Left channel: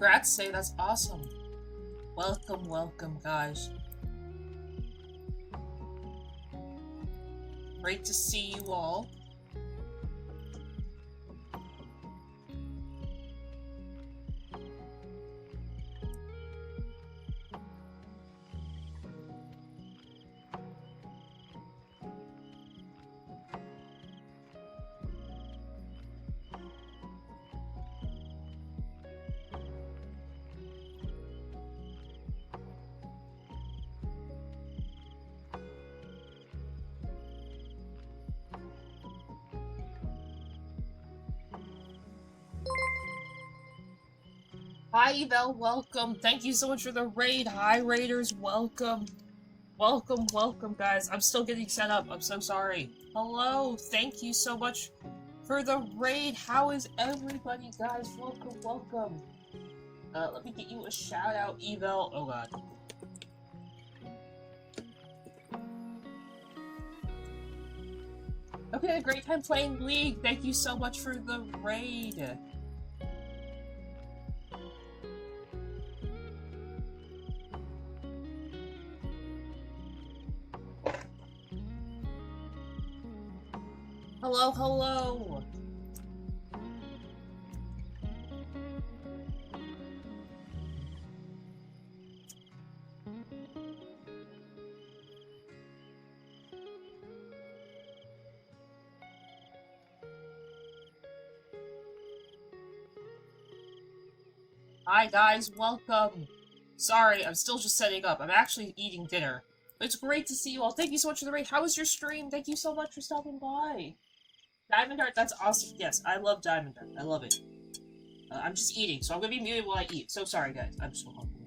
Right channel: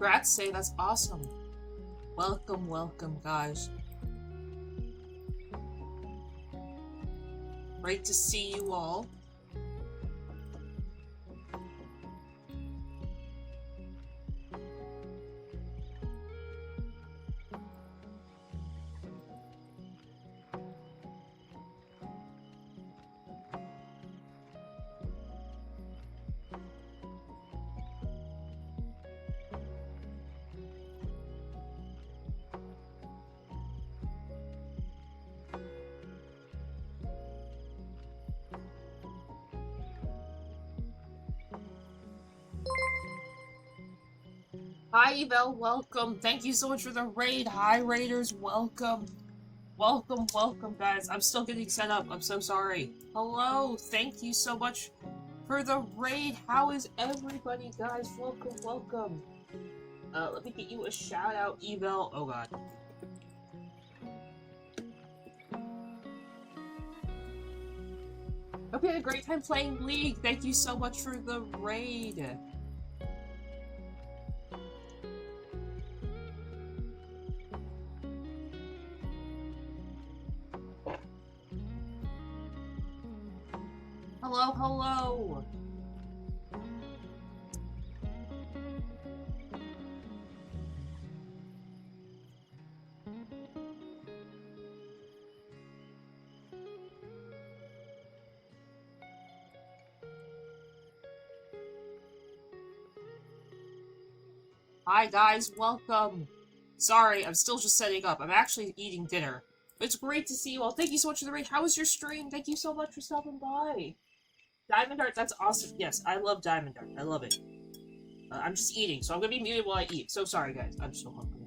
Congrats, Say, that's awesome. Welcome, welcome, guys. Great to see you all. Hi, Evel, welcome. Thank you so much for the raid. Hi, Raiders, welcome. Welcome, welcome, guys. I'm still getting set up. I'm so sorry. Hello, thank you so much for the raid. How is everybody, guys? Welcome, welcome. Let me get you a shout out, Evel. Oh, God. Hope you had a great time playing League. Thank you so much for the raid. Hello, hello! Hi guys, welcome! Sorry, I'm still just setting up. I'm actually eating dinner. But it's great to see you all. Thank you so much for the raid. How was your stream? Thank you so much for stopping by. Diamond Art, that's awesome. Yes, I love Diamond Art. I love it. I'm just eating, so I'm gonna be muted while I eat. So sorry, guys. I'm so hungry.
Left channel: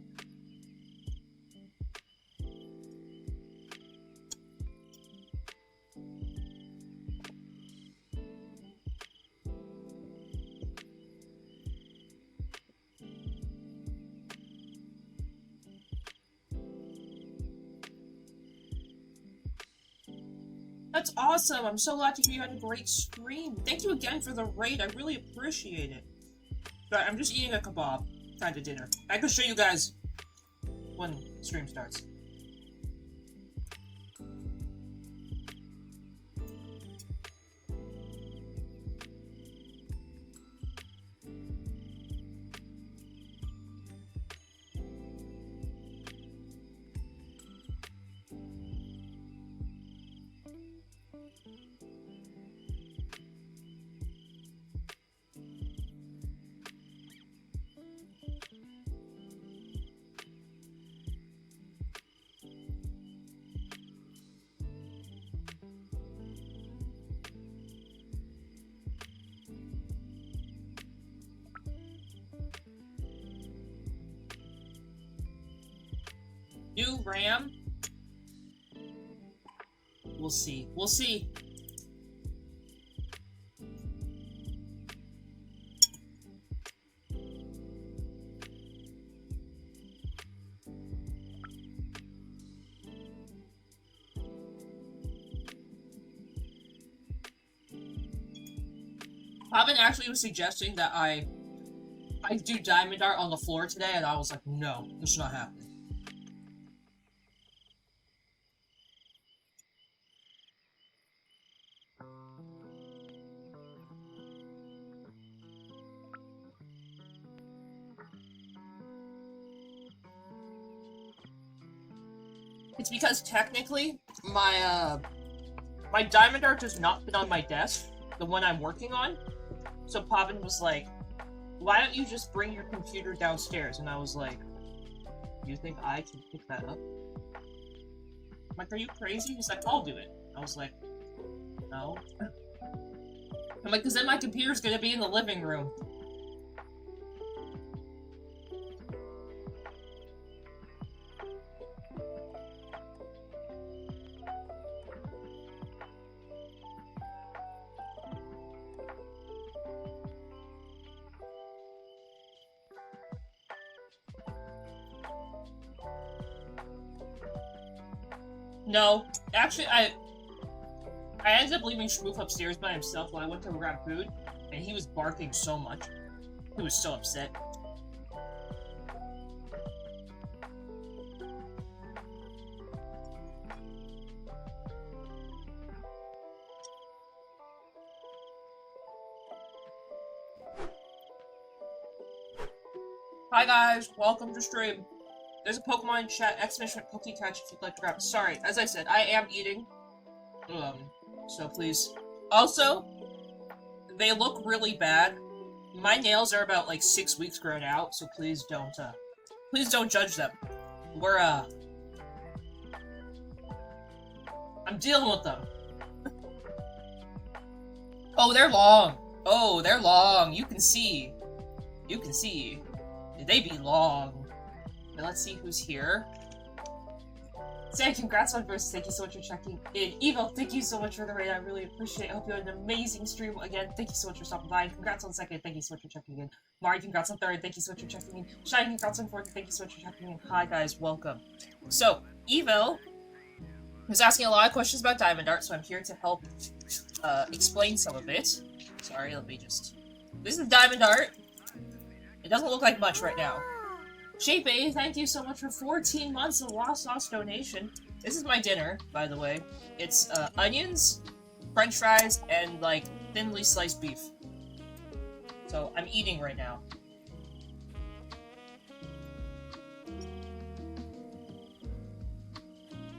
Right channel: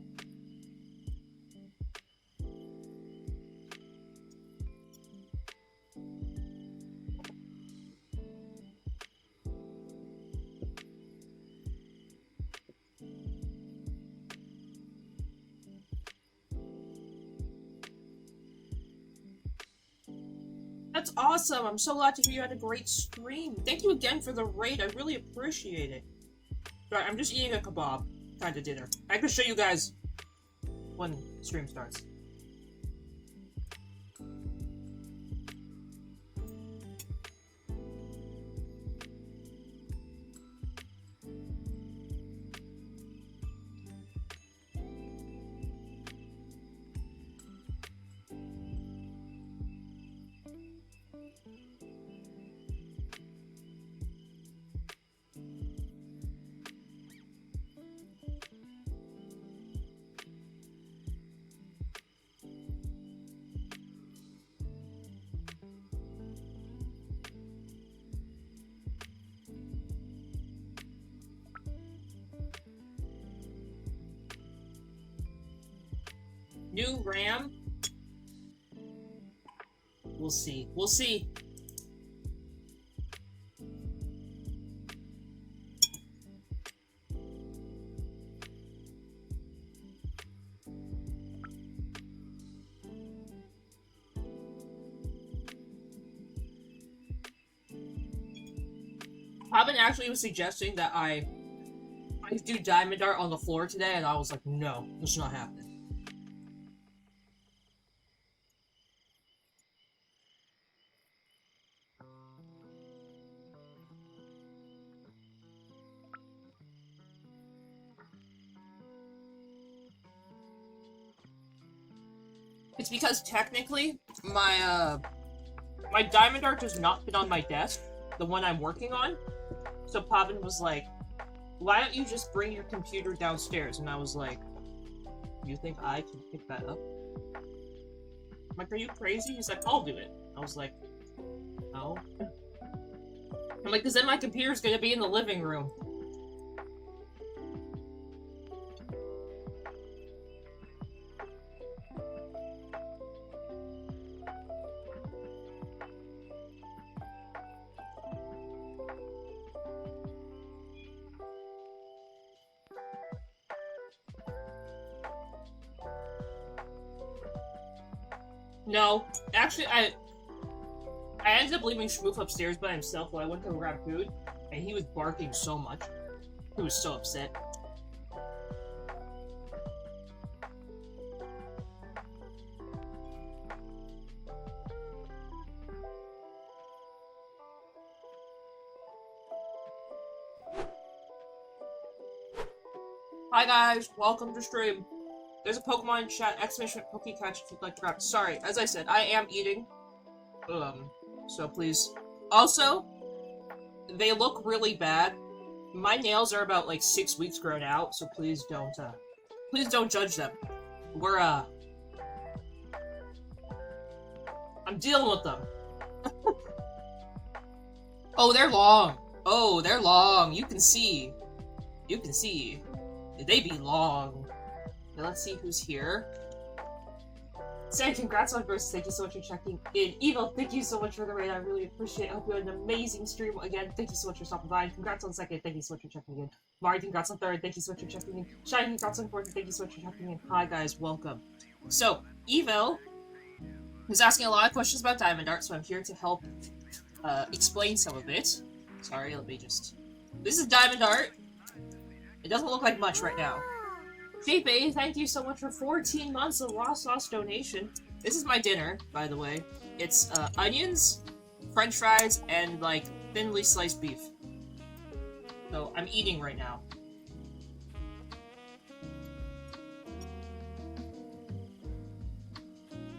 That's awesome! I'm so glad to hear you had a great stream. Thank you again for the raid. I really appreciate it. Sorry, I'm just eating a kebab. Kind of dinner. I can show you guys when stream starts. New RAM? We'll see. We'll see. Robin actually was suggesting that I do Diamond Art on the floor today, and I was like, no, this is not happening. It's because technically, my Diamond Art has not been on my desk, the one I'm working on. So Pavan was like, why don't you just bring your computer downstairs? And I was like, you think I can pick that up? I'm like, are you crazy? He's like, I'll do it. I was like, no. I'm like, because then my computer's gonna be in the living room. No, actually, I ended up leaving Schmoof upstairs by himself while I went to grab food, and he was barking so much. He was so upset. Hi guys, welcome to stream. There's a Pokemon chat, exclamation Poke Catch if you'd like to grab. Sorry, as I said, I am eating. So please. Also, they look really bad. My nails are about like 6 weeks grown out, so please don't judge them. We're I'm dealing with them. Oh, they're long. Oh, they're long. You can see. You can see. They be long. Now let's see who's here. Sam, congrats on versus. Thank you so much for checking in. Evil, thank you so much for the raid. I really appreciate it. I hope you had an amazing stream. Again, thank you so much for stopping by. Congrats on second. Thank you so much for checking in. Mari, congrats on third. Thank you so much for checking in. Shine, congrats on fourth. Thank you so much for checking in. Hi guys, welcome. So, Evil was asking a lot of questions about Diamond Art, so I'm here to help explain some of it. Sorry, let me just... This is Diamond Art. It doesn't look like much right now. Shape A, thank you so much for 14 months of raw sauce donation. This is my dinner, by the way. It's onions, french fries, and like thinly sliced beef. So I'm eating right now.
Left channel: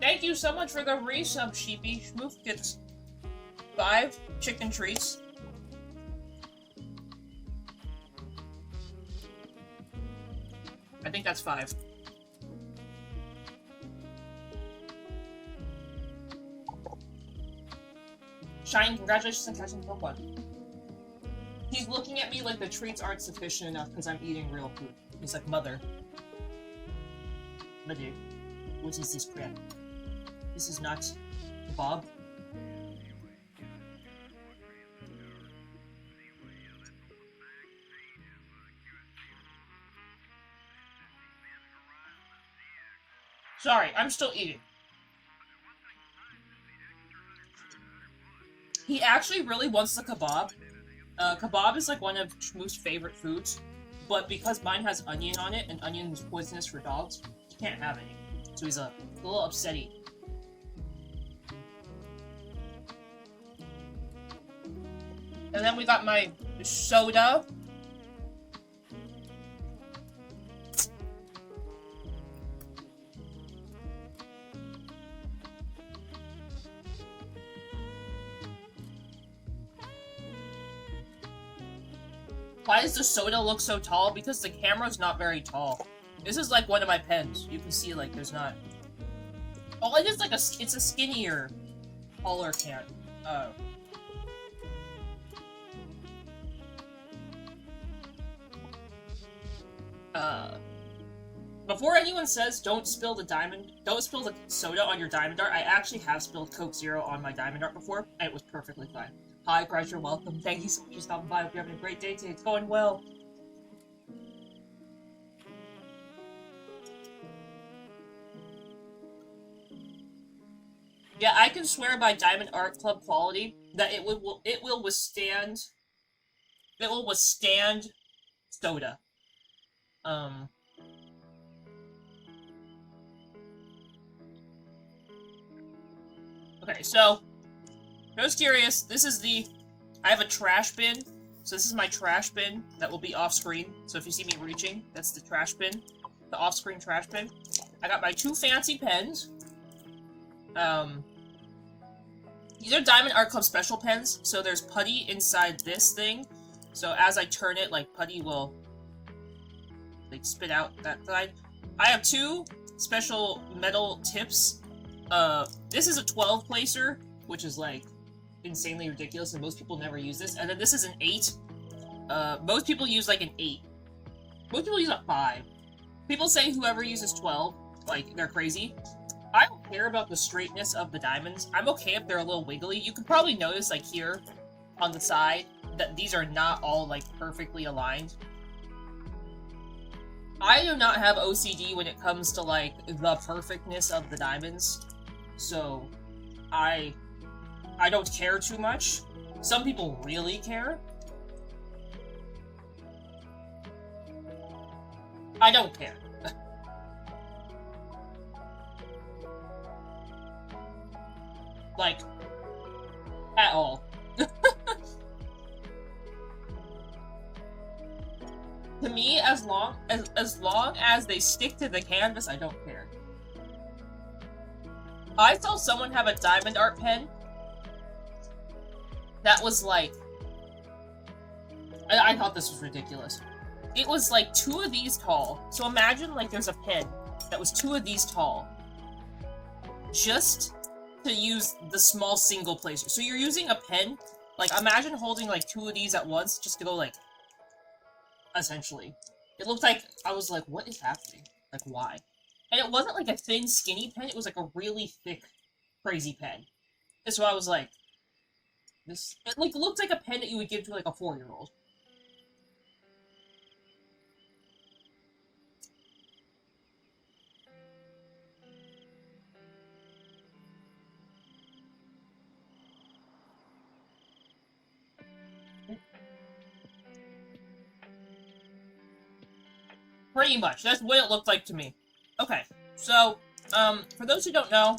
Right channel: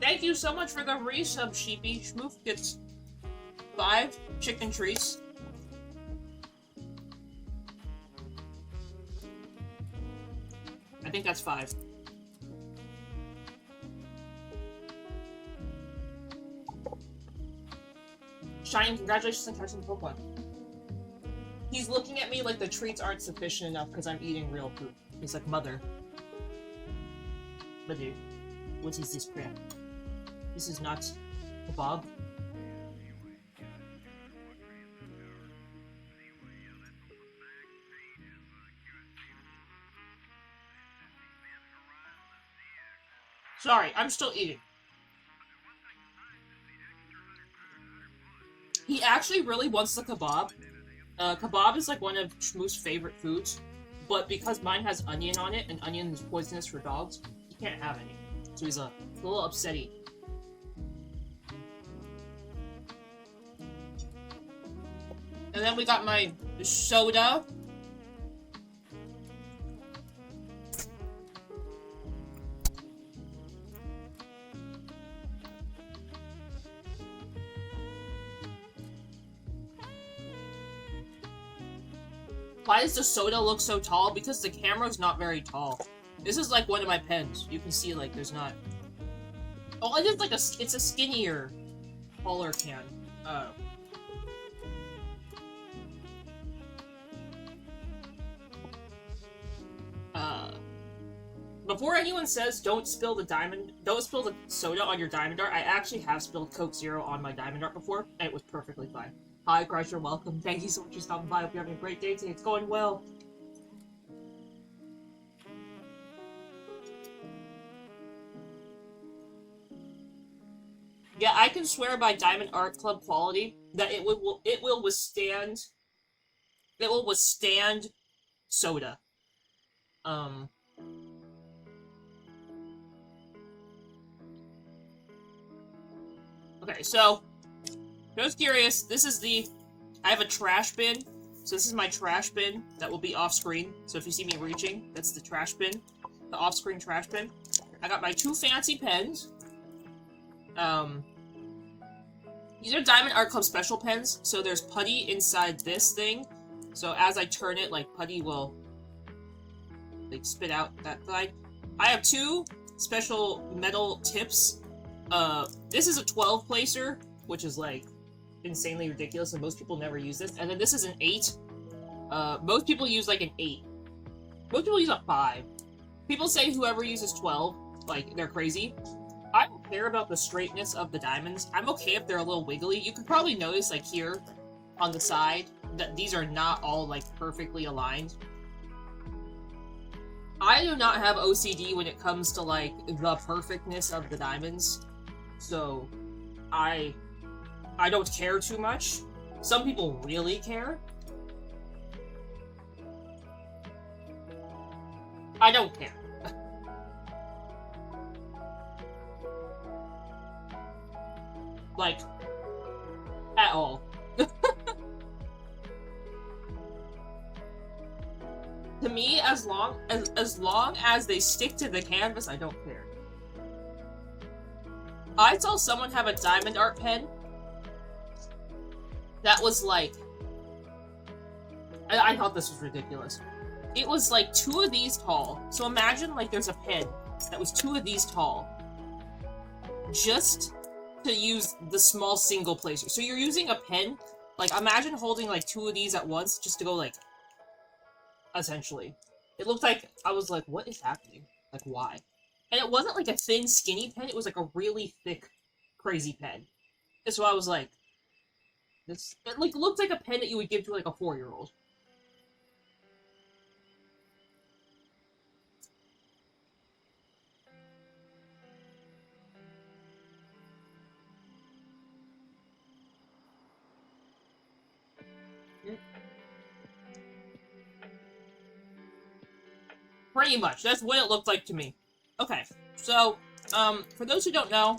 Thank you so much for the resub, Sheepy. Schmoof gets 5 chicken treats. I think that's 5. Shine, congratulations on catching Pokemon. He's looking at me like the treats aren't sufficient enough because I'm eating real food. He's like, mother. Mother, what is this crap? This is not kebab. Sorry, I'm still eating. He actually really wants the kebab. Kebab is like one of Shmoo's favorite foods, but because mine has onion on it, and onion is poisonous for dogs, he can't have any. So he's a little upsetty. And then we got my soda. Why does the soda look so tall? Because the camera's not very tall. This is like one of my pens. You can see like there's not... Oh, it is like it's a skinnier, taller can. Before anyone says don't spill the soda on your Diamond Art, I actually have spilled Coke Zero on my Diamond Art before, and it was perfectly fine. Hi, Crusher, welcome. Thank you so much for stopping by. Hope you're having a great day today. It's going well. Yeah, I can swear by Diamond Art Club quality that it will withstand soda. Okay, so just curious, this is I have a trash bin. So this is my trash bin that will be off screen. So if you see me reaching, that's the trash bin. The off-screen trash bin. I got my 2 fancy pens. These are Diamond Art Club special pens. So there's putty inside this thing. So as I turn it, like putty will like spit out that side. I have 2 special metal tips. This is a 12 placer, which is like insanely ridiculous, and most people never use this. And then this is an 8. Most people use like an 8. Most people use a 5. People say whoever uses 12, like, they're crazy. I don't care about the straightness of the diamonds. I'm okay if they're a little wiggly. You can probably notice, like, here on the side, that these are not all, like, perfectly aligned. I do not have OCD when it comes to, like, the perfectness of the diamonds. So, I don't care too much. Some people really care. I don't care. Like, at all. To me, as long as they stick to the canvas, I don't care. I saw someone have a diamond art pen that was like... I thought this was ridiculous. It was like 2 of these tall. So imagine like there's a pen that was 2 of these tall. Just to use the small single placer. So you're using a pen. Like imagine holding like 2 of these at once just to go like... Essentially. It looked like... I was like, what is happening? Like, why? And it wasn't like a thin, skinny pen. It was like a really thick, crazy pen. And so I was like... This... It like looked like a pen that you would give to like a 4-year-old. Pretty much. That's what it looked like to me. Okay, so, for those who don't know,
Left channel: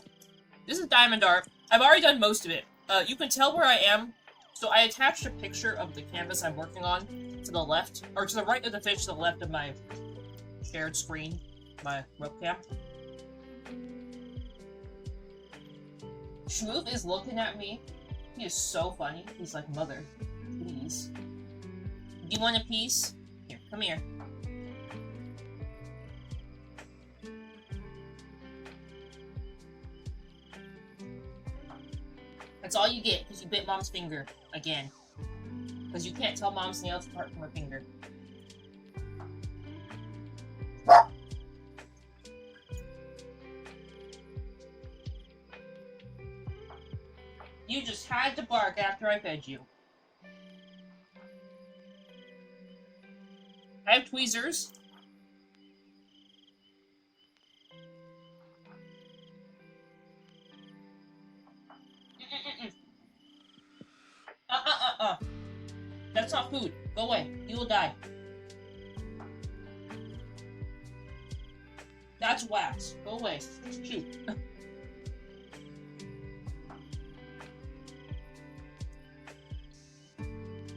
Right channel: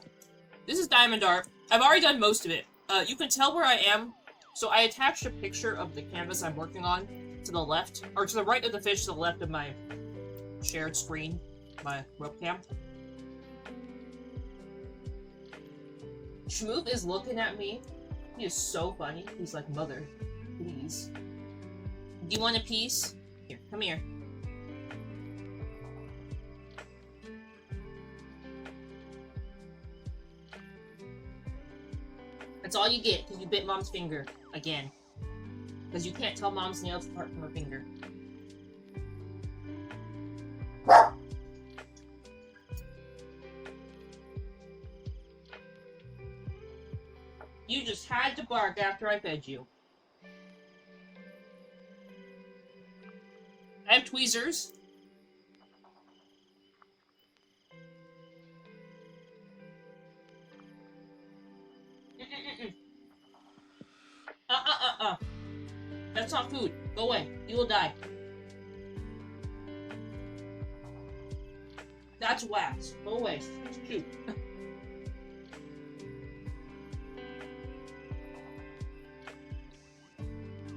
this is diamond art. I've already done most of it. You can tell where I am. So I attached a picture of the canvas I'm working on to the left, or to the right of the fish, to the left of my shared screen, my webcam. Shmoop is looking at me. He is so funny. He's like, Mother, please. Do you want a piece? Here, come here. That's all you get, because you bit Mom's finger. Again. Because you can't tell Mom's nails apart from her finger. You just had to bark after I fed you. I have tweezers. That's not food. Go away. You will die. That's wax. Go away. Shoot.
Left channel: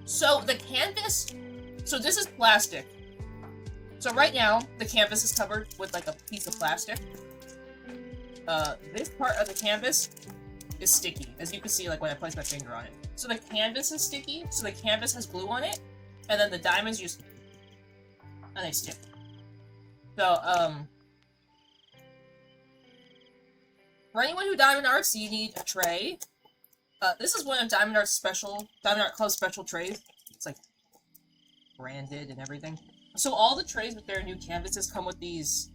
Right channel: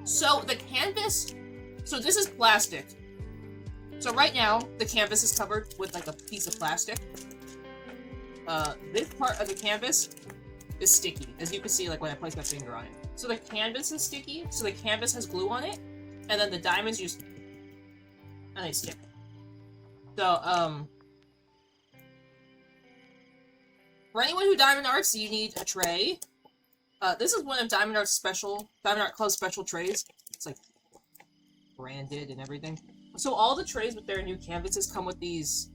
So, the canvas... So, this is plastic. So, right now, the canvas is covered with, like, a piece of plastic. This part of the canvas is sticky, as you can see, like, when I place my finger on it. So the canvas is sticky, so the canvas has glue on it, and then the diamonds just... and they stick. So, for anyone who diamond arts, you need a tray. This is one of Diamond Art Club's special trays. It's, like, branded and everything. So all the trays with their new canvases come with these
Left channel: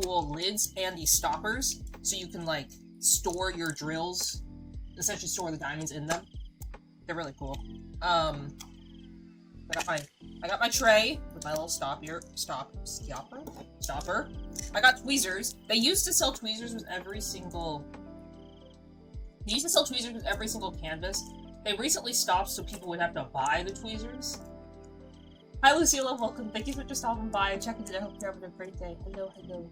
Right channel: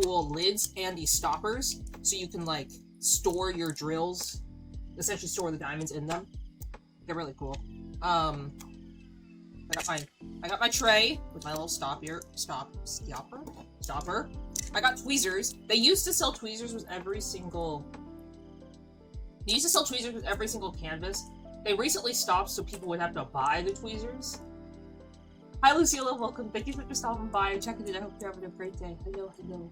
cool lids and these stoppers, so you can, like, store your drills, essentially store the diamonds in them. They're really cool. I got my tray with my little stopper. I got tweezers. They used to sell tweezers with every single... They used to sell tweezers with every single canvas. They recently stopped so people would have to buy the tweezers. Hi Lucilla, welcome. Thank you for just stopping by and checking it. I hope you're having a great day. Hello, hello.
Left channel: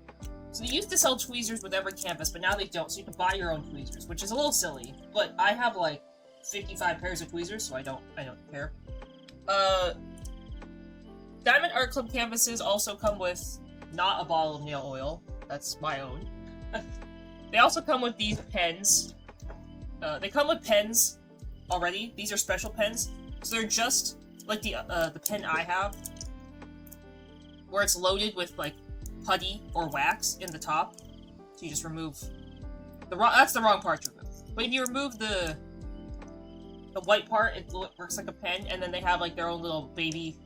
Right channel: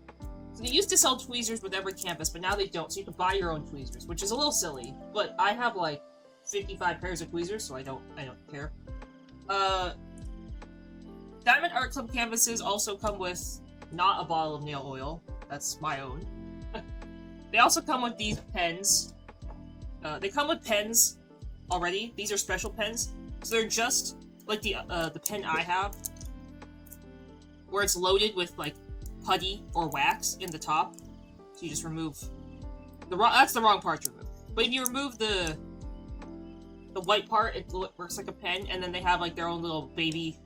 So they used to sell tweezers with every canvas, but now they don't, so you can buy your own tweezers, which is a little silly. But I have like 55 pairs of tweezers, so I don't care. Diamond Art Club canvases also come with not a bottle of nail oil. That's my own. They also come with these pens. They come with pens already. These are special pens. So they're just like the pen I have, where it's loaded with like putty or wax in the top. So you just remove that's the wrong part to remove. But if you remove the white part, it works like a pen, and then they have like their own little baby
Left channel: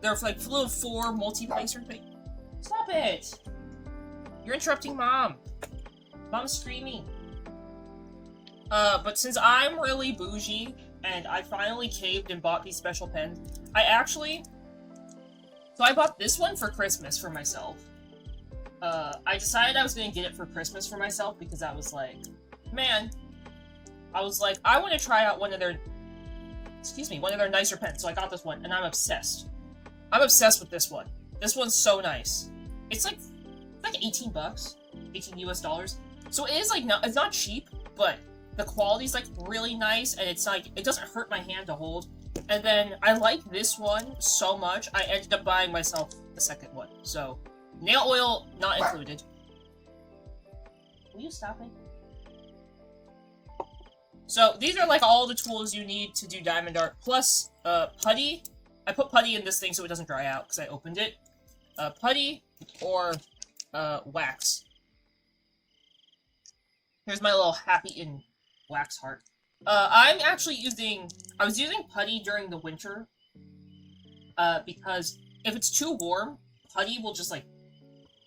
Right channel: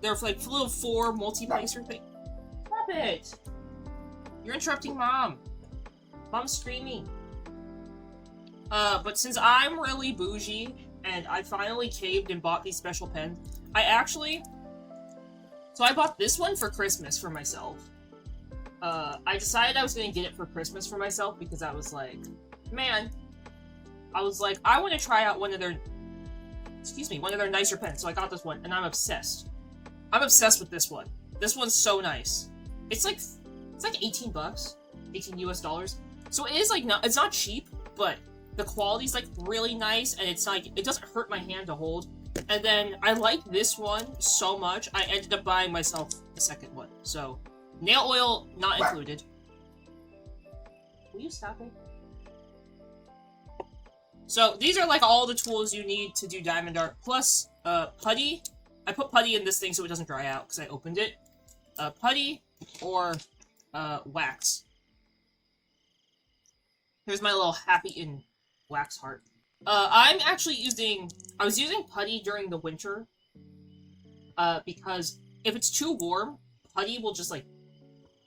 they're like little 4 multi-placer thing. Stop it! You're interrupting Mom. Mom's screaming. But since I'm really bougie, and I finally caved and bought these special pens, so I bought this one for Christmas for myself. I decided I was gonna get it for Christmas for myself because I was like, man, I want to try out one of their nicer pens, so I got this one, and I'm obsessed. I'm obsessed with this one. This one's so nice. It's like 18 bucks, 18 US dollars. So it is like, it's not cheap, but the quality's like really nice, and it's like, it doesn't hurt my hand to hold. And then I like this one so much, I ended up buying myself the second one. So, nail oil not included. Will you stop it? So, these are like all the tools you need to do diamond art, plus putty. I put putty in this thing so it doesn't dry out because I opened it. Putty or wax. Here's my little happy in wax heart. I'm actually I was using putty during the winter, because if it's too warm, putty will just, like,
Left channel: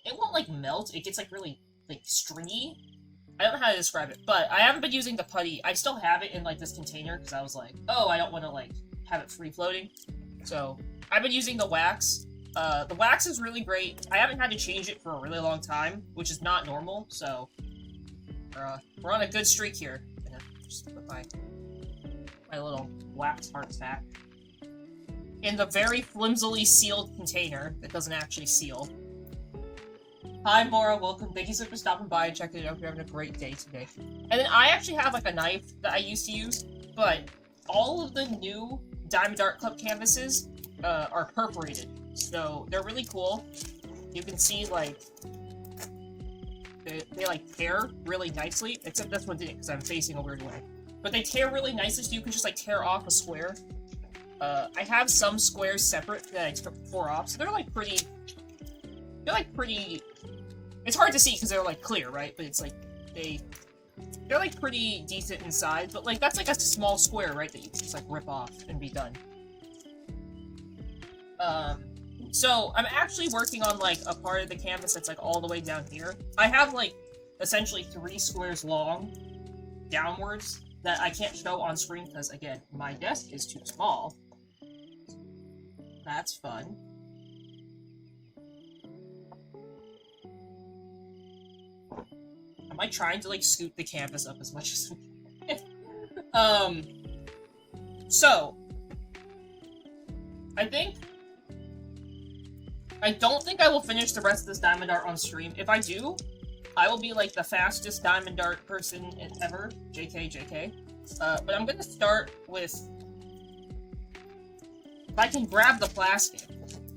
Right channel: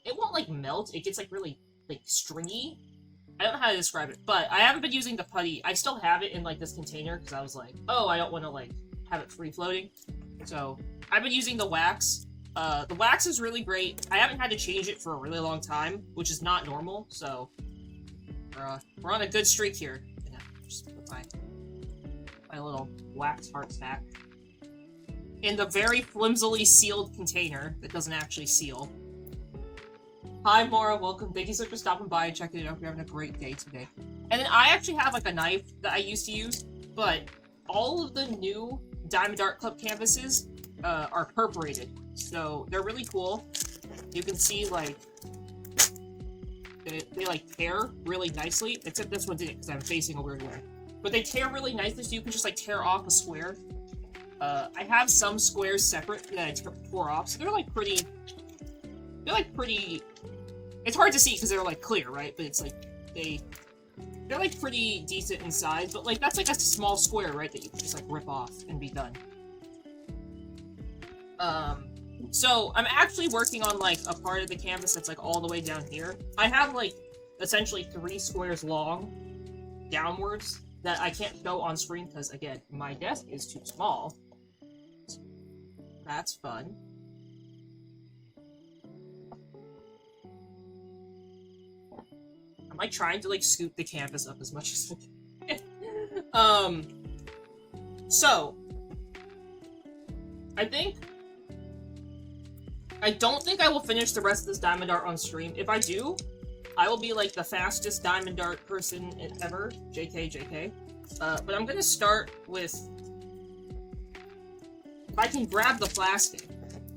it won't, like, melt, it gets, like, really, like, stringy. I don't know how to describe it, but I haven't been using the putty. I still have it in, like, this container, because I was like, oh, I don't want to, like, have it free-floating. So, I've been using the wax. The wax is really great. I haven't had to change it for a really long time, which is not normal, so we're on a good streak here. I'm gonna just put my little wax heart back in the very flimsily sealed container that doesn't actually seal. Hi, Maura, welcome. Thank you so much for stopping by and checking it out. You're having a great day today. And then I actually have, like, a knife that I used to use, but all of the new Diamond Art Club canvases are perforated, so they're really cool. You can see, like, they like, tear really nicely, except this one didn't, because I'm facing a weird way. But they tear really nicely, so you can just, like, tear off a square. I have some squares separate that I tore off, so they're, like, pretty... They're, like, pretty... It's hard to see, because they're, like, clear, right? But it's, like, they're, like, pretty decent in size, but, like, that's, like, a small square, right, that you can just, like, rip off and be done. So, I'm actually working on, like, a part of the canvas that's, like, all the way down here. I have, like, essentially 3 squares long, downwards, that I can't show on screen, because, again, my desk is too small. That's fun. I'm, like, trying to, like, scoop the canvas up as much as I can. So, I don't think I will finish the rest of this diamond art on stream. If I do, I will be, like, the fastest diamond art person ever. JK, JK. But I'm gonna start with... If I can grab the plastic.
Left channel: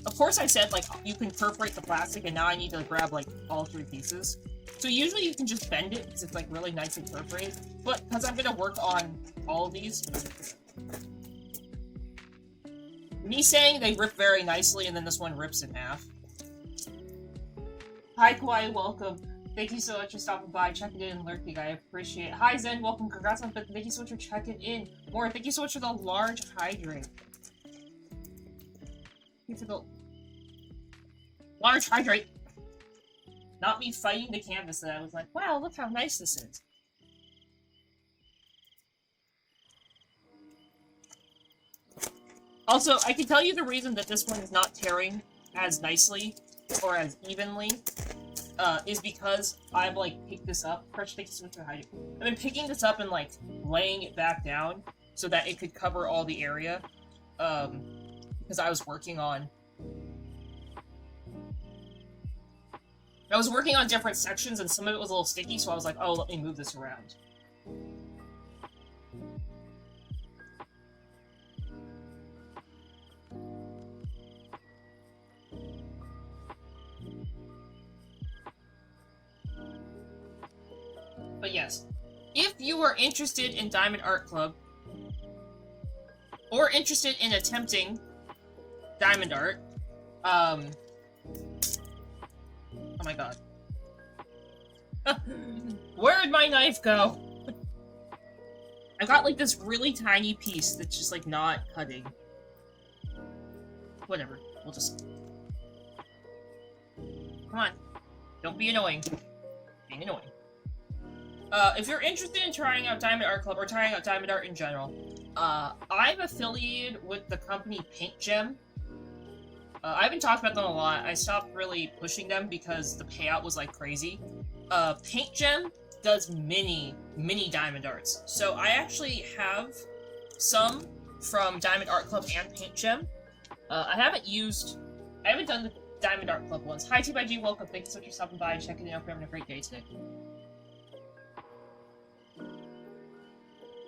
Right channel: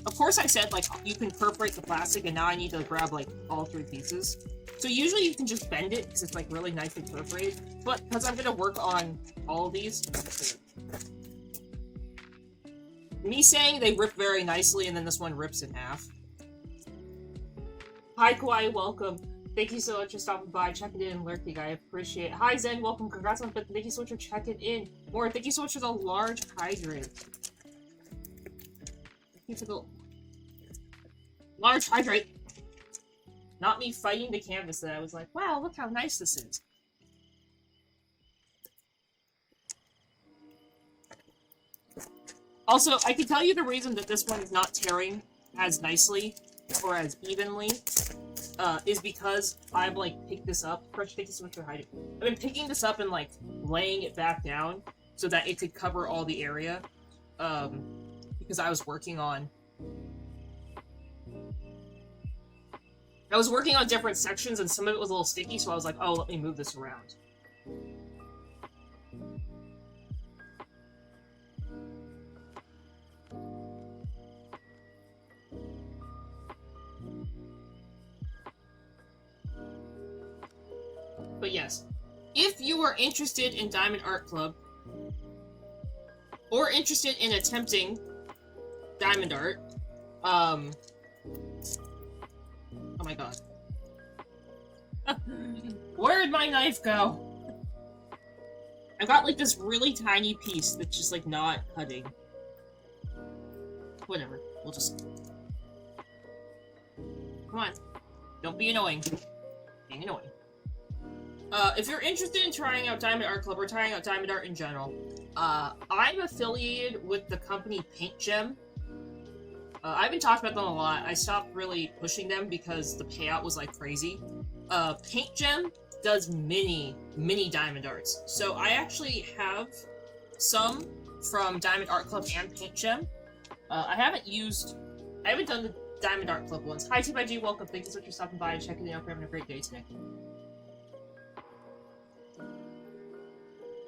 Of course I said, like, you can perforate the plastic, and now I need to grab, like, all 3 pieces. So usually you can just bend it, because it's, like, really nicely perforated. But, because I'm gonna work on all of these... Me saying they rip very nicely, and then this one rips in half. Hi, Kawaii, welcome. Thank you so much for stopping by, checking in, and lurking. I appreciate it. Hi, Zen, welcome. Congrats on the Thank you so much for checking in. More, thank you so much for the large hydrant. Thank you for the large hydrant. Not me fighting the canvas that I was like, wow, look how nice this is. Also, I can tell you the reason that this one is not tearing as nicely or as evenly is because I've, like, picked this up. Crush, thank you so much for hiding. I've been picking this up and, like, laying it back down so that it could cover all the area. Because I was working on different sections, and some of it was a little sticky, so I was like, oh, let me move this around. But yes, if you are interested in Diamond Art Club, or interested in attempting diamond art, oh my god. Where'd my knife go? I got, like, this really tiny piece that's just, like, not cutting. Whatever, we'll just... Come on. Don't be annoying. Being annoying. If you're interested in trying out Diamond Art Club, or trying out diamond art in general, I'm affiliated with the company Paint Gem. I've been talking about them a lot. I stopped really pushing them because the payout was, like, crazy. Paint Gem does mini diamond arts. So I actually have some from Diamond Art Club and Paint Gem. I haven't done the Diamond Art Club ones. Hi, T-by-G, welcome. Thank you so much for stopping by and checking it out. We're having a great day today.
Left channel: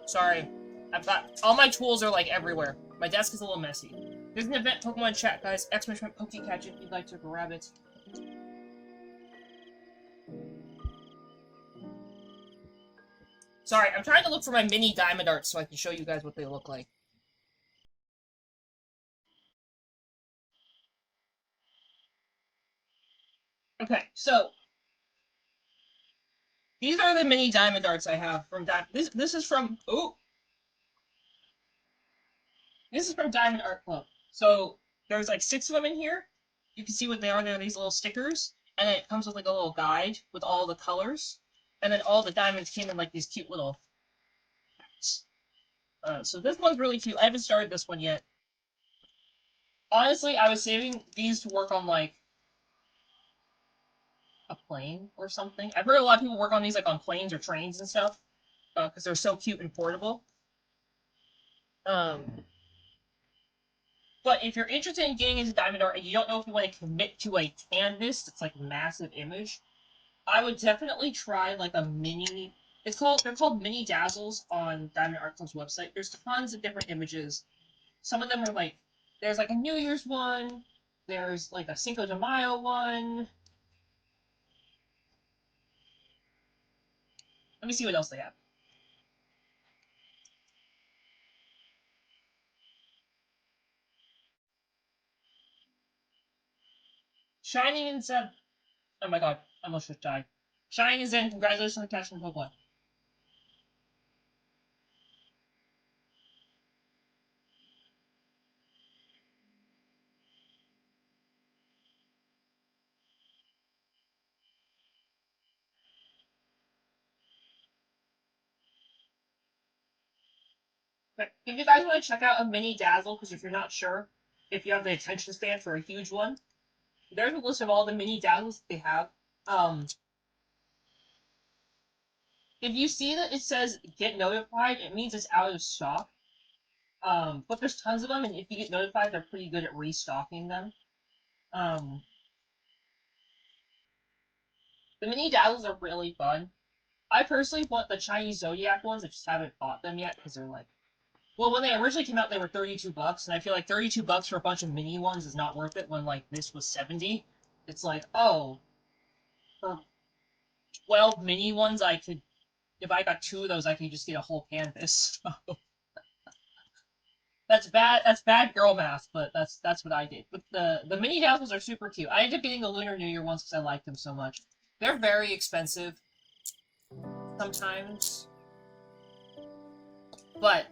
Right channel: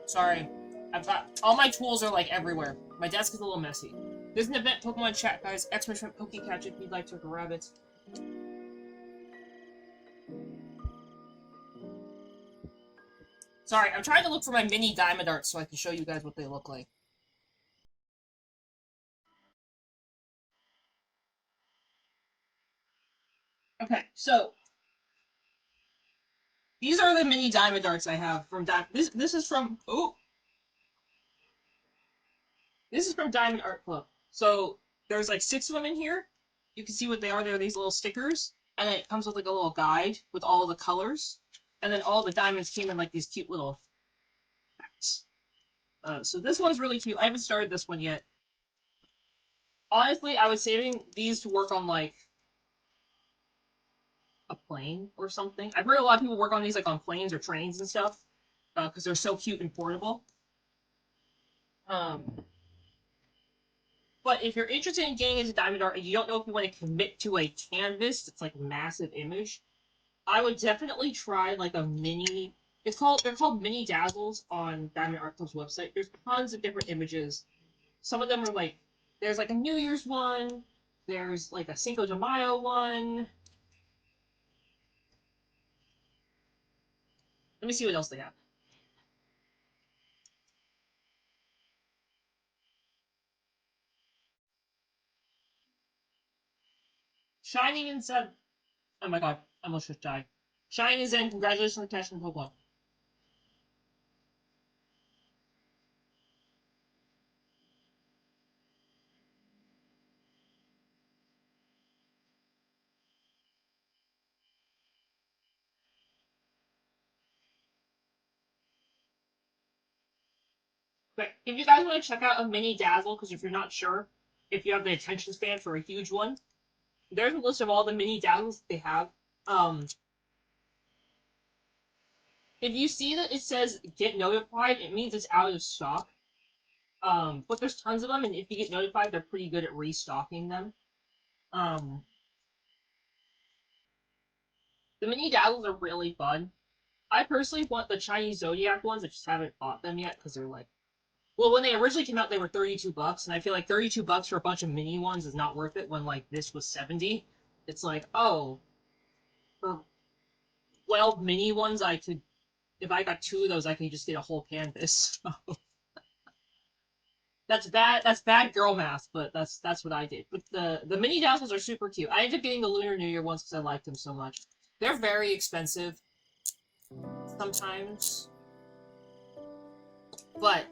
Sorry. I've got all my tools are like everywhere. My desk is a little messy. There's an event Pokemon chat, guys. Exclamation Pokecatch if you'd like to grab it. Sorry, I'm trying to look for my mini diamond arts so I can show you guys what they look like. Okay, so these are the mini diamond arts I have from this is from this is from Diamond Art Club. So there's like 6 of them in here. You can see what they are. They're these little stickers, and it comes with like a little guide with all the colors, and then all the diamonds came in like these cute little packs. So this one's really cute. I haven't started this one yet. Honestly, I was saving these to work on like a plane or something. I've heard a lot of people work on these like on planes or trains and stuff because they're so cute and portable. But if you're interested in getting into diamond art and you don't know if you want to commit to a canvas that's like a massive image, I would definitely try like a mini. They're called mini dazzles on Diamond Art Club's website. There's tons of different images. Some of them are like there's like a New Year's one. There's like a Cinco de Mayo one. Let me see what else they have. Shining and Zeb. Oh my god, I almost just died. Shining and Zen, congratulations on the cash from Pokemon. But if you guys want to check out a mini dazzle, because if you're not sure if you have the attention span for a huge one, there's a list of all the mini dazzles they have. If you see that it says get notified, it means it's out of stock. But there's tons of them, and if you get notified, they're pretty good at restocking them. The mini dazzles are really fun. I personally want the Chinese Zodiac ones. I just haven't bought them yet because they're like, well, when they originally came out, they were $32, and I feel like $32 for a bunch of mini ones is not worth it. When like this was 70, it's like, oh, for 12 mini ones, I could, if I got 2 of those, I could just get a whole canvas. That's bad. That's bad girl math, but that's what I did. But the mini dazzles are super cute. I ended up getting the Lunar New Year ones because I liked them so much. They're very expensive sometimes, but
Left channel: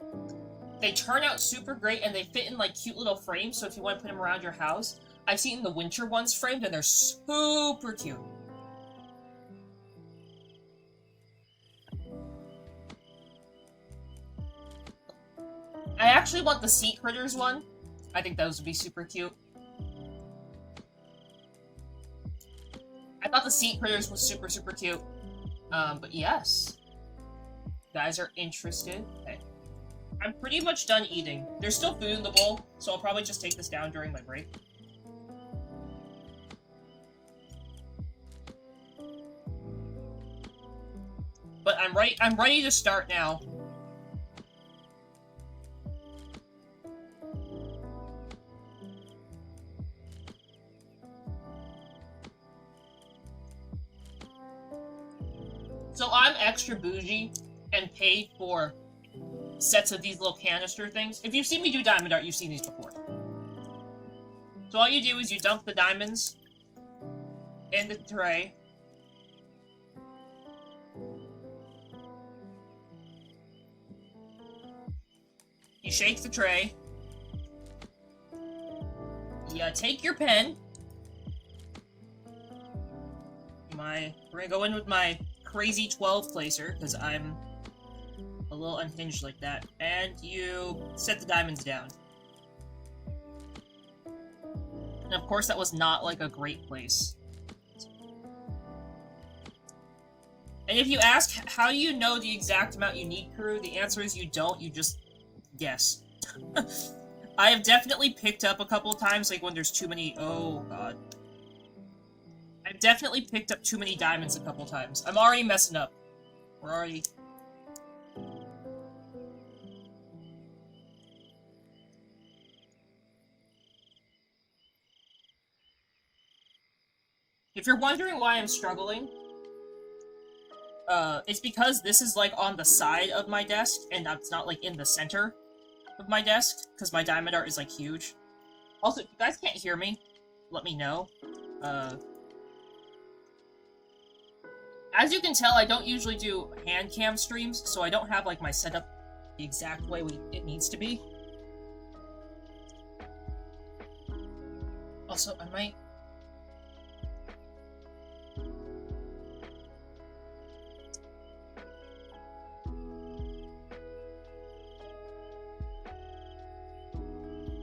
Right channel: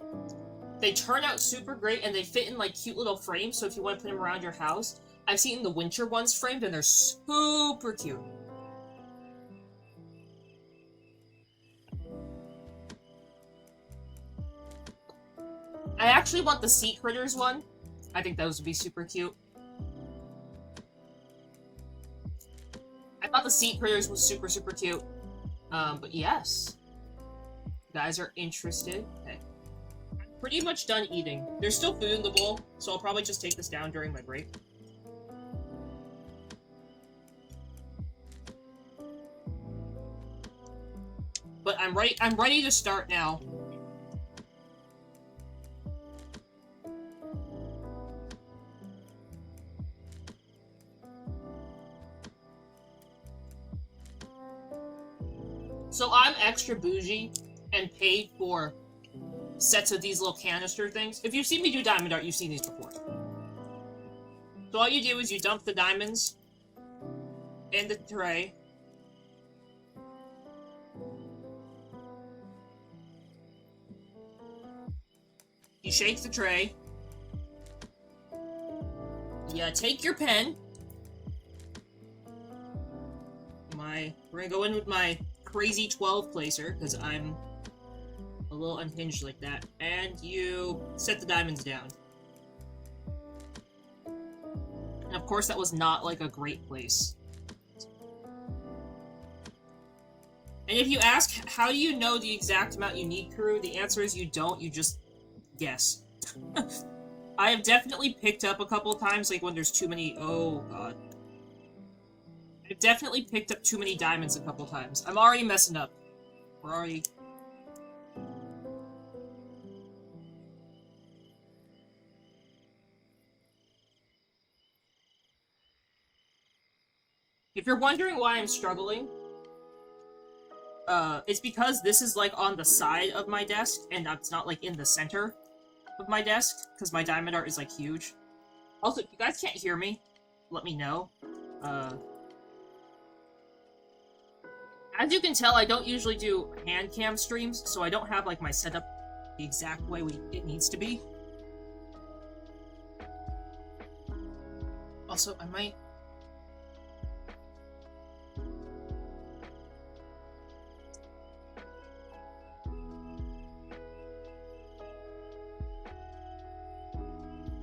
they turn out super great and they fit in like cute little frames. So if you want to put them around your house, I've seen the winter ones framed and they're super cute. I actually want the Sea Critters one. I think those would be super cute. I thought the Sea Critters was super, super cute. But yes. You guys are interested. Okay. I'm pretty much done eating. There's still food in the bowl, so I'll probably just take this down during my break. But I'm ready to start now. So I'm extra bougie and paid for sets of these little canister things. If you've seen me do diamond art, you've seen these before. So all you do is you dump the diamonds in the tray. You shake the tray. You take your pen. We're gonna go in with my crazy 12 placer, because I'm a little unhinged like that. And you set the diamonds down. And of course that was not like a great place. And if you ask, how do you know the exact amount you need, Crew? The answer is you don't, you just guess. I have definitely picked up a couple times, like when there's too many... Oh, God. I've definitely picked up too many diamonds a couple times. I'm already messing up. We're already... If you're wondering why I'm struggling, it's because this is, like, on the side of my desk, and it's not, like, in the center of my desk, because my diamond art is, like, huge. Also, if you guys can't hear me, let me know. As you can tell, I don't usually do hand cam streams, so I don't have, like, my setup the exact way it needs to be. Also, I might...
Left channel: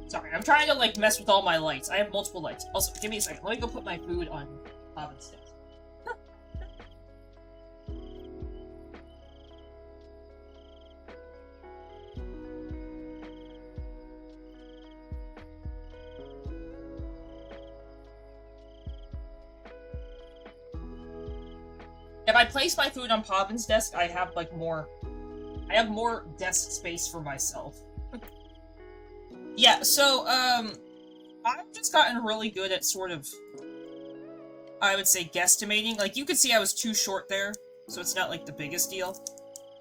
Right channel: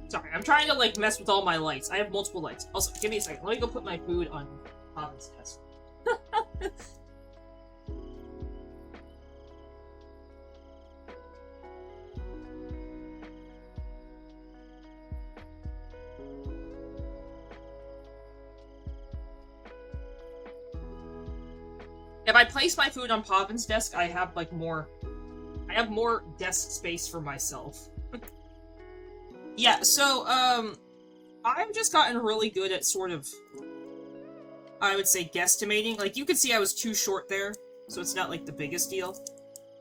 Sorry, I'm trying to, like, mess with all my lights. I have multiple lights. Also, give me a second. Let me go put my food on Pavin's desk. If I place my food on Pavin's desk, I have, like, more... I have more desk space for myself. Yeah, so, I've just gotten really good at sort of, I would say, guesstimating. Like, you could see I was too short there, so it's not, like, the biggest deal.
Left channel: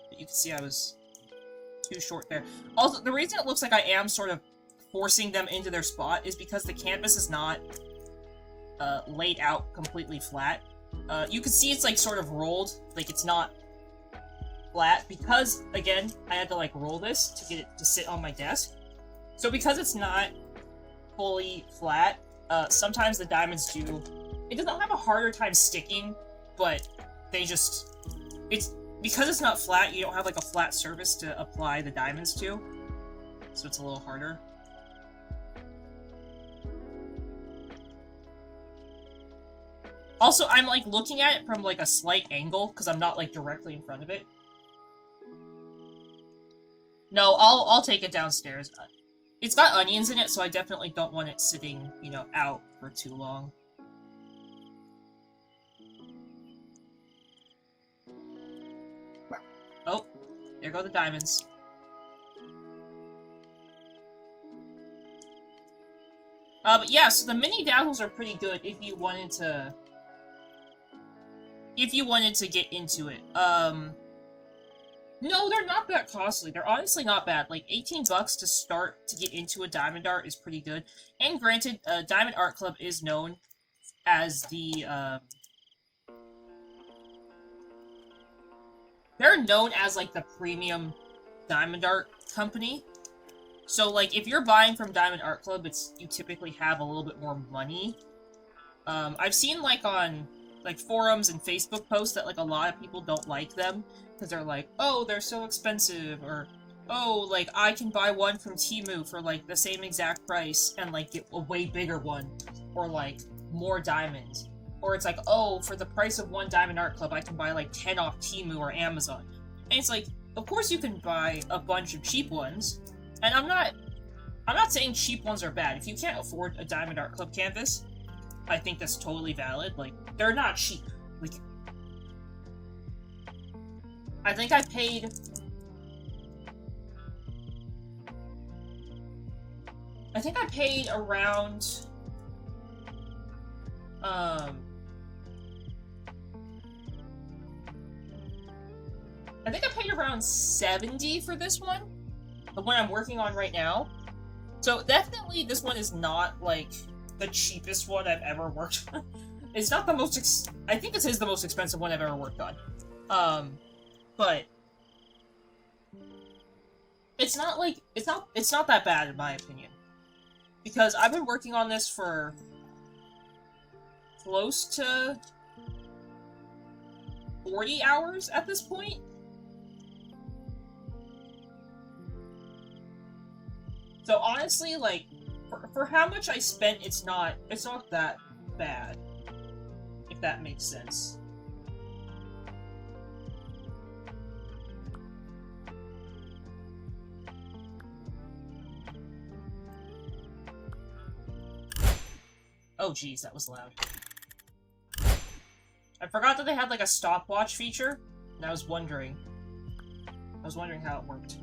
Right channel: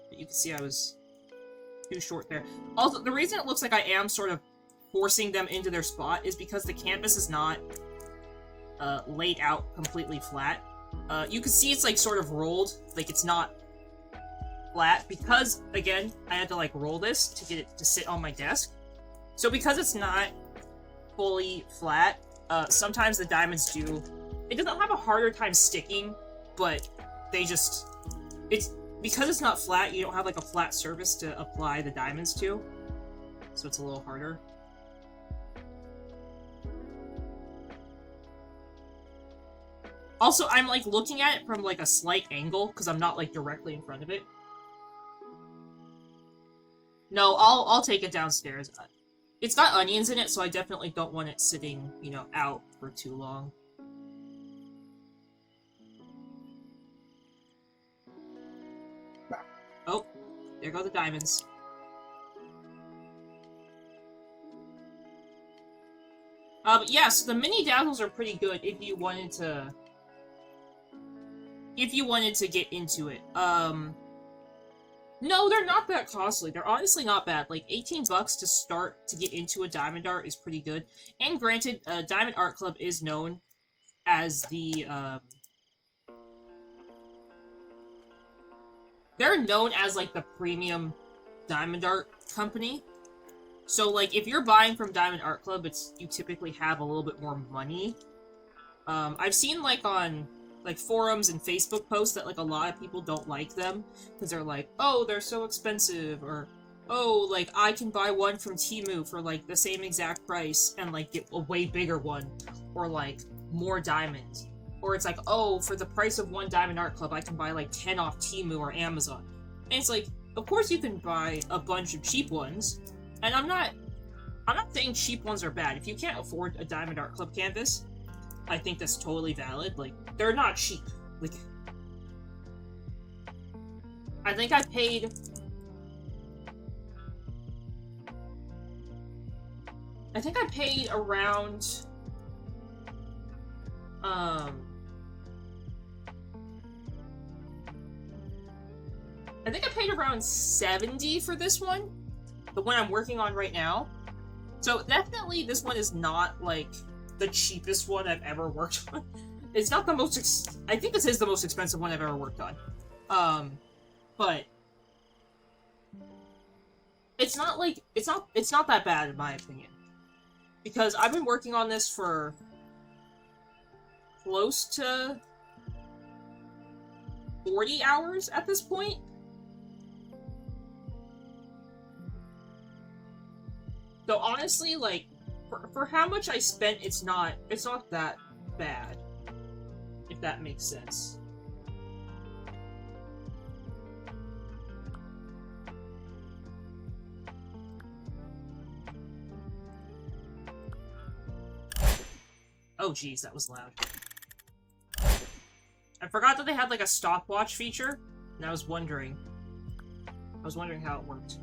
But you can see I was too short there. Also, the reason it looks like I am sort of forcing them into their spot is because the canvas is not, laid out completely flat. You can see it's, like, sort of rolled. Like, it's not flat, because, again, I had to, like, roll this to get it to sit on my desk. So because it's not fully flat, sometimes the diamonds do... It doesn't have a harder time sticking, but they just... Because it's not flat, you don't have, like, a flat surface to apply the diamonds to. So it's a little harder. Also, I'm, like, looking at it from, like, a slight angle, because I'm not, like, directly in front of it. No, I'll take it downstairs. It's got onions in it, so I definitely don't want it sitting, you know, out for too long. Oh, there go the diamonds. But yeah, so the mini dazzles are pretty good if you wanted to... If you wanted to get into it. No, they're not that costly. They're honestly not bad. Like, 18 bucks to start to get into a diamond art is pretty good. And granted, Diamond Art Club is known as the, they're known as, like, the premium diamond art company. So, like, if you're buying from Diamond Art Club, you typically have a little bit more money. I've seen, like, on... like, forums and Facebook posts that, like, a lot of people don't like them, because they're like, oh, they're so expensive, or, oh, like, I can buy one from Temu for, like, the same exact price, and, like, get a way bigger one, or, like, more diamonds. Or it's like, oh, for the price of one Diamond Art Club, I can buy, like, 10 off Temu or Amazon. And it's like, of course you can buy a bunch of cheap ones, and I'm not saying cheap ones are bad. If you can't afford a Diamond Art Club canvas, I think that's totally valid. Like, they're not cheap. Like, I think I paid... around... I think I paid around 70 for this one. The one I'm working on right now. So, definitely, this one is not, like... the cheapest one I've ever worked on. It's not the most I think this is the most expensive one I've ever worked on. But it's not like it's not that bad in my opinion. Because I've been working on this for close to 40 hours at this point. So honestly, like, for how much I spent, it's not that bad, if that makes sense. Oh geez, that was loud. I forgot that they had, like, a stopwatch feature, and I was wondering how it worked.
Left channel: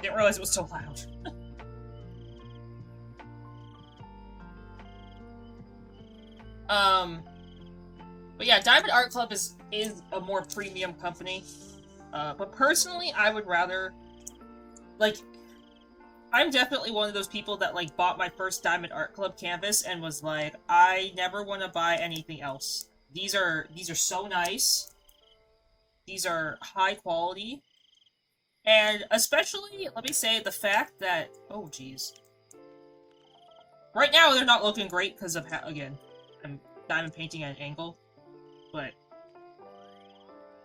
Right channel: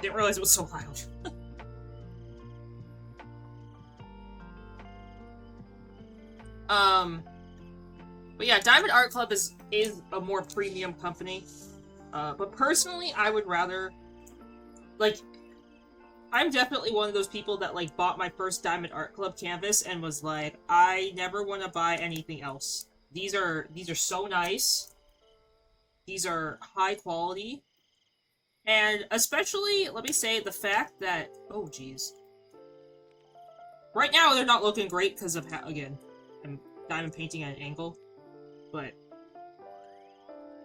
Didn't realize it was so loud. But yeah, Diamond Art Club is a more premium company. But personally, I would rather, like, I'm definitely one of those people that, like, bought my first Diamond Art Club canvas and was like, I never want to buy anything else. These are so nice. These are high quality. And especially, let me say, the fact that, oh geez. Right now, they're not looking great because of, again, I'm diamond painting at an angle. But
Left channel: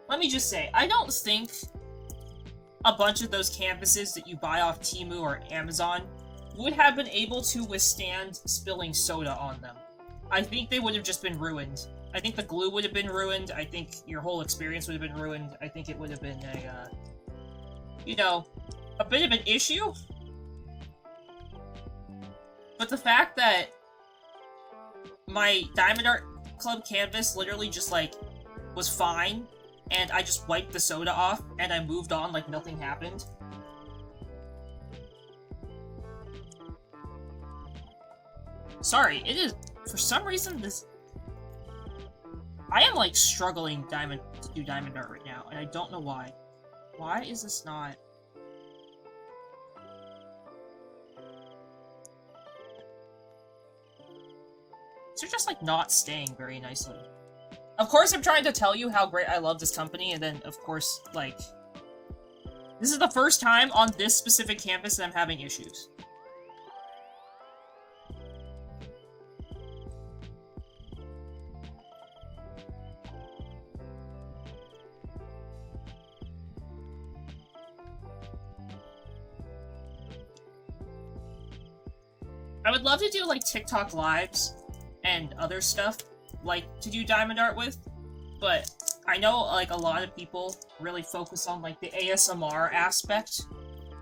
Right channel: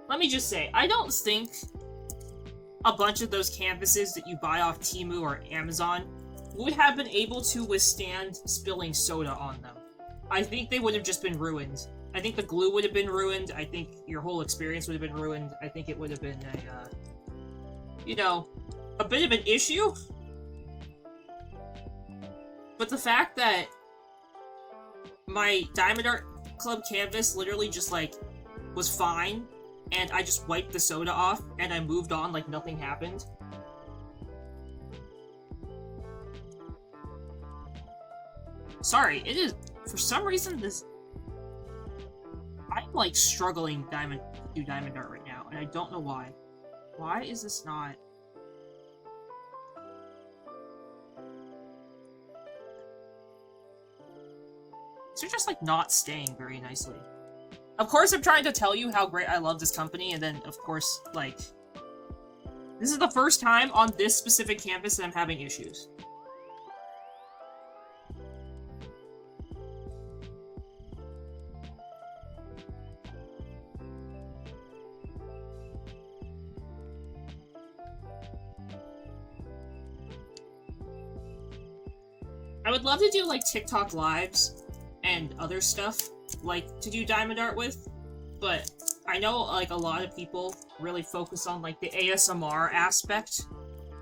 let me just say, I don't think a bunch of those canvases that you buy off Temu or Amazon would have been able to withstand spilling soda on them. I think they would have just been ruined. I think the glue would have been ruined. I think your whole experience would have been ruined. I think it would have been a, you know, a bit of an issue. But the fact that my Diamond Art Club canvas literally just, like, was fine, and I just wiped the soda off, and I moved on like nothing happened. Sorry, it is, for some reason, this... I am, like, struggling to do diamond art right now, and I don't know why. Why is this not... These are just, like, not staying very nicely. Of course, I'm trying to tell you how great I love this company, and then, of course, like... This is the first time on this specific canvas that I'm having issues. I would love to do, like, TikTok lives and other stuff, like, to do diamond art with, but I know, like, a lot of people really focus on, like, the ASMR aspect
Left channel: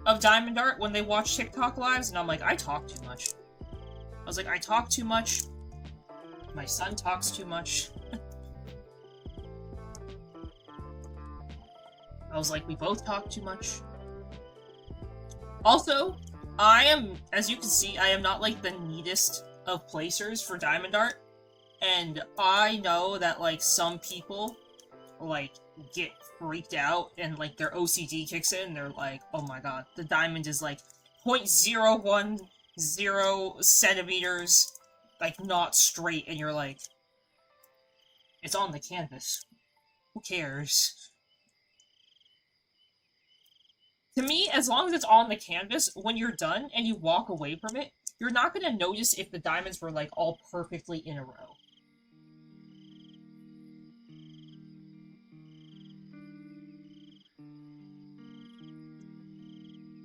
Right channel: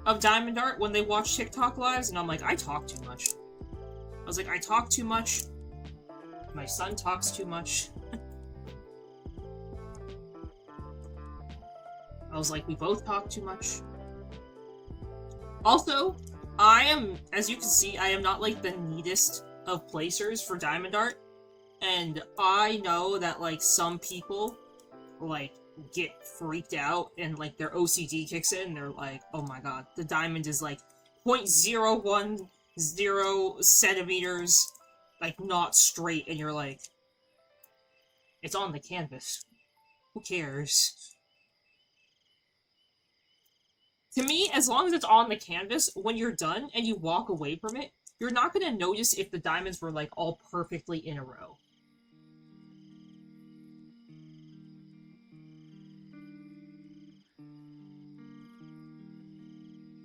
of diamond art when they watch TikTok lives, and I'm like, I talk too much. I was like, I talk too much. My son talks too much. I was like, we both talk too much. Also, I am, as you can see, I am not, like, the neatest of placers for diamond art. And I know that, like, some people, like, get freaked out and, like, their OCD kicks in and they're like, oh my god, the diamond is, like, 0.010 centimeters, like, not straight, and you're like, it's on the canvas. Who cares? To me, as long as it's on the canvas, when you're done and you walk away from it, you're not going to notice if the diamonds were, like, all perfectly in a row.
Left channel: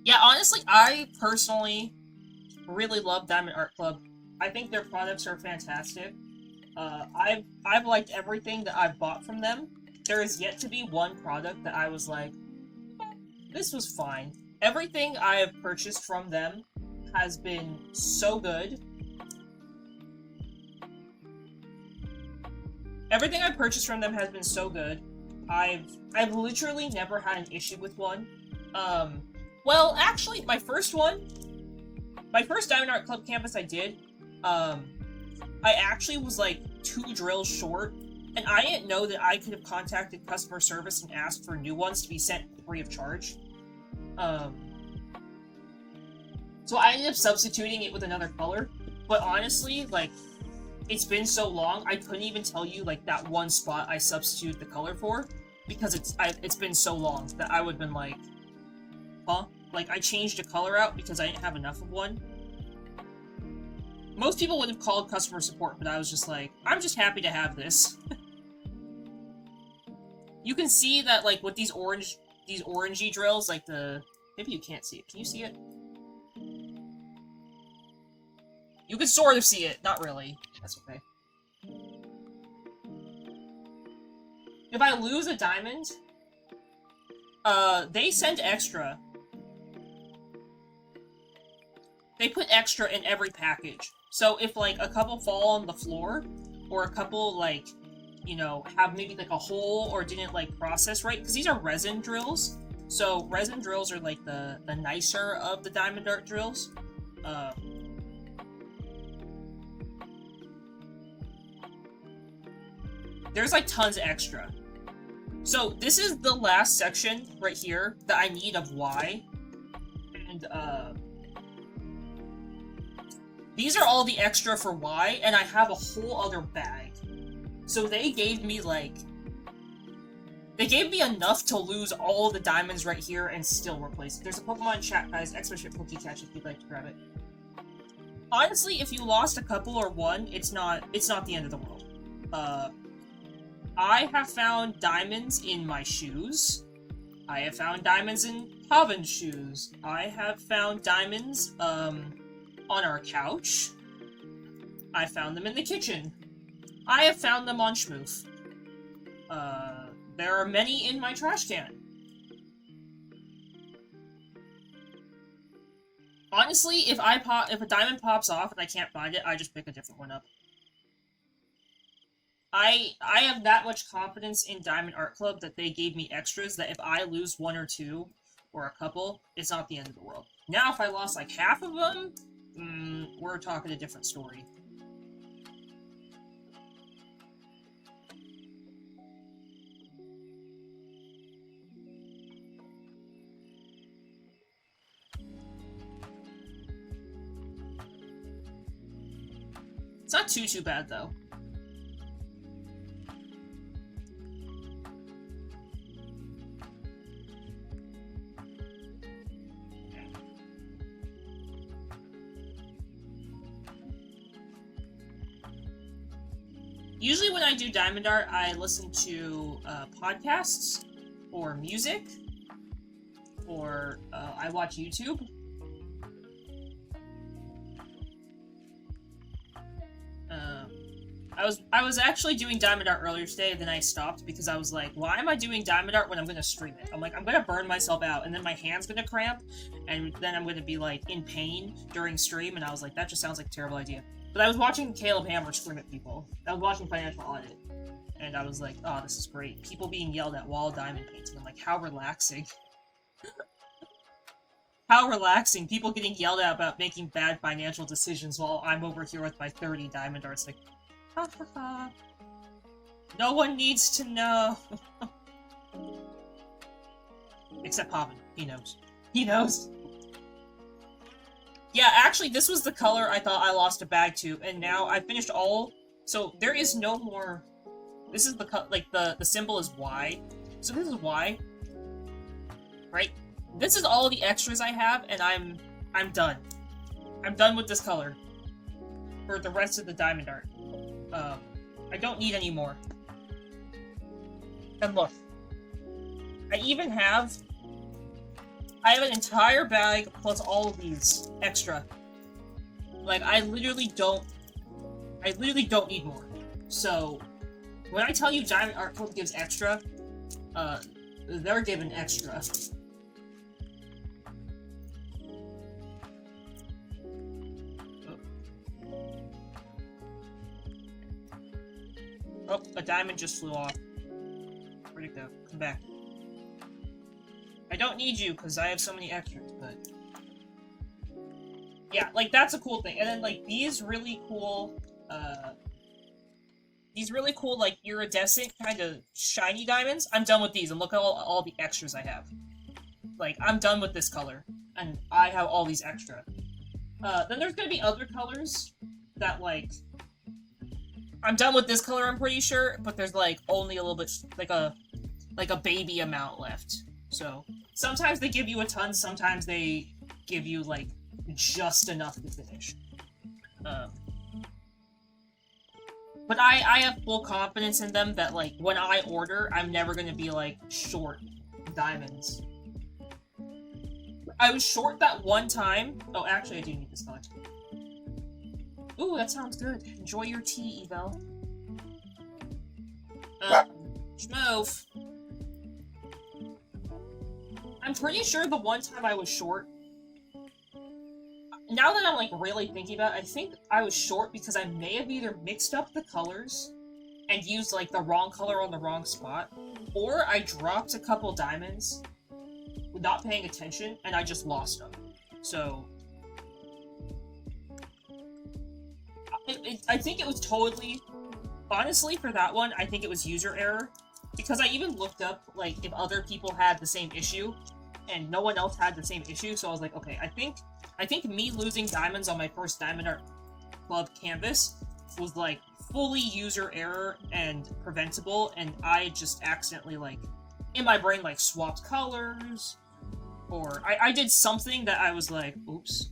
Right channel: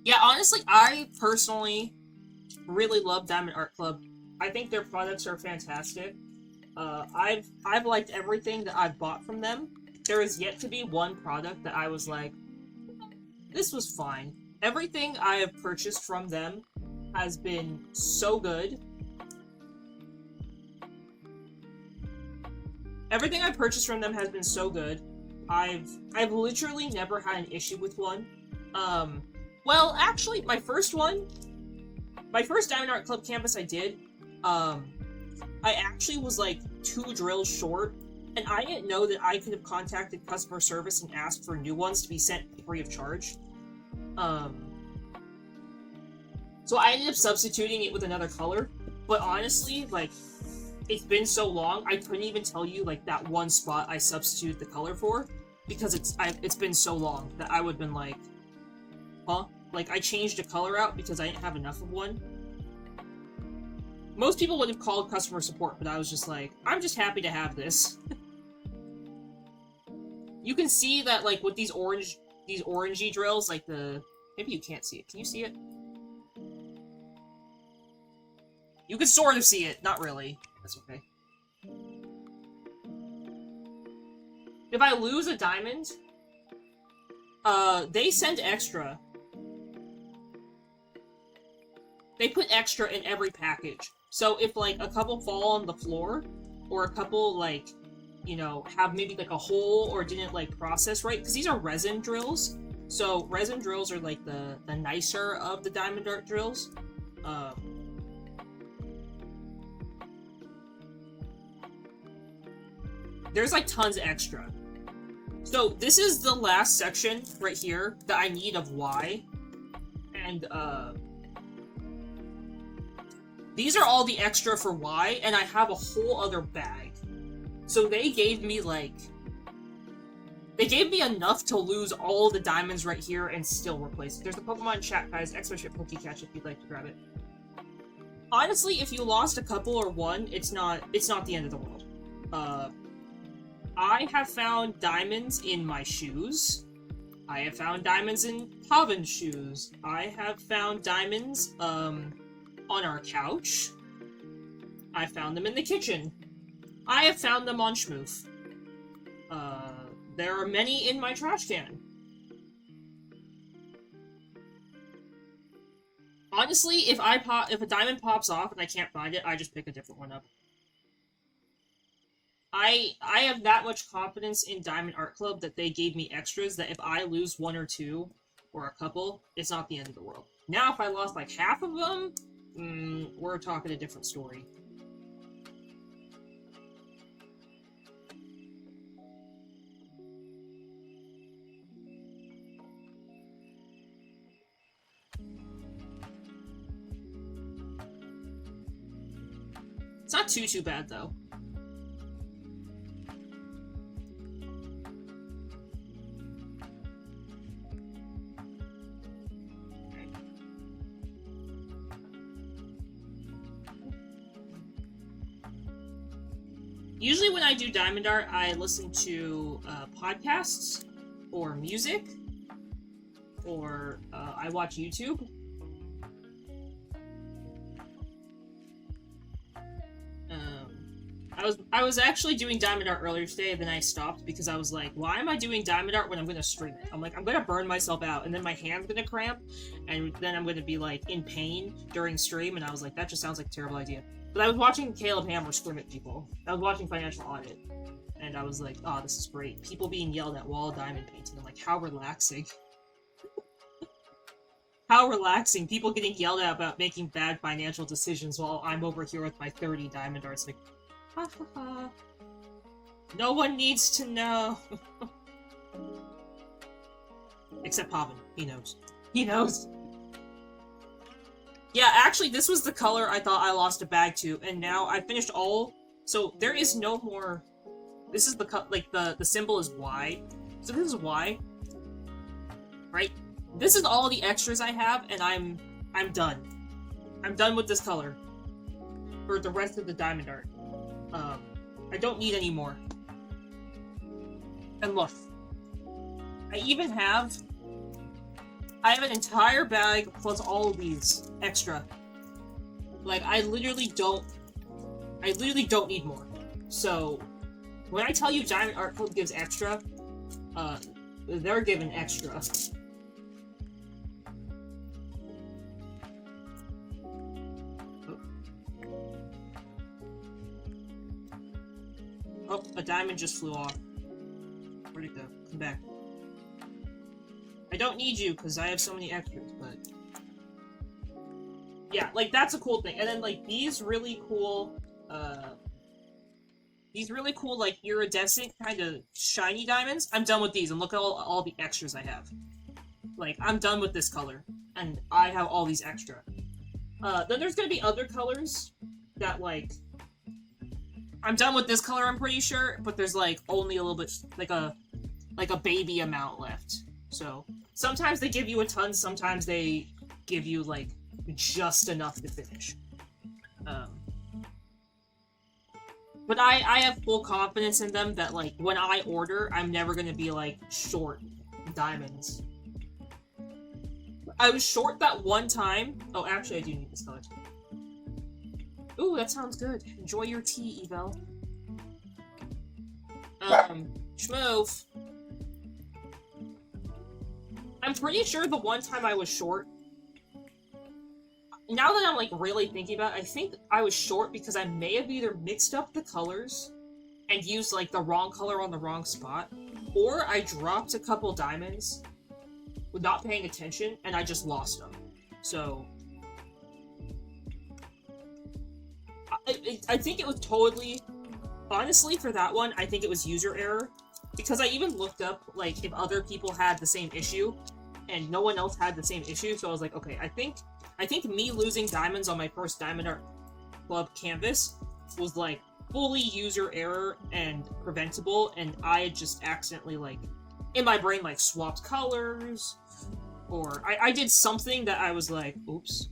Yeah, honestly, I personally really love Diamond Art Club. I think their products are fantastic. I've liked everything that I've bought from them. There is yet to be one product that I was like, this was fine. Everything I have purchased from them has been so good. Everything I've purchased from them has been so good. I've literally never had an issue with one. Well, actually, my first Diamond Art Club canvas I did, I actually was, like, 2 drills short, and I didn't know that I could have contacted customer service and asked for new ones to be sent free of charge. So I ended up substituting it with another color, but honestly, like, it's been so long, I couldn't even tell you, like, that one spot I substituted the color for, because it's been so long that I would have been like, huh? Like, I changed the color out because I didn't have enough of one. Most people would have called customer support, but I was just like, I'm just happy to have this. You can see that, like, with these orangey drills, like maybe you can't see it. Can you see it? You can sort of see it, not really. That's okay. If I lose a diamond, they send extra. They put extra in every package. So if, like, a couple fall on the floor, or a couple, like, you know, have maybe, like, a hole or didn't, like, process right, because these are resin drills. So resin drills are, like, the nicer of the diamond art drills. there's like tons extra. So this is the last section right here that I need of Y. And these are all the extra for Y, and I have a whole other bag. So they gave me like, they gave me enough to lose all the diamonds right here and still replace it. There's a Pokemon chat, guys, !Catch if you'd like to grab it. Honestly, if you lost a couple or one, it's not the end of the world. I have found diamonds in my shoes. I have found diamonds in Pavin's shoes. I have found diamonds, on our couch. I found them in the kitchen. I have found them on Schmoof. There are many in my trash can. Honestly, if a diamond pops off and I can't find it, I just pick a different one up. I have that much confidence in Diamond Art Club that they gave me extras that if I lose one or two, or a couple, it's not the end of the world. Now, if I lost like half of them, we're talking a different story. It's not too bad, though. Usually when I do diamond art, I listen to podcasts, or music, or I watch YouTube. I was actually doing diamond art earlier today, then I stopped because I was like, why am I doing diamond art when I'm gonna stream it? I'm like, I'm gonna burn myself out, and then my hand's gonna cramp, and then I'm gonna be like in pain during stream, and I was like, that just sounds like a terrible idea. But I was watching Caleb Hammer scream at people. I was watching Financial Audit, and I was like, oh, this is great. People being yelled at while diamond painting. I'm like, how relaxing. How relaxing. People getting yelled at about making bad financial decisions while I'm over here with my 30 diamond arts. Like, ha ha ha. No one needs to know. Except Pavin. He knows. He knows. Yeah, actually, this was the color I thought I lost a bag to, and now I finished all... So, there is no more... This is the... Like, the symbol is Y. So this is Y. Right? This is all the extras I have, and I'm done. I'm done with this color. For the rest of the diamond art. I don't need any more. And look. I even have... I have an entire bag plus all of these extra. Like, I literally don't need more. So, when I tell you Diamond Art Club gives extra, they're given extra. Oh, a diamond just flew off. Where'd it go? Come back. I don't need you, because I have so many extras, but... Yeah, like, that's a cool thing. And then, like, these really cool, like, iridescent, kind of shiny diamonds, I'm done with these, and look at all the extras I have. Like, I'm done with this color, and I have all these extra. Then there's gonna be other colors that, like... I'm done with this color, I'm pretty sure, but there's, like, only a little bit, like a baby amount left. So, sometimes they give you a ton, sometimes they give you, like, just enough to finish. But I have full confidence in them that, like, when I order, I'm never gonna be, like, short diamonds. I was short that one time. Oh, actually, I do need this color. Ooh, that sounds good. Enjoy your tea, Evel. Schmoof. I'm pretty sure the one time I was short... Now that I'm, like, really thinking about it, I think I was short because I may have either mixed up the colors and used, like, the wrong color on the wrong spot, or I dropped a couple diamonds with not paying attention, and I just lost them. So... I think it was totally honestly, for that one, I think it was user error. Because I even looked up, like, if other people had the same issue, and no one else had the same issue, so I was like, okay, I think me losing diamonds on my first Diamond Art Club canvas was, like, fully user error and preventable, and I just accidentally, like, in my brain, like, swapped colors, or I did something that I was like, oops.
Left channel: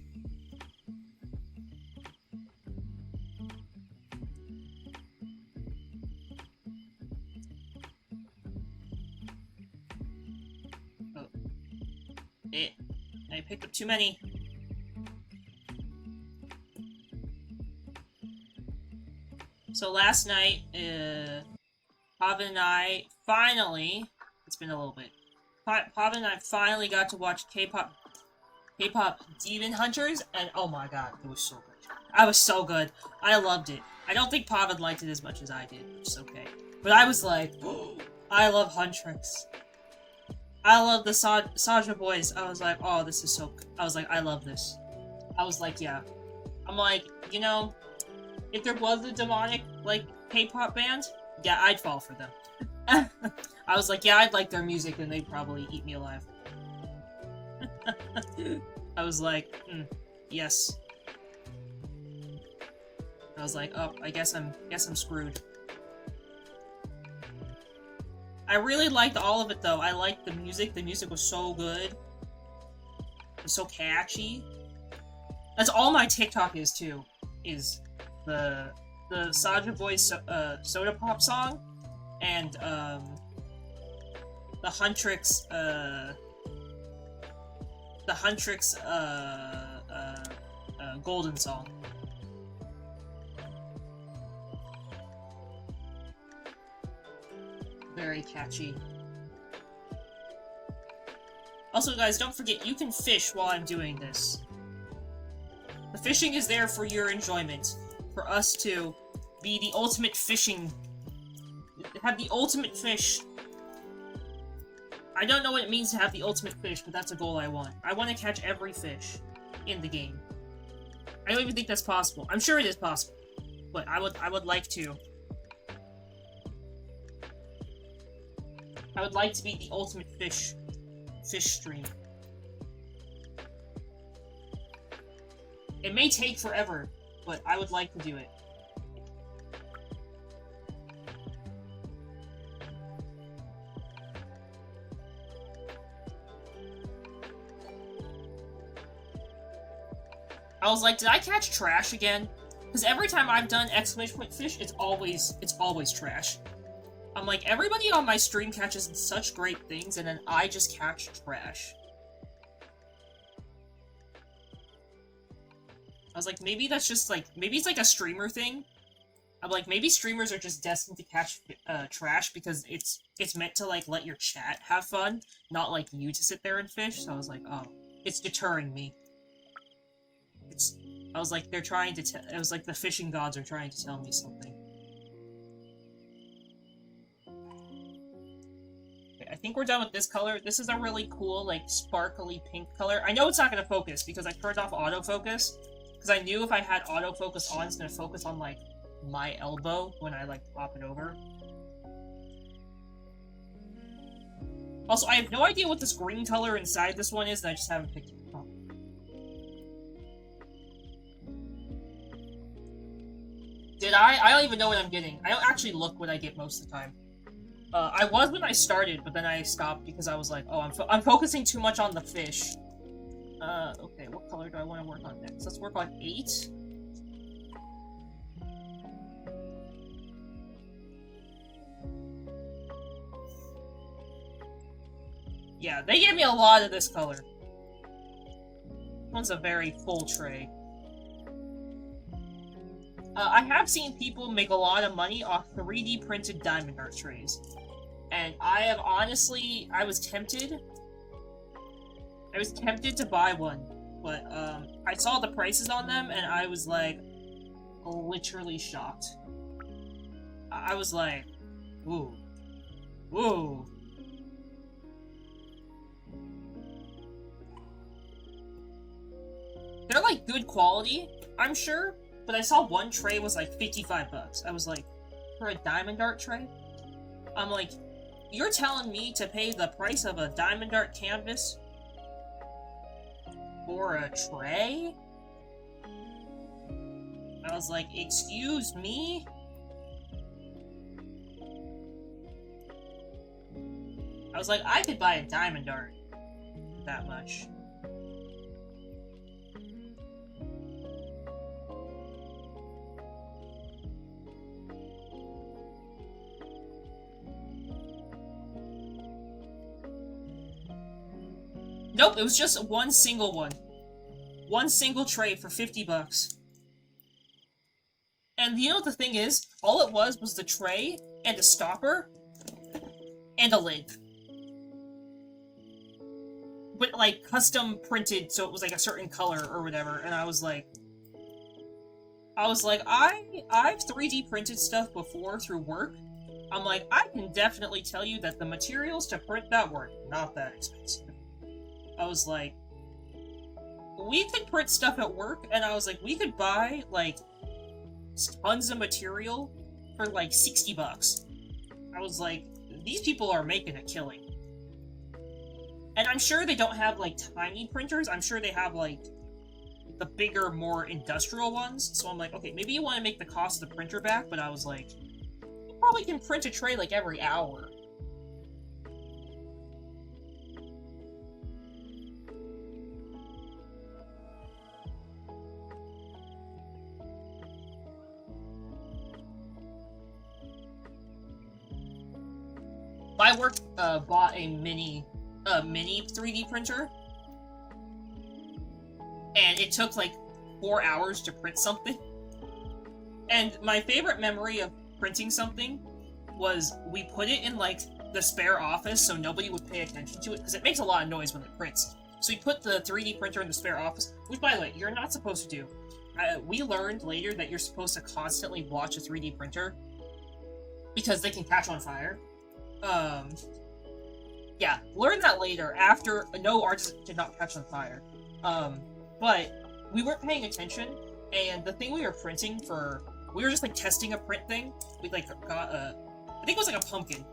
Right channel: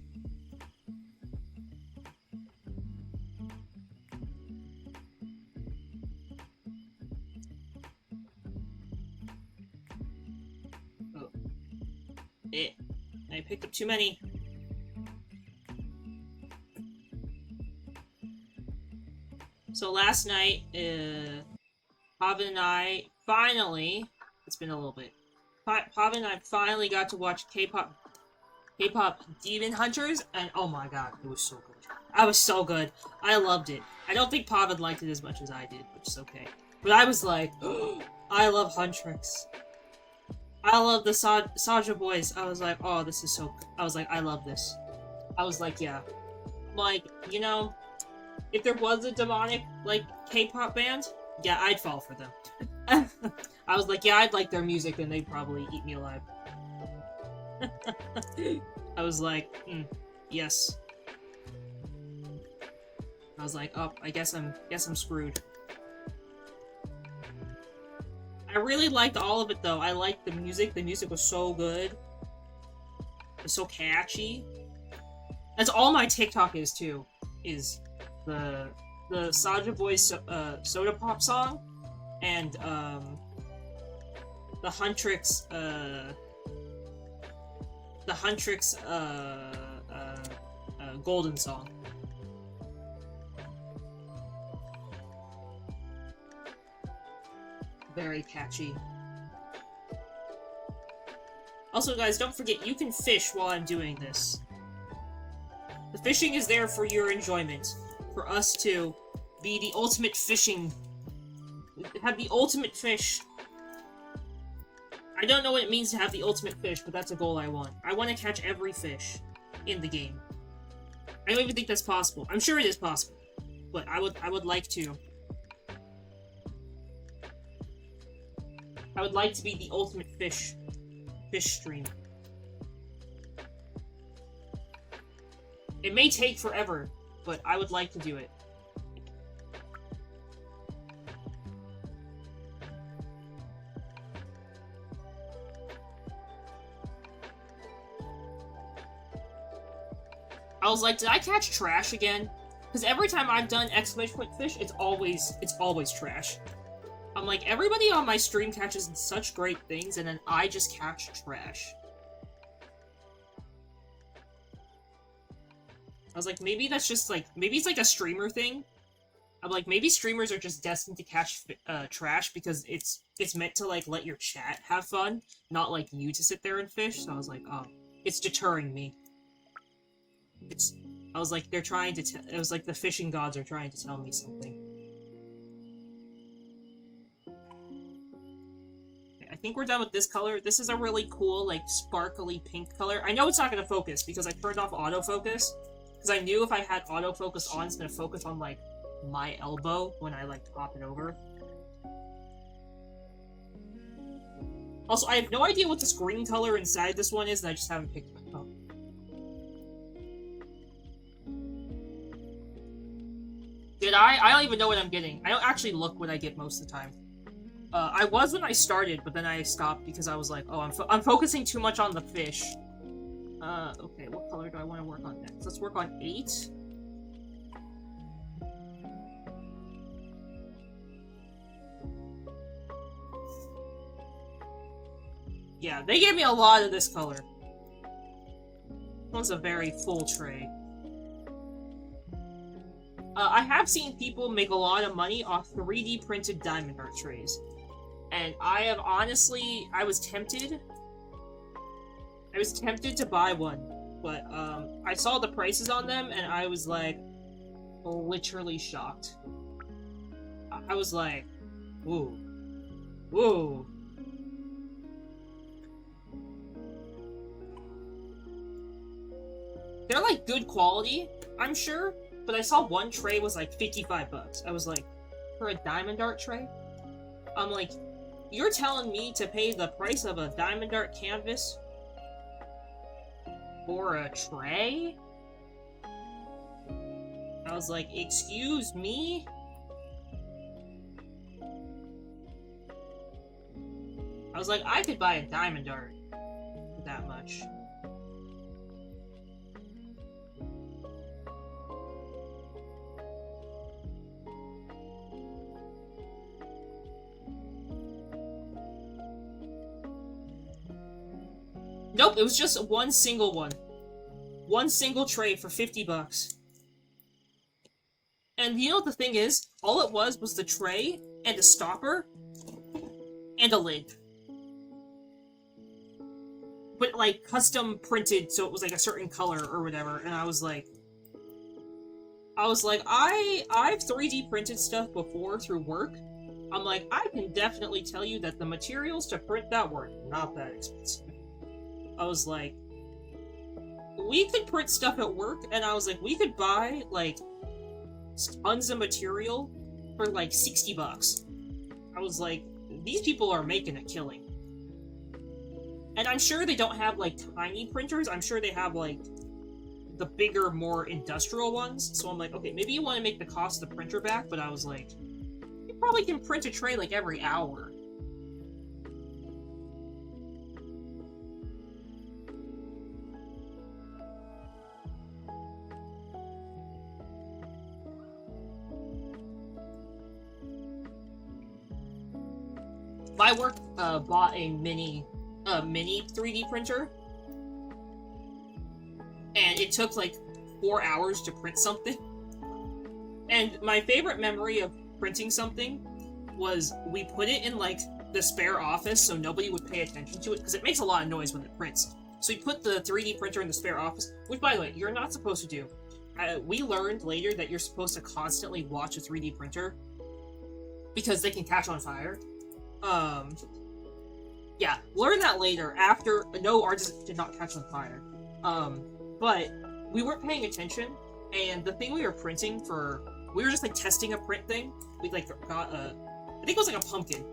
I picked up too many. So last night, Pavan and I finally, it's been a little bit, Pavan and I finally got to watch K-pop Demon Hunters, and oh my god, it was so good. I was so good. I loved it. I don't think Pavan liked it as much as I did, which is okay. But I was like, I love Huntrix. I love the Saja boys. I was like, oh, this is so... I was like, I love this. I was like, yeah. I'm like, you know, if there was a demonic, like, K-pop band, yeah, I'd fall for them. I was like, yeah, I'd like their music, and they'd probably eat me alive. I was like, yes. I was like, oh, I guess I'm screwed. I really liked all of it, though. I liked the music. The music was so good. It was so catchy. That's all my TikTok is, too. Is the Saja Boys Soda Pop song, and, the Huntrix, Golden song. Very catchy. Also, guys, don't forget, you can fish while I'm doing this. The fishing is there for your enjoyment. For us to be the ultimate fishing... have the ultimate fish. I don't know what it means to have the ultimate fish, but that's a goal I want. I want to catch every fish in the game. I don't even think that's possible. I'm sure it is possible. But I would like to. I would like to be the ultimate fish stream. It may take forever, but I would like to do it. I was like, did I catch trash again? Because every time I've done exclamation point fish, it's always trash. I'm like, everybody on my stream catches such great things, and then I just catch trash. I was like, maybe that's just like, maybe it's like a streamer thing. I'm like, maybe streamers are just destined to catch trash because it's meant to like let your chat have fun, not like you to sit there and fish. So I was like, oh, it's deterring me. I was like, they're trying to it was like the fishing gods are trying to tell me something. I think we're done with this color. This is a really cool, like, sparkly pink color. I know it's not going to focus, because I turned off autofocus. Because I knew if I had autofocus on, it's going to focus on, like, my elbow when I, like, pop it over. Also, I have no idea what this green color inside this one is, and I just haven't picked it up. Did I? I don't even know what I'm getting. I don't actually look what I get most of the time. I was when I started, but then I stopped because I was like, oh, I'm focusing too much on the fish. Okay, what color do I want to work on next? Let's work on 8. Yeah, they gave me a lot of this color. This one's a very full tray. I have seen people make a lot of money off 3D printed diamond art trays. And I have honestly, I was tempted to buy one, but I saw the prices on them and I was like, literally shocked. I was like, ooh, whoa. They're like good quality, I'm sure, but I saw one tray was like 55 bucks. I was like, for a diamond art tray? I'm like, you're telling me to pay the price of a diamond art canvas for a tray? I was like, excuse me? I was like, I could buy a diamond art for that much. Nope, it was just one single one. One single tray for 50 bucks. And you know what the thing is? All it was the tray, and a stopper, and a lid. But, like, custom printed, so it was, like, a certain color or whatever, and I was like, I've 3D printed stuff before through work. I'm like, I can definitely tell you that the materials to print that were not that expensive. I was like, we could print stuff at work, and I was like, we could buy, like, tons of material for, like, 60 bucks. I was like, these people are making a killing. And I'm sure they don't have, like, tiny printers. I'm sure they have, like, the bigger, more industrial ones. So I'm like, okay, maybe you want to make the cost of the printer back, but I was like, you probably can print a tray, like, every hour. My work bought a mini 3D printer, and it took like 4 hours to print something. And my favorite memory of printing something was we put it in like the spare office so nobody would pay attention to it because it makes a lot of noise when it prints. So we put the 3D printer in the spare office, which by the way, you're not supposed to do. We learned later that you're supposed to constantly watch a 3D printer because they can catch on fire. Yeah, learn that later after. No, ours did not catch on fire. But we weren't paying attention, and the thing we were printing for, we were just like testing a print thing. We like got a, I think it was like a pumpkin.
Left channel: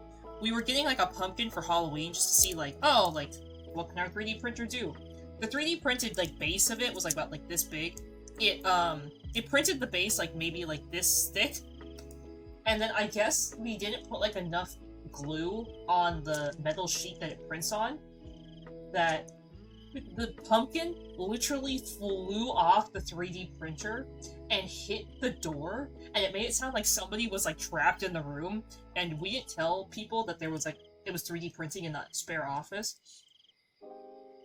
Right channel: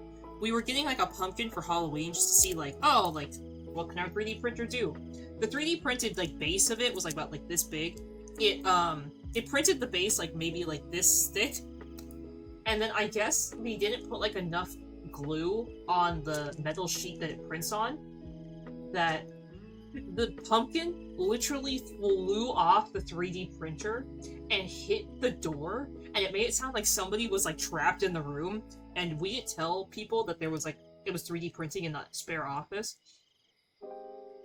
We were getting like a pumpkin for Halloween just to see like, oh, like, what can our 3D printer do? The 3D printed like base of it was like about like this big. It printed the base like maybe like this thick, and then I guess we didn't put like enough glue on the metal sheet that it prints on, that the pumpkin literally flew off the 3D printer and hit the door, and it made it sound like somebody was like trapped in the room, and we didn't tell people that there was like, it was 3D printing in that spare office.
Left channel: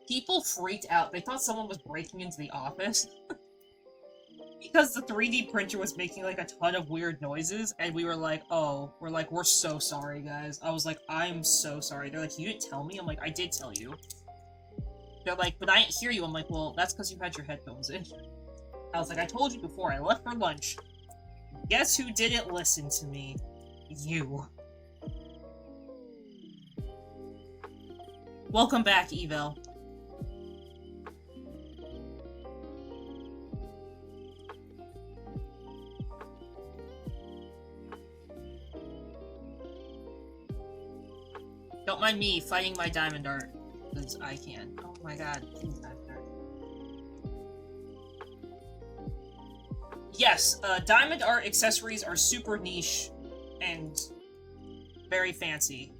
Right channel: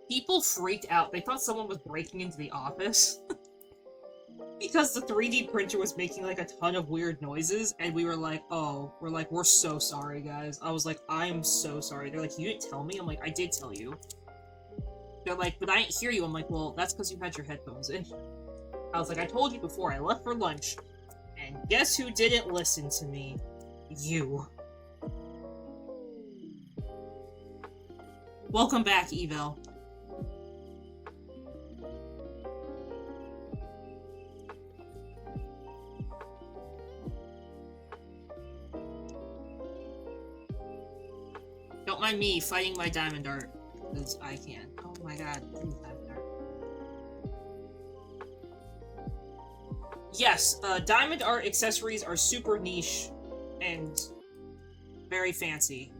People freaked out. They thought someone was breaking into the office. Because the 3D printer was making like a ton of weird noises, and we were like, oh, we're so sorry, guys. I was like, I'm so sorry. They're like, you didn't tell me? I'm like, I did tell you. They're like, but I didn't hear you. I'm like, well, that's because you had your headphones in. I was like, I told you before, I left for lunch. And guess who didn't listen to me? You. Welcome back, Evel. Don't mind me fighting my diamond art, because I can. Oh my god, please diamond art. Yes, diamond art accessories are super niche and very fancy.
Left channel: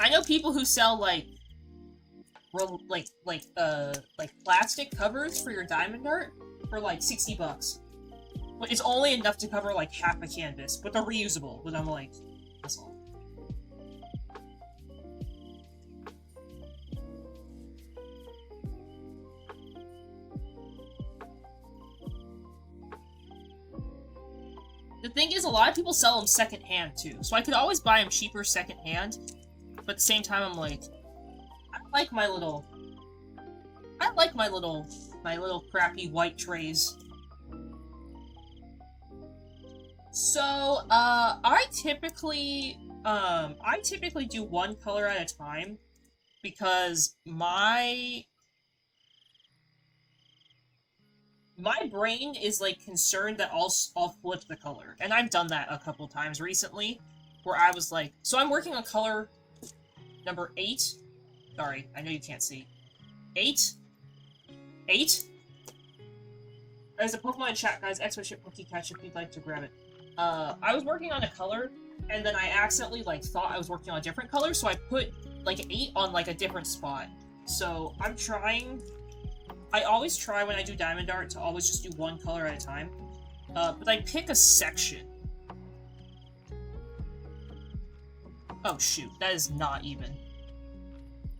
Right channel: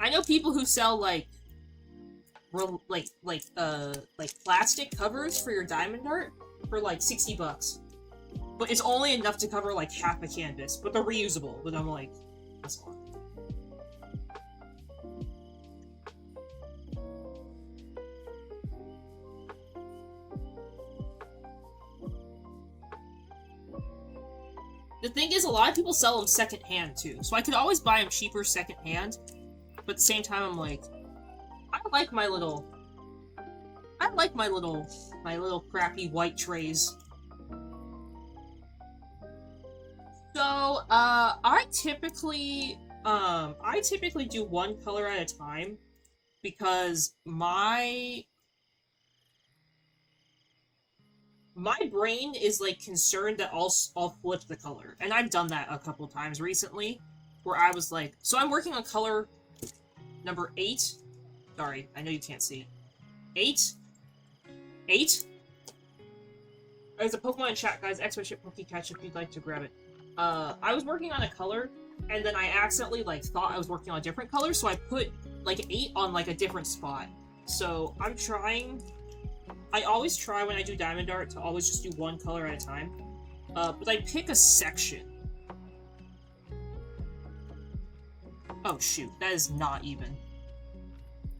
I know people who sell like plastic covers for your diamond art for like 60 bucks. But it's only enough to cover, like, half a canvas. But they're reusable. But I'm like, that's a lot. The thing is, a lot of people sell them secondhand, too. So I could always buy them cheaper secondhand. But at the same time, I'm like, I like my little crappy white trays. So, I typically do one color at a time, because my my brain is like concerned that I'll flip the color, and I've done that a couple times recently, where I was like, so I'm working on color number 8. Sorry, I know you can't see. 8. There's a Pokemon in chat, guys. Expert Catch if you'd like to grab it. I was working on a color, and then I accidentally like thought I was working on a different color, so I put like 8 on like a different spot. So I'm trying. I always try when I do Diamond Art to always just do one color at a time. But I pick a section. Oh shoot, that is not even.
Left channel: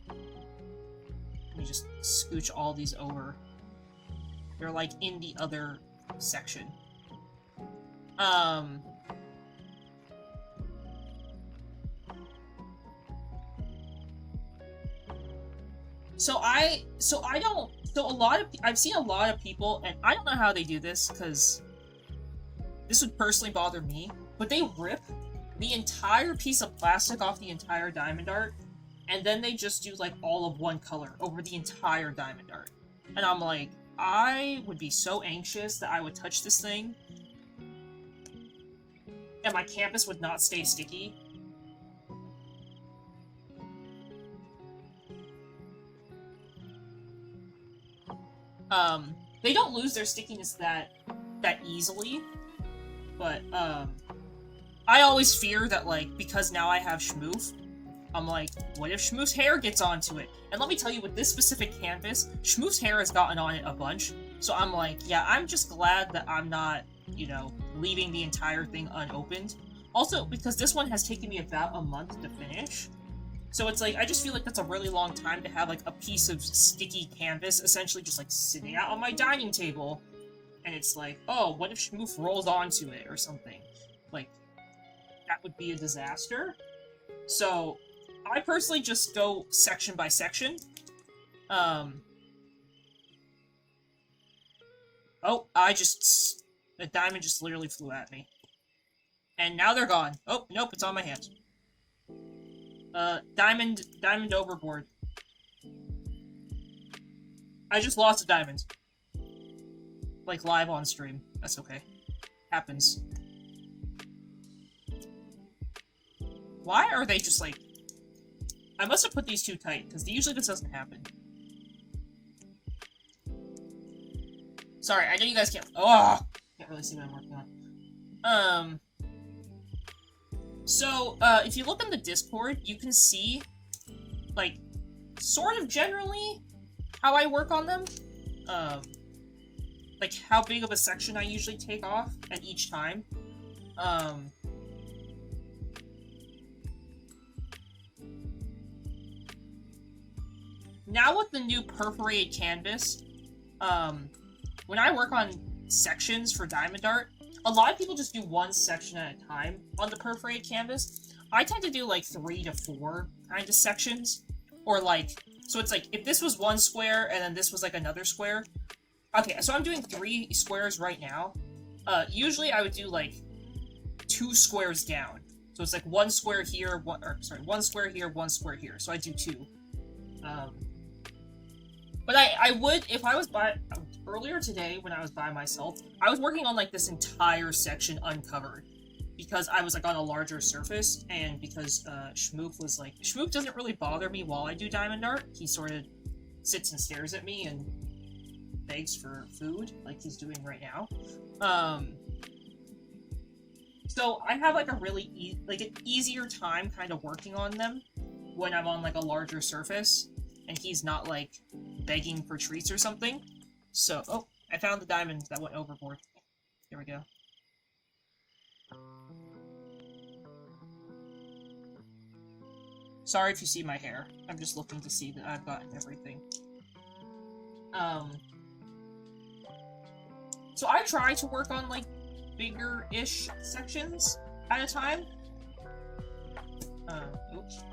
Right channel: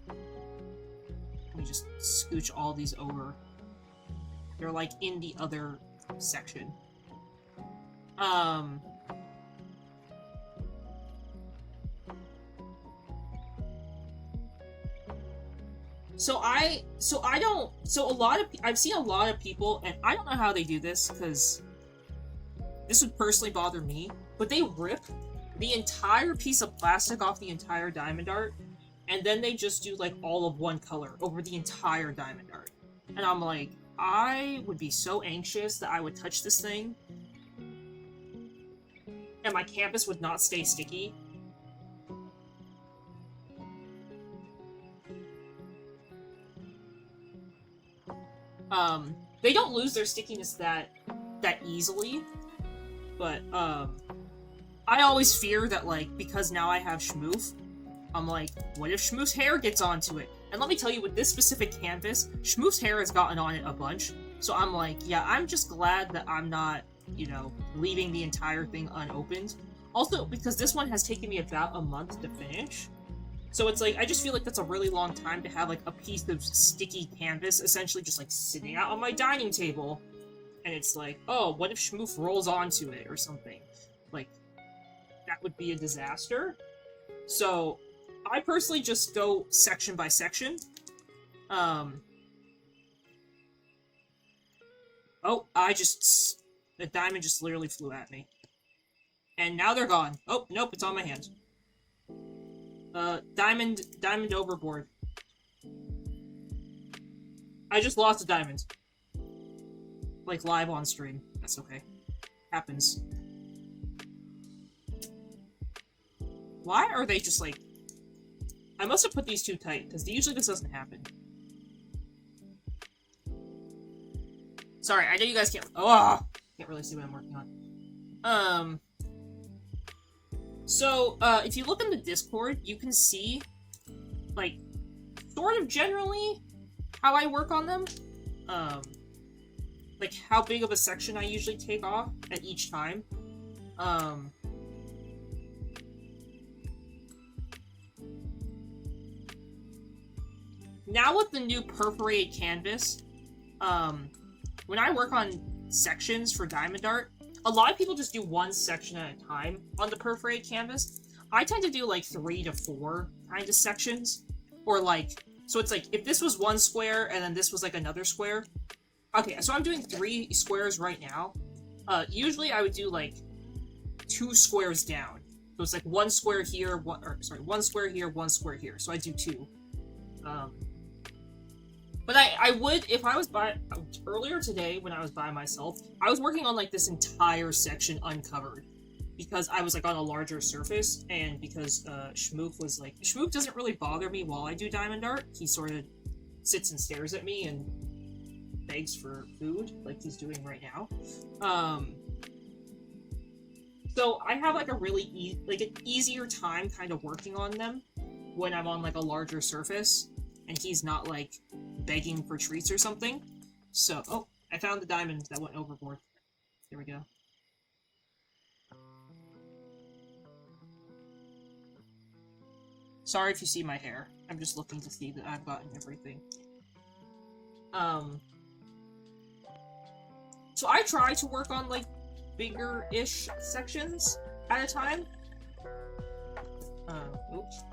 Let me just scooch all these over. They're like in the other section. I've seen a lot of people, and I don't know how they do this, because this would personally bother me, but they rip the entire piece of plastic off the entire Diamond Art, and then they just do like all of one color over the entire Diamond Art. And I'm like, I would be so anxious that I would touch this thing, and my canvas would not stay sticky. They don't lose their stickiness that easily, but, I always fear that, like, because now I have Schmoof, I'm like, what if Schmoof's hair gets onto it? And let me tell you, with this specific canvas, Schmoof's hair has gotten on it a bunch, so I'm like, yeah, I'm just glad that I'm not, you know, leaving the entire thing unopened. Also, because this one has taken me about a month to finish, so it's like, I just feel like that's a really long time to have, like, a piece of sticky canvas essentially just, like, sitting out on my dining table. And it's like, oh, what if Schmoof rolls onto it or something? Like, that would be a disaster. So, I personally just go section by section. Oh, the diamond just literally flew at me. And now they're gone. Oh, nope, it's on my hands. Diamond overboard. I just lost a diamond. Like, live on stream. That's okay. Happens. Why are they just, like... I must have put these too tight, because usually this doesn't happen. Sorry, I know you guys can't... Oh! Can't really see what I'm working on. So, if you look in the Discord, you can see, like, sort of generally how I work on them. Like, how big of a section I usually take off at each time. Now with the new perforated canvas, when I work on sections for Diamond Art, a lot of people just do one section at a time on the perforated canvas. I tend to do like 3 to 4 kind of sections. Or like, so it's like, if this was one square and then this was like another square. Okay, so I'm doing 3 squares right now. Usually I would do like 2 squares down. So it's like 1 square here, 1 square here, 1 square here. So I do 2. But I would, if I was earlier today when I was by myself, I was working on like this entire section uncovered. Because I was like on a larger surface, and because Schmoof was like, Schmoof doesn't really bother me while I do Diamond Art. He sort of sits and stares at me and begs for food, like he's doing right now. So I have like a really an easier time kind of working on them when I'm on like a larger surface, and he's not like begging for treats or something. So, oh, I found the diamond that went overboard. There we go. Sorry if you see my hair. I'm just looking to see that I've gotten everything. So I try to work on, like, bigger-ish sections at a time. Oops.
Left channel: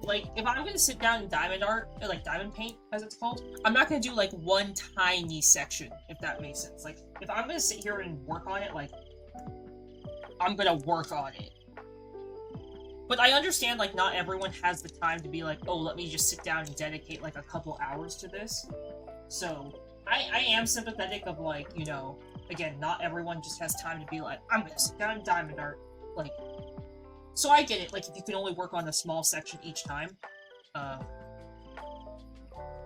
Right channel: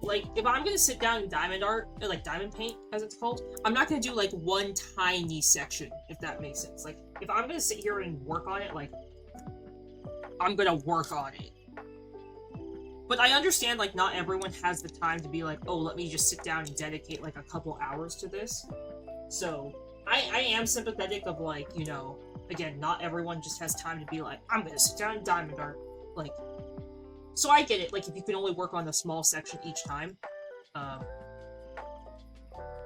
Like, if I'm gonna sit down in Diamond Art, or like Diamond Paint, as it's called, I'm not gonna do, like, one tiny section, if that makes sense. Like, if I'm gonna sit here and work on it, like, I'm gonna work on it. But I understand, like, not everyone has the time to be like, oh, let me just sit down and dedicate, like, a couple hours to this. So, I am sympathetic of, like, you know, again, not everyone just has time to be like, I'm gonna sit down in Diamond Art. Like, so I get it, like, if you can only work on a small section each time.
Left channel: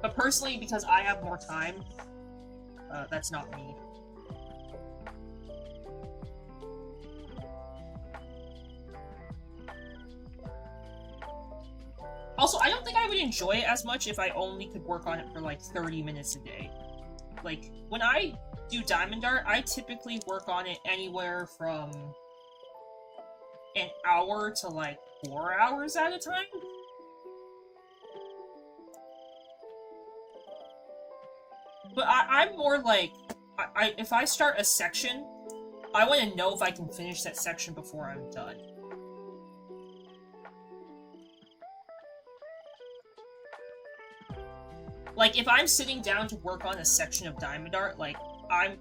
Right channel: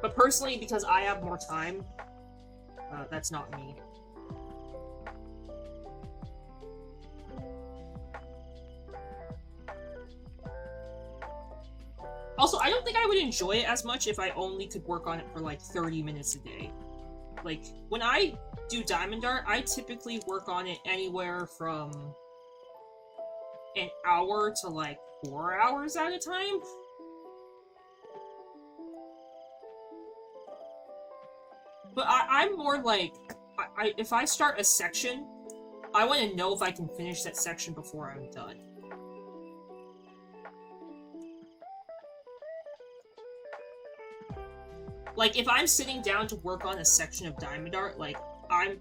But personally, because I have more time, that's not me. Also, I don't think I would enjoy it as much if I only could work on it for like 30 minutes a day. Like, when I do Diamond Art, I typically work on it anywhere from an hour to like 4 hours at a time. But I'm more like, if I start a section, I want to know if I can finish that section before I'm done. Like, if I'm sitting down to work on a section of Diamond Art, like, I'm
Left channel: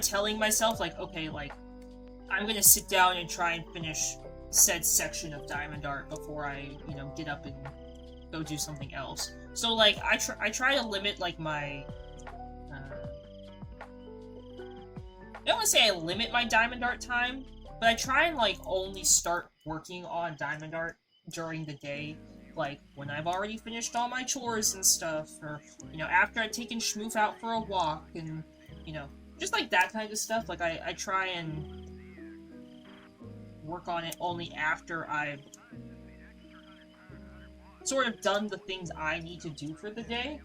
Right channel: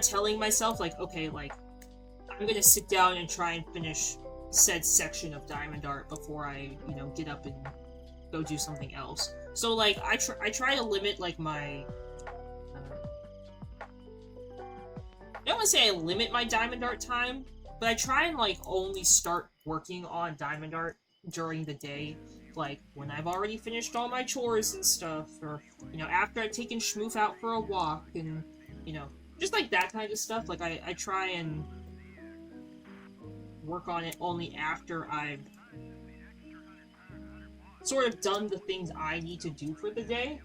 telling myself, like, okay, like, I'm gonna sit down and try and finish said section of Diamond Art before I, you know, get up and go do something else. So, like, I try to limit, like, my... I don't want to say I limit my Diamond Art time, but I try and, like, only start working on Diamond Art during the day, like, when I've already finished all my chores and stuff, or, you know, after I've taken Schmoof out for a walk, and, you know, just, like, that kind of stuff. Like, I try and work on it only after I've sort of done the things I need to do for the day.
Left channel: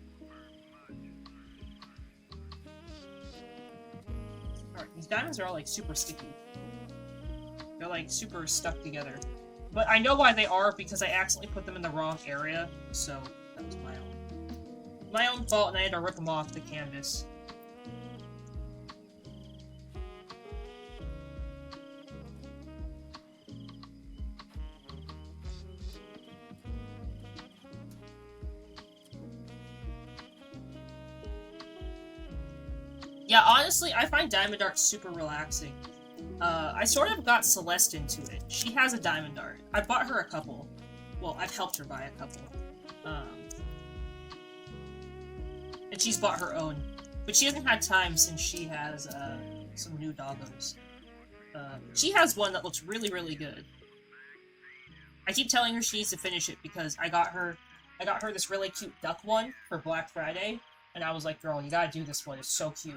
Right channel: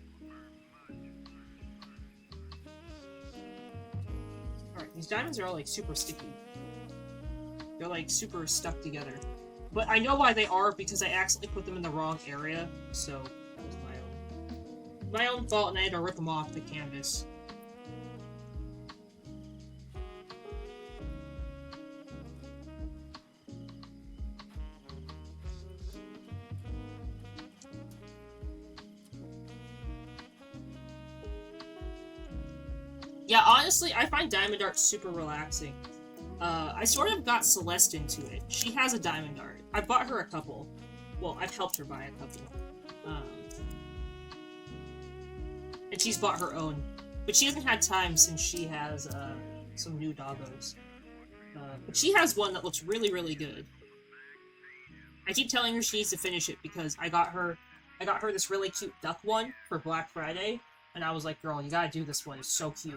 Alright, these diamonds are all, like, super sticky. They're, like, super stuck together. But I know why they are, because I accidentally put them in the wrong area, so that was my own fault, and I had to rip them off the canvas. Yeah, honestly, I find Diamond Art super relaxing. I sort of got Celeste into it. She has a Diamond Art. I bought her a couple. Well, I've helped her buy a couple. And she's bought her own. But she hasn't had time since she has, some new doggos. But she has one that looks really, really good. I keep telling her she needs to finish it because I got her this really cute duck one for Black Friday, and I was like, girl, you gotta do this one, it's so cute.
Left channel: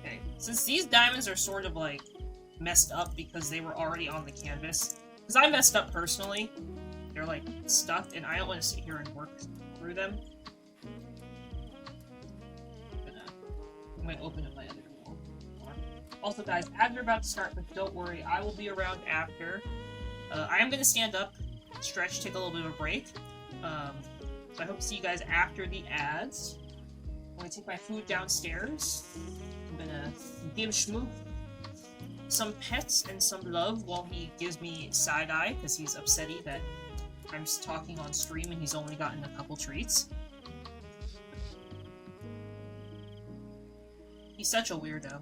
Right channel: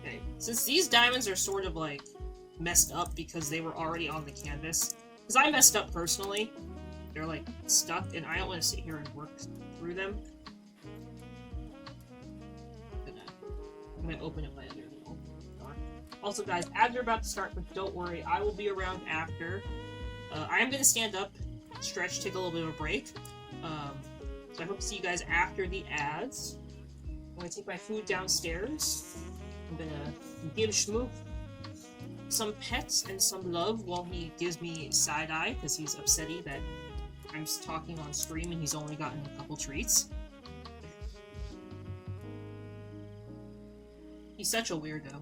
Okay, since these diamonds are sort of, like, messed up because they were already on the canvas, because I messed up personally, they're, like, stuck, and I don't want to sit here and work through them. I'm gonna open up my other wall. Also, guys, ads are about to start, but don't worry, I will be around after. I am gonna stand up, stretch, take a little bit of a break. So I hope to see you guys after the ads. I'm gonna take my food downstairs. I'm gonna give Schmoop some pets and some love while he gives me side-eye, because he's upsetty that I'm just talking on stream and he's only gotten a couple treats. He's such a weirdo.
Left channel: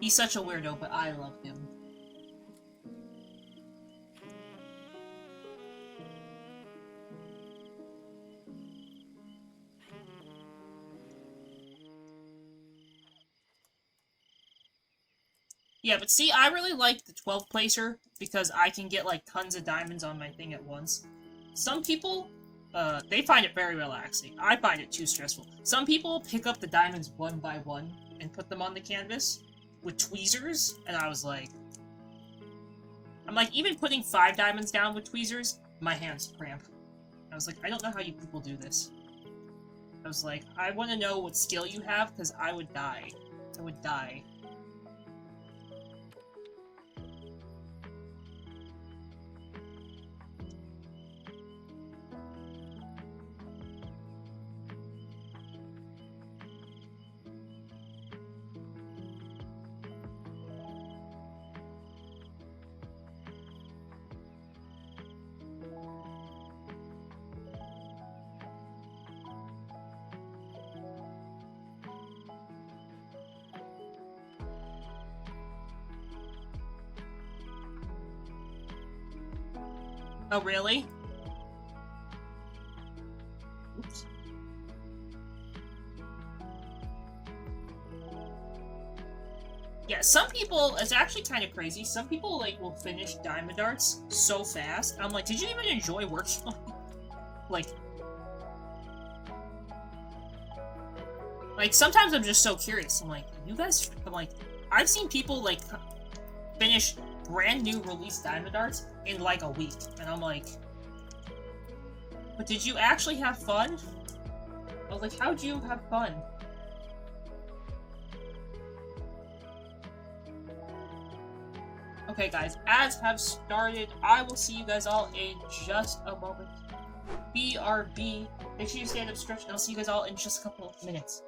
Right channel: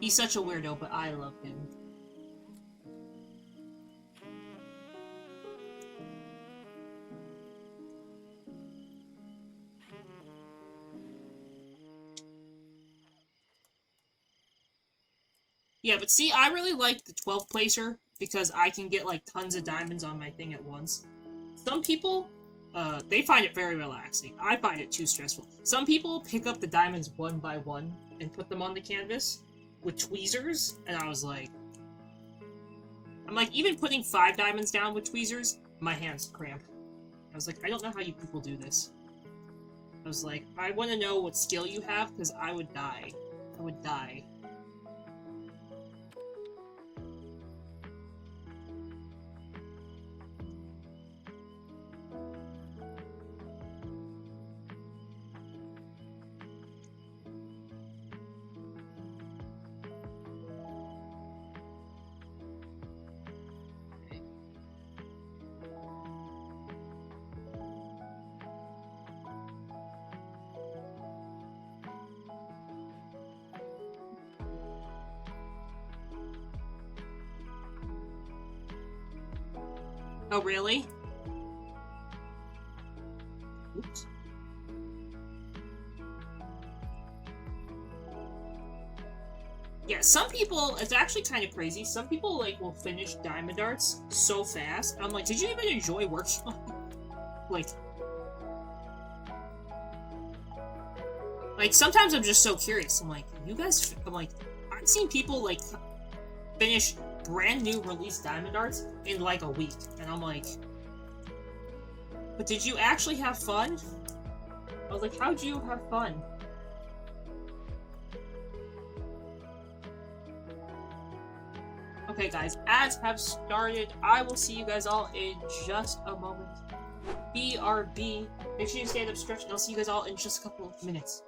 He's such a weirdo, but I love him. Yeah, but see, I really like the 12 placer because I can get, like, tons of diamonds on my thing at once. Some people, they find it very relaxing. I find it too stressful. Some people pick up the diamonds one by one and put them on the canvas with tweezers, and I was like... I'm like, even putting 5 diamonds down with tweezers, my hands cramp. I was like, I don't know how you people do this. I was like, I want to know what skill you have, because I would die. I would die. Oh, really? Oops. Yeah, some people, it's actually kind of crazy. Some people, like, will finish Diamond Darts so fast. I'm like, did you even enjoy working on it? Like, sometimes I'm just so curious. I'm like, you guys, I'm like, I've seen people, like, finish brand new release Diamond Darts in, like, a week. And I'm like, but did you actually have fun? I was like, how'd you have fun? Okay, guys, ads have started. I will see you guys all in just a moment. BRB. Make sure you stand up, stretch, and I'll see you guys all in just a couple of minutes.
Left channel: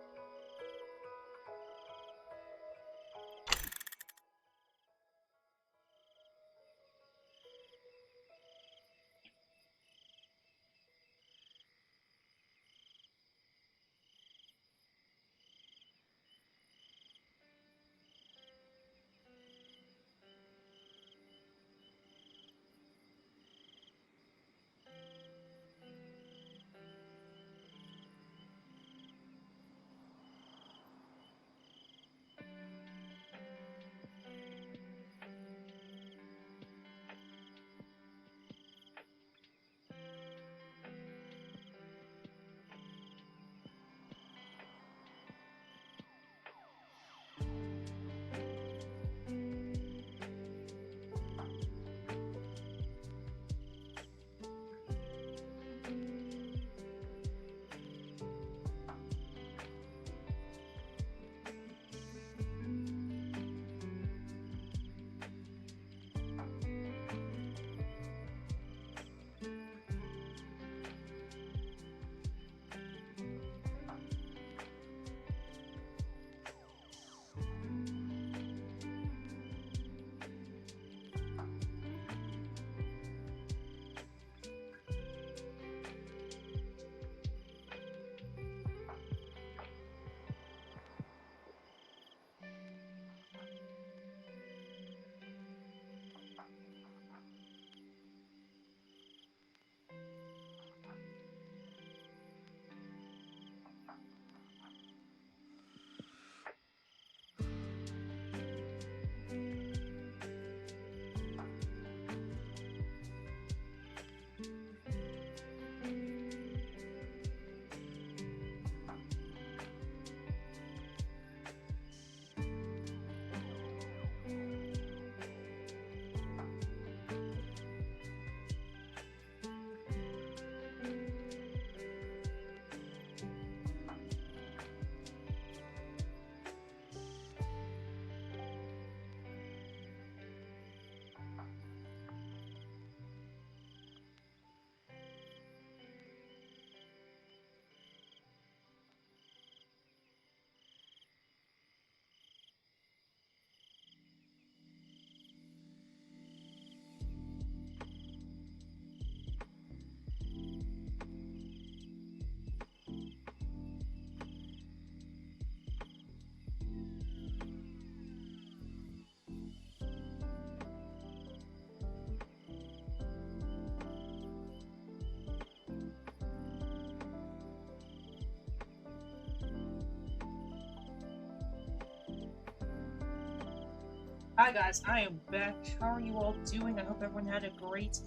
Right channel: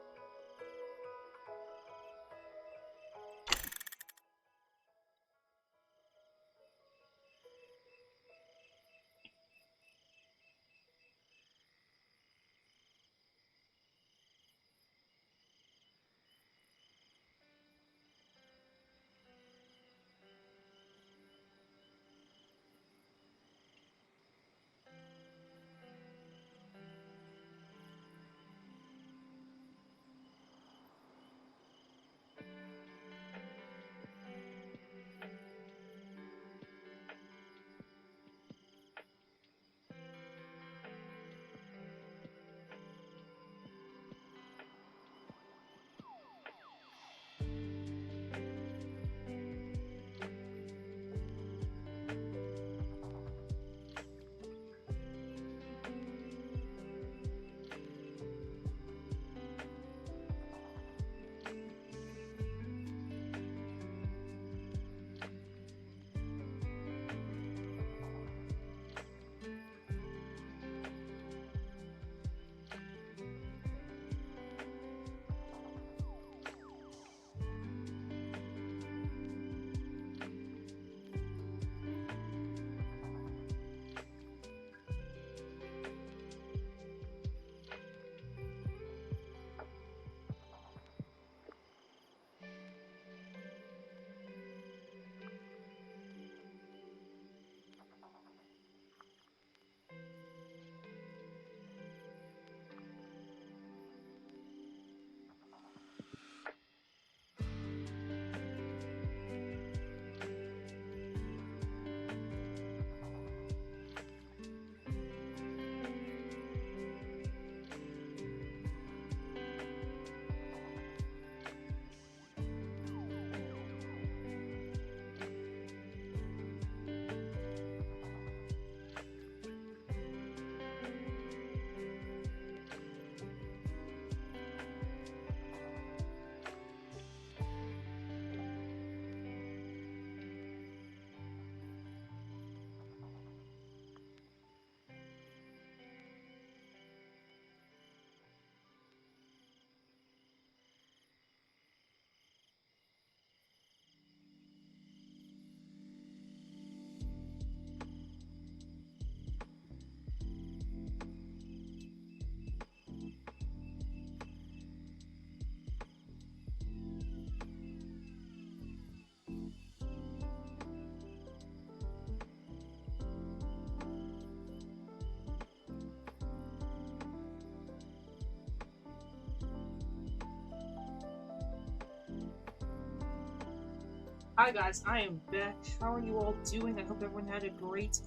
Hi guys, I am back. How are you all doing? I hope everyone had a great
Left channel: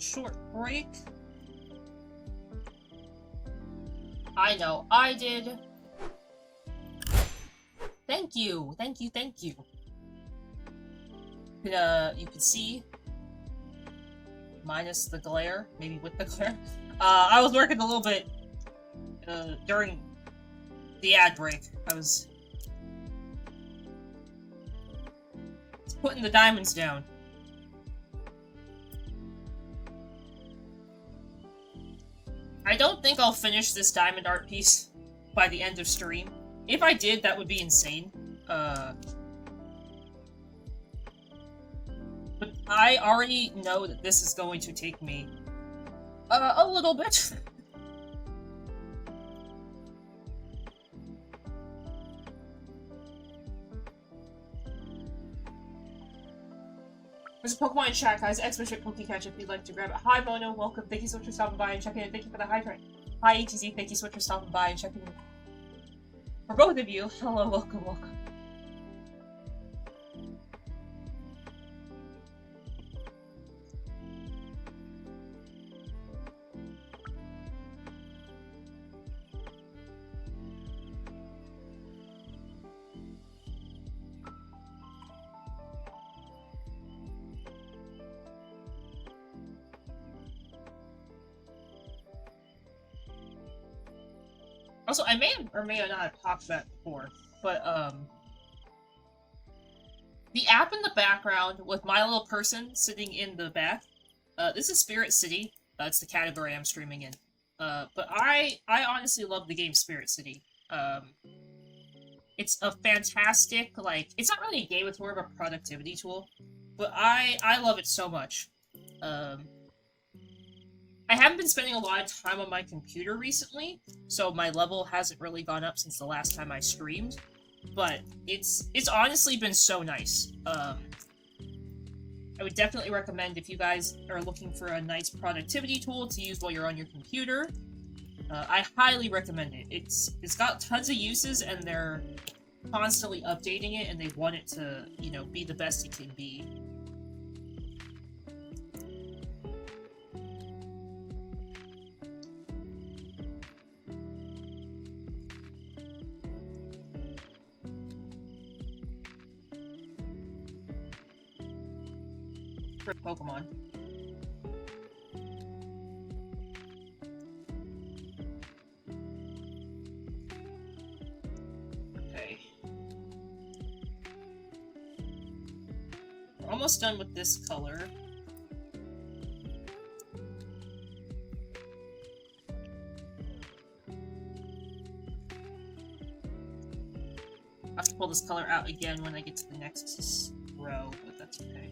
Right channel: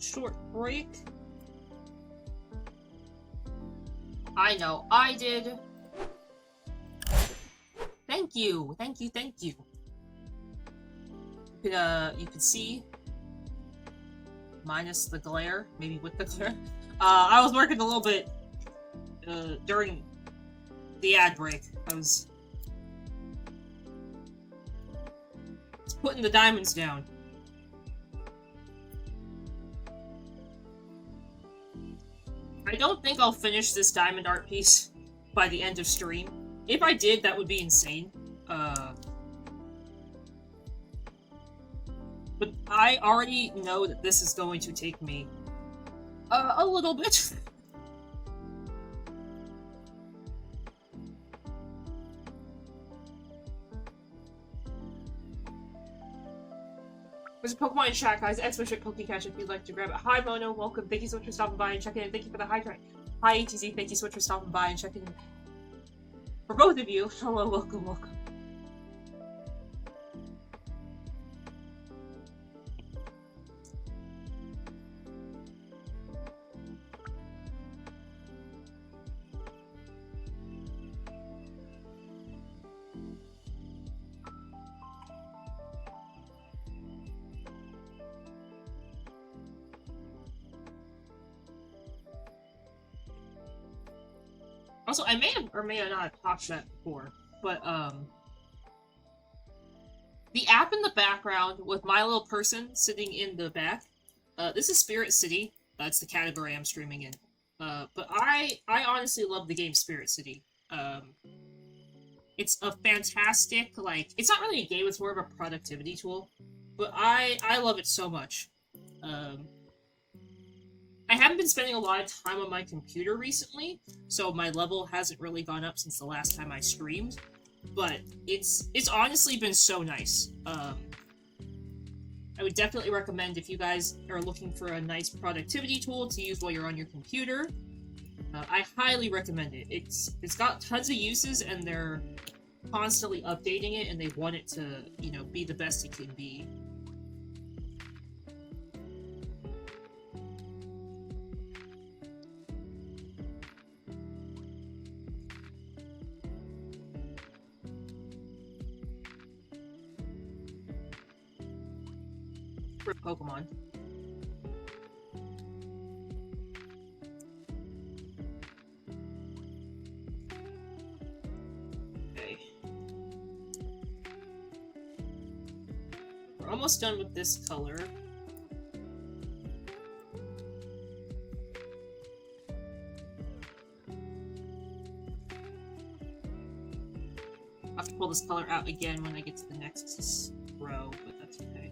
short break. I know I did. Thank you, thank you, thank you. You could see, minus the glare, maybe with the glare. I was working a little bit during the ad break. I was putting the diamonds down. I don't think I'll finish this diamond art piece by the end of stream. If I did, that would be insane. But I already know that this is going to take me a little bit. There's a Pokemon in chat, guys. Expert Pokecatch if you'd like to grab it. Hi, Mono. Welcome. Thank you so much for stopping by and checking in. Thank you for the hydrant. Hi, ATZ. Thank you so much for stopping by and checking in. For both of you, hello, welcome, welcome. Also, I may have or may not have popped that before, but the app in the background with my little person sitting in the back, this is Spirit City. That's the category I'm streaming in. But I honestly love the game Spirit City. It's a fantastic, like, it's not really a game, it's more of a productivity tool, but I love it so much. I haven't been spending a lot of time on my computer recently, so my level hasn't really gone up since the last time I streamed, but it's honestly been so nice. I would definitely recommend if you guys are looking for a nice productivity tool to use while you're on your computer. I highly recommend it. It's got tons of uses, and they're constantly updating it, and they want it to, you know, be the best it can be. For Pokemon. Okay. We're almost done with this color. I have to pull this color out again when I get to the next row, but that's okay.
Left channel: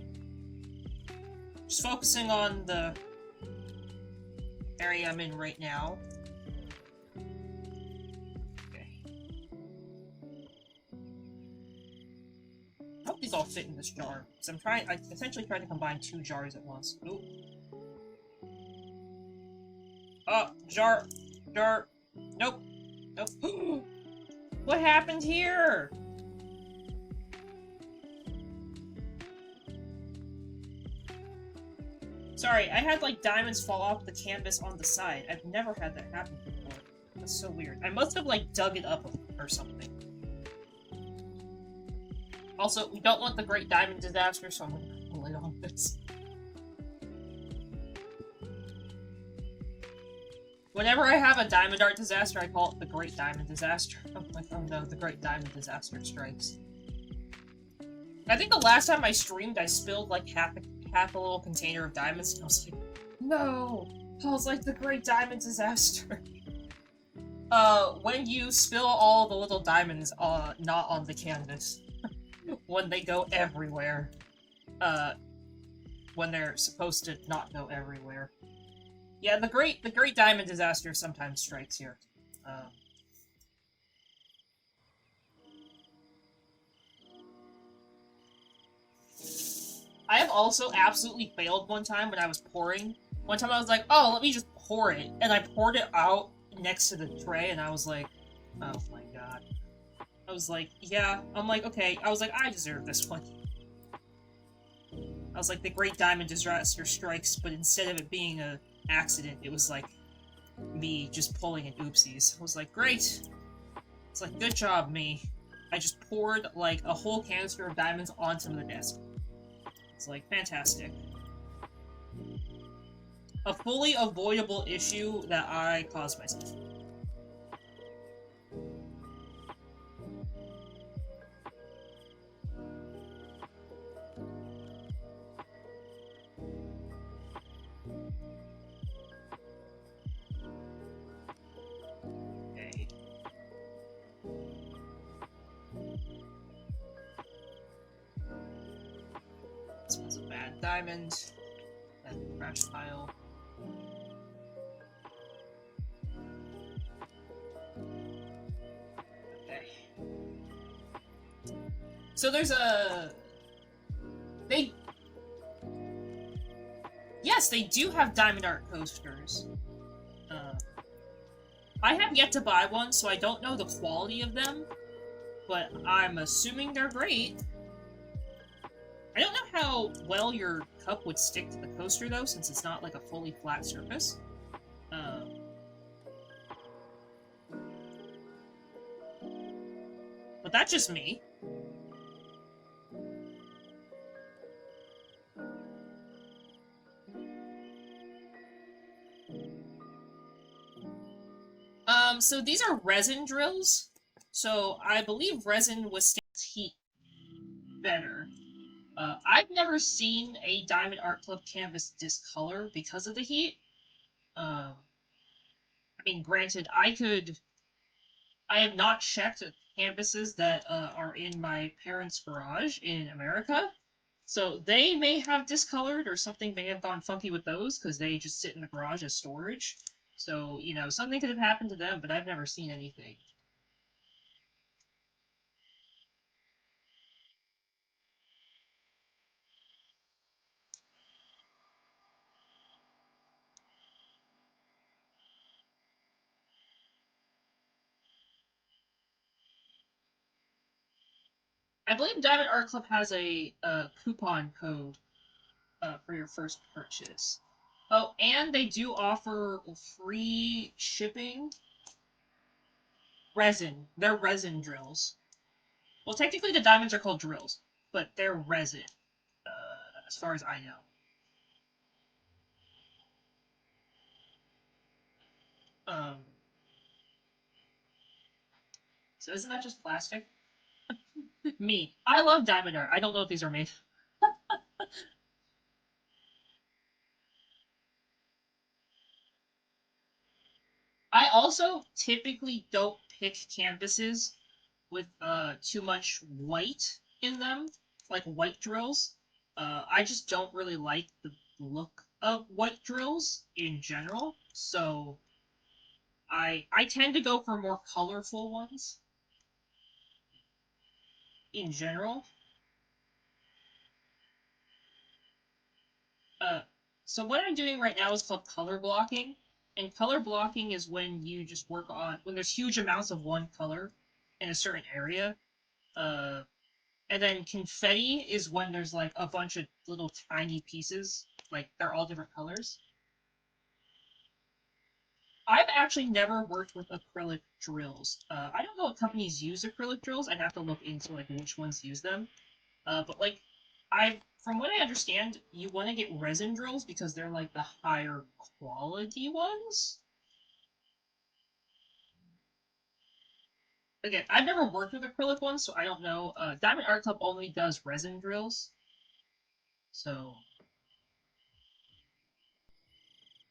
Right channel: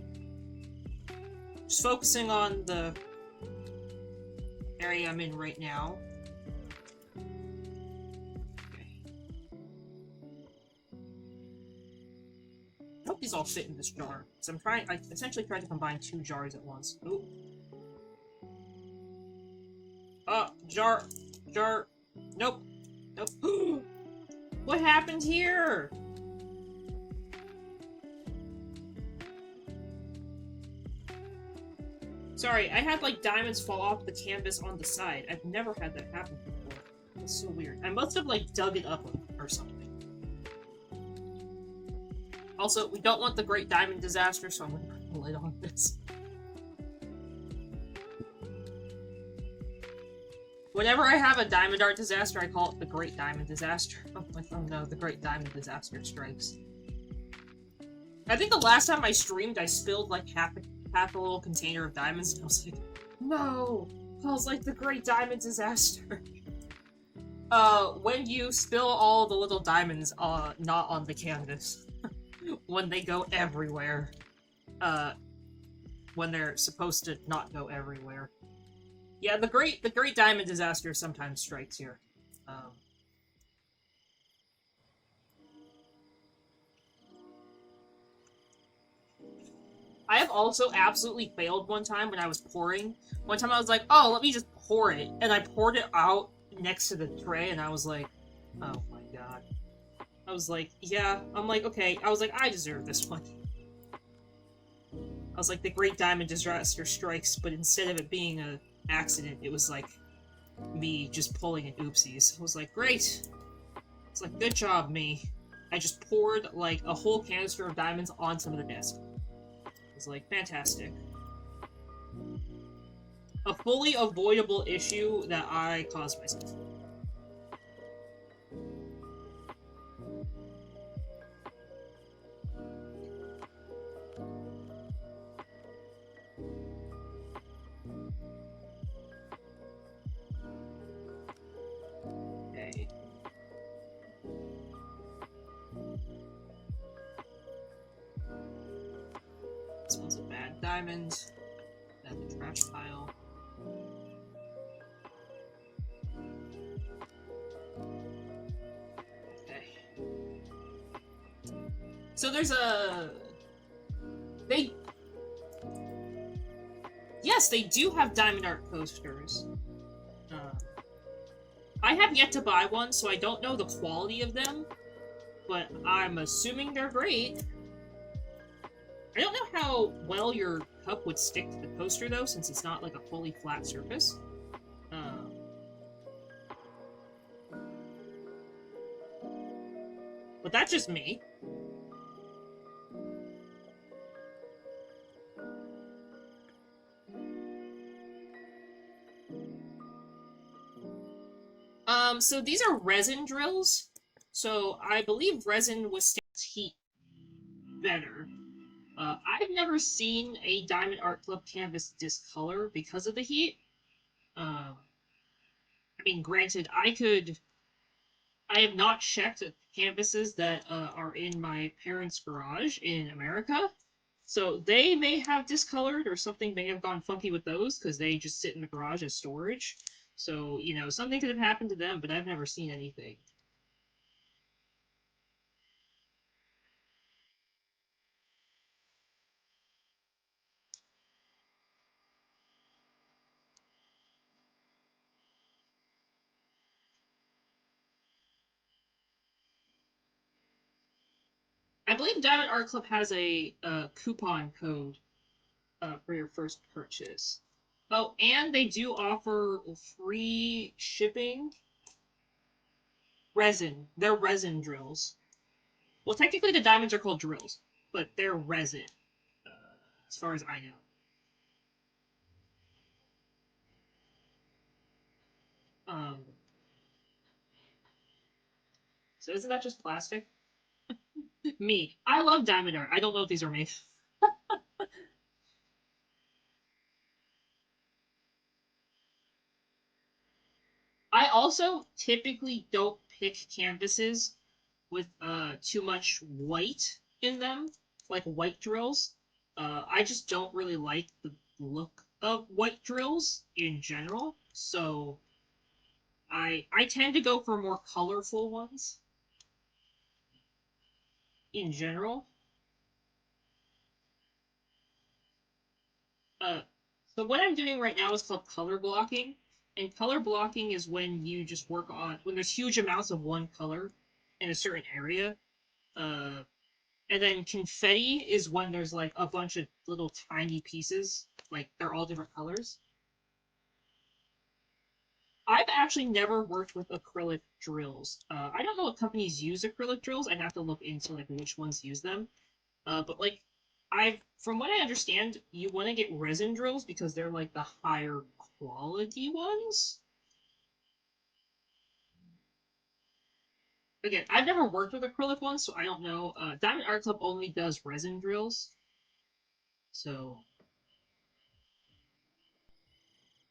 Just focusing on the area I'm in right now. Okay. I hope these all fit in this jar. So I essentially tried to combine 2 jars at once. Ooh. Jar. Nope. Nope. What happened here? Sorry, I had, like, diamonds fall off the canvas on the side. I've never had that happen before. That's so weird. I must have, like, dug it up or something. Also, we don't want the Great Diamond Disaster, so I'm gonna put a lid on this. Whenever I have a Diamond Art Disaster, I call it the Great Diamond Disaster. I'm like, oh no, the Great Diamond Disaster strikes. I think the last time I streamed, I spilled, like, half a little container of diamonds, and I was like, no! I was like, the Great Diamond Disaster. When you spill all the little diamonds, not on the canvas. When they go everywhere. When they're supposed to not go everywhere. Yeah, the Great Diamond Disaster sometimes strikes here. I have also absolutely failed one time when I was pouring. One time I was like, oh, let me just pour it. And I poured it out next to the tray, and I was like, oh my god. I was like, yeah. I'm like, okay. I was like, I deserve this one. I was like, the Great Diamond Disaster strikes, but instead of it being an accident, it was like me just pulling an oopsies. I was like, great. It's like, good job, me. I just poured, like, a whole canister of diamonds onto the desk. It's like, fantastic. A fully avoidable issue that I caused myself. Okay. This one's a bad diamond. Then the trash pile. Okay. So there's a... Yes, they do have diamond art coasters. Uh, I have yet to buy one, so I don't know the quality of them, but I'm assuming they're great. I don't know how well your cup would stick to the coaster, though, since it's not like a fully flat surface. But that's just me. So these are resin drills. So I believe resin withstands heat better. I've never seen a Diamond Art Club canvas discolor because of the heat. I mean, granted, I have not checked canvases that are in my parents' garage in America. So they may have discolored or something may have gone funky with those because they just sit in the garage as storage. So, you know, something could have happened to them, but I've never seen anything. I believe Diamond Art Club has a coupon code for your first purchase. Oh, and they do offer free shipping resin. They're resin drills. Well, technically the diamonds are called drills, but they're resin, as far as I know. Um, so isn't that just plastic? Me. I love diamond art. I don't know what these are made. I also typically don't pick canvases with too much white in them, like white drills. I just don't really like the look of white drills in general, so I tend to go for more colorful ones in general. Uh, so what I'm doing right now is called color blocking, and color blocking is when you just work on when there's huge amounts of one color in a certain area. Uh, And then confetti is when there's like a bunch of little tiny pieces, like they're all different colors. I've actually never worked with acrylic drills. I don't know what companies use acrylic drills. I'd have to look into like which ones use them. But like, from what I understand, you want to get resin drills because they're like the higher quality ones. Again, I've never worked with acrylic ones, so I don't know. Diamond Art Club only does resin drills, so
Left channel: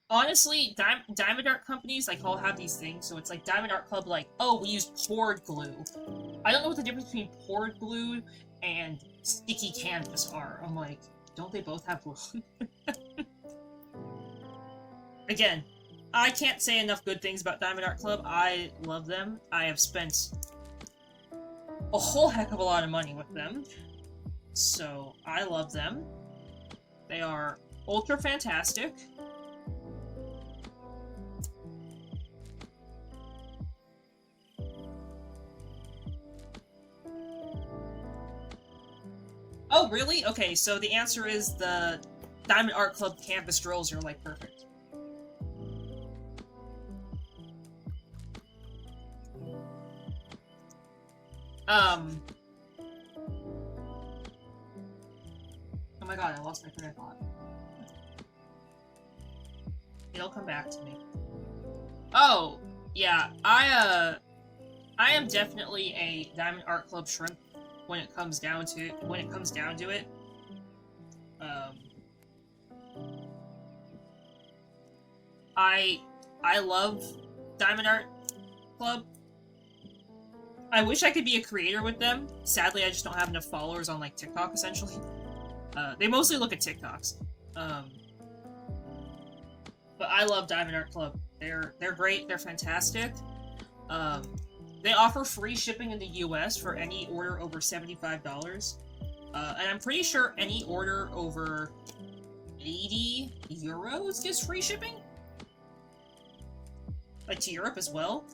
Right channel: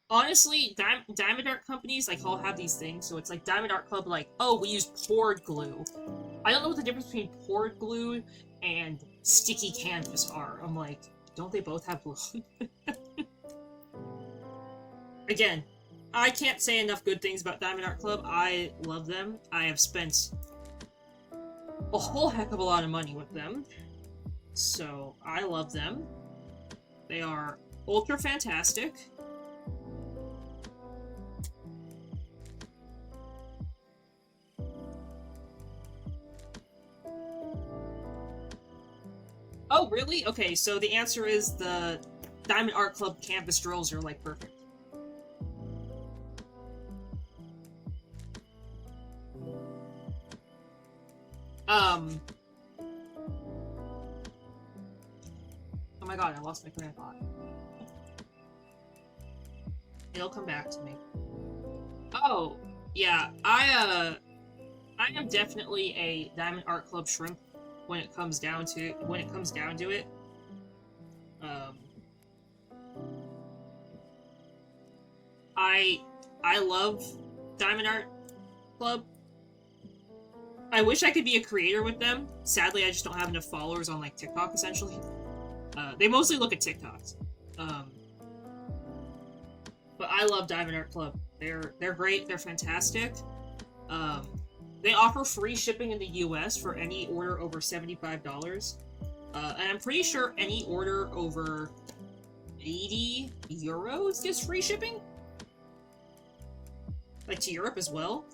honestly, Diamond Art companies like all have these things. So it's like Diamond Art Club, like, oh, we use poured glue. I don't know what the difference between poured glue and sticky canvas are. I'm like, don't they both have glue? Again, I can't say enough good things about Diamond Art Club. I love them. I have spent a whole heck of a lot of money with them. So I love them. They are ultra fantastic. Oh, really? Okay, so the answer is the Diamond Art Club canvas drills are like perfect. Um. Oh my god, I lost my train of thought. It'll come back to me. Oh, yeah, I am definitely a Diamond Art Club shrimp when it comes down to it. Um, I I love Diamond Art Club. I wish I could be a creator with them. Sadly, I just don't have enough followers on like TikTok. Essentially, they mostly look at TikToks. Um, but I love Diamond Art Club. They're great. They're fantastic. Um, they offer free shipping in the U.S. for any order over $75. And I'm pretty sure any order over 80 euros gets free shipping? Like, to Europe as well?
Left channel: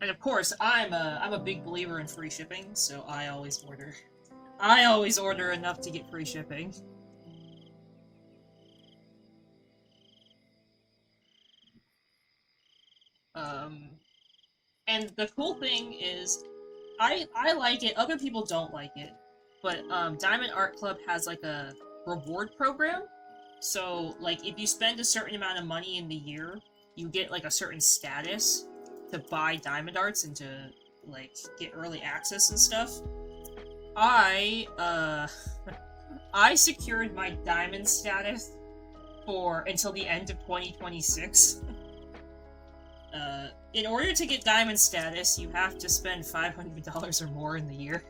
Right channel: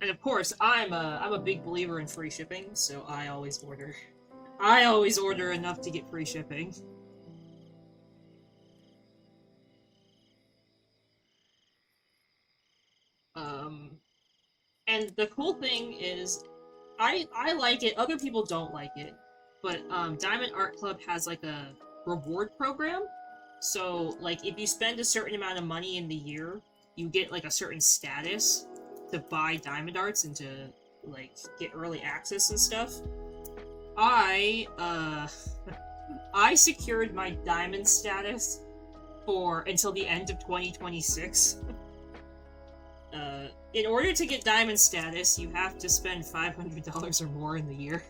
And of course, I'm a big believer in free shipping, so I always order. I always order enough to get free shipping. And the cool thing is, I like it, other people don't like it, but Diamond Art Club has like a reward program, so like if you spend a certain amount of money in the year, you get like a certain status to buy diamond arts and to like get early access and stuff. I secured my diamond status for until the end of 2026. In order to get diamond status, you have to spend $500 or more in the year.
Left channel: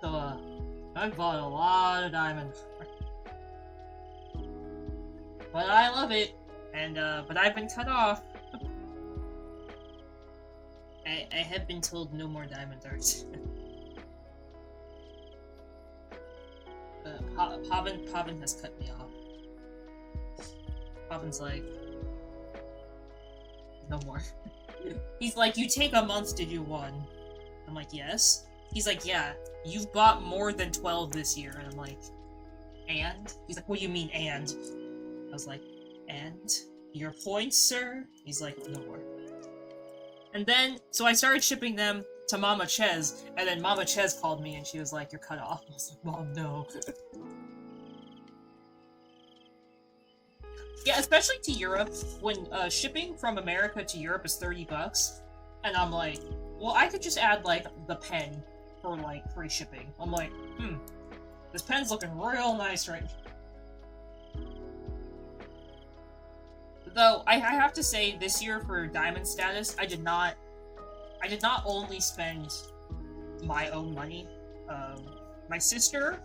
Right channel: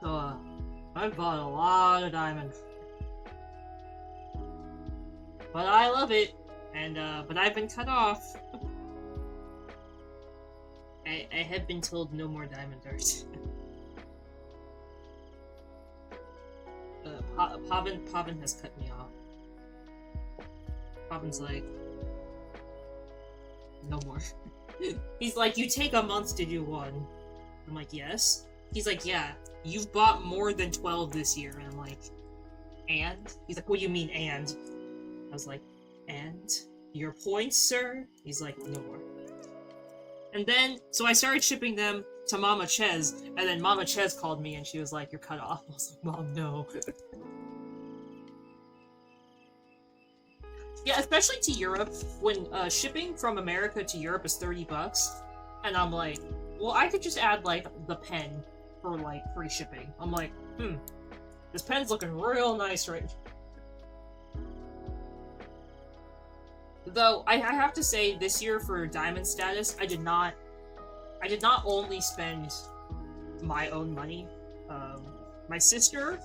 So, I've bought a lot of diamonds. But I love it, and, but I've been cut off. I have been told no more diamond arts. Pavin has cut me off. Pavin's like, no more. He's like, you take a month to do one. I'm like, yes. He's like, yeah, you've bought more than 12 this year. And I'm like, and? He's like, what do you mean, and? I was like, and? Your points, sir? He's like, no more. And then, so I started shipping them to Mama Ches, and then Mama Ches called me and she was like, you're cut off. I was like, Mom, no. Yeah, especially to Europe, when shipping from America to Europe is $30, and I'm like, well, I could just add, like, the pen for, like, free shipping. I'm like, this pen's looking real nice right now. Though, I have to say, this year for diamond status, I did not only spend my own money. My sister,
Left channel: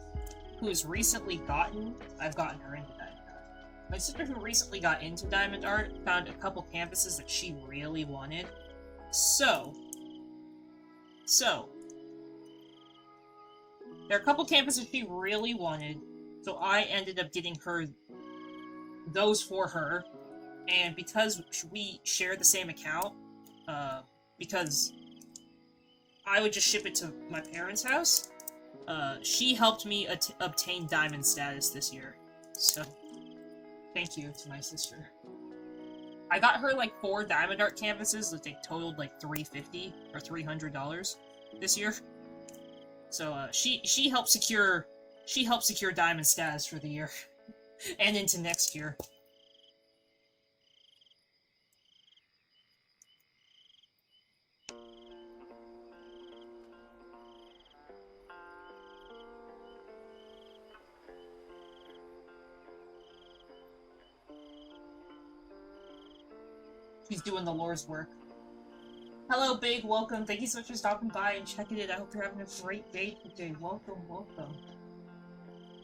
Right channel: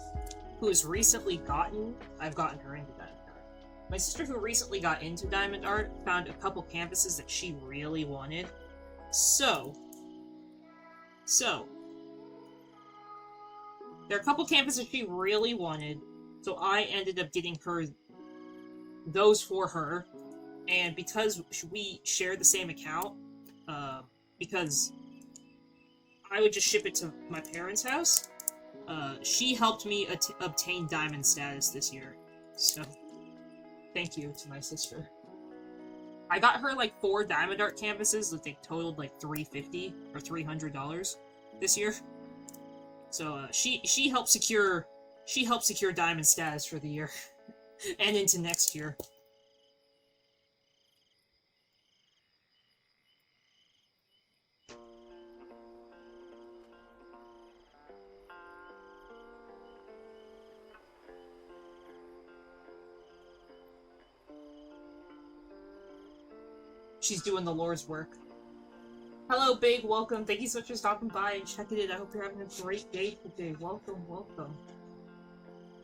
who has recently I've gotten her into diamond art. My sister, who recently got into diamond art, found a couple canvases that she really wanted. So, there are a couple canvases she really wanted, so I ended up getting her those for her. And because we share the same account, because I would just ship it to my parents' house, she helped me obtain diamond status this year. So, thank you to my sister. I got her like 4 diamond art canvases that they totaled like $350 or $300 this year. So she helped secure diamond status for the year and into next year. She's doing the Lord's work. Hello, Big. Welcome. Thank you so much for stopping by and checking it. I hope you're having a great day today. Welcome, welcome.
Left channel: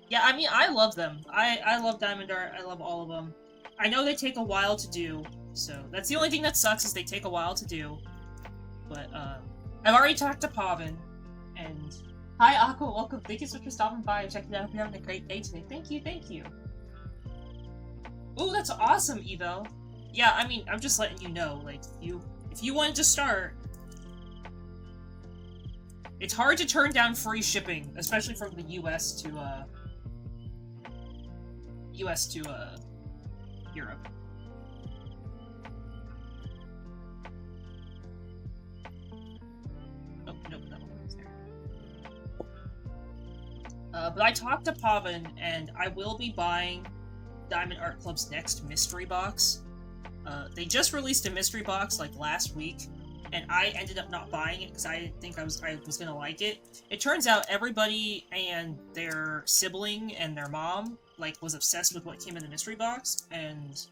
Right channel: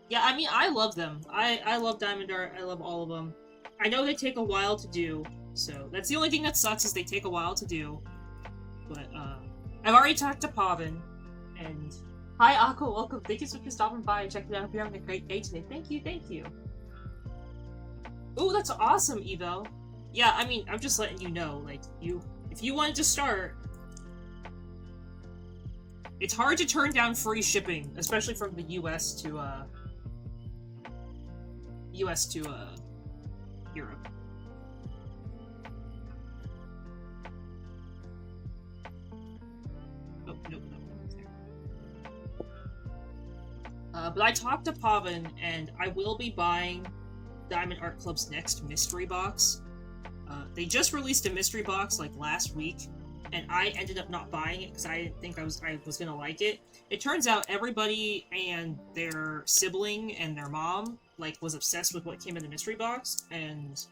Yeah, I mean, I love them. I love diamond art. I love all of them. I know they take a while to do, so that's the only thing that sucks is they take a while to do. But, I've already talked to Pavin, and... Hi, Aqua. Welcome. Thank you so much for stopping by and checking it out. I hope you're having a great day today. Thank you, thank you. Ooh, that's awesome, Evo. Yeah, I mean, I'm just letting you know, like, if you wanted to start, it's hard to turn down free shipping, especially from the US to Europe. Oh, nope, that one was there. But I talked to Pavin, and I will be buying Diamond Art Club's next mystery box. They just released a mystery box like last week, and I ended up not buying it because I didn't think I was gonna like it. It turns out everybody and their sibling and their mom like was obsessed with what came in the mystery box and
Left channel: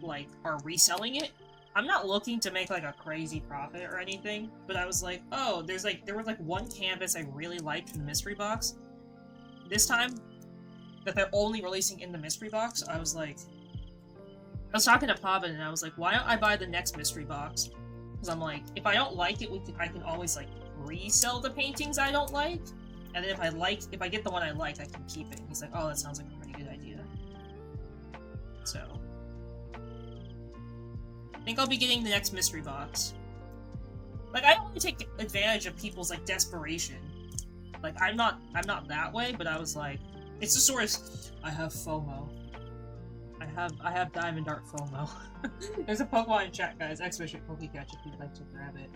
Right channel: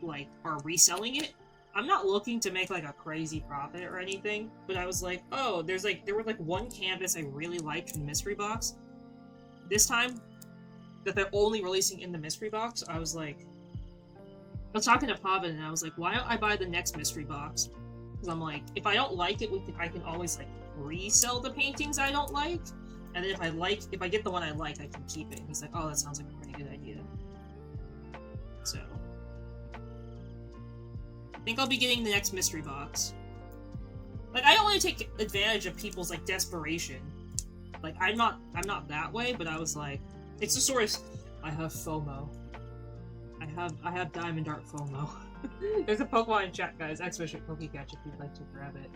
like are reselling it. I'm not looking to make like a crazy profit or anything, but I was like, oh, there was like one canvas I really liked from the mystery box. This time that they're only releasing in the mystery box, I was like, I was talking to Pavin and I was like, why don't I buy the next mystery box? Because I'm like, if I don't like it, I can always like resell the paintings I don't like, and then if I get the one I like, I can keep it. And he's like, oh, that sounds like a pretty good idea. So I think I'll be getting the next mystery box. Like, I don't want to take advantage of people's like desperation. Like, I'm not that way, but I was like, it's the sort of, I have FOMO. I have Diamond Art FOMO. There's a Pokemon in chat, guys. Expedition Pokecatch if you'd like to grab it.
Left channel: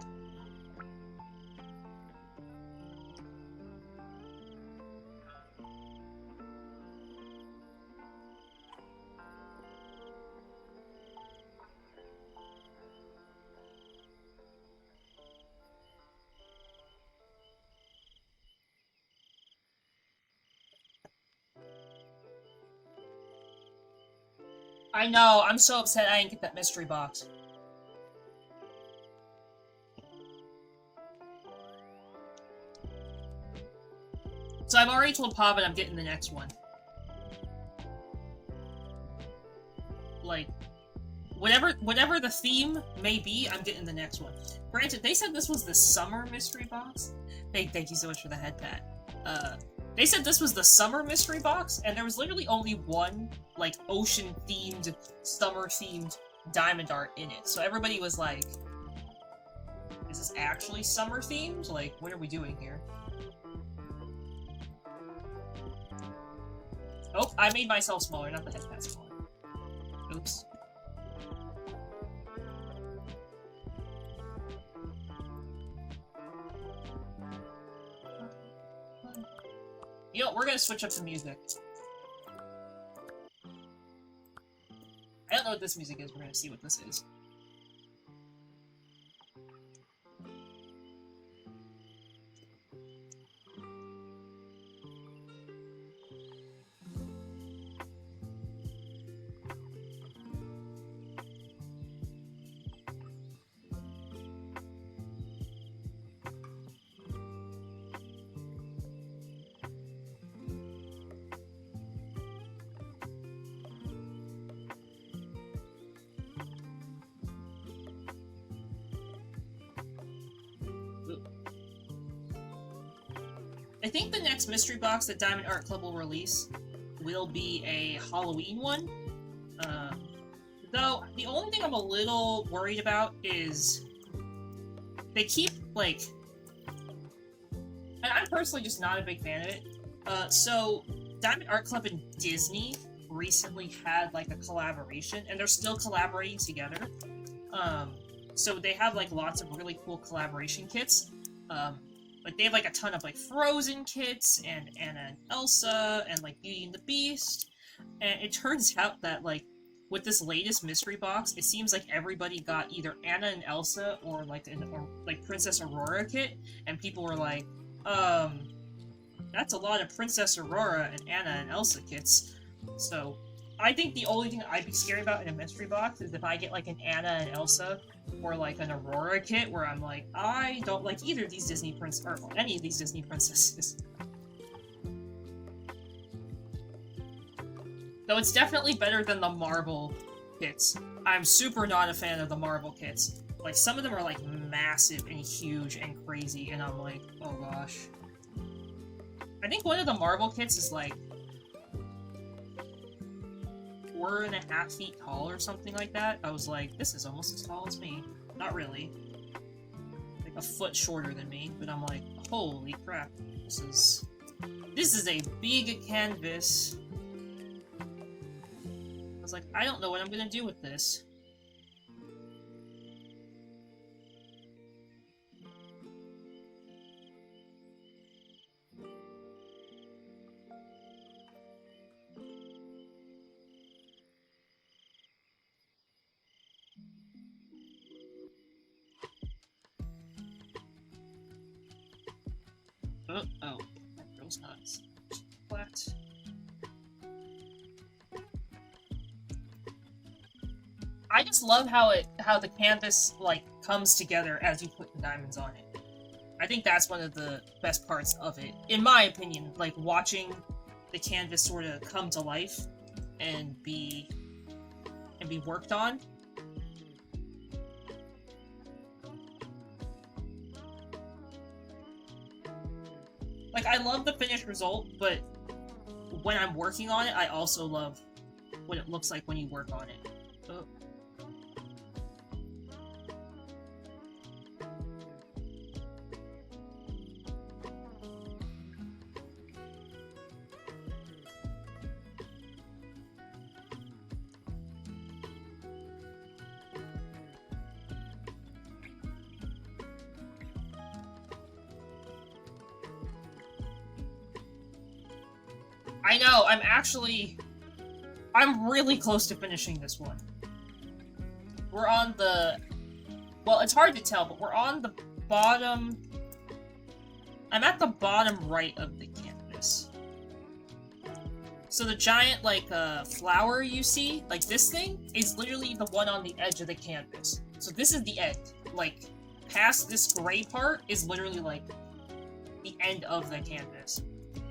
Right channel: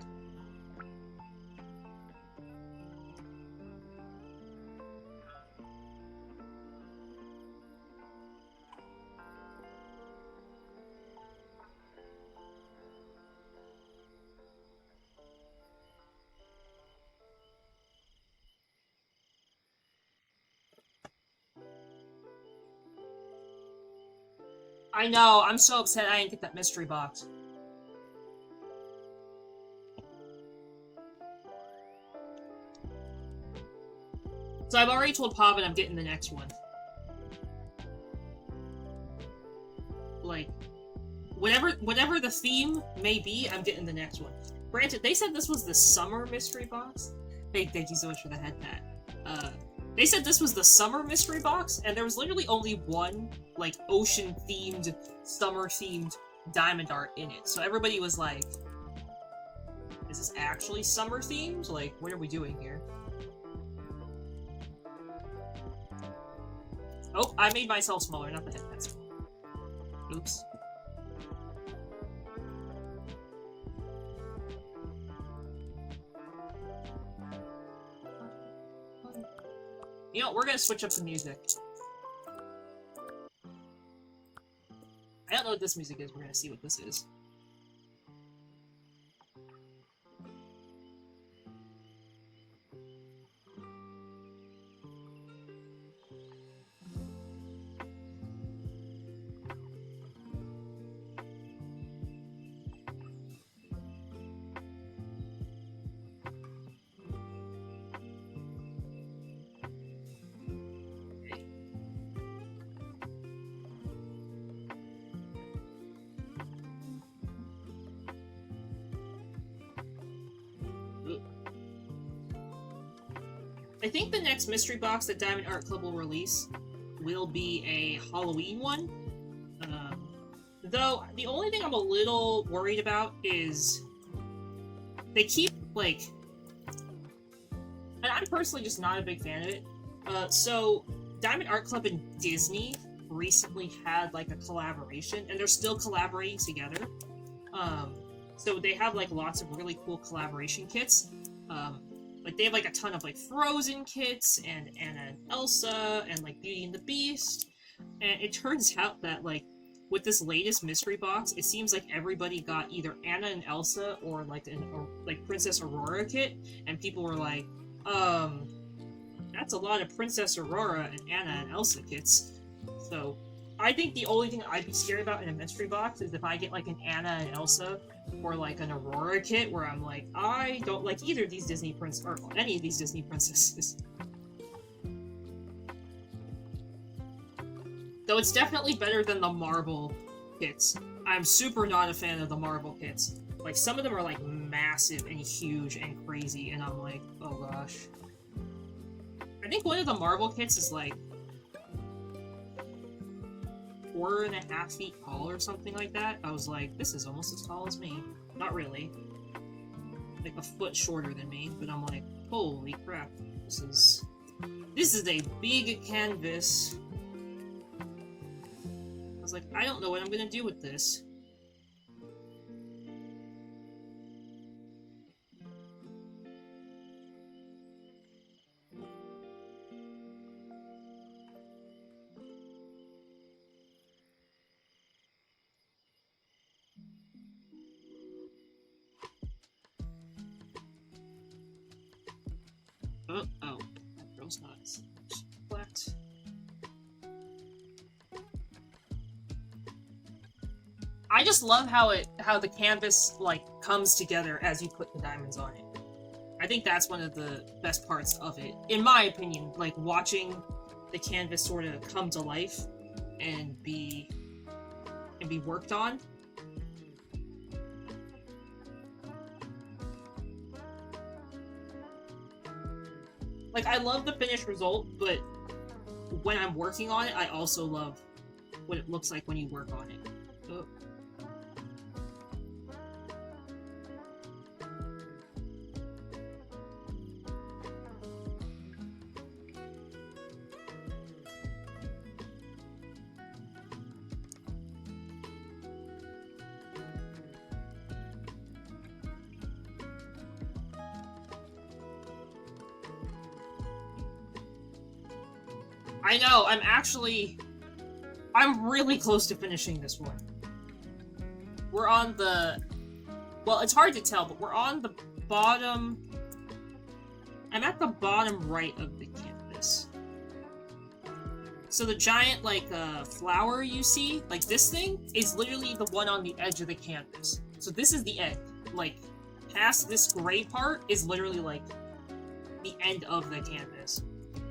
I know, I'm so upset I didn't get that mystery box. So I've already told Pavin I'm getting the next one. Like, whatever the theme may be, I'm getting the next one. Granted, they said this was the summer mystery box. Thank you so much for the head pat. They said this was the summer mystery box, and there was literally only one, like, ocean-themed, summer-themed Diamond Art in it. So everybody was like, is this actually summer-themed? Like, what are we doing here? Oh, I made myself smaller, not the head pat smaller. Oops. You know, we're gonna switch up the music. I don't know what this music is, we're gonna see what this is. I think the next mystery box that Diamond Art Club will release will be a Halloween one. Though, the only thing I'm a little worried about is they keep, like... And I'm personally just not a big fan of it. So, Diamond Art Club and Disney recently had, like, a collaboration, and they're still collaborating together. So they have, like, lots of really cool collaboration kits. Like, they have, like, a ton of, like, Frozen kits, and Anna and Elsa, and, like, Beauty and the Beast. And it turns out that, like, with this latest mystery box, it seems like everybody got either Anna and Elsa, or, like, Princess Aurora kit, and people were like, that's a lot of Princess Aurora and Anna and Elsa kits. So, I think the only thing I'd be scared about in a mystery box is if I get, like, an Anna and Elsa, or, like, an Aurora kit, where I'm like, I don't like either of these Disney or any of these Disney princesses. Though it's definitely better than the Marvel kits. I'm super not a fan of the Marvel kits. Like, some of them are, like, massive and huge and crazy, and I'm like, oh gosh. I think one of the Marvel kits is, like, 4.5 feet tall or something like that. I was like, this is almost as tall as me. Not really. Like, a foot shorter than me, but I'm like, holy crap. This is a big canvas. I was like, I don't know what I'm gonna do with this. Oh, that girl's not flat. I just love how the canvas, like, comes together as you put the diamonds on it. I think that's one of the best parts of it, in my opinion. Like, watching the canvas sort of come to life and be be worked on. Like, I love the finished result, but when I'm working on it, I also love what it looks like when you work on it. Oh. I know, I'm really close to finishing this one. We're on the... Well, it's hard to tell, but we're on the bottom... I'm at the bottom right of the canvas. So the giant, like, flower you see, like this thing, is literally the one on the edge of the canvas. So this is the end. Like, past this gray part is literally, like, the end of the canvas.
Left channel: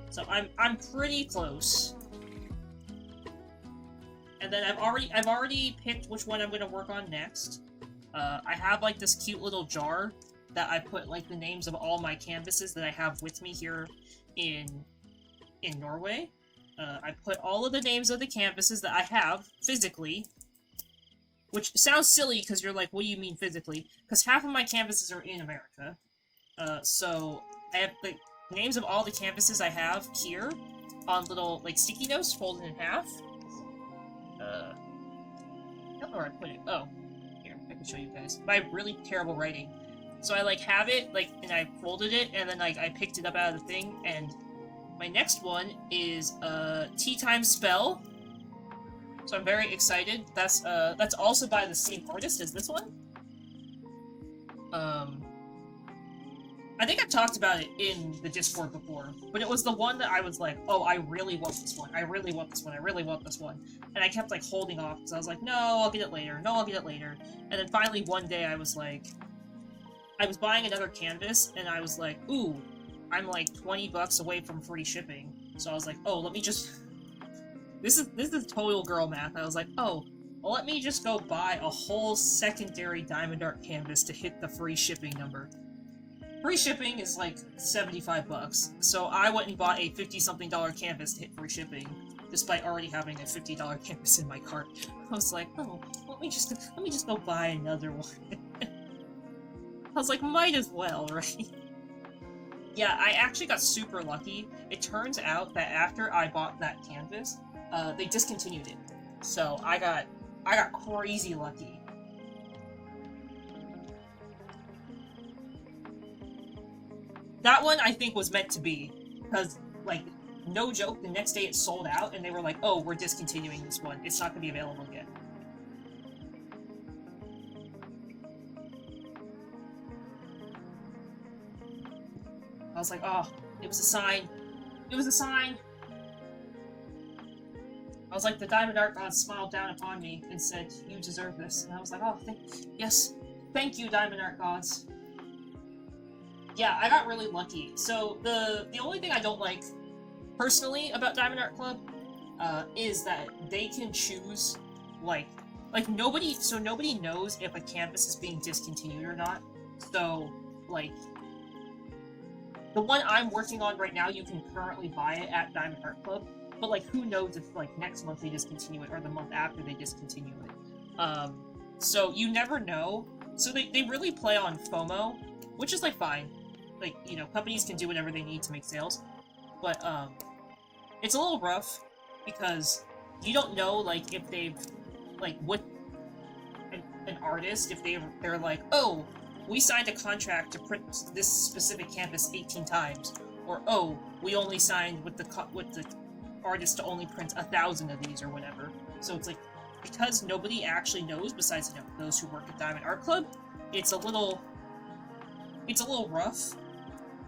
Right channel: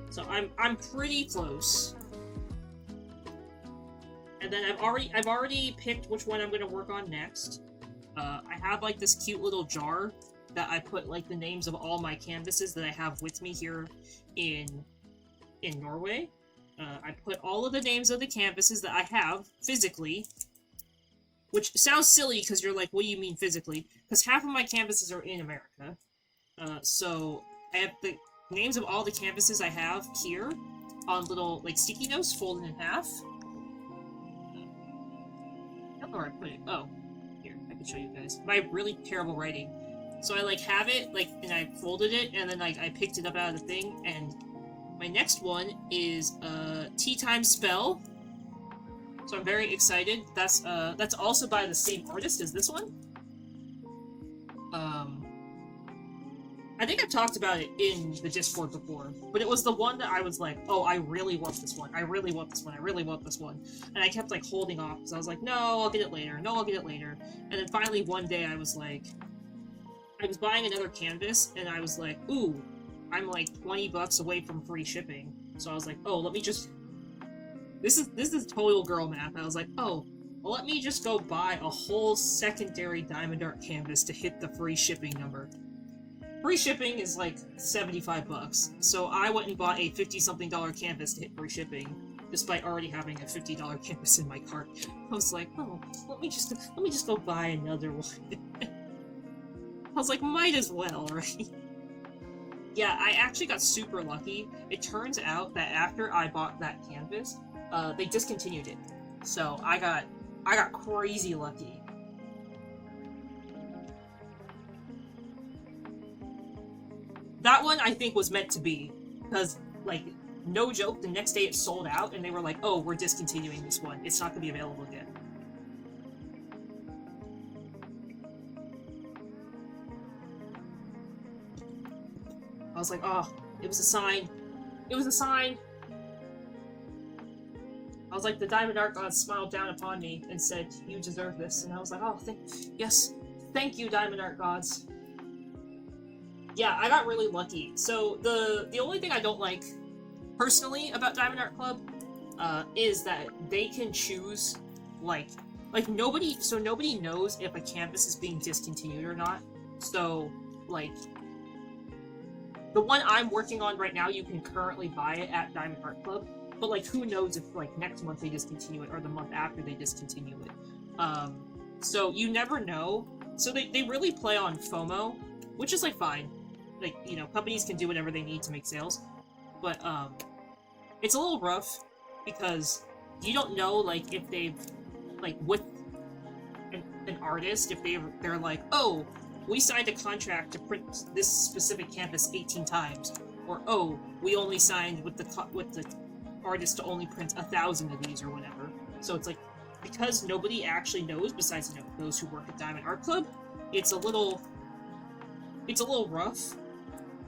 So I'm pretty close. And then I've already picked which one I'm gonna work on next. I have like this cute little jar that I put like the names of all my canvases that I have with me here in Norway. I put all of the names of the canvases that I have physically, which sounds silly because you're like, what do you mean physically? Because half of my canvases are in America. So I have the names of all the canvases I have here on little, like, sticky notes folded in half. I don't know where I put it. Oh, here, I can show you guys. My really terrible writing. So I, like, have it, like, and I folded it, and then, like, I picked it up out of the thing, and my next one is, Tea Time Spell. So I'm very excited. That's also by the same artist as this one. I think I've talked about it in the Discord before, but it was the one that I was like, oh, I really want this one, I really want this one, I really want this one, and I kept, like, holding off, because I was like, no, I'll get it later, no, I'll get it later, and then finally one day I was like, I was buying another canvas, and I was like, ooh, I'm like 20 bucks away from free shipping, so I was like, oh, let me just, this is total girl math, I was like, oh, well, let me just go buy a whole secondary Diamond Art canvas to hit the free shipping number. Free shipping is like 75 bucks, so I went and bought a $50-something canvas to hit free shipping, despite already having a $50 canvas in my cart. I was like, oh, let me just go buy another one. I was like, might as well, right? Yeah, I actually got super lucky. It turns out that after I bought that canvas, they discontinued it. So I got crazy lucky. That one, I think, was meant to be, because, like, no joke, the next day it sold out, and they were like, oh, we're discontinuing this one. It's not going to be available again. I was like, oh, it was a sign. It was a sign. I was like, the Diamond Art gods smiled down upon me and said, you deserve this. And I was like, oh, yes, thank you, Diamond Art gods. Yeah, I got really lucky. So the only thing I don't like personally about Diamond Art Club is that they can choose like nobody knows if a canvas is being discontinued or not. So like the one I'm working on right now, you can currently buy it at Diamond Art Club, but like who knows if like next month they discontinue it or the month after they discontinue it. So you never know. So they really play on FOMO, which is like fine. Like, you know, companies can do whatever they need to make sales, but it's a little rough because you don't know like if they've like with an artist, if they're like, oh, we signed a contract to print this specific canvas 18 times, or oh, we only signed with the artist to only print 1,000 of these or whatever. So it's like, because nobody actually knows besides, you know, those who work at Diamond Art Club, it's a little rough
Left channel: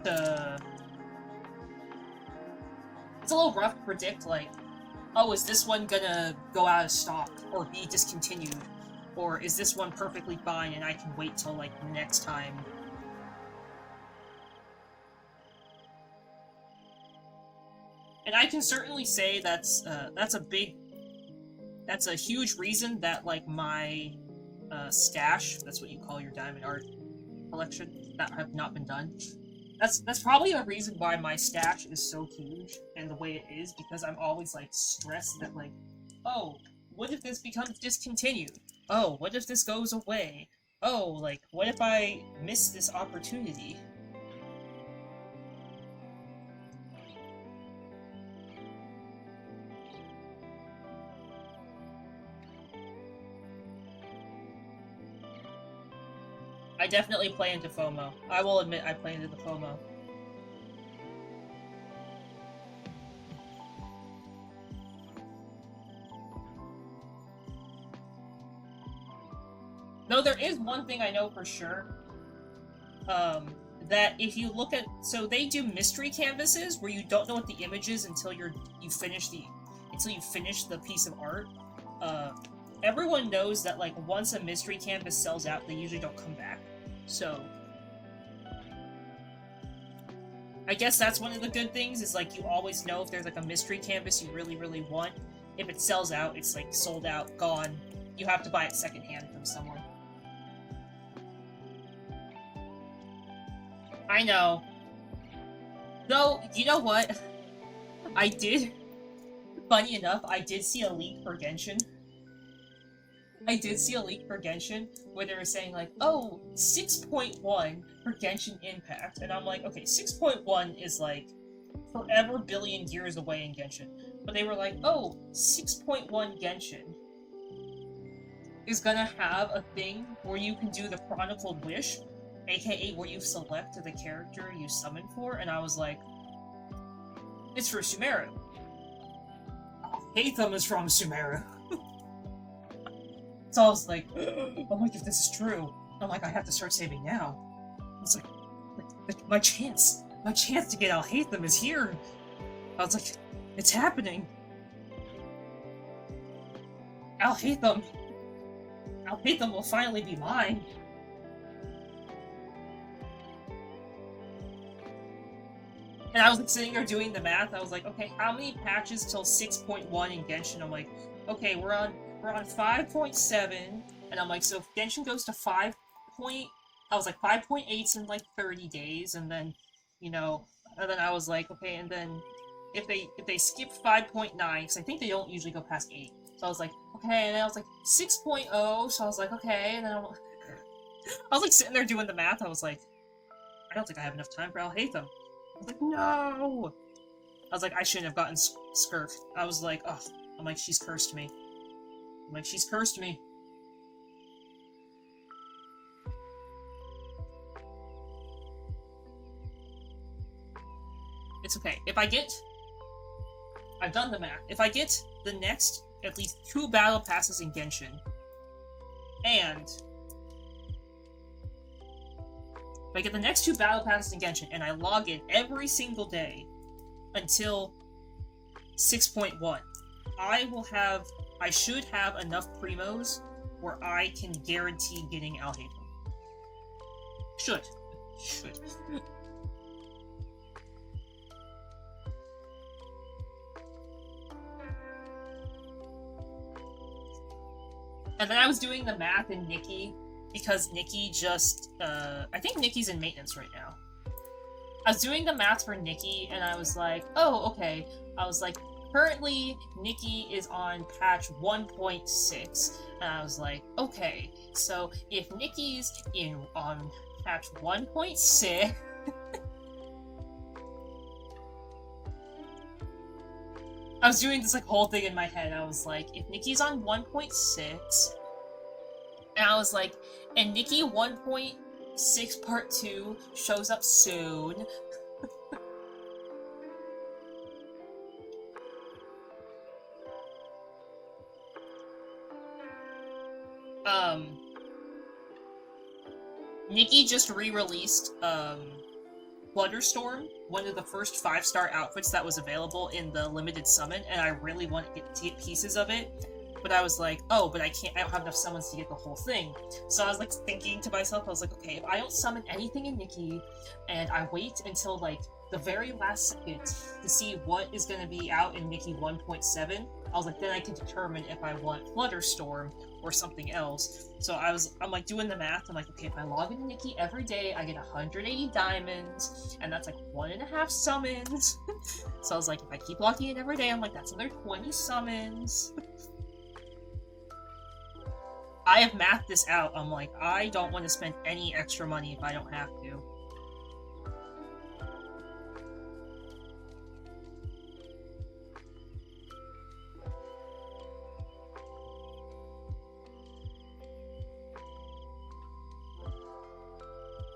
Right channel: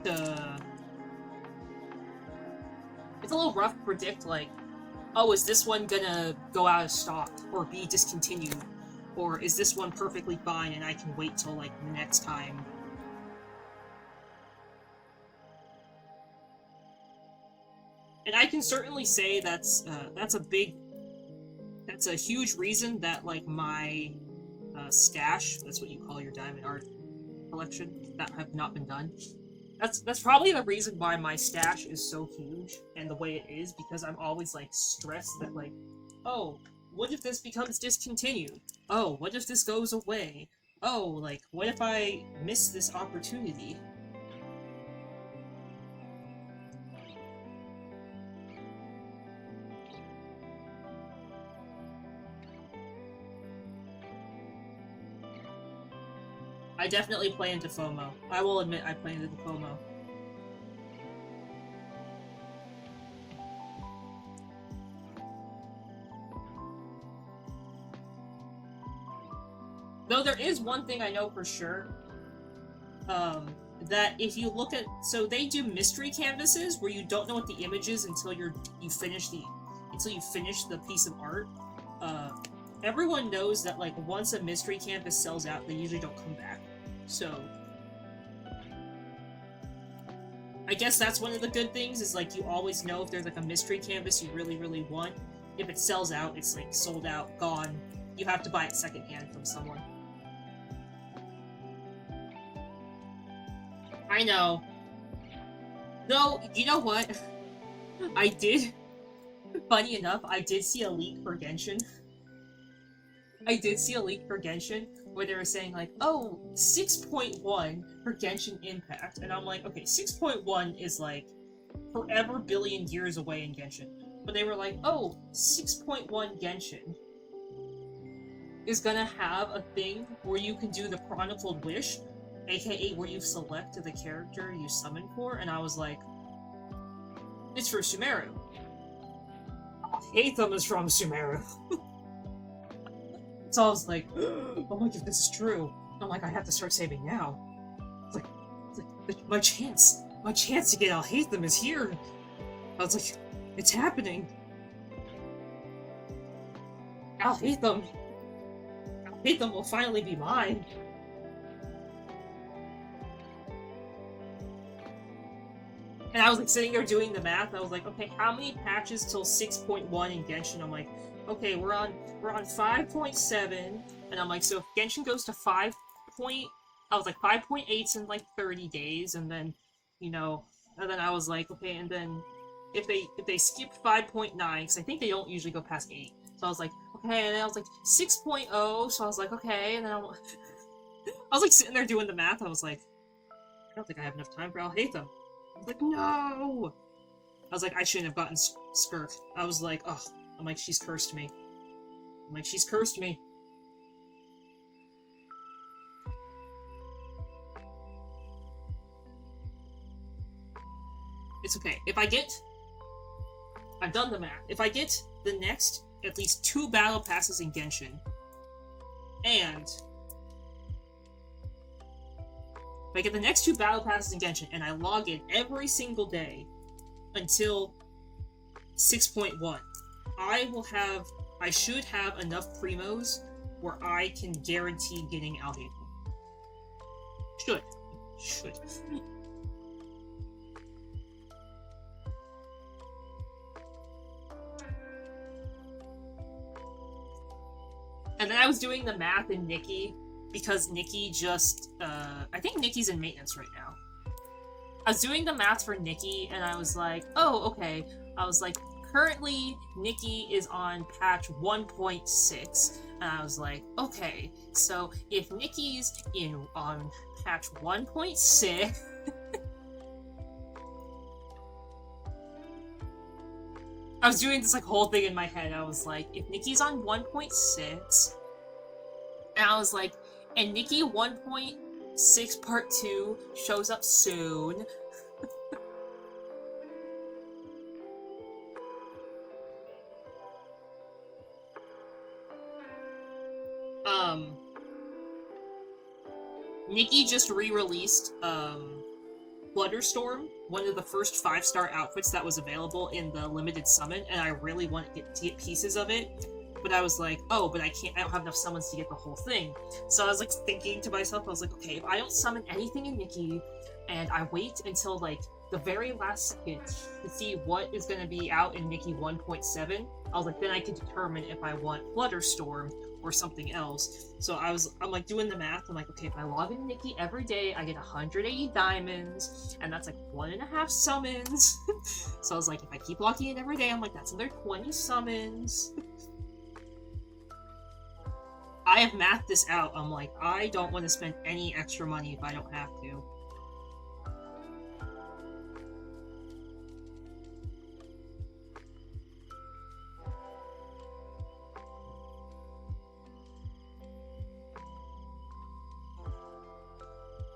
to predict, like, oh, is this one gonna go out of stock or be discontinued, or is this one perfectly fine and I can wait till like next time. And I can certainly say that's a big That's a huge reason that, like, my stash, that's what you call your diamond art collection, that have not been done. That's probably the reason why my stash is so huge and the way it is, because I'm always, like, stressed that, like, oh, what if this becomes discontinued? Oh, what if this goes away? Oh, like, what if I miss this opportunity? I definitely play into FOMO. I will admit I play into the FOMO. Though there is one thing I know for sure, that if you look at, so they do mystery canvases where you don't know what the image is until you finish the piece of art. Everyone knows that, like, once a mystery canvas sells out, they usually don't come back. So I guess that's one of the good things, is, like, you always know if there's, like, a mystery canvas you really, really want. If it sells out, it's, like, sold out, gone. You have to buy it secondhand from someone. I know. Though, you know what? I did... Funny enough, I did see a leak for Genshin. I did see a leak for Genshin where they were saying, like, oh, 6.1 for Genshin Impact. And I'm like, okay, 6.1 is, like, forever billion years away in Genshin. But they were like, oh, 6.1 Genshin is gonna have a thing where you can do the Chronicled Wish, aka where you select the character you summon for, and I was like, it's for Sumeru. Hatham is from Sumeru. So I was like, oh my god, if this is true. I'm like, I have to start saving now. It's like my chance to get Alhaitham is here. I was like, it's happening. Alhaitham will finally be mine. And I was, like, sitting there doing the math. I was like, okay, how many patches till 6.1 in Genshin? I'm like, okay, we're on 5.7, and I'm like, so if Genshin goes to 5. I was like 5.8's in, like, 30 days, and then, you know, and then I was like, okay, and then if they skip 5.9, because I think they don't usually go past 8. So I was like, okay, and then I was like 6.0, so I was like, okay, and then I was like sitting there doing the math. I was like, I don't think I have enough time for Alhaitham. I was like, no! I was like, I shouldn't have gotten Skirk. I was like, oh, I'm like, she's cursed me. I'm like, she's cursed me. It's okay. If I get... I've done the math. If I get the next, at least 2 battle passes in Genshin, and... If I get the next 2 battle passes in Genshin, and I log in every single day until 6.1, I should have enough primos where I can guarantee getting Alhaitham. Should. And then I was doing the math in Nikki, because Nikki just, I think Nikki's in maintenance right now. I was doing the math for Nikki, and I was like, oh, okay. I was like, currently, Nikki is on patch 1.6, and I was like, okay, so if Nikki's on patch 1.6... I was doing this, like, whole thing in my head. I was like, if Nikki's on 1.6, and I was like, and Nikki 1.6 part 2 shows up soon. Nikki just re-released, Blunderstorm, one of the first 5-star outfits that was available in the limited summon, and I really want to get pieces of it. But I was like, oh, but I don't have enough summons to get the whole thing. So I was, like, thinking to myself, I was like, okay, if I don't summon anything in Nikki, and I wait until, like, the very last second to see what is going to be out in Nikki 1.7, I was like, then I can determine if I want Flutterstorm or something else. So I'm like doing the math. I'm like, okay, if I log in Nikki every day, I get 180 diamonds, and that's like 1.5 summons. So I was like, if I keep logging in every day, I'm like, that's another 20 summons. I have mathed this out. I'm like, I don't want to spend any extra money if I don't have to.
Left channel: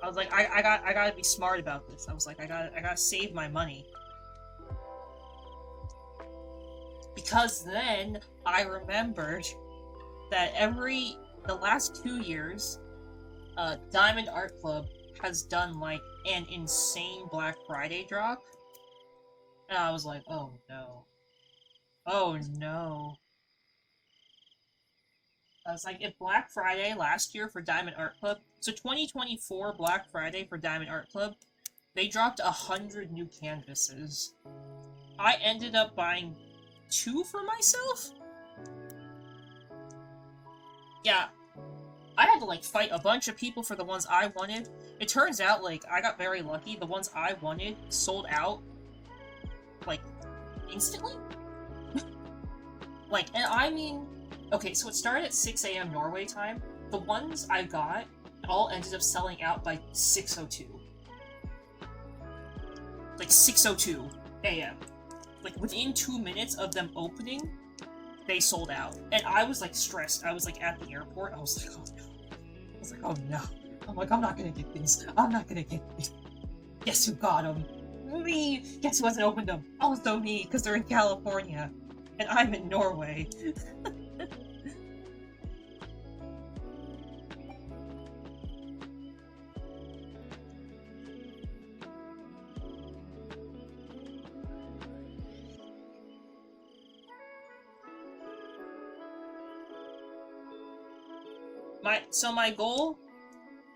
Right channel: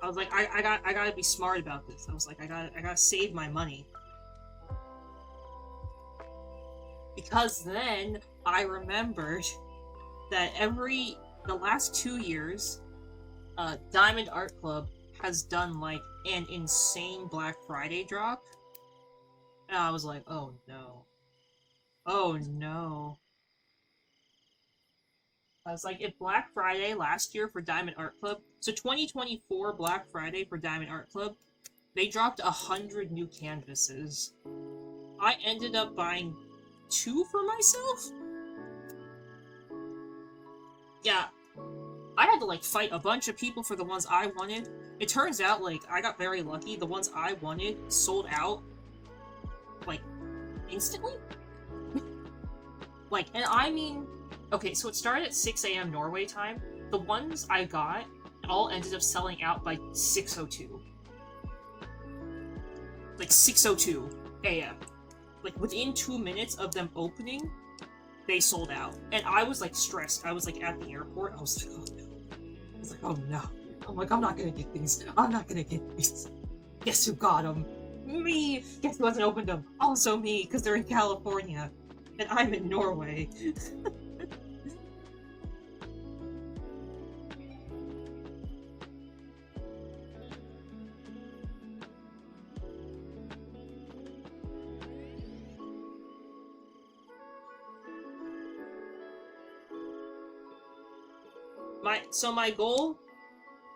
I was like, I gotta be smart about this. I was like, I gotta save my money. Because then I remembered that the last 2 years, Diamond Art Club has done like an insane Black Friday drop. And I was like, oh no. Oh no. I was like, if Black Friday last year for Diamond Art Club, so 2024 Black Friday for Diamond Art Club, they dropped 100 new canvases. I ended up buying 2 for myself? Yeah, I had to like fight a bunch of people for the ones I wanted. It turns out like I got very lucky. The ones I wanted sold out like instantly. Like, and I mean, okay, so it started at 6 a.m. Norway time. The ones I got all ended up selling out by 6:02. Like 6:02 a.m. Like within 2 minutes of them opening, they sold out. And I was like stressed. I was like at the airport. I was like, oh no. I was like, oh no. I'm like, I'm not gonna get these. I'm not gonna get these. Guess who got them? Me! Guess who hasn't opened them? Also me, because they're in California. And I'm in Norway.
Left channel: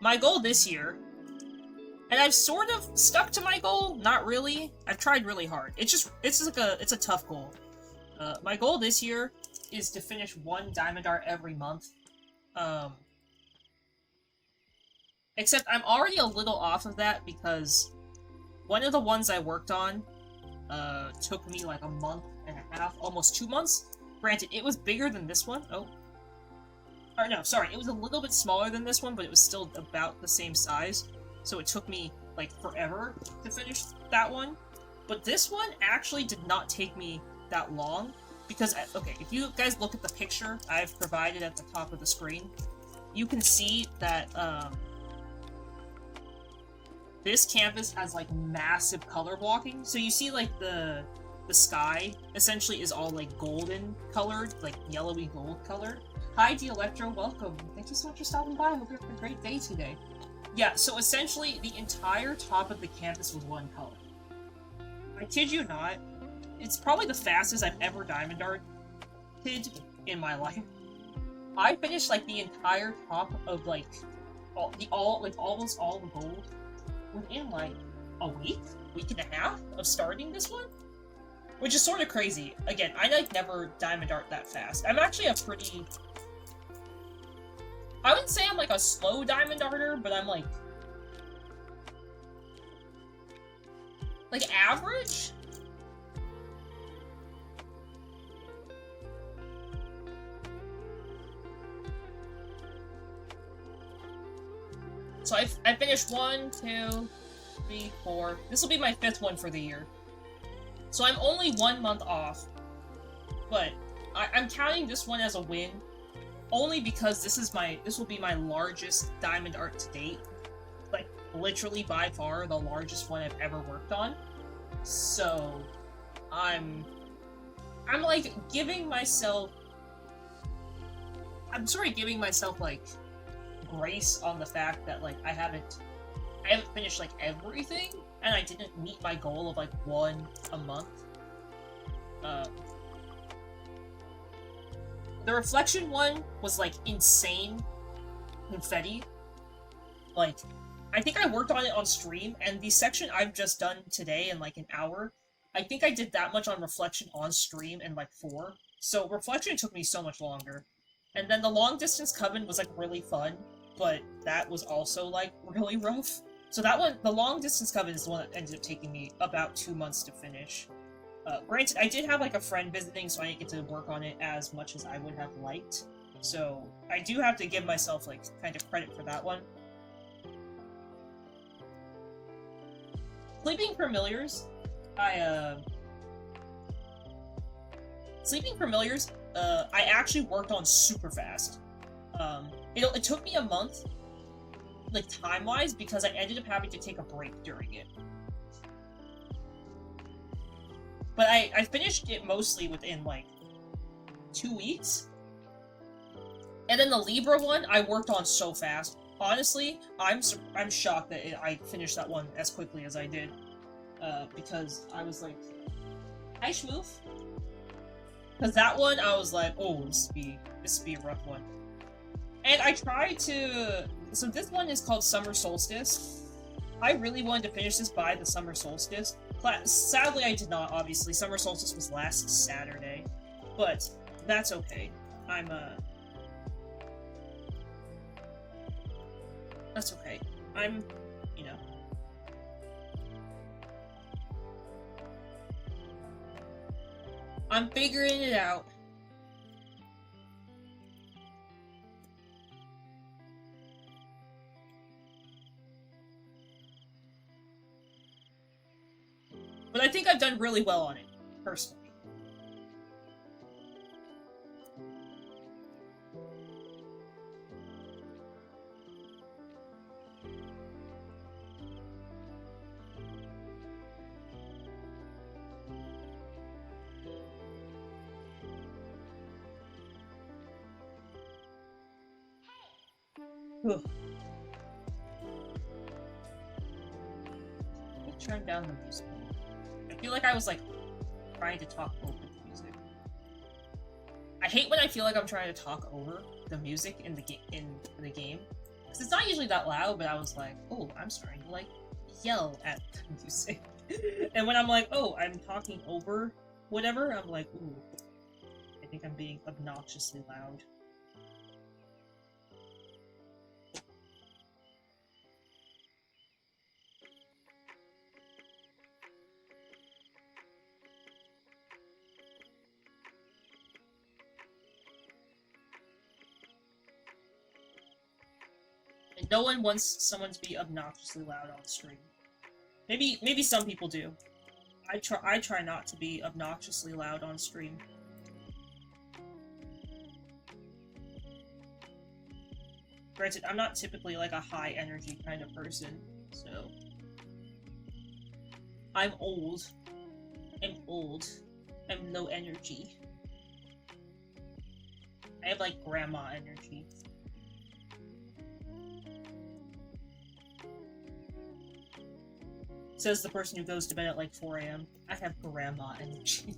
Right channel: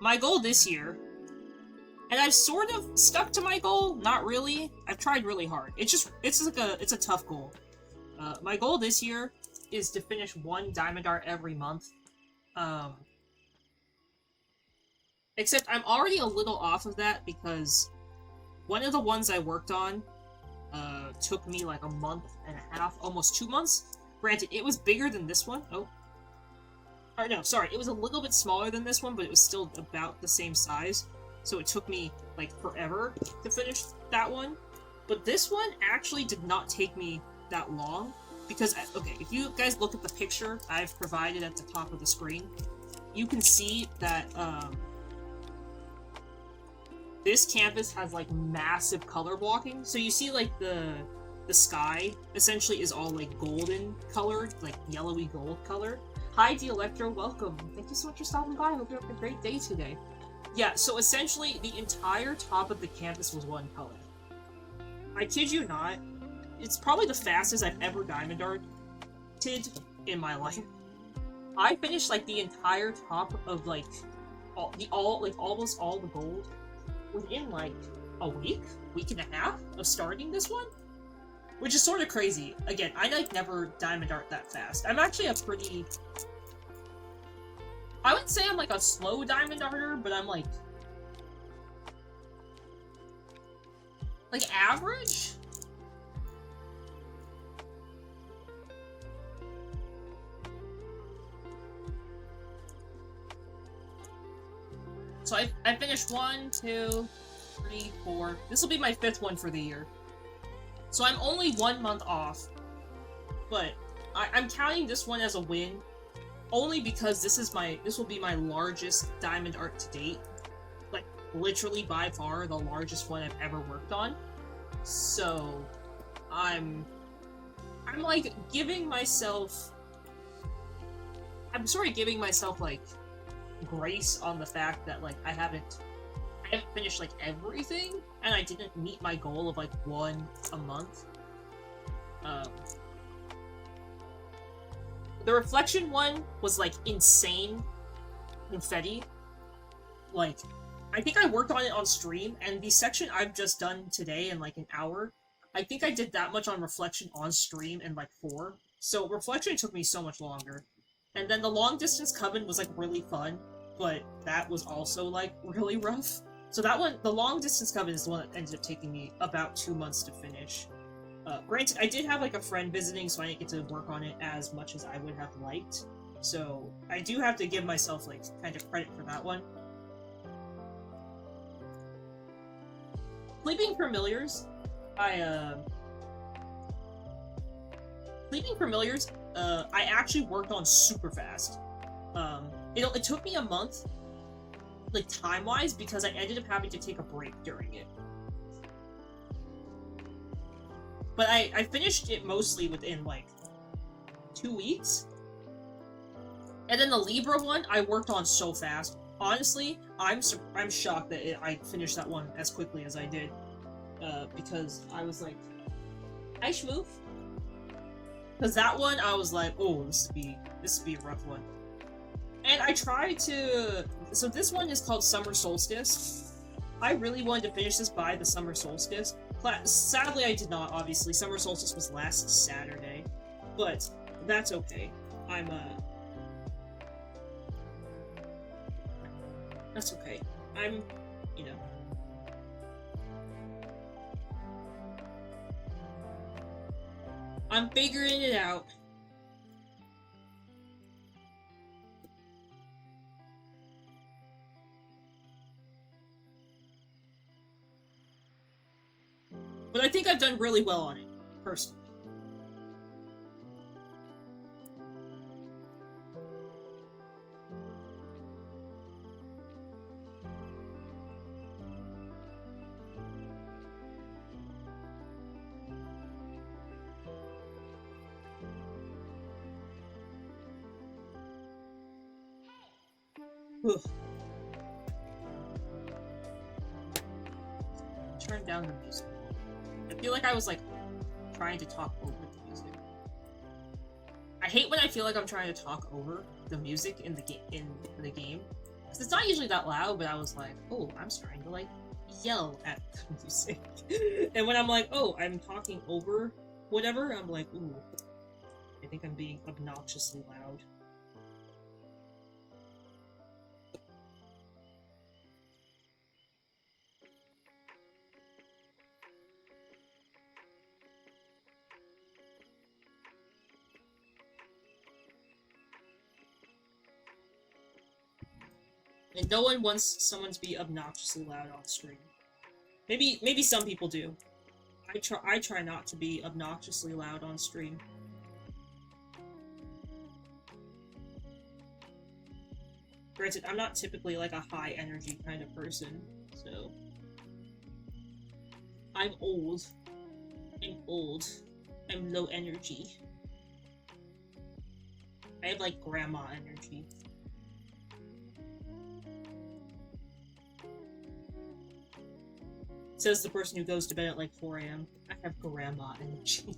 My goal this year, and I've sort of stuck to my goal, not really. I've tried really hard. It's a tough goal. My goal this year is to finish 1 Diamond Art every month. Except I'm already a little off of that because one of the ones I worked on took me like a month and a half, almost 2 months. Granted, it was bigger than this one. Oh. Or no, sorry, it was a little bit smaller than this one, but it was still about the same size. So it took me, like, forever to finish that one. But this one actually did not take me that long. Because, okay, if you guys look at the picture I've provided at the top of the screen, you can see that, this canvas has, like, massive color blocking. So you see, like, the sky essentially is all, like, golden colored, like, yellowy gold color. Hi, Electro, welcome. Thank you so much for stopping by. Hope you have a great day today. Yeah, so essentially, the entire top of the canvas was one color. I kid you not, it's probably the fastest I've ever Diamond Arted in my life. I finished, like, the entire top of, like, almost all the gold within, like, a week and a half of starting this one. Which is sort of crazy. Again, I, like, never Diamond Art that fast. I'm actually a pretty... I wouldn't say I'm, like, a slow Diamond Arter, but I'm, like... Like, average? So I finished 1, 2, 3, 4... This will be my 5th one for the year. So I'm only 1 month off, but I'm counting this one as a win, only because this will be my largest Diamond Art to date. Like, literally by far the largest one I've ever worked on. So, I'm like giving myself... I'm sort of giving myself, like, grace on the fact that, like, I haven't finished, like, everything, and I didn't meet my goal of, like, 1 a month. The Reflection one was, like, insane confetti. Like, I think I worked on it on stream, and the section I've just done today in, like, an hour, I think I did that much on Reflection on stream in, like, 4. So Reflection took me so much longer. And then the Long Distance Coven was, like, really fun, but that was also, like, really rough. So that one, the Long Distance Coven is the one that ended up taking me about 2 months to finish. Granted, I did have, like, a friend visiting, so I didn't get to work on it as much as I would have liked. So I do have to give myself, like, kind of credit for that one. Sleeping Familiars, Sleeping Familiars, I actually worked on super fast. It took me a month, like, time-wise, because I ended up having to take a break during it. But I finished it mostly within, like, 2 weeks. And then the Libra one, I worked on so fast. Honestly, I'm shocked that I finished that one as quickly as I did. Because I was like, hi, Schmoof. Because that one, I was like, oh, this would be a rough one. And I tried to... So this one is called Summer Solstice. I really wanted to finish this by the Summer Solstice. Sadly, I did not, obviously. Summer Solstice was last Saturday. But that's okay. That's okay. You know... I'm figuring it out. But I think I've done really well on it, personally. Ugh. Turn down the music. I feel like I was, like, trying to talk over the music. I hate when I feel like I'm trying to talk over the music in the game. Because it's not usually that loud, but I was like, oh, I'm starting to, like, yell at the music. And when I'm like, oh, I'm talking over whatever, I'm like, ooh, I think I'm being obnoxiously loud. And no one wants someone to be obnoxiously loud on stream. Maybe some people do. I try not to be obnoxiously loud on stream. Granted, I'm not typically like a high energy kind of person, so... I'm old. I'm low energy. I have like grandma energy. Says the person who goes to bed at like 4 AM. I have grandma energy.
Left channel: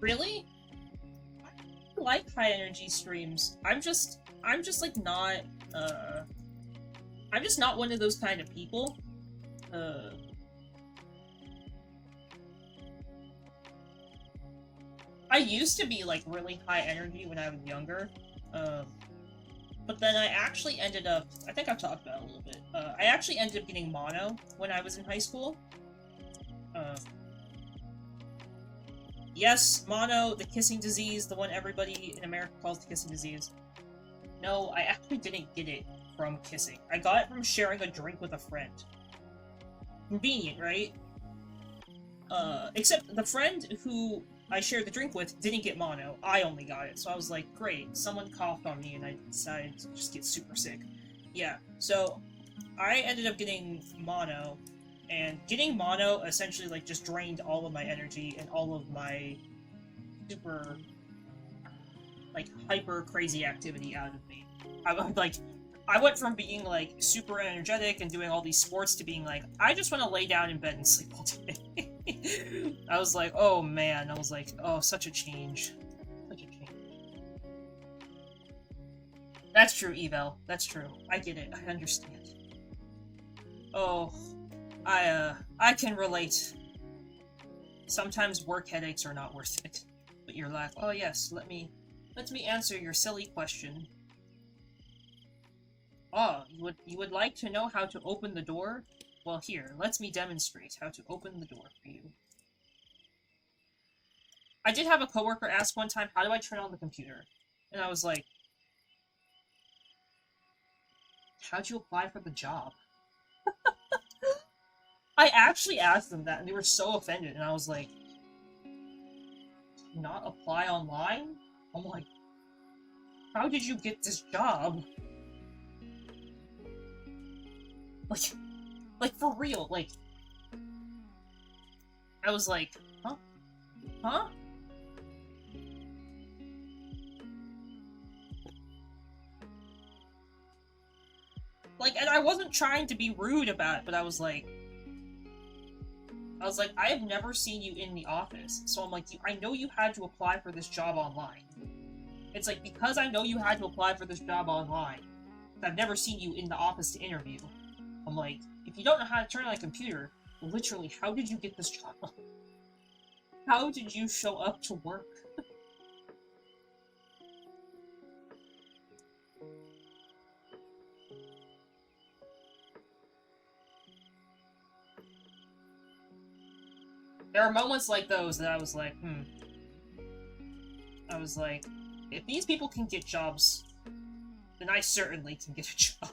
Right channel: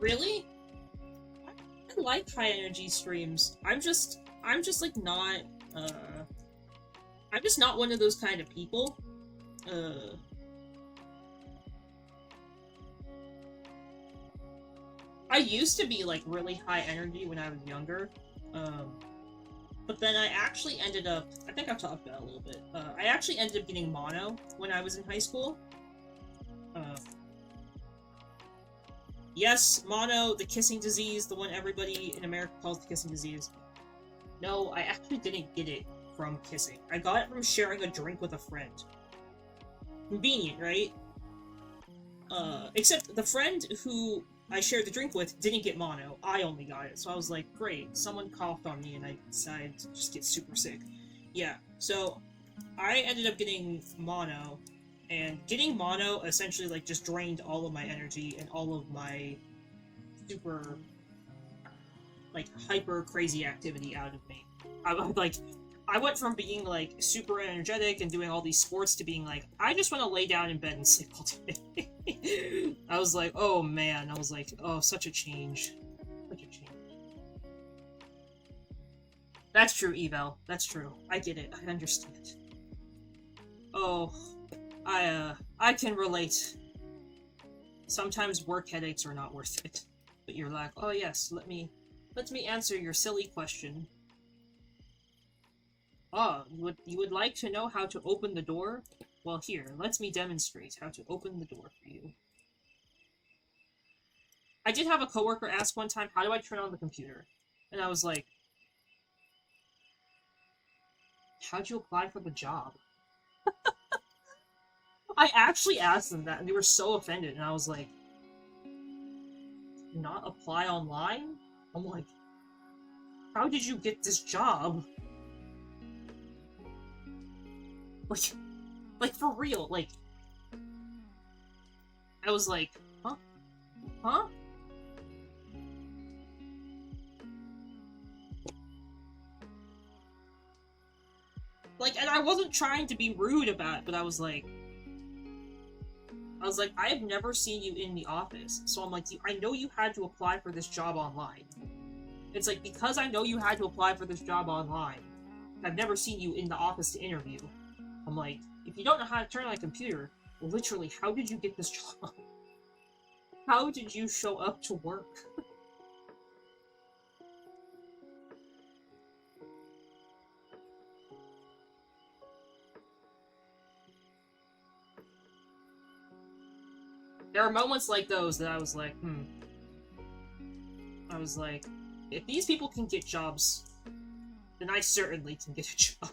Really? I like high energy streams. I'm just like not, I'm just not one of those kind of people. I used to be, like, really high energy when I was younger, but then I actually ended up, I think I've talked about it a little bit, I actually ended up getting mono when I was in high school. Yes, mono, the kissing disease, the one everybody in America calls the kissing disease. No, I actually didn't get it from kissing. I got it from sharing a drink with a friend. Convenient, right? Except the friend who I shared the drink with didn't get mono. I only got it. So I was like, great, someone coughed on me and I decided to just get super sick. Yeah, so I ended up getting mono, and getting mono essentially, like, just drained all of my energy and all of my super, like, hyper crazy activity out of me. I went from being, like, super energetic and doing all these sports to being like, I just want to lay down in bed and sleep all day. I was like, oh man, I was like, oh, such a change. Such a change. That's true, Evel. That's true. I get it. I understand. Oh, I can relate. Sometimes work headaches are not worth it. But you're like, oh yes, let me answer your silly question. Oh, you would like to know how to open the door? Well, here, let me demonstrate how to open the door for you. I did have a coworker ask one time, how do I turn on the computer? And I was like, how'd you apply for the job? I actually asked them that, and they were so offended, and I was like, not apply online? I'm like, how did you get this job? Like for real, like, I was like, huh? Huh? Like, and I wasn't trying to be rude about it, but I was like, I have never seen you in the office, so I'm like, I know you had to apply for this job online. It's like, because I know you had to apply for this job online, I've never seen you in the office to interview. I'm like, if you don't know how to turn on a computer, literally, how did you get this job? How did you show up to work? There are moments like those that I was like, I was like, if these people can get jobs, then I certainly can get a job.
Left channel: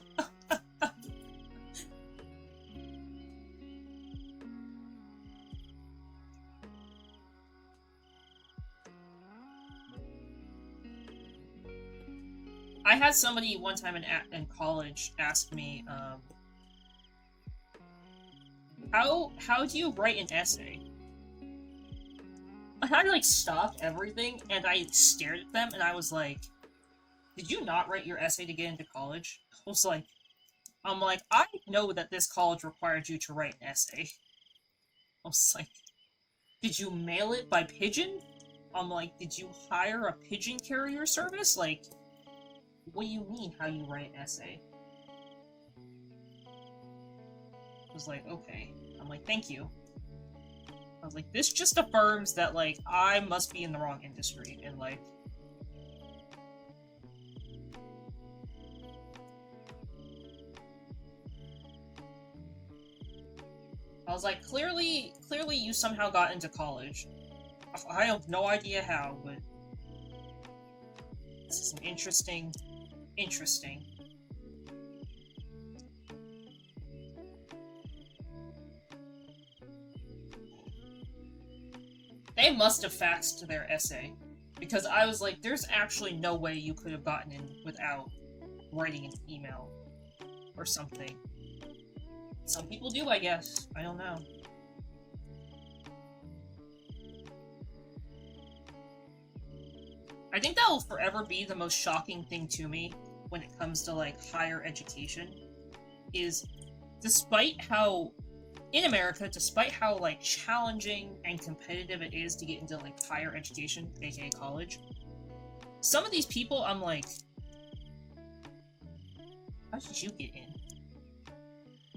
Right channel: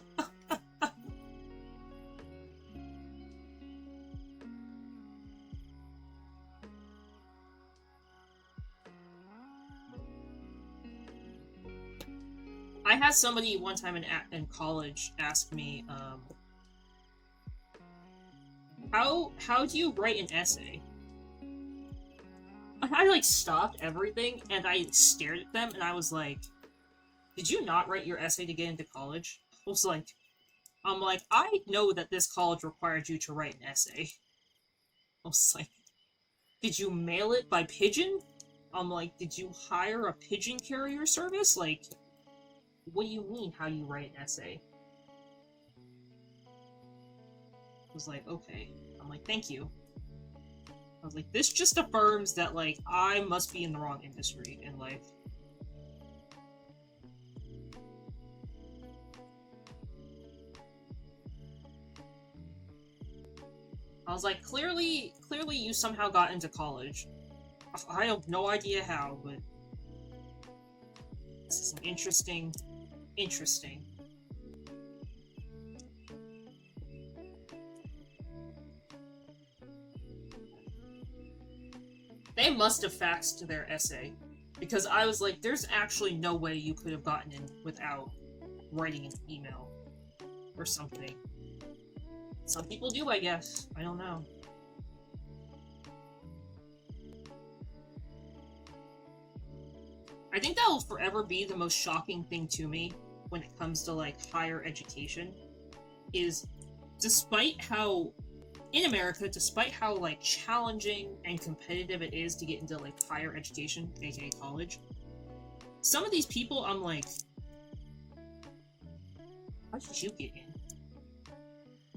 I had somebody one time in college ask me, how do you write an essay? And I, like, stopped everything, and I stared at them, and I was like, did you not write your essay to get into college? I'm like, I know that this college required you to write an essay. I was like, did you mail it by pigeon? I'm like, did you hire a pigeon carrier service? Like, what do you mean, how you write an essay? I was like, okay. I'm like, thank you. I was like, this just affirms that, like, I must be in the wrong industry in life. I was like, clearly you somehow got into college. I have no idea how, but this is interesting. They must have faxed their essay, because I was like, there's actually no way you could have gotten in without writing an email or something. Some people do, I guess. I don't know. I think that will forever be the most shocking thing to me when it comes to, like, higher education, is despite how, in America, despite how, like, challenging and competitive it is to get into, like, higher education, aka college, some of these people, I'm like, how did you get in?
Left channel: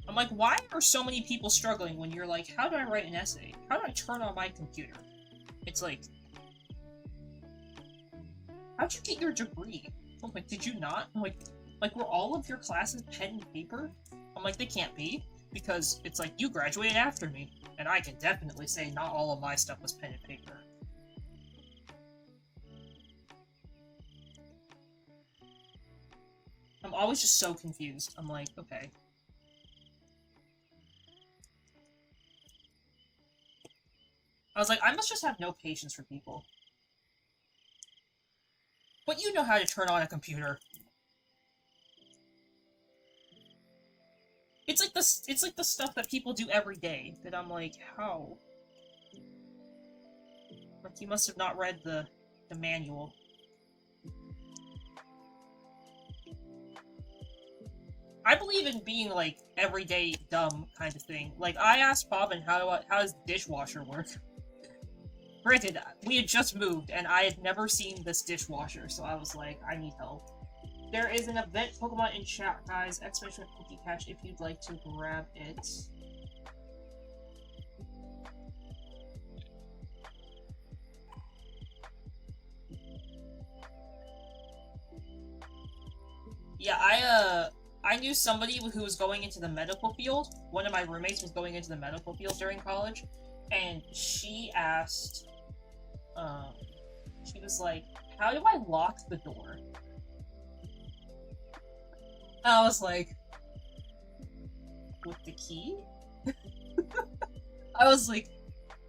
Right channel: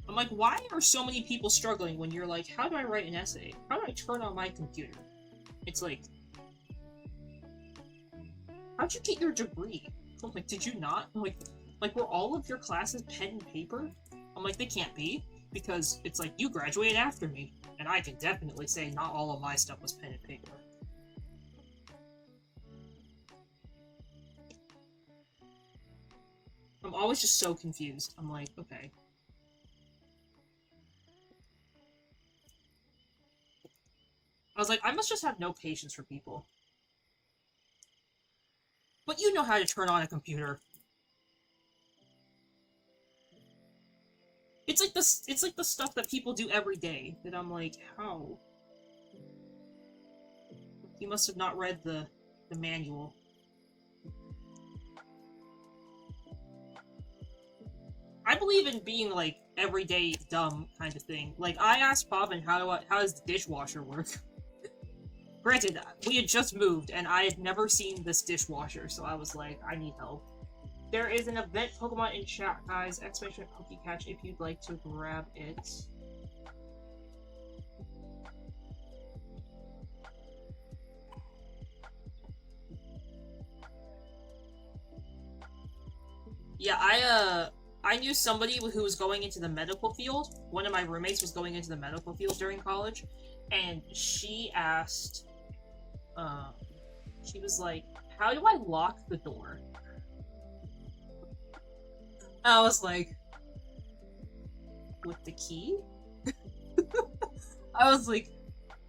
I'm like, why are so many people struggling when you're like, how do I write an essay? How do I turn on my computer? It's like, how'd you get your degree? I'm like, did you not? I'm like, were all of your classes pen and paper? I'm like, they can't be, because it's like, you graduated after me, and I can definitely say not all of my stuff was pen and paper. I'm always just so confused. I'm like, okay. I was like, I must just have no patience for people. But you know how to turn on a computer. It's like the stuff that people do every day that I'm like, how? Like, you must have not read the manual. I believe in being, like, everyday dumb kind of thing. Like, I asked Bobbin how does the dishwasher work? Granted, we had just moved, and I had never seen this dishwasher, so I was like, I need help. There is an event Pokemon in chat, guys. Exclamation Pokecatch if you'd like to grab it. Yeah, I knew somebody who was going into the medical field. One of my roommates was going into the medical field during college, and she asked, she was like, how do I lock the door? I was like, with the key? I was like,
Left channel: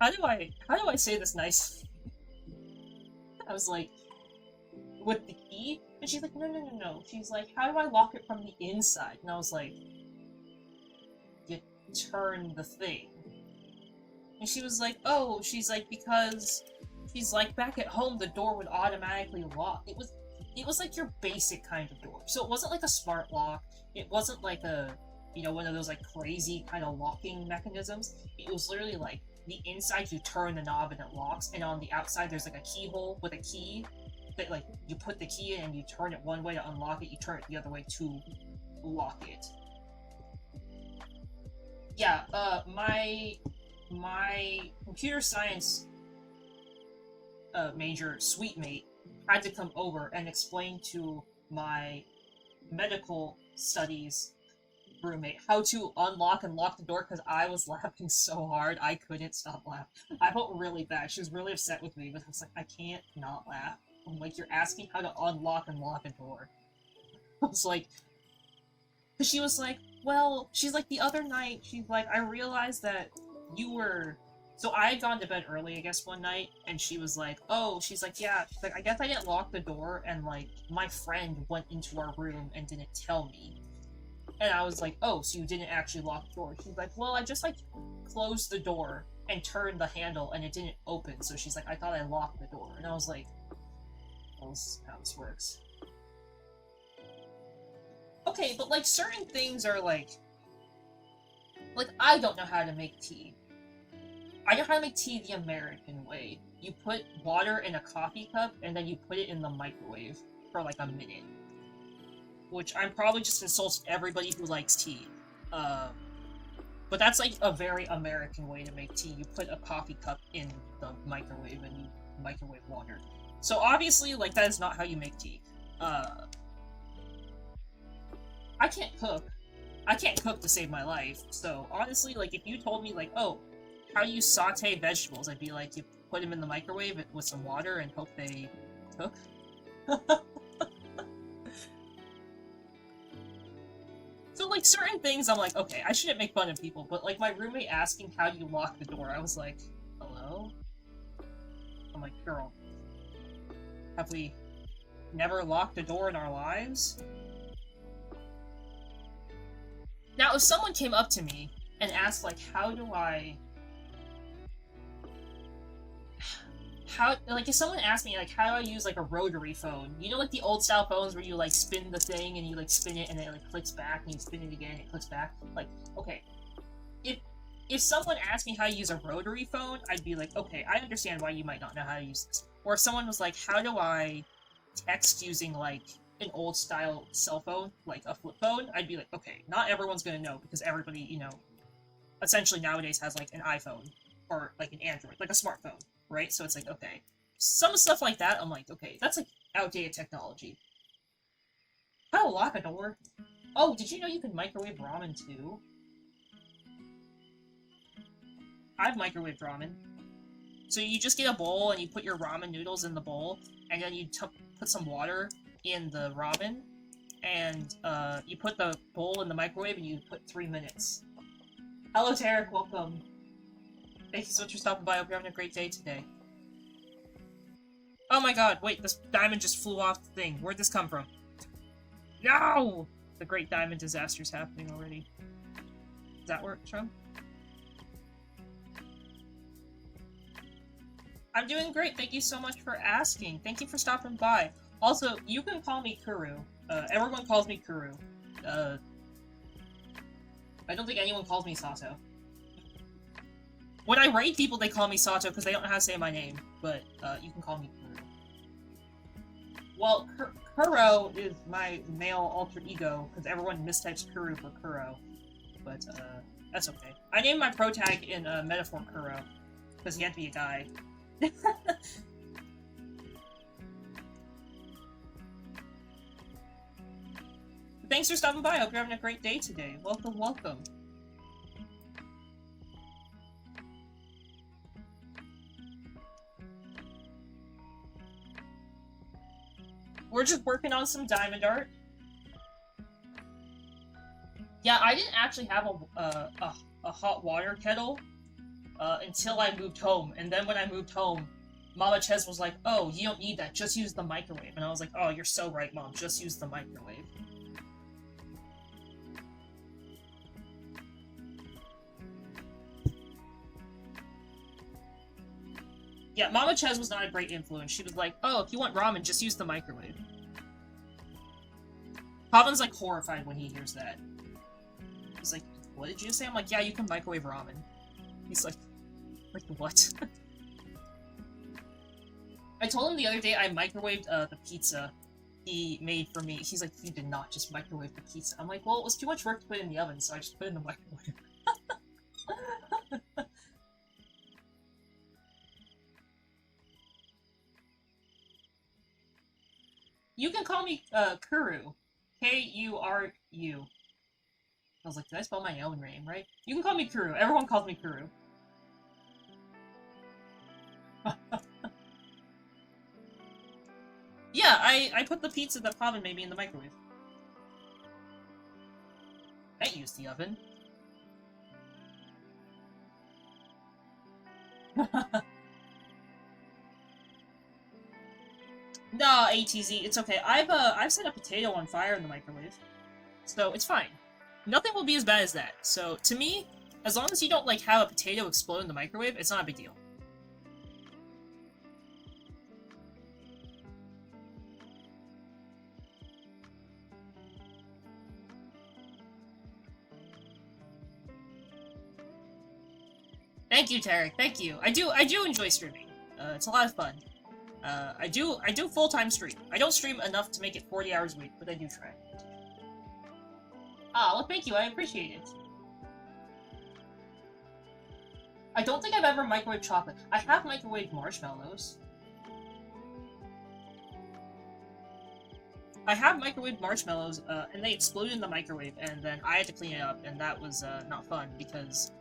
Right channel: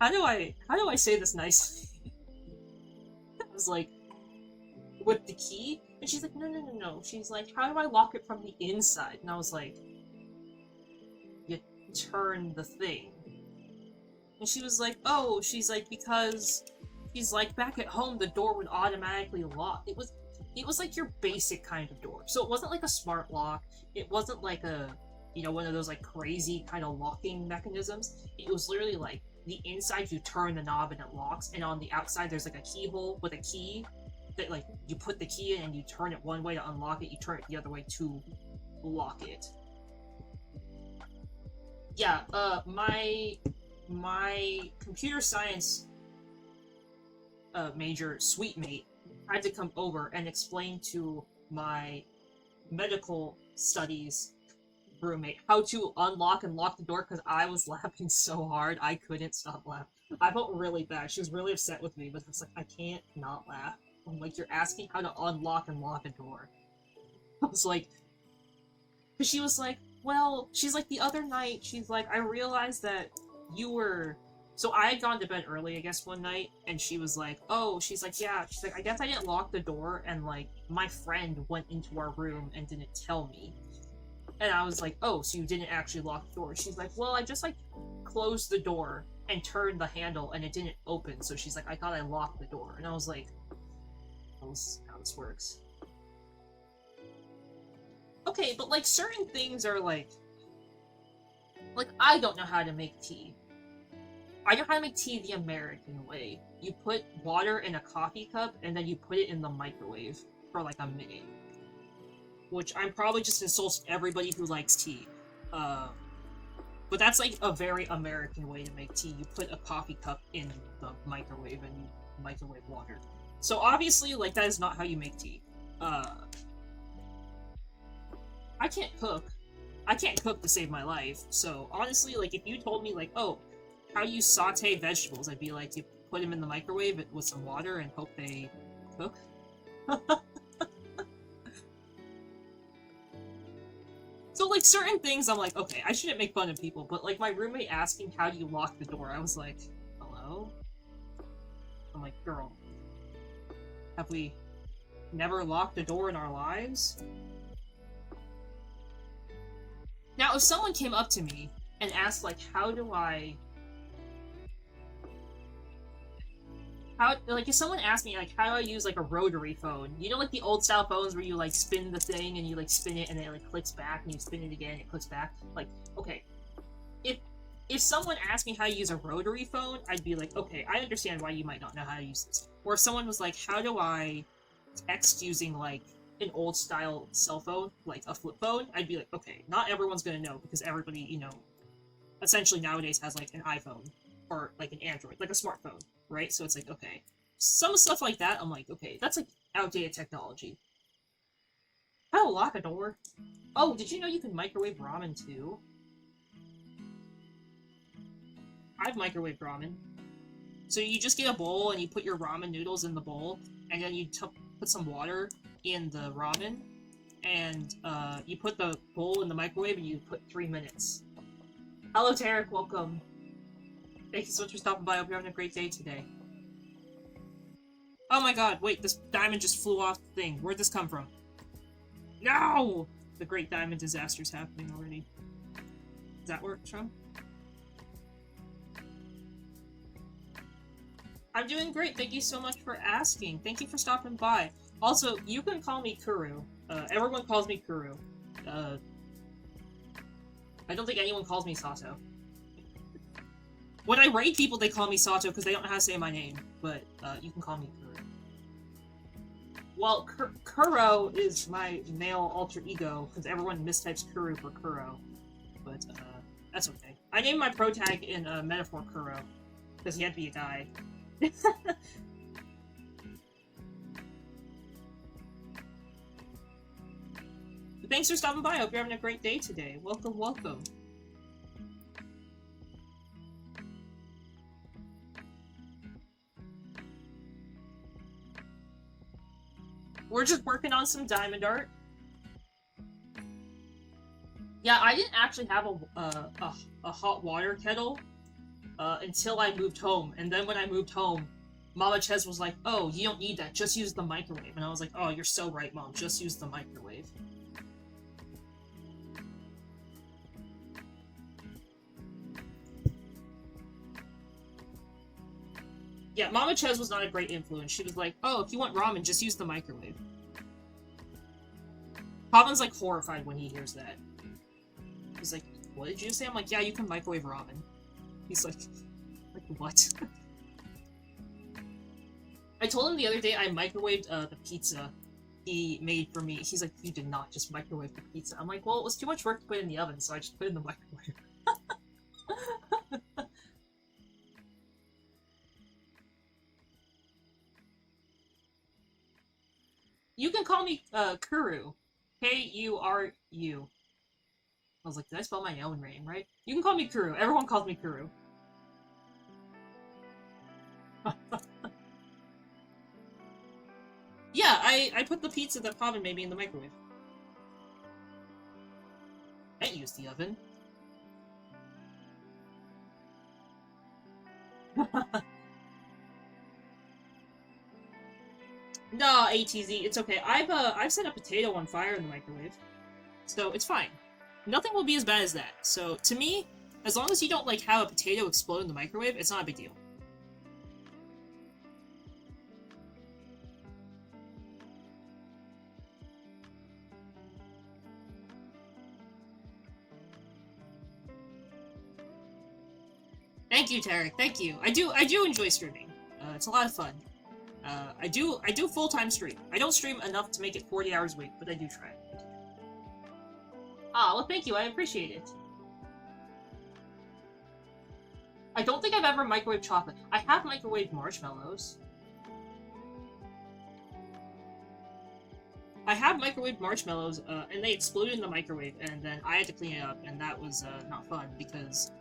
how do I say this nicely? I was like, with the key? And she's like, no. She's like, how do I lock it from the inside? And I was like, you turn the thing. And she was like, oh, she's like, because she's like, back at home, the door would automatically lock. It was like your basic kind of door. So it wasn't like a smart lock. It wasn't like a, you know, one of those like crazy kind of locking mechanisms. It was literally like the inside you turn the knob and it locks, and on the outside there's like a keyhole with a key that like you put the key in and you turn it one way to unlock it, you turn it the other way to lock it. Yeah, my computer science major sweet mate had to come over and explain to my medical studies roommate how to unlock and lock the door because I was laughing so hard I couldn't stop laughing. I felt really bad. She was really upset with me, but I was like, I can't not laugh. I'm like, you're asking how to unlock and lock a door. I was like, because she was like, well, she's like, the other night, she's like, I realized that you were... So I had gone to bed early, I guess, one night, and she was like, oh, she's like, yeah, she's like, I guess I didn't lock the door, and, like, my friend went into our room and didn't tell me. And I was like, oh, so you didn't actually lock the door? She's like, well, I just, like, closed the door and turned the handle, and it didn't open, so she's like, I thought I locked the door. And I was like, that's how this works. Okay, but, like, certain things are, like, I don't know how to make tea. I know how to make tea the American way. You put water in a coffee cup, and then you put it in the microwave for, like, a minute. Which I'm probably just insults everybody who likes tea. But that's, like, a very American way to make tea. You put a coffee cup in the microwave, and you microwave water. So, obviously, like, that is not how you make tea. I can't cook. I can't cook to save my life. So, honestly, like, if you told me, like, oh, how do you saute vegetables? I'd be like, you put them in the microwave with some water and hope they cook. So, like, certain things I'm like, okay, I shouldn't make fun of people, but, like, my roommate asking how do you lock the door, I was like, hello? I'm like, girl, have we never locked a door in our lives? Now, if someone came up to me and asked, like, if someone asked me, like, how do I use, like, a rotary phone? You know, like, the old-style phones where you, like, spin the thing and you, like, spin it and it, like, clicks back and you spin it again and it clicks back? Like, okay. If someone asked me how to use a rotary phone, I'd be like, okay, I understand why you might not know how to use this. Or if someone was like, how do I text using, like, an old-style cell phone, like a flip phone, I'd be like, okay, not everyone's gonna know because everybody, you know, essentially nowadays has, like, an iPhone or, like, an Android, like a smartphone. Right? So it's like, okay. Some stuff like that, I'm like, okay, that's like outdated technology. How to lock a door? Oh, did you know you can microwave ramen too? I've microwaved ramen. So you just get a bowl and you put your ramen noodles in the bowl, and then you put some water in the ramen, and you put the bowl in the microwave and you put 3 minutes. Hello, Tarek, welcome. Thank you so much for stopping by. I hope you're having a great day today. Oh my god, wait, this diamond just flew off the thing. Where'd this come from? No! The great diamond disaster's happening already. Is that where it's from? I'm doing great. Thank you so much for asking. Thank you for stopping by. Also, you can call me Kuru. Everyone calls me Kuru. I don't think anyone calls me Sato. When I raid people, they call me Sato because they don't know how to say my name, but you can call me Kuru. Well, Kuro is my male alter ego, because everyone mistypes Kuru for Kuro. But, that's okay. I named my pro tag in Metaphor Kuro, because he had to be a guy. Thanks for stopping by. I hope you're having a great day today. Welcome, welcome. We're just working on some diamond art. Yeah, I didn't actually have a hot water kettle until I moved home. And then when I moved home, Mama Ches was like, oh, you don't need that. Just use the microwave. And I was like, oh, you're so right, Mom. Just use the microwave. Yeah, Mama Ches was not a great influence. She was like, oh, if you want ramen, just use the microwave. Pavan's like horrified when he hears that. He's like, what did you say? I'm like, yeah, you can microwave ramen. He's like what? I told him the other day I microwaved the pizza he made for me. He's like, you did not just microwave the pizza. I'm like, well, it was too much work to put in the oven, so I just put it in the microwave. You can call me Kuru. K-U-R-U. I was like, did I spell my own name right? You can call me Kuru. Everyone calls me Kuru. Yeah, I put the pizza that Pavan made me in the microwave. I used the oven. No, ATZ, it's okay. I've set a potato on fire in the microwave, so it's fine. Nothing will be as bad as that. So to me, as long as you don't like have a potato explode in the microwave, it's not a big deal. Thank you, Tarek. Thank you. I do enjoy streaming. It's a lot of fun. I do full-time stream. I don't stream enough to make it 40 hours a week, but I do try. Ah, well, thank you. I appreciate it. I don't think I've ever microwaved chocolate. I have microwaved marshmallows. I have microwaved marshmallows, and they exploded in the microwave, and then I had to clean it up, and that was not fun because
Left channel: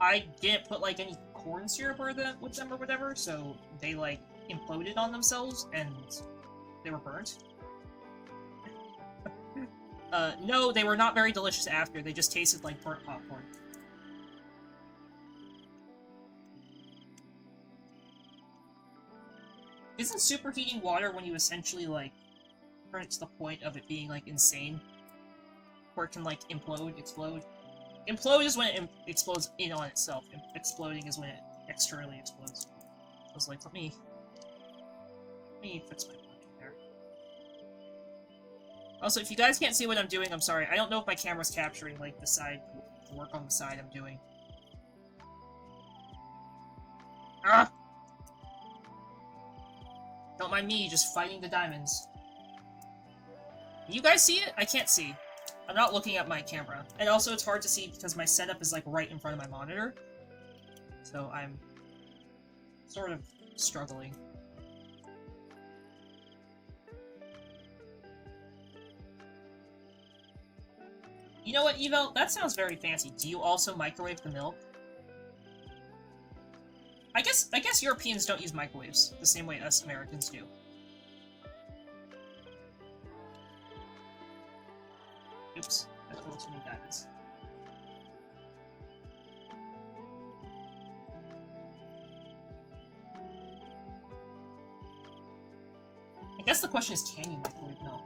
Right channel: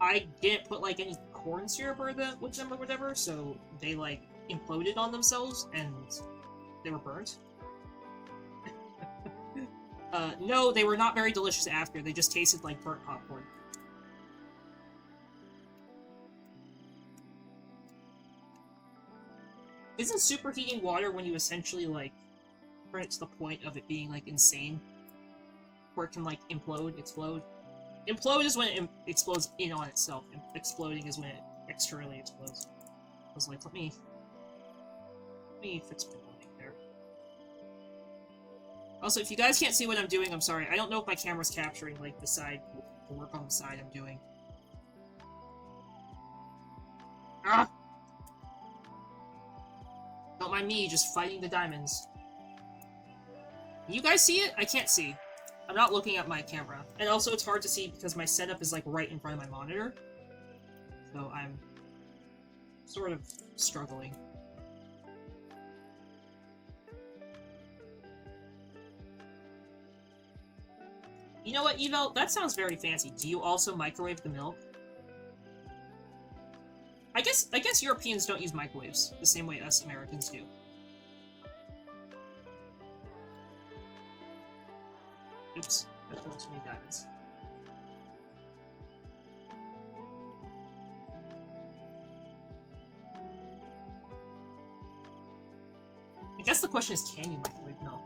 I didn't put like any corn syrup with them or whatever, so they like imploded on themselves and they were burnt. No, they were not very delicious after. They just tasted like burnt popcorn. Isn't superheating water when you essentially like turn it to the point of it being like insane? Where it can like implode, explode? Implode is when it explodes in on itself. Exploding is when it externally explodes. I was like, let me fix my lighting there. Also, if you guys can't see what I'm doing, I'm sorry. I don't know if my camera's capturing like the work on the side I'm doing. Ah! Don't mind me just fighting the diamonds. You guys see it? I can't see. I'm not looking at my camera. And also it's hard to see because my setup is like right in front of my monitor. So I'm sort of struggling. You know what, Evo? That sounds very fancy. Do you also microwave the milk? I guess Europeans don't use microwaves the same way us Americans do. Oops, that fell too many diamonds. I guess the question is, can you microwave milk?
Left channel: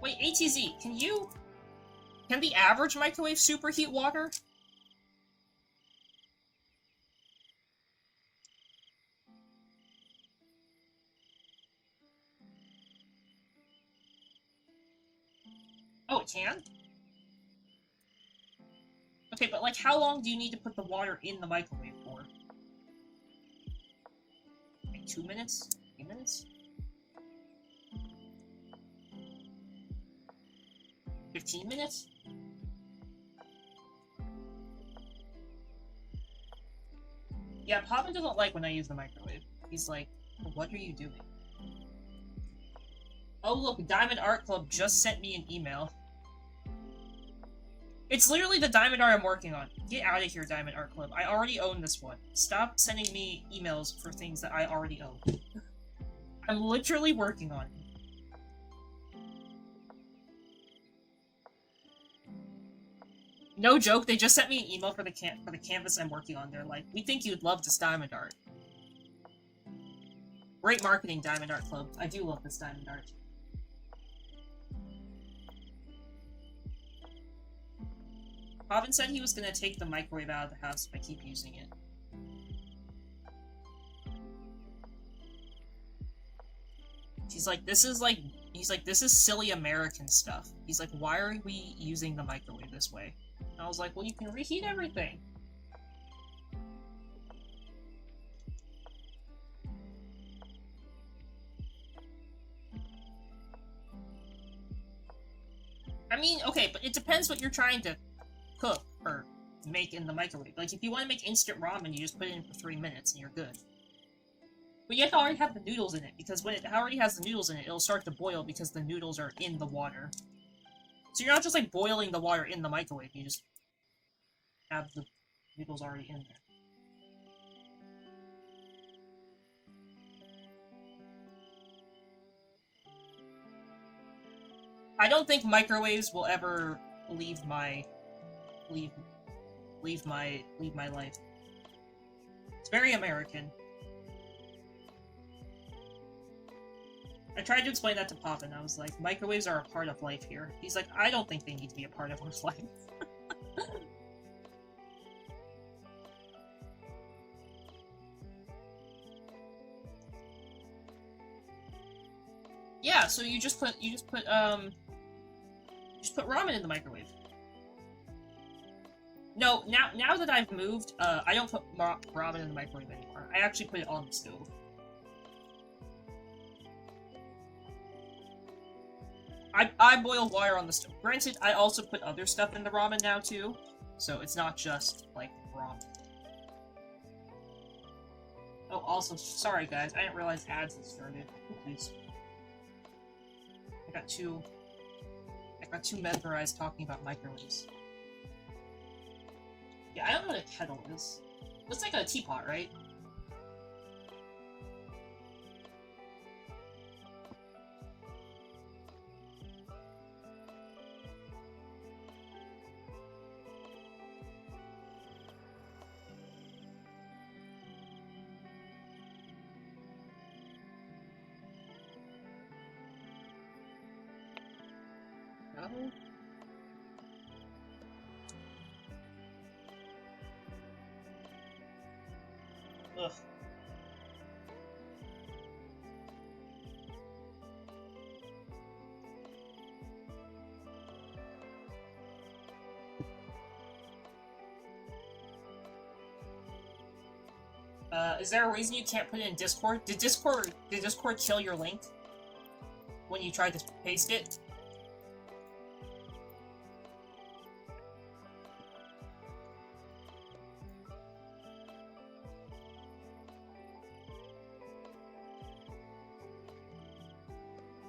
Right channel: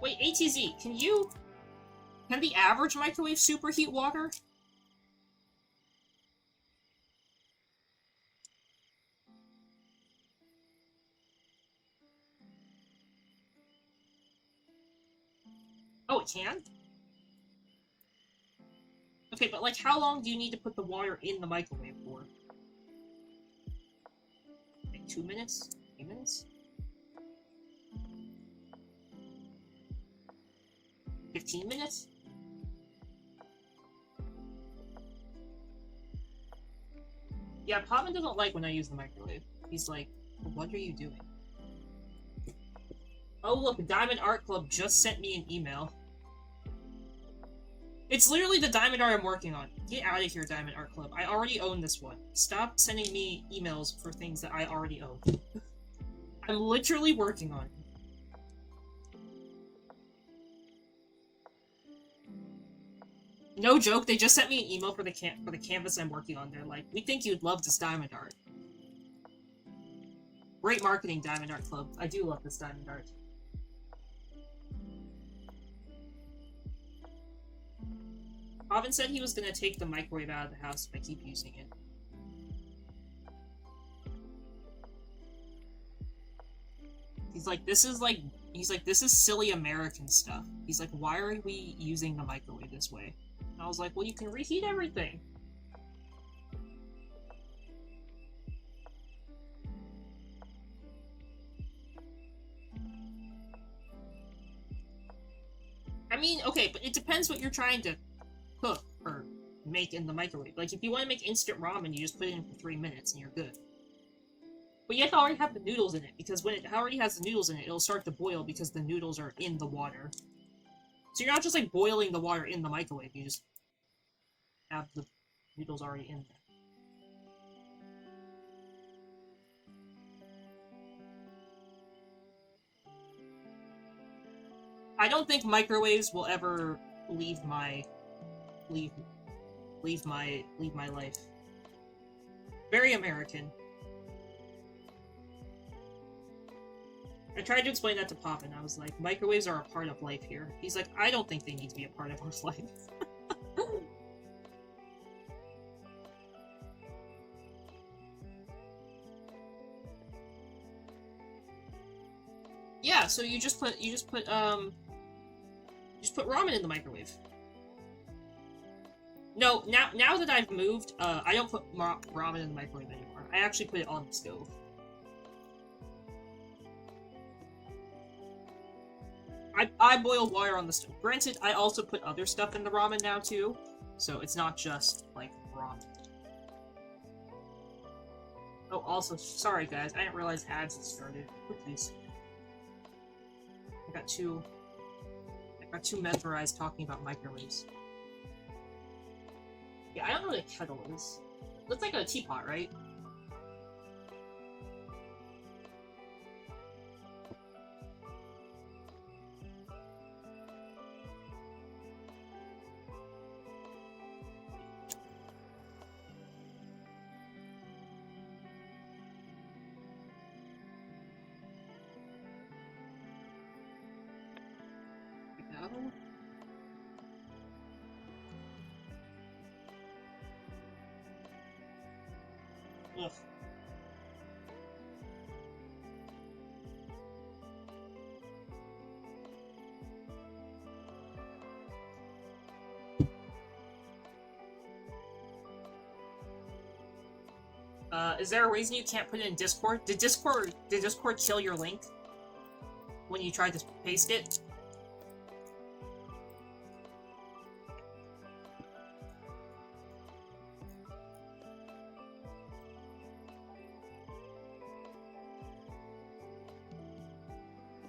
Wait, ATZ, can the average microwave superheat water? it can? Okay, but like, how long do you need to put the water in the microwave for? Like 2 minutes? 3 minutes? 15 minutes? Yeah, Pavan doesn't like when I use the microwave. He's like, what are you doing? Oh look, Diamond Art Club just sent me an email. It's literally the Diamond Art I'm working on. Get out of here, Diamond Art Club. I already own this one. Stop sending me emails for things that I already own. I'm literally working on it. No joke, they just sent me an email for the canvas I'm working on. They're like, we think you'd love this Diamond Art. Great marketing, Diamond Art Club. I do love this Diamond Art. Pavan said he was gonna take the microwave out of the house if I keep using it. He's like, this is silly American stuff. He's like, why are we using the microwave this way? And I was like, well, you can reheat everything. I mean, okay, but it depends what you're trying to cook or make in the microwave. Like, if you want to make instant ramen, you just put it in for 3 minutes and you're good. But you have to already have the noodles in it, because when it already has the noodles in it, it'll start to boil because the noodles are in the water. So you're not just, like, boiling the water in the microwave, you just have the noodles already in there. I don't think microwaves will ever leave my life. It's very American. I tried to explain that to Pop, and I was like, microwaves are a part of life here. He's like, I don't think they need to be a part of our life. Yeah, so you just put ramen in the microwave. No, now that I've moved, I don't put ramen in the microwave anymore. I actually put it on the stove. I boil water on the stove. Granted, I also put other stuff in the ramen now too, so it's not just like ramen. Oh, also, sorry guys, I didn't realize ads had started. Please. I got too mesmerized talking about microwaves. Yeah, I don't know what a kettle is. Looks like a teapot, right? Ugh. Is there a reason you can't put it in Discord? Did Discord kill your link when you tried to paste it?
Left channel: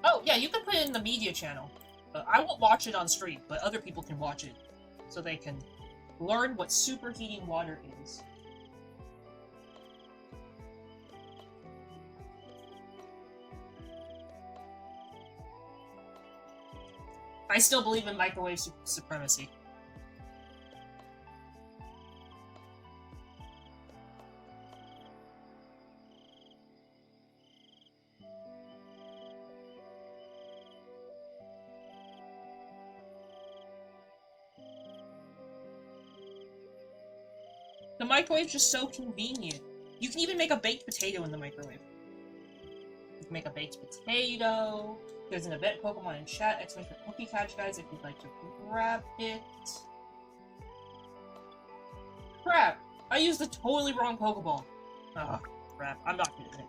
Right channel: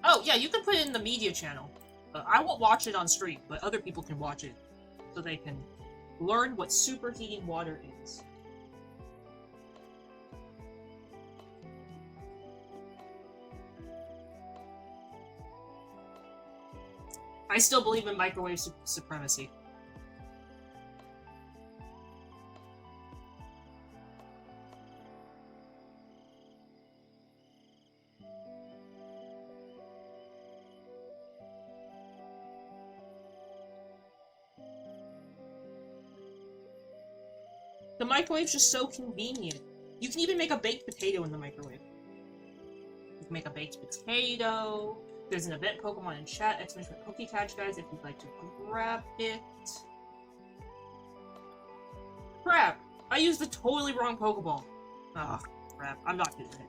Oh, yeah, you can put it in the media channel. I won't watch it on stream, but other people can watch it, so they can learn what superheating water is. I still believe in microwave supremacy. The microwave's just so convenient. You can even make a baked potato in the microwave. You can make a baked potato. There's an event Pokemon in chat, exclamation PokeCatch, guys, if you'd like to grab it. Crap! I used the totally wrong Pokeball. Oh, crap. I'm not getting it.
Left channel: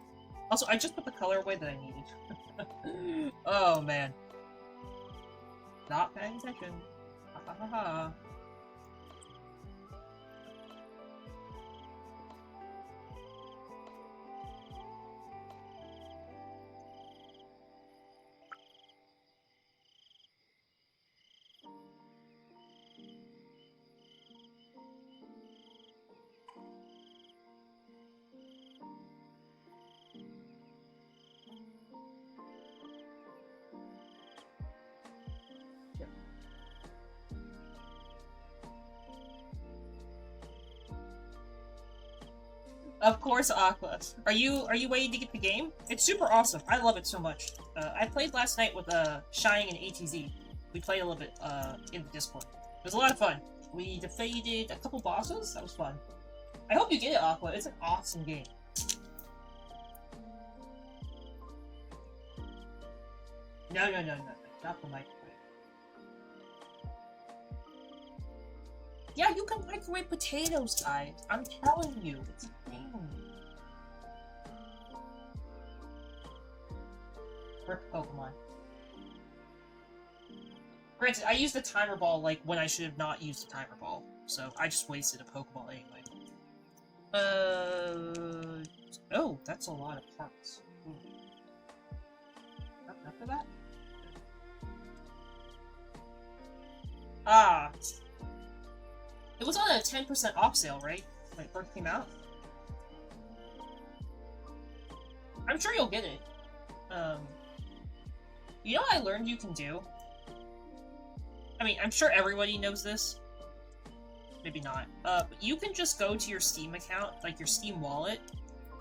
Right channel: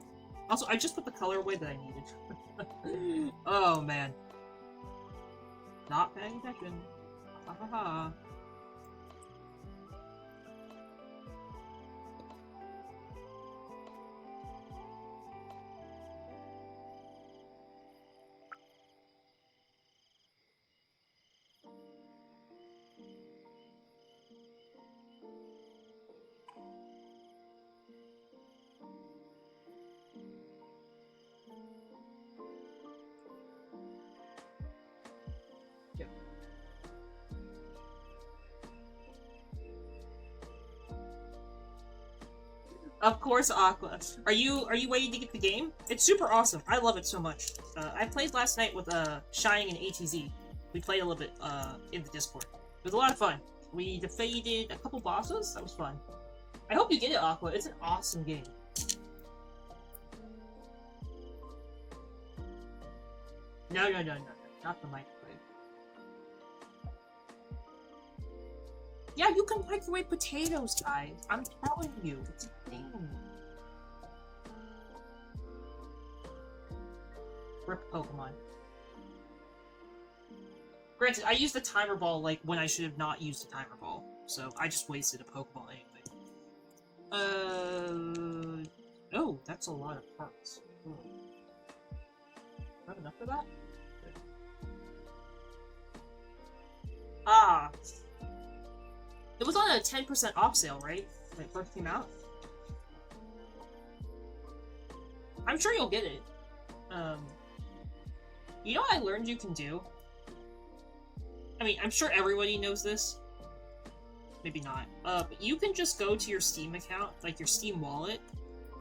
Also, I just put the color away that I needed. Oh, man. Not paying attention. Ha ha ha. Of course, Aqua. Are you waiting to get the game? It's super awesome. I love it so much. I played last night with Shining and ATZ. We played a little bit in the Discord. It was a lot of fun. We defeated a couple bosses. That was fun. I hope you get it, Aqua. It's an awesome game. No, not the microwave. Yeah, you can microwave potatoes, guys. I'm telling you, it's a thing. Rip Pokemon. Granted, I used the timer ball like when I should have not used the timer ball, so I just wasted a Pokeball anyway. Oh, that's a lot of parts. Not enough for that? Ah. It was on a 10% off sale, right? When it first came out? I'm sure you'll get it. You know what I learned you can do? I mean, I'm sure everybody knows this. Maybe not. But you can just go to your Steam account, like your Steam wallet,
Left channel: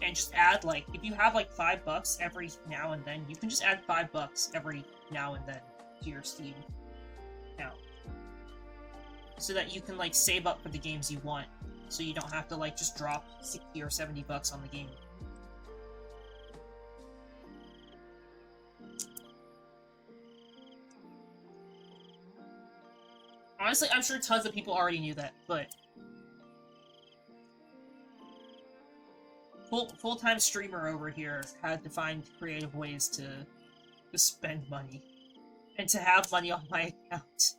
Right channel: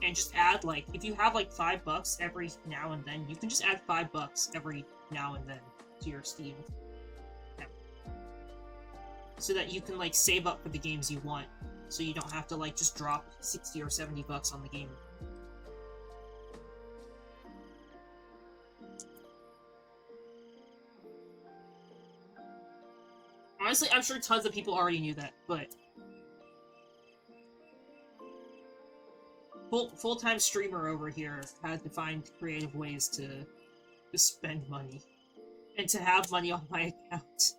and just add, like, if you have, like, $5 every now and then, you can just add $5 every now and then to your Steam account. So that you can, like, save up for the games you want. So you don't have to, like, just drop 60 or 70 bucks on the game. Honestly, I'm sure tons of people already knew that, but... Full-time streamer over here had to find creative ways to spend money. And to have money on my account.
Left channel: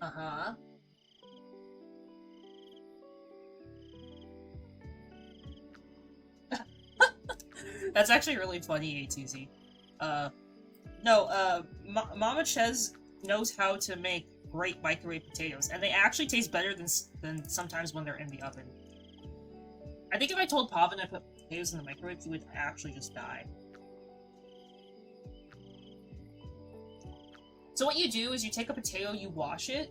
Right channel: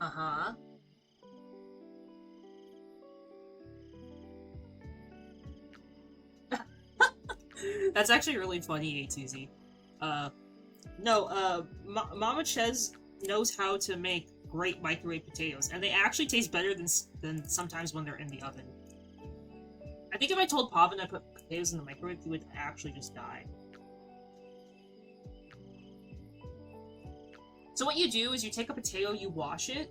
Uh-huh. That's actually really funny, A2Z. Mama Ches knows how to make great microwave potatoes, and they actually taste better than sometimes when they're in the oven. I think if I told Pavin I put potatoes in the microwave, he would actually just die. So what you do is you take a potato, you wash it,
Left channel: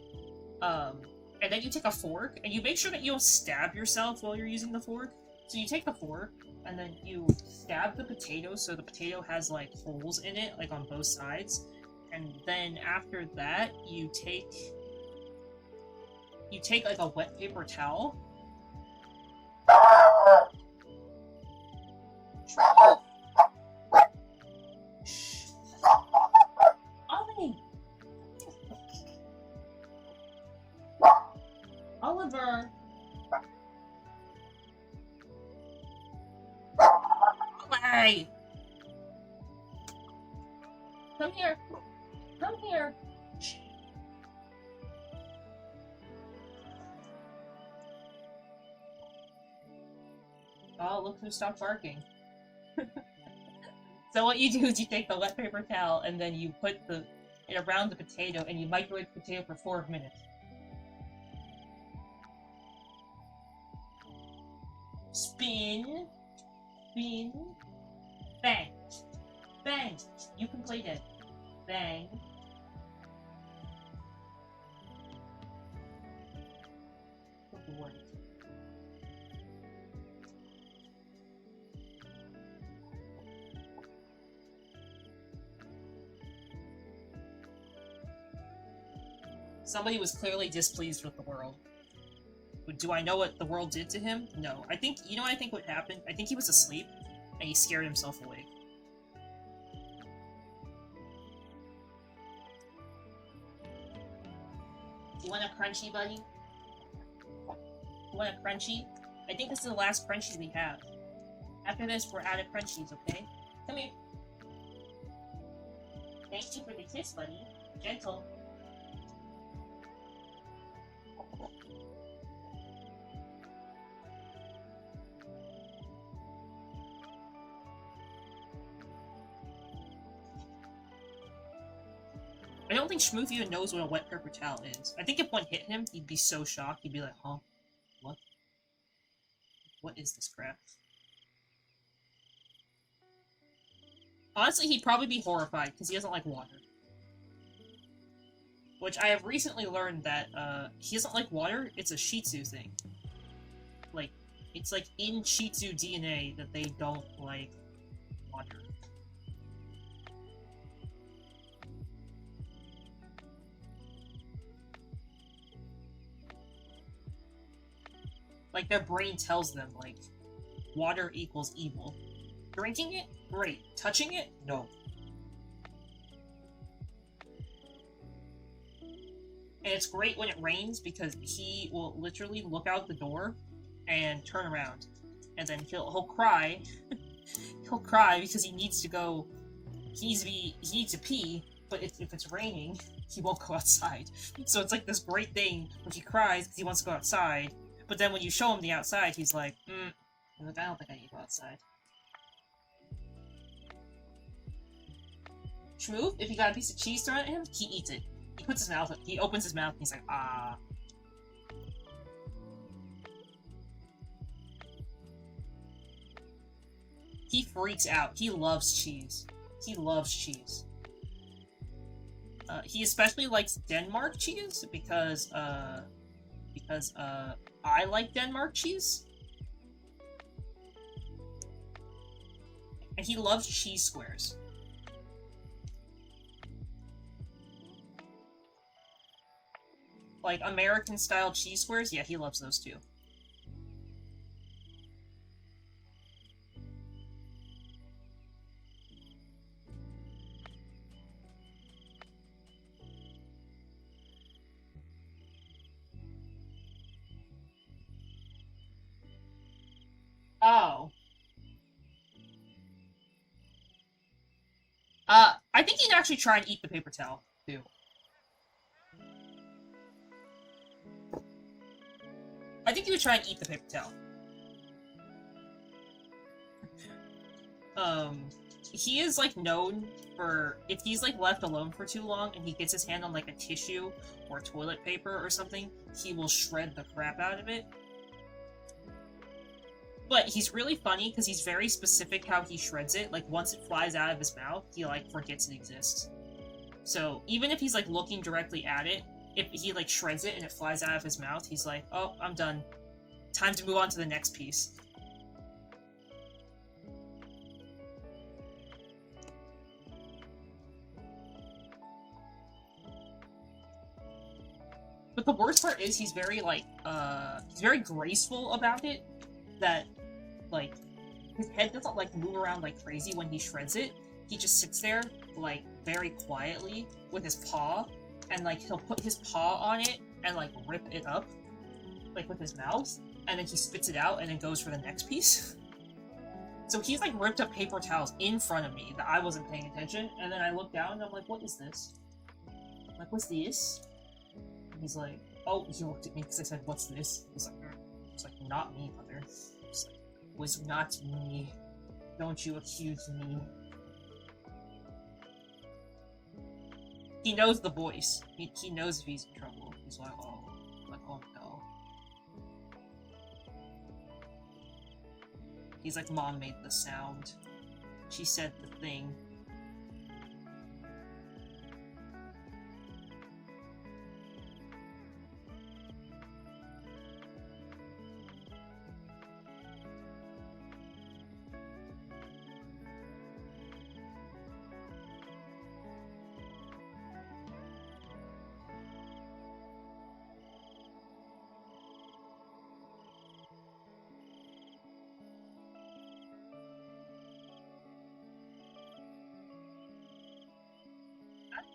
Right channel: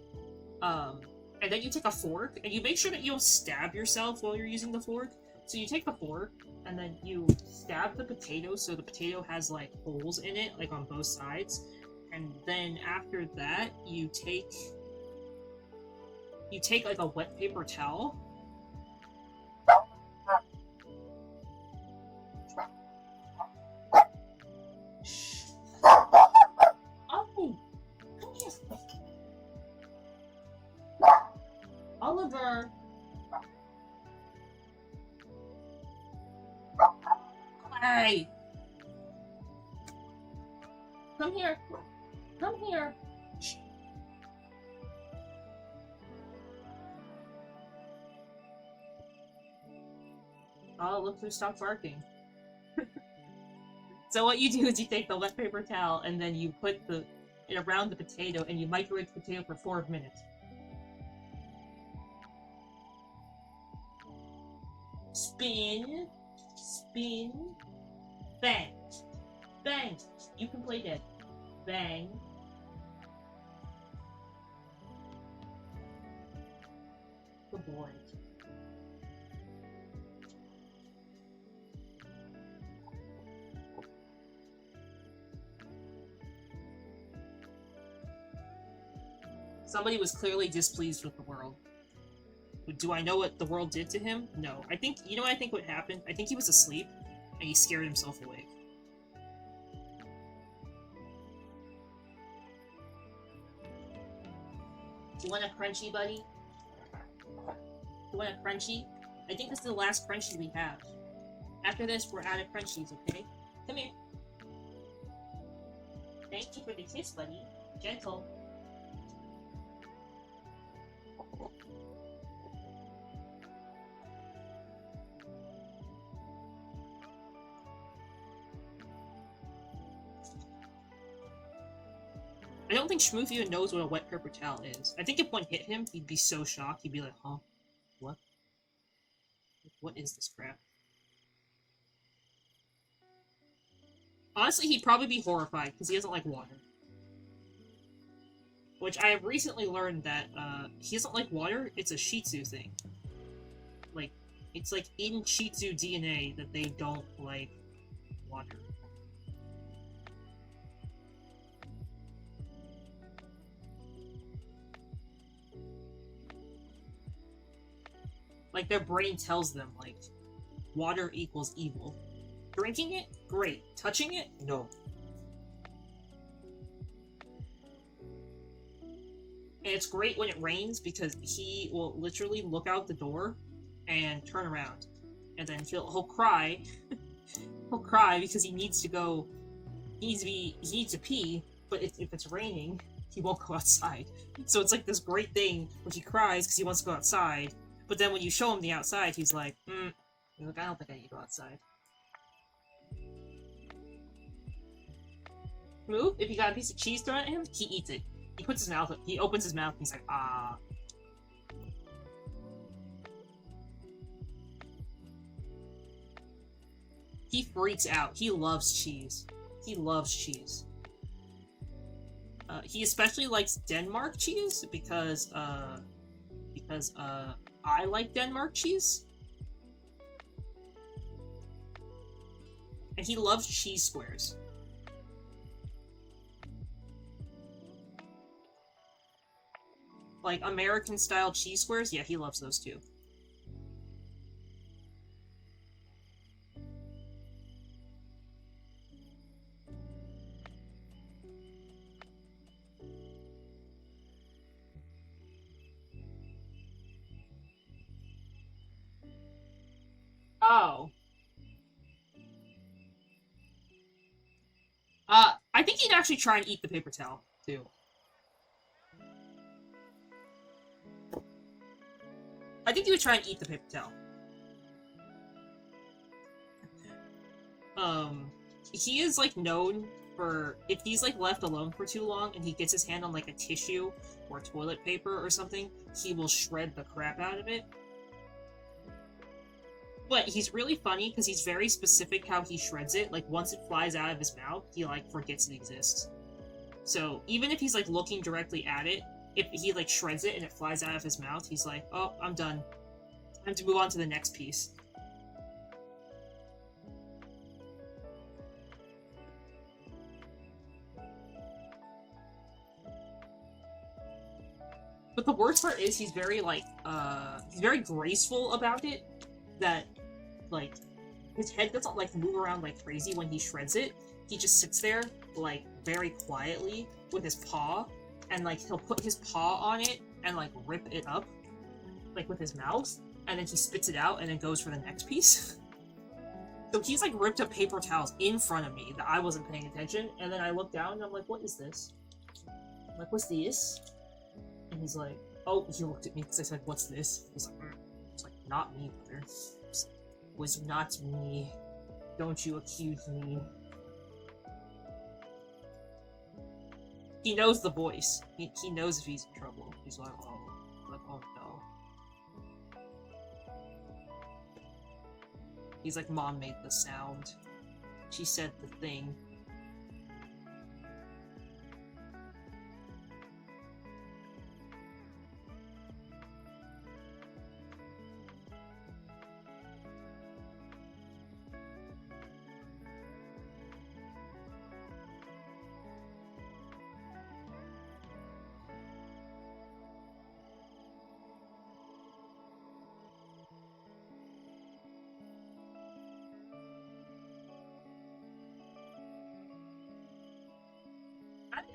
and then you take a fork, and you make sure that you don't stab yourself while you're using the fork. So you take the fork, and then you stab the potato so the potato has, like, holes in it, like, on both sides. And then after that, you take, like, a wet paper towel. Oliver! Hey! Come here! Come here! Oh, look who stopped barking. So what you do is you take the wet paper towel and then you put it around the potato and you microwave the potato for 4 minutes. Spin, spin, bang, bang. You can play dead. Bang. Good boy. Somebody was clearly displeased with the world. But do I know what the world did to him? No. I think, you know what I think what happened? I think he was asleep, and he scared himself awake. Do you want a crunchy, buddy? You want a crunchy? I think this is the last crunchy we have. After this, we're out of crunchies, okay? Come here. Thank you for the kiss, buddy. Gentle. I don't think Schmooth even knows what a wet paper towel is. I think if one hit him, he'd be so shocked. He'd be like, huh? What? What is this crap? Honestly, he'd probably be horrified, because he doesn't like water. Which I have recently learned that, he doesn't like water, it's a Shih Tzu thing. Like, it's like in Shih Tzu DNA that they don't like water. Like, their brain tells them, like, water equals evil. Drinking it? Great. Touching it? No. And it's great when it rains because he will literally look out the door and turn around. And then he'll cry. He'll cry because he needs to go... He needs to pee, but if it's raining, he won't go outside. So it's like this great thing where he cries because he wants to go outside, but then when you show him the outside, he's like, I don't think I need to go outside. Shmoov, if you got a piece of cheese thrown at him, he eats it. He puts his mouth up, he opens his mouth, and he's like, ah. He freaks out. He loves cheese. He loves cheese. He especially likes Denmark cheese because I like Denmark cheese. And he loves cheese squares. Like American-style cheese squares? Yeah, he loves those too. Oh. I think he'd actually try and eat the paper towel, too. I think he would try and eat the paper towel. He is, like, known for... If he's, like, left alone for too long and he gets his hand on, like, a tissue or toilet paper or something, he will shred the crap out of it. But he's really funny because he's very specific how he shreds it. Like, once it flies out of his mouth, he, like, forgets it exists. So, even if he's, like, looking directly at it, if he, like, shreds it and it flies out of his mouth, he's like, oh, I'm done. Time to move on to the next piece. But the worst part is he's very, like, he's very graceful about it. That, like, his head doesn't, like, move around like crazy when he shreds it. He just sits there, like, very quietly with his paw, and, like, he'll put his paw on it and, like, rip it up, like, with his mouth, and then he spits it out and then goes for the next piece. So he's, like, ripped up paper towels in front of me that I wasn't paying attention, and then I look down and I'm like, what is this? I'm like, what's this? And he's like, oh, he looked at me because I said, what's this? He's like, it's like, not me, mother. It's like, was not me. Don't you accuse me. He knows the voice. He knows if he's in trouble. He's like, oh no. He's like, Mom made the sound. She said the thing.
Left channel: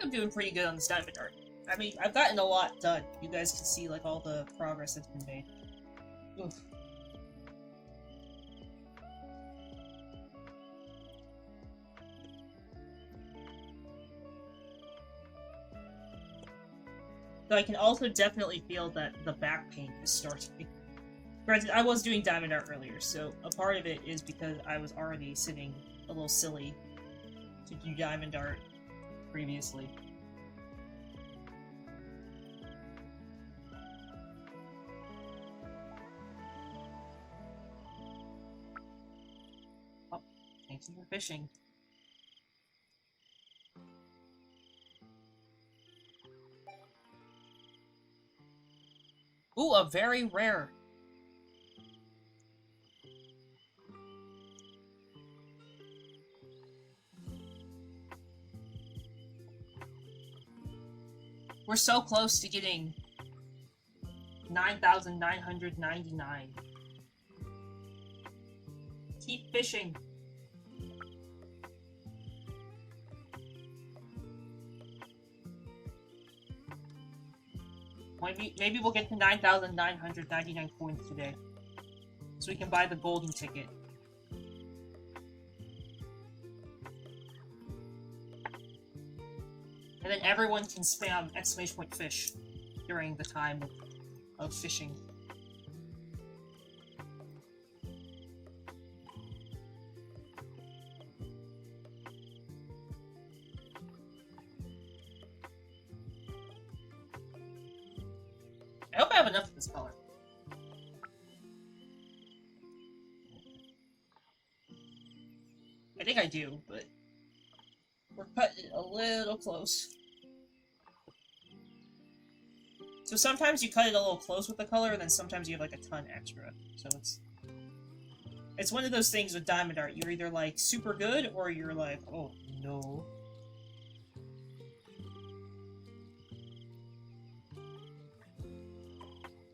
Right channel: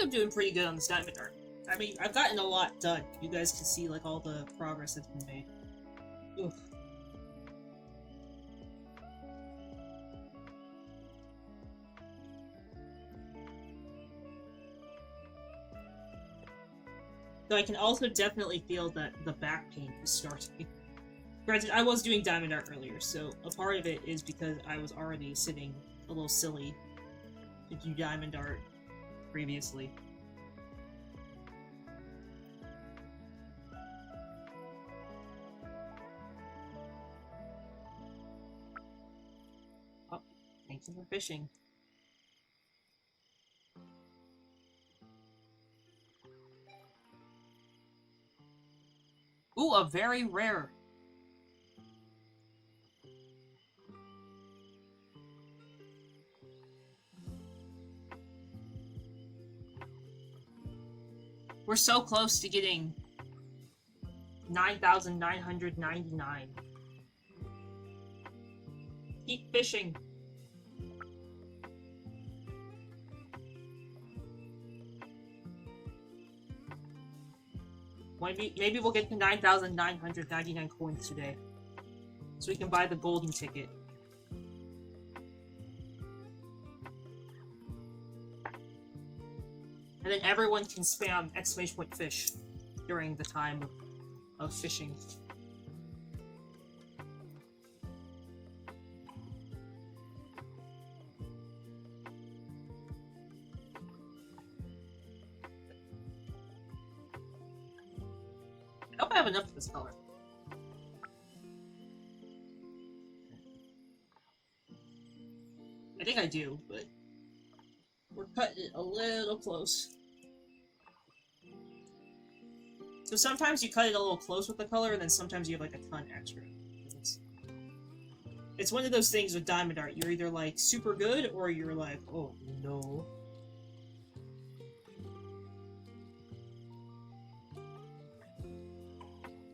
I'm doing pretty good on this diamond art. I mean, I've gotten a lot done. You guys can see, like, all the progress that's been made. Oof. Though I can also definitely feel that the back pain is starting. Granted, I was doing diamond art earlier, so a part of it is because I was already sitting a little silly to do diamond art previously. Oh, thank you for fishing. Ooh, a very rare. We're so close to getting 9,999. Keep fishing. Maybe we'll get to 9,999 coins today. So we can buy the golden ticket. And then everyone can spam !fish during the time of fishing. I hope I have enough of this color. I think I do, but we're cutting it a little close. So sometimes you cut it a little close with the color, and then sometimes you have like a ton extra. So it's one of those things with diamond art. You're either like super good, or you're like, oh no.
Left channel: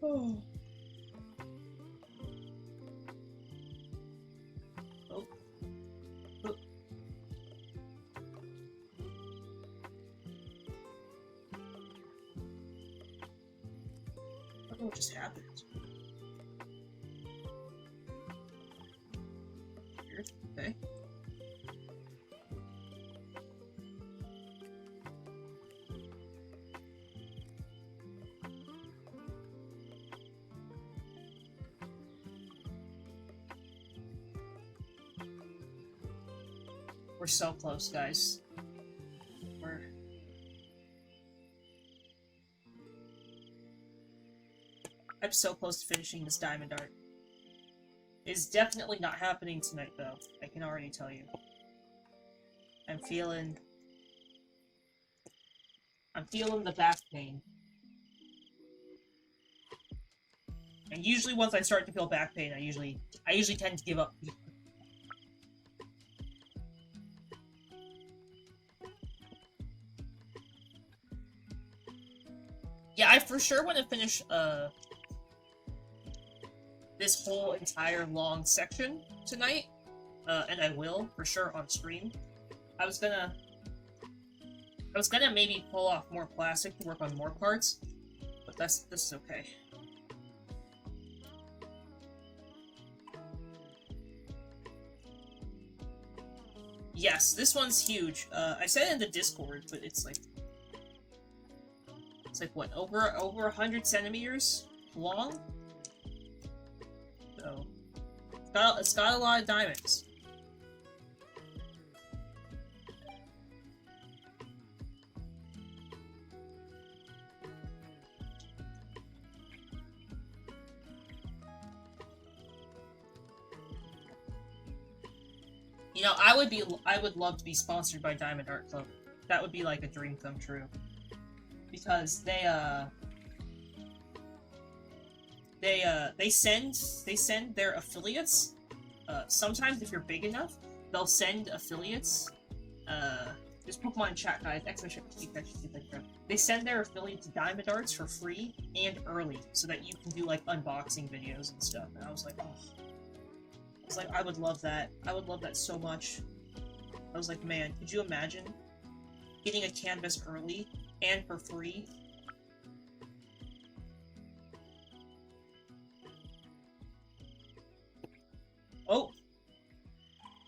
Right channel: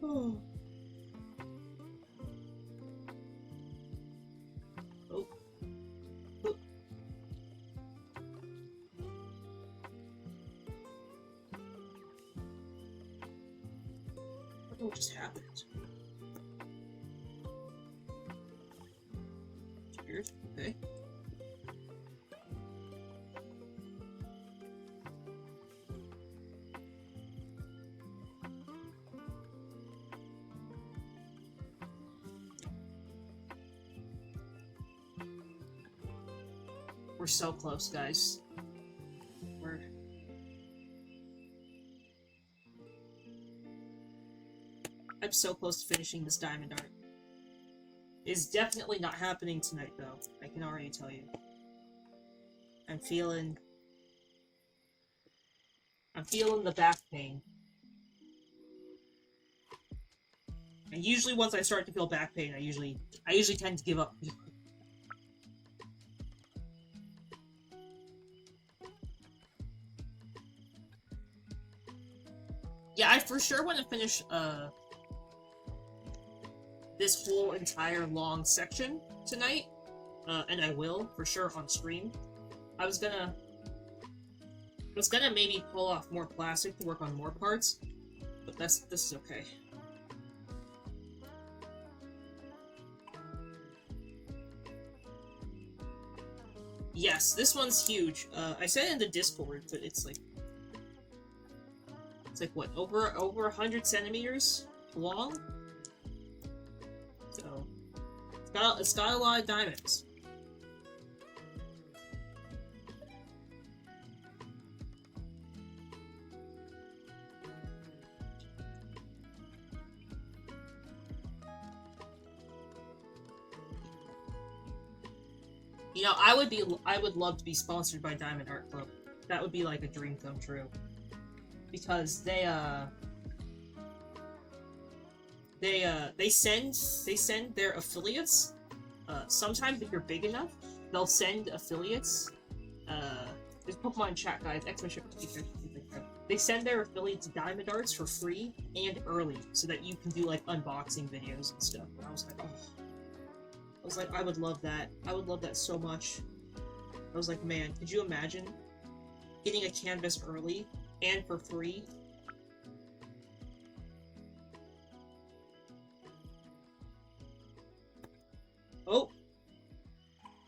Oh. Oh. Oh. I don't know what just happened. Weird. Okay. We're so close, guys. I'm so close to finishing this diamond art. It's definitely not happening tonight, though. I can already tell you. I'm feeling the back pain. And usually once I start to feel back pain, I usually tend to give up. Yeah, I for sure want to finish this whole entire long section tonight, and I will for sure on stream. I was gonna maybe pull off more plastic to work on more parts, but this is okay. Yes, this one's huge. I said it in the Discord, but it's like what, over 100 centimeters long? So it's got a lot of diamonds. You know, I would love to be sponsored by Diamond Art Club. That would be like a dream come true. Because they send their affiliates. Sometimes if you're big enough, they'll send affiliates. There's Pokemon chat, guys. They send their affiliates diamond arts for free and early, so that you can do like unboxing videos and stuff. And I was like, oh. I would love that. I would love that so much. I was like, man, could you imagine getting a canvas early and for free. Oh!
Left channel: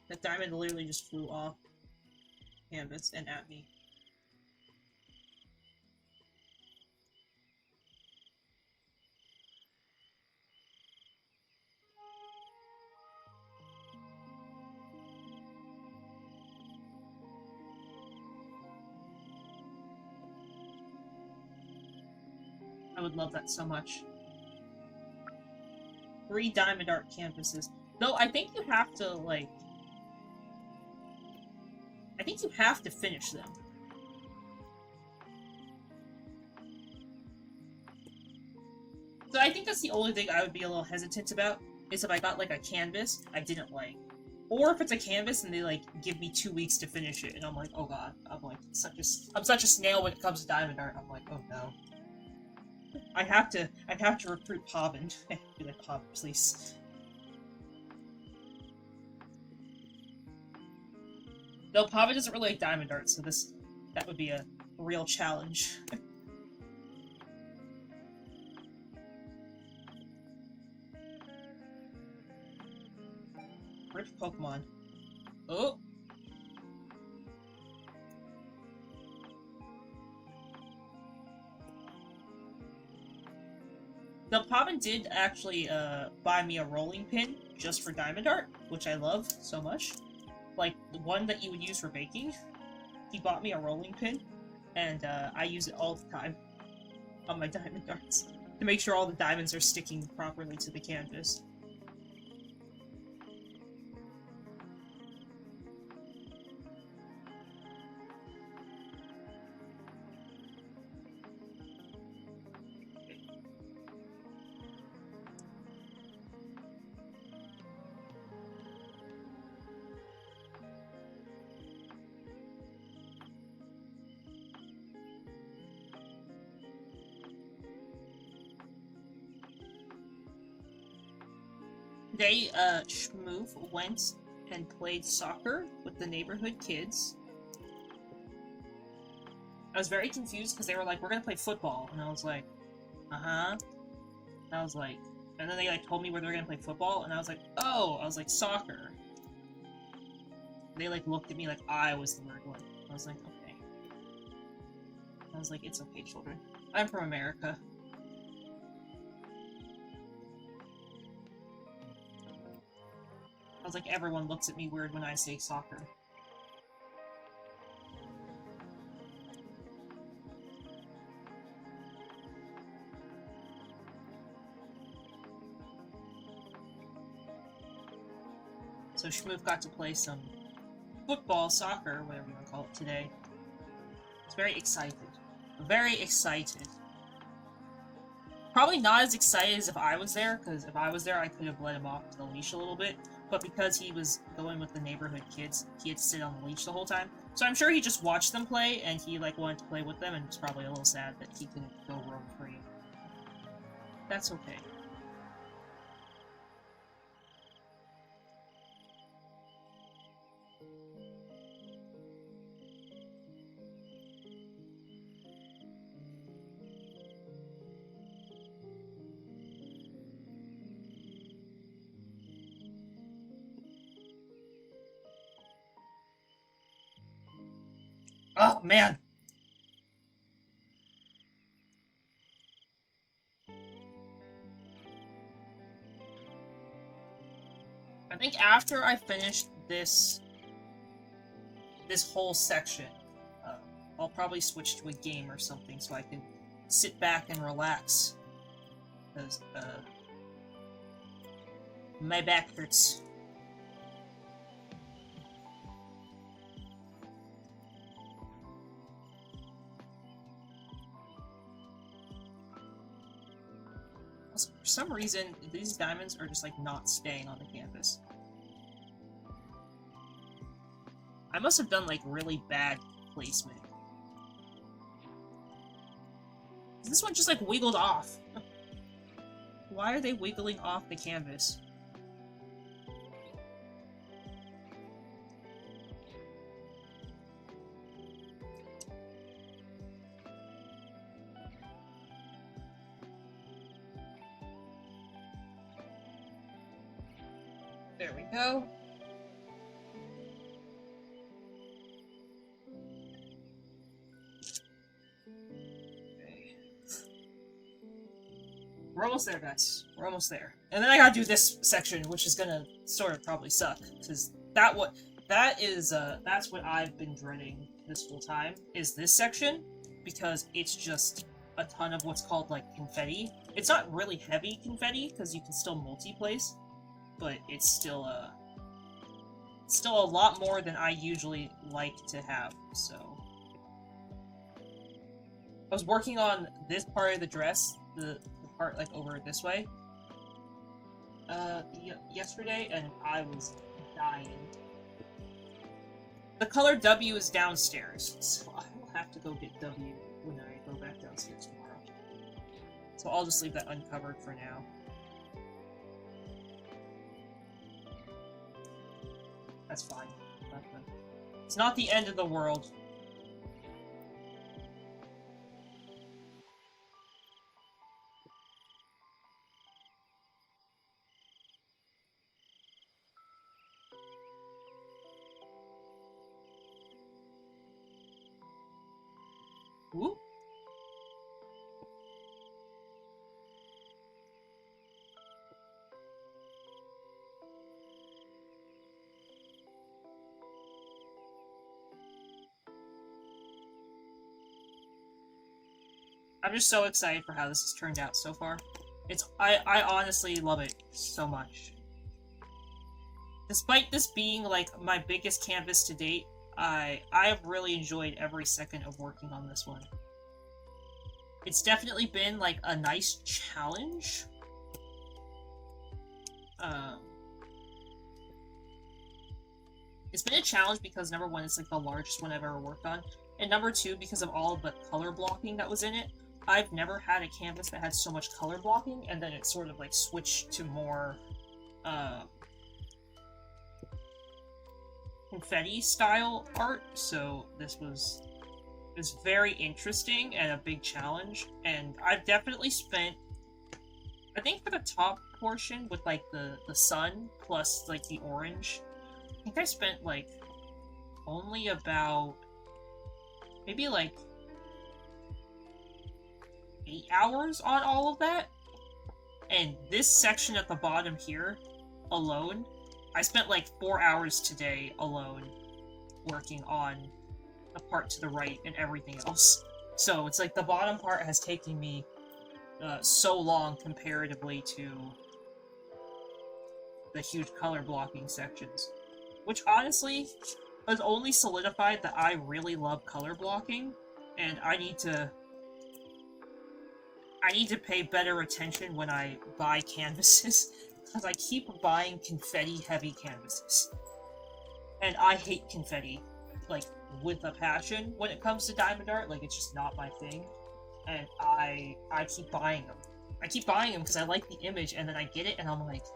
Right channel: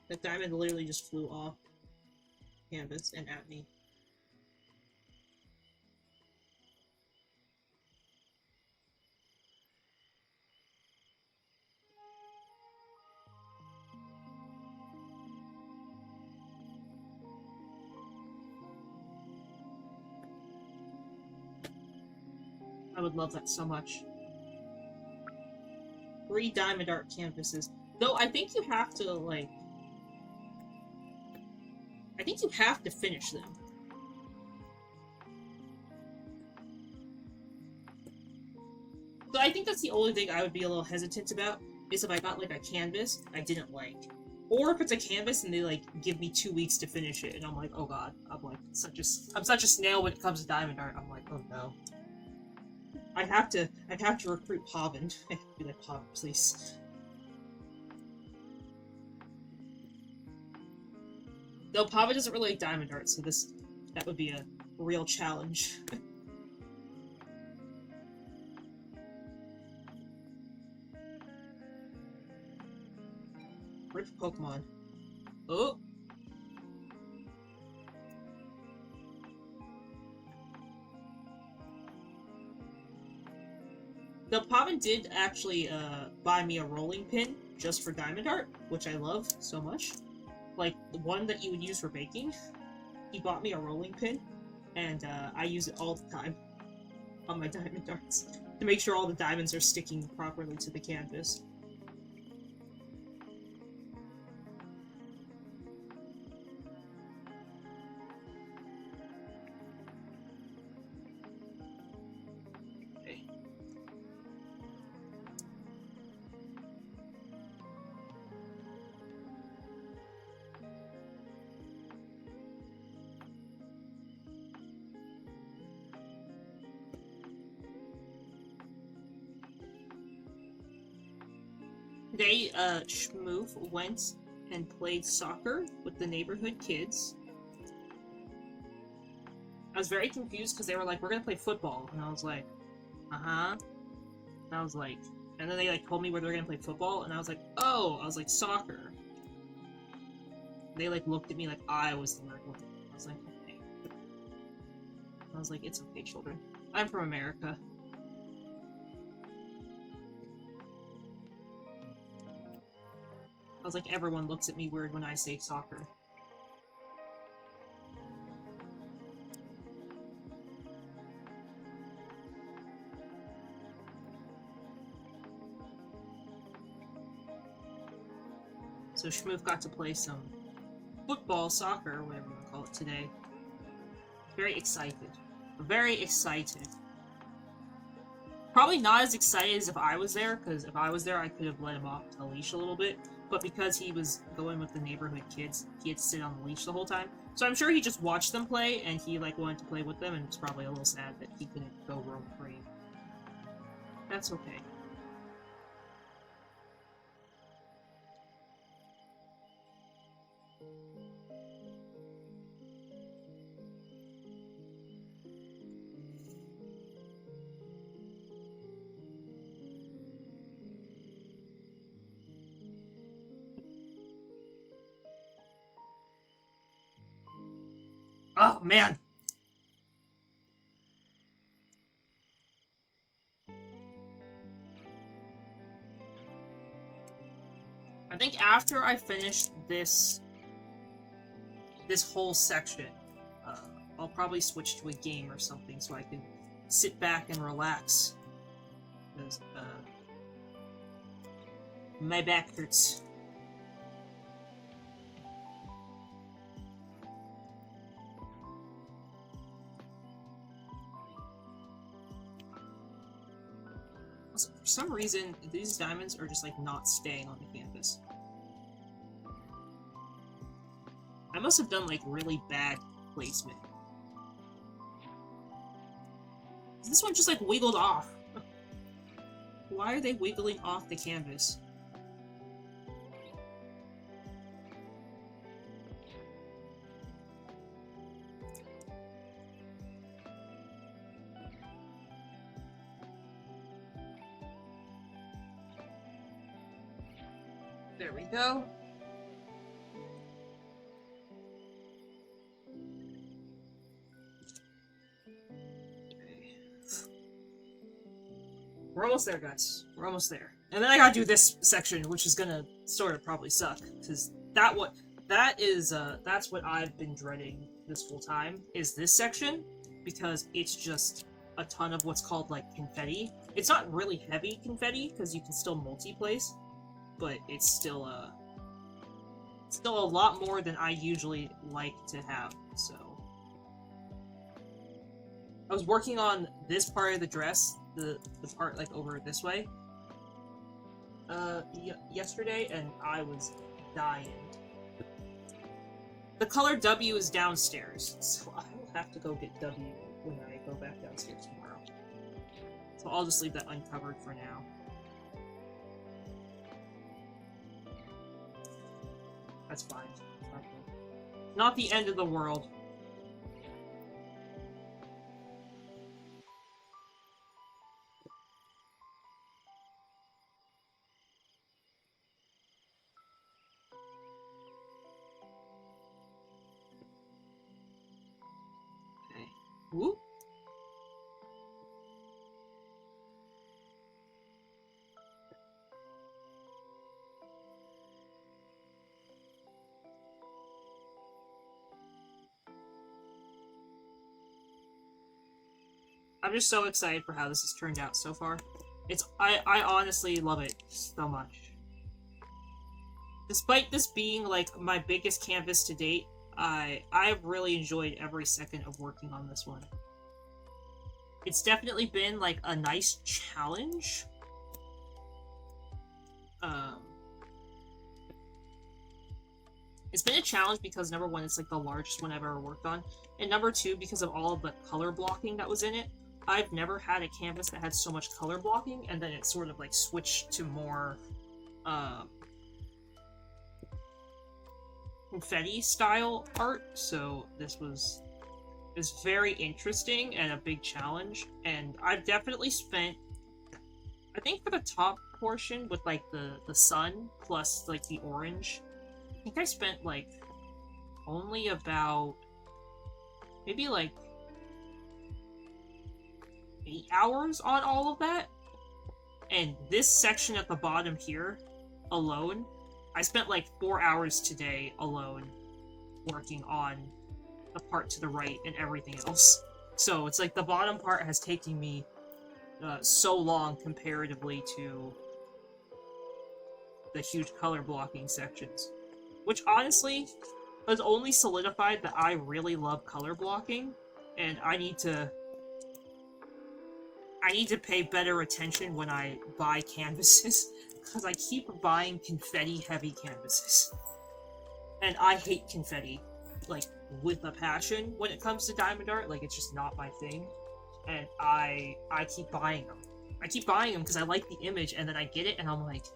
The diamond literally just flew off canvas and at me. I would love that so much. 3 diamond art canvases. Though I think you have to, like... I think you have to finish them. So I think that's the only thing I would be a little hesitant about, is if I got, like, a canvas I didn't like. Or if it's a canvas and they, like, give me 2 weeks to finish it, and I'm like, oh god. I'm like, I'm such a snail when it comes to diamond art. I'm like, oh no. I have to recruit Pavin. Be like, Pavin, please. Though Pavin doesn't really like diamond art, so that would be a real challenge. Rip Pokemon. Oh! The Pavin did actually buy me a rolling pin just for diamond art, which I love so much. Like, the one that you would use for baking. He bought me a rolling pin, and I use it all the time on my diamond darts to make sure all the diamonds are sticking properly to the canvas. Today, Shmoov went and played soccer with the neighborhood kids. I was very confused because they were like, we're gonna play football. And I was like, uh-huh. And I was like, and then they like told me where they were gonna play football, and I was like, oh! I was like, soccer. They like looked at me like I was the weird one. I was like, okay. I was like, it's okay, children. I'm from America. I was like, everyone looks at me weird when I say soccer. So Shmoov got to play some football, soccer, whatever you want to call it, today. He's very excited. Very excited. Probably not as excited as if I was there, because if I was there, I could have let him off the leash a little bit. But because he was going with the neighborhood kids, he had to sit on the leash the whole time. So I'm sure he just watched them play, and he like wanted to play with them, and was probably a little sad that he couldn't go roam free. That's okay. Oh, man! I think after I finish this whole section, I'll probably switch to a game or something so I can sit back and relax. Because, my back hurts. Also, for some reason, these diamonds are just, like, not staying on the canvas. I must have done, like, really bad placement. This one just, like, wiggled off. Why are they wiggling off the canvas? There we go. Okay. We're almost there, guys. We're almost there. And then I gotta do this section, which is gonna sort of probably suck, because that's what I've been dreading this whole time, is this section, because it's just a ton of what's called, like, confetti. It's not really heavy confetti, because you can still multi-place, but it's still a lot more than I usually like to have, so. I was working on this part of the dress, the part, like, over this way, yesterday, and I was dying. The color W is downstairs, so I will have to go get W when I go back downstairs tomorrow. So I'll just leave that uncovered for now. That's fine. It's not the end of the world. Whoop. I'm just so excited for how this has turned out so far. I honestly love it so much. Despite this being, like, my biggest canvas to date, I've really enjoyed every second of working on this one. It's definitely been, like, a nice challenge. It's been a challenge because, number one, it's, like, the largest one I've ever worked on, and number two, because of all of the color blocking that was in it. I've never had a canvas that had so much color blocking, and then it sort of, like, switched to more, confetti style art, so this is very interesting and a big challenge, and I've definitely spent, I think for the top portion with, like, the sun plus, like, the orange, I think I spent, like, only about maybe, like, 8 hours on all of that, and this section at the bottom here alone, I spent like 4 hours today alone working on a part to the right and everything else. So it's like the bottom part has taken me so long comparatively to the huge color blocking sections. Which honestly has only solidified that I really love color blocking, and I need to pay better attention when I buy canvases, because I keep buying confetti-heavy canvases. And I hate confetti, like, with a passion when it comes to diamond art. Like, it's just not my thing. And I keep buying them. I keep buying them because I like the image, and then I get it, and I'm like,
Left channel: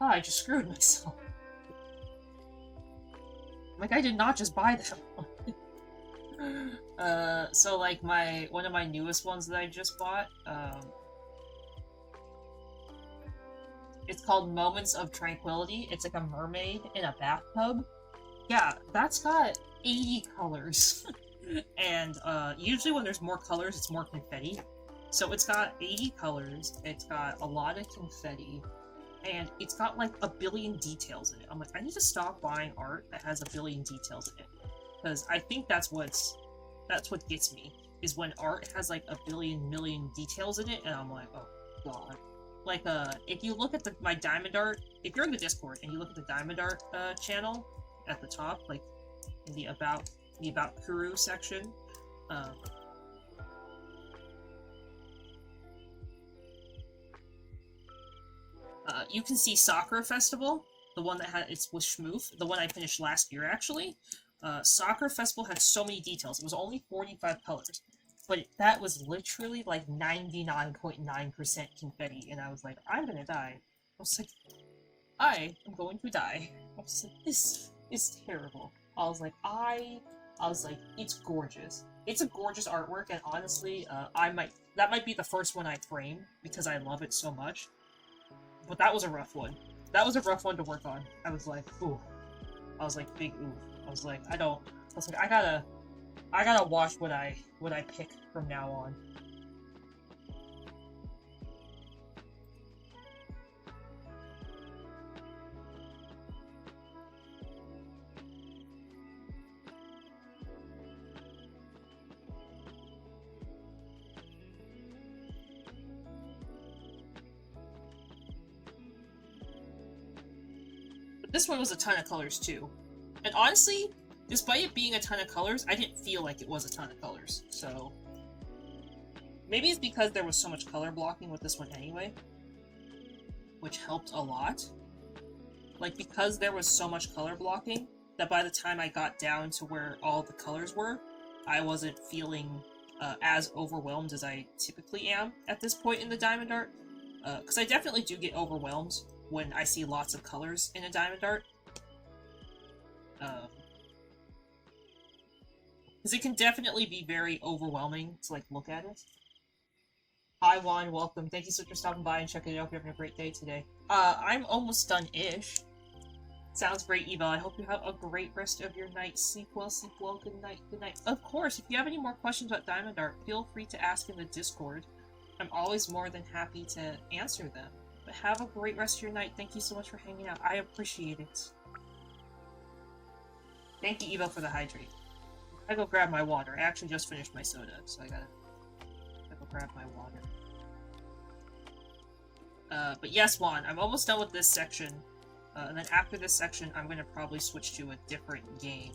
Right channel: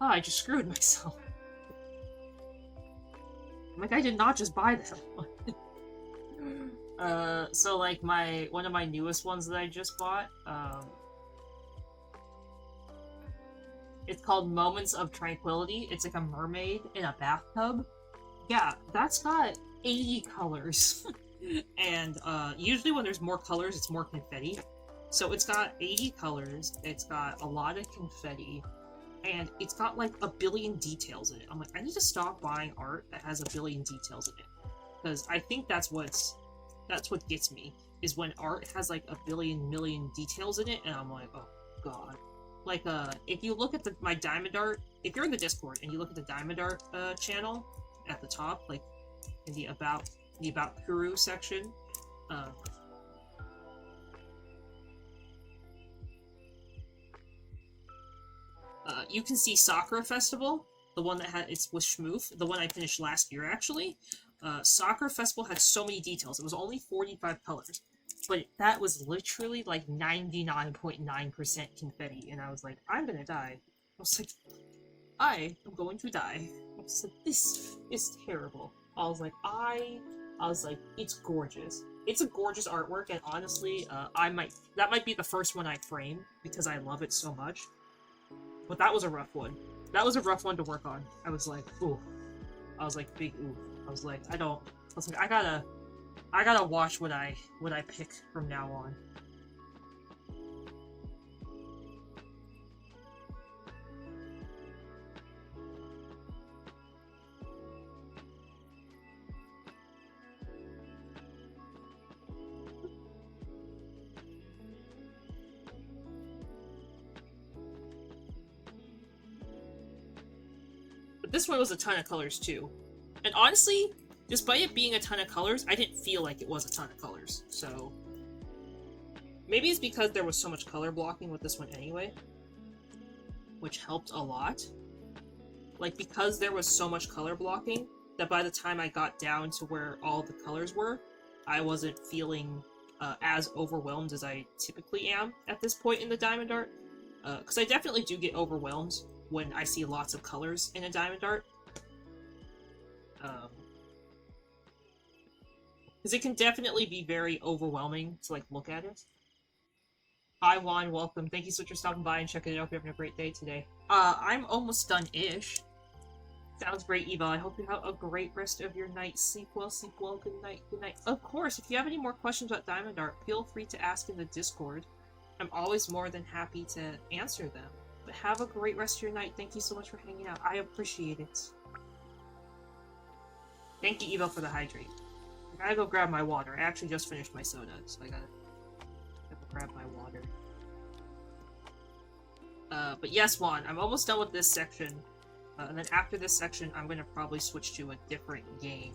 oh, I just screwed myself. Like, I did not just buy that one. So, like, one of my newest ones that I just bought, it's called Moments of Tranquility. It's like a mermaid in a bathtub. Yeah, that's got 80 colors. And, usually when there's more colors, it's more confetti. So it's got 80 colors, it's got a lot of confetti, and it's got, like, a billion details in it. I'm like, I need to stop buying art that has a billion details in it. Because I think that's what gets me, is when art has, like, a million details in it, and I'm like, oh, God. Like, if you look at my diamond art, if you're in the Discord, and you look at the diamond art, channel, at the top, like, in the About Kuru section, you can see Sakura Festival, the one that it's with Schmoof, the one I finished last year, actually. Sakura Festival had so many details. It was only 45 colors, but that was literally like 99.9% confetti, and I was like, I'm gonna die. I was like, I am going to die. I was like, this is terrible. I was like, it's gorgeous. It's a gorgeous artwork, and honestly, that might be the first one I frame, because I love it so much. But that was a rough one. That was a rough one to work on. I was like, ooh. I was like, big ooh. I was like, I was like, I gotta watch what I pick from now on. But this one was a ton of colors too. And honestly, despite it being a ton of colors, I didn't feel like it was a ton of colors. So maybe it's because there was so much color blocking with this one anyway, which helped a lot. Like, because there was so much color blocking, that by the time I got down to where all the colors were, I wasn't feeling as overwhelmed as I typically am at this point in the Diamond Art. Because I definitely do get overwhelmed when I see lots of colors in a Diamond Art. Because it can definitely be very overwhelming to, like, look at it. Hi, Juan, welcome. Thank you so much for stopping by and checking it out. You're having a great day today. I'm almost done-ish. Sounds great, Eva. I hope you have a great rest of your night. Sleep well, sleep well. Good night, good night. Of course, if you have any more questions about Diamond Art, feel free to ask in the Discord. I'm always more than happy to answer them. But have a great rest of your night. Thank you so much for hanging out. I appreciate it. Thank you, Eva, for the hydrate. I gotta go grab my water. I actually just finished my soda, so I gotta go grab my water. But yes, Juan, I'm almost done with this section. And then after this section, I'm gonna probably switch to a different game.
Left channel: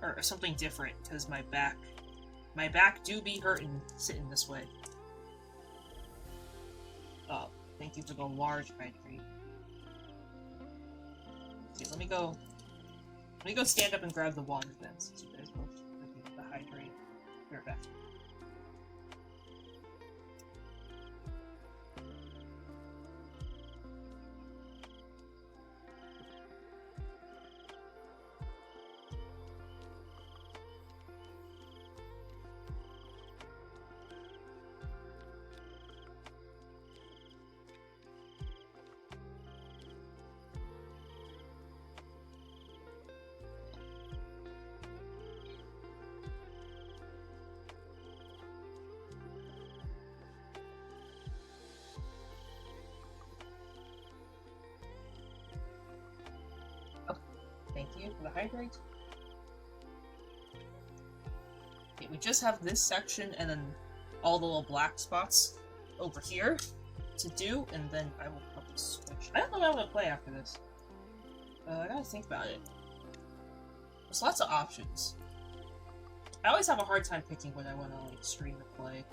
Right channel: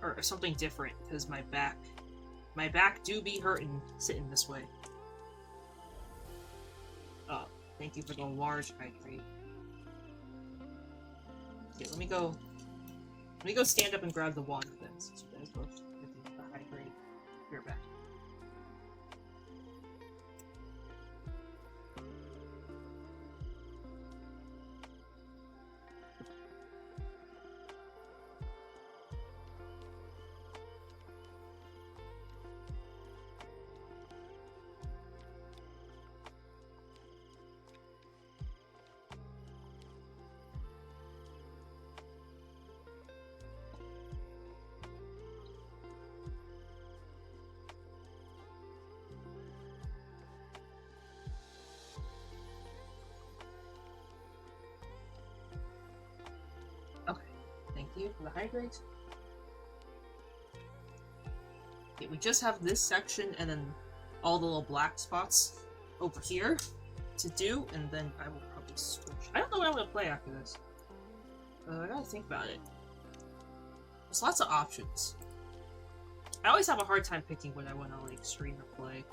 Or something different, because my back do be hurting sitting this way. Thank you for the large hydrate. Okay, let me go stand up and grab the wand then, since you guys both looking at the hydrate. Be right back. Thank you for the hydrate. Okay, we just have this section and then all the little black spots over here to do, and then I will probably switch. I don't know what I'm gonna play after this. I gotta think about it. There's lots of options. I always have a hard time picking what I want to, like, stream or play.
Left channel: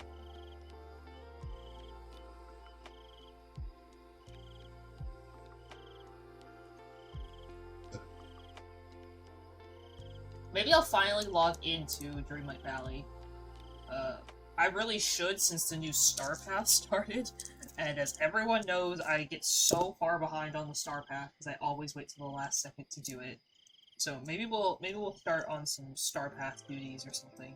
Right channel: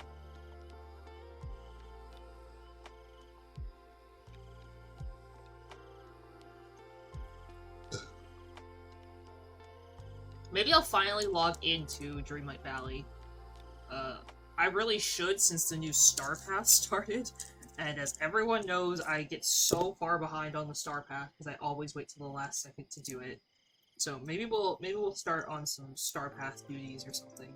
Maybe I'll finally log into Dreamlight Valley. I really should, since the new Star Path started, and as everyone knows, I get so far behind on the Star Path because I always wait till the last second to do it. So maybe we'll start on some Star Path duties or something.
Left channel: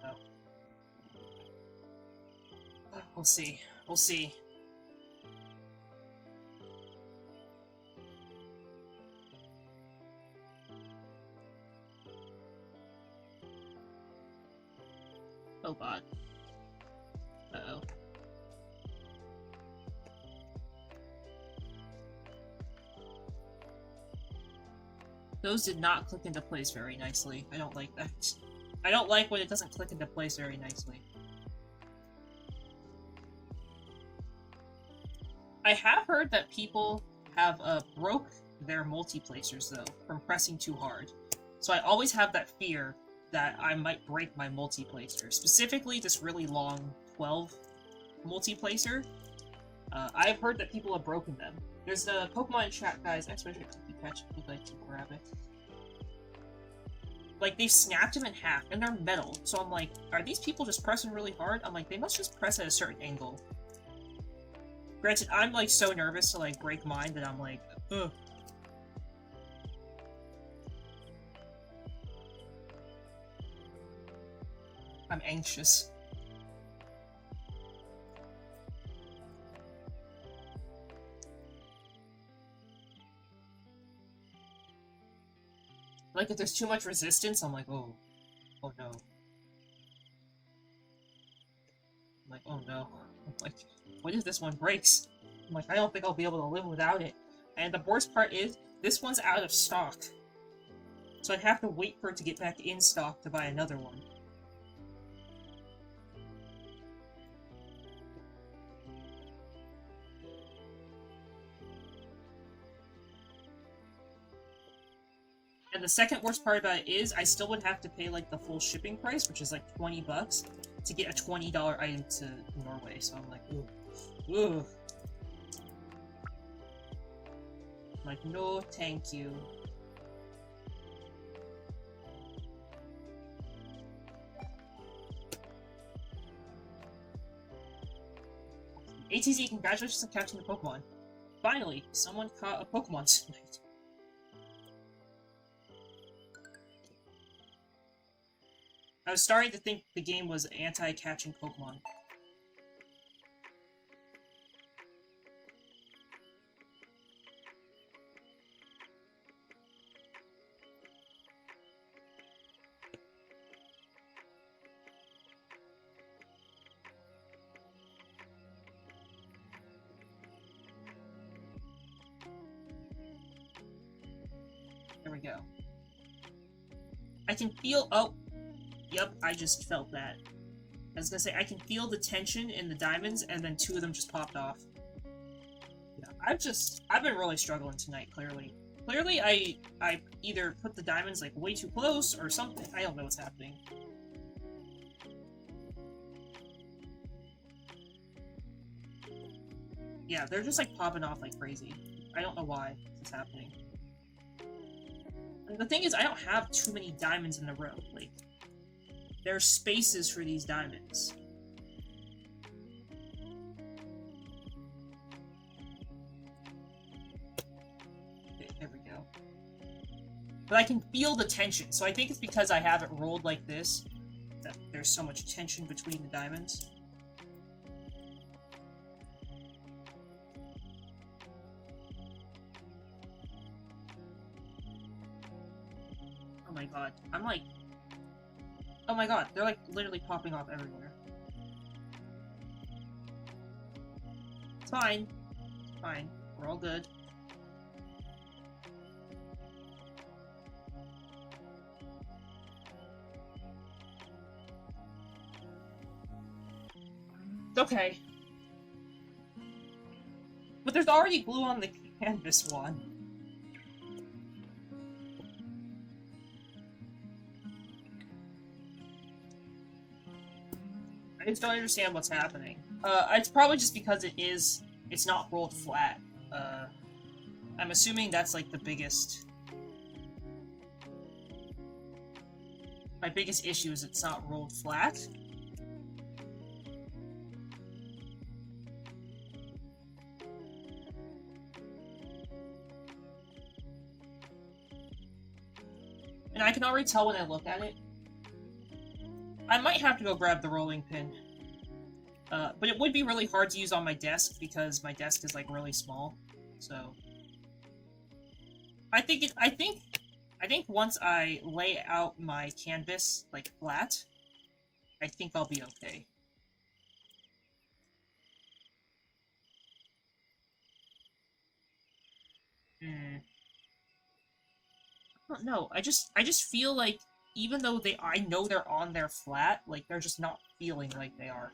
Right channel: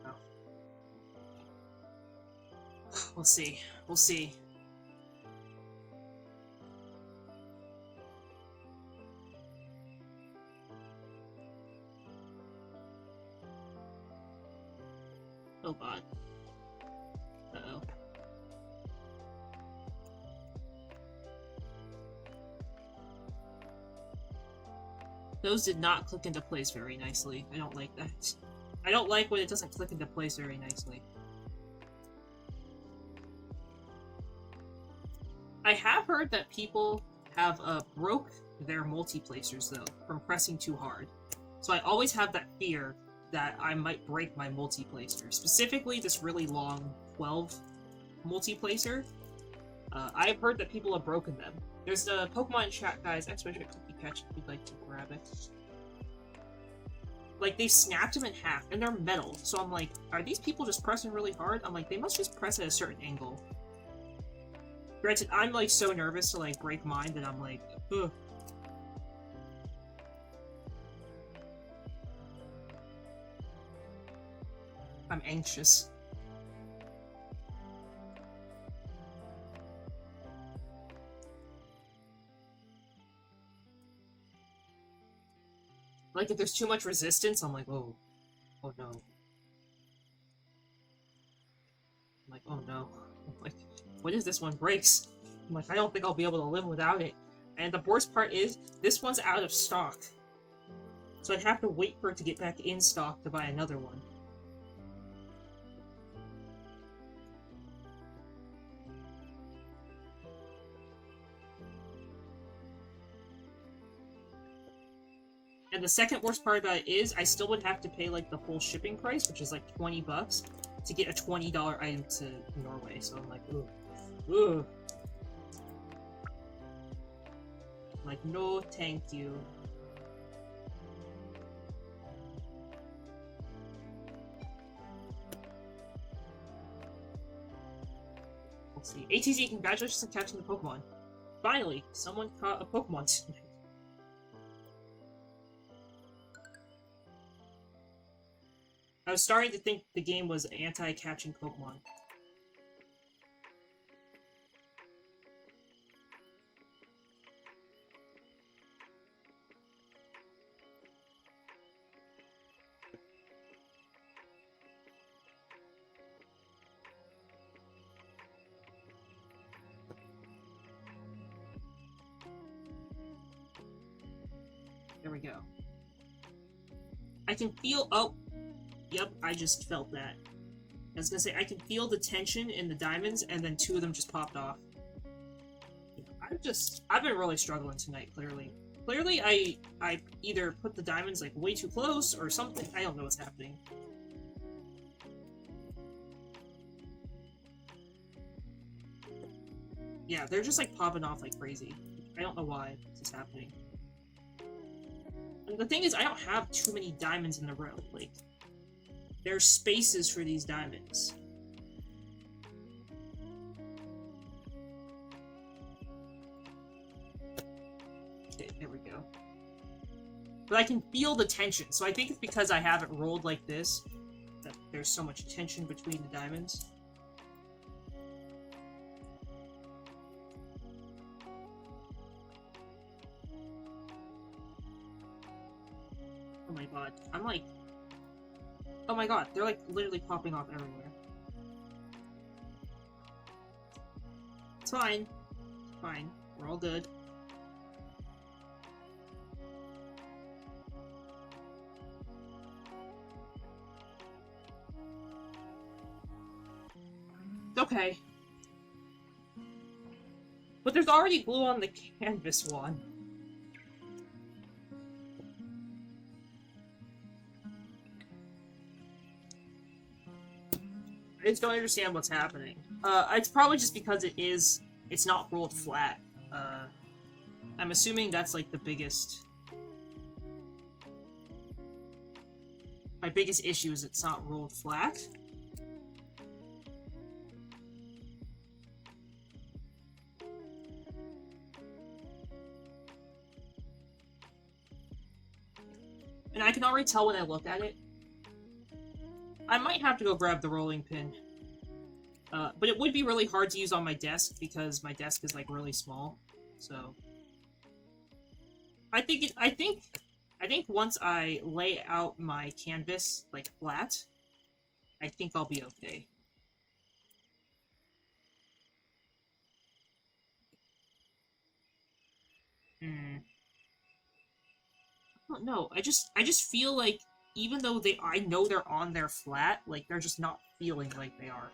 No. We'll see. We'll see. Oh god. Uh-oh. Those did not click into place very nicely. I don't like that. I don't like when it doesn't click into place very nicely. I have heard that people have broke their multiplacers, though, from pressing too hard. So I always have that fear that I might break my multiplacer. Specifically, this really long 12 multiplacer. I've heard that people have broken them. There's a Pokemon chat, guys, exclamation cookie catch if you'd like to grab it. Like, they've snapped them in half, and they're metal. So I'm like, are these people just pressing really hard? I'm like, they must just press at a certain angle. Granted, I'm, like, so nervous to, like, break mine that I'm like, ugh. I'm anxious. Like, if there's too much resistance, I'm like, oh. Oh no. I'm like, oh no. I'm like, what if this one breaks? I'm like, I don't think I'll be able to live without it. And the worst part is, this one's out of stock. So I'd have to wait for it to get back in stock to buy another one. And the second worst part about it is, I still would have to pay, like, the full shipping price, which is, like, 20 bucks, to get a $20 item to Norway. So I'm like, ooh. Ooh. I'm like, no, thank you. Let's see. ATZ, congratulations on catching the Pokemon. Finally, someone caught a Pokemon tonight. I was starting to think the game was anti-catching Pokemon. There we go. I can feel... Oh! Yep, I just felt that. I was gonna say, I can feel the tension in the diamonds, and then two of them just popped off. Yeah, I've been really struggling tonight, clearly. Clearly, I either put the diamonds, like, way too close, or something. I don't know what's happening. Yeah, they're just, like, popping off like crazy. I don't know why this is happening. And the thing is, I don't have too many diamonds in a row, like... There are spaces for these diamonds. Okay, there we go. But I can feel the tension, so I think it's because I have it rolled like this that there's so much tension between the diamonds. Oh my god, I'm like... Oh my god, they're like literally popping off everywhere. It's fine. It's fine. We're all good. It's okay. But there's already blue on the canvas one. I just don't understand what's happening. It's probably just because it's not rolled flat. I'm assuming that's like the biggest... My biggest issue is it's not rolled flat. And I can already tell when I look at it. I might have to go grab the rolling pin. But it would be really hard to use on my desk because my desk is like really small. So I think once I lay out my canvas like flat, I think I'll be okay. I don't know. I just feel like even though I know they're on there flat, like they're just not feeling like they are.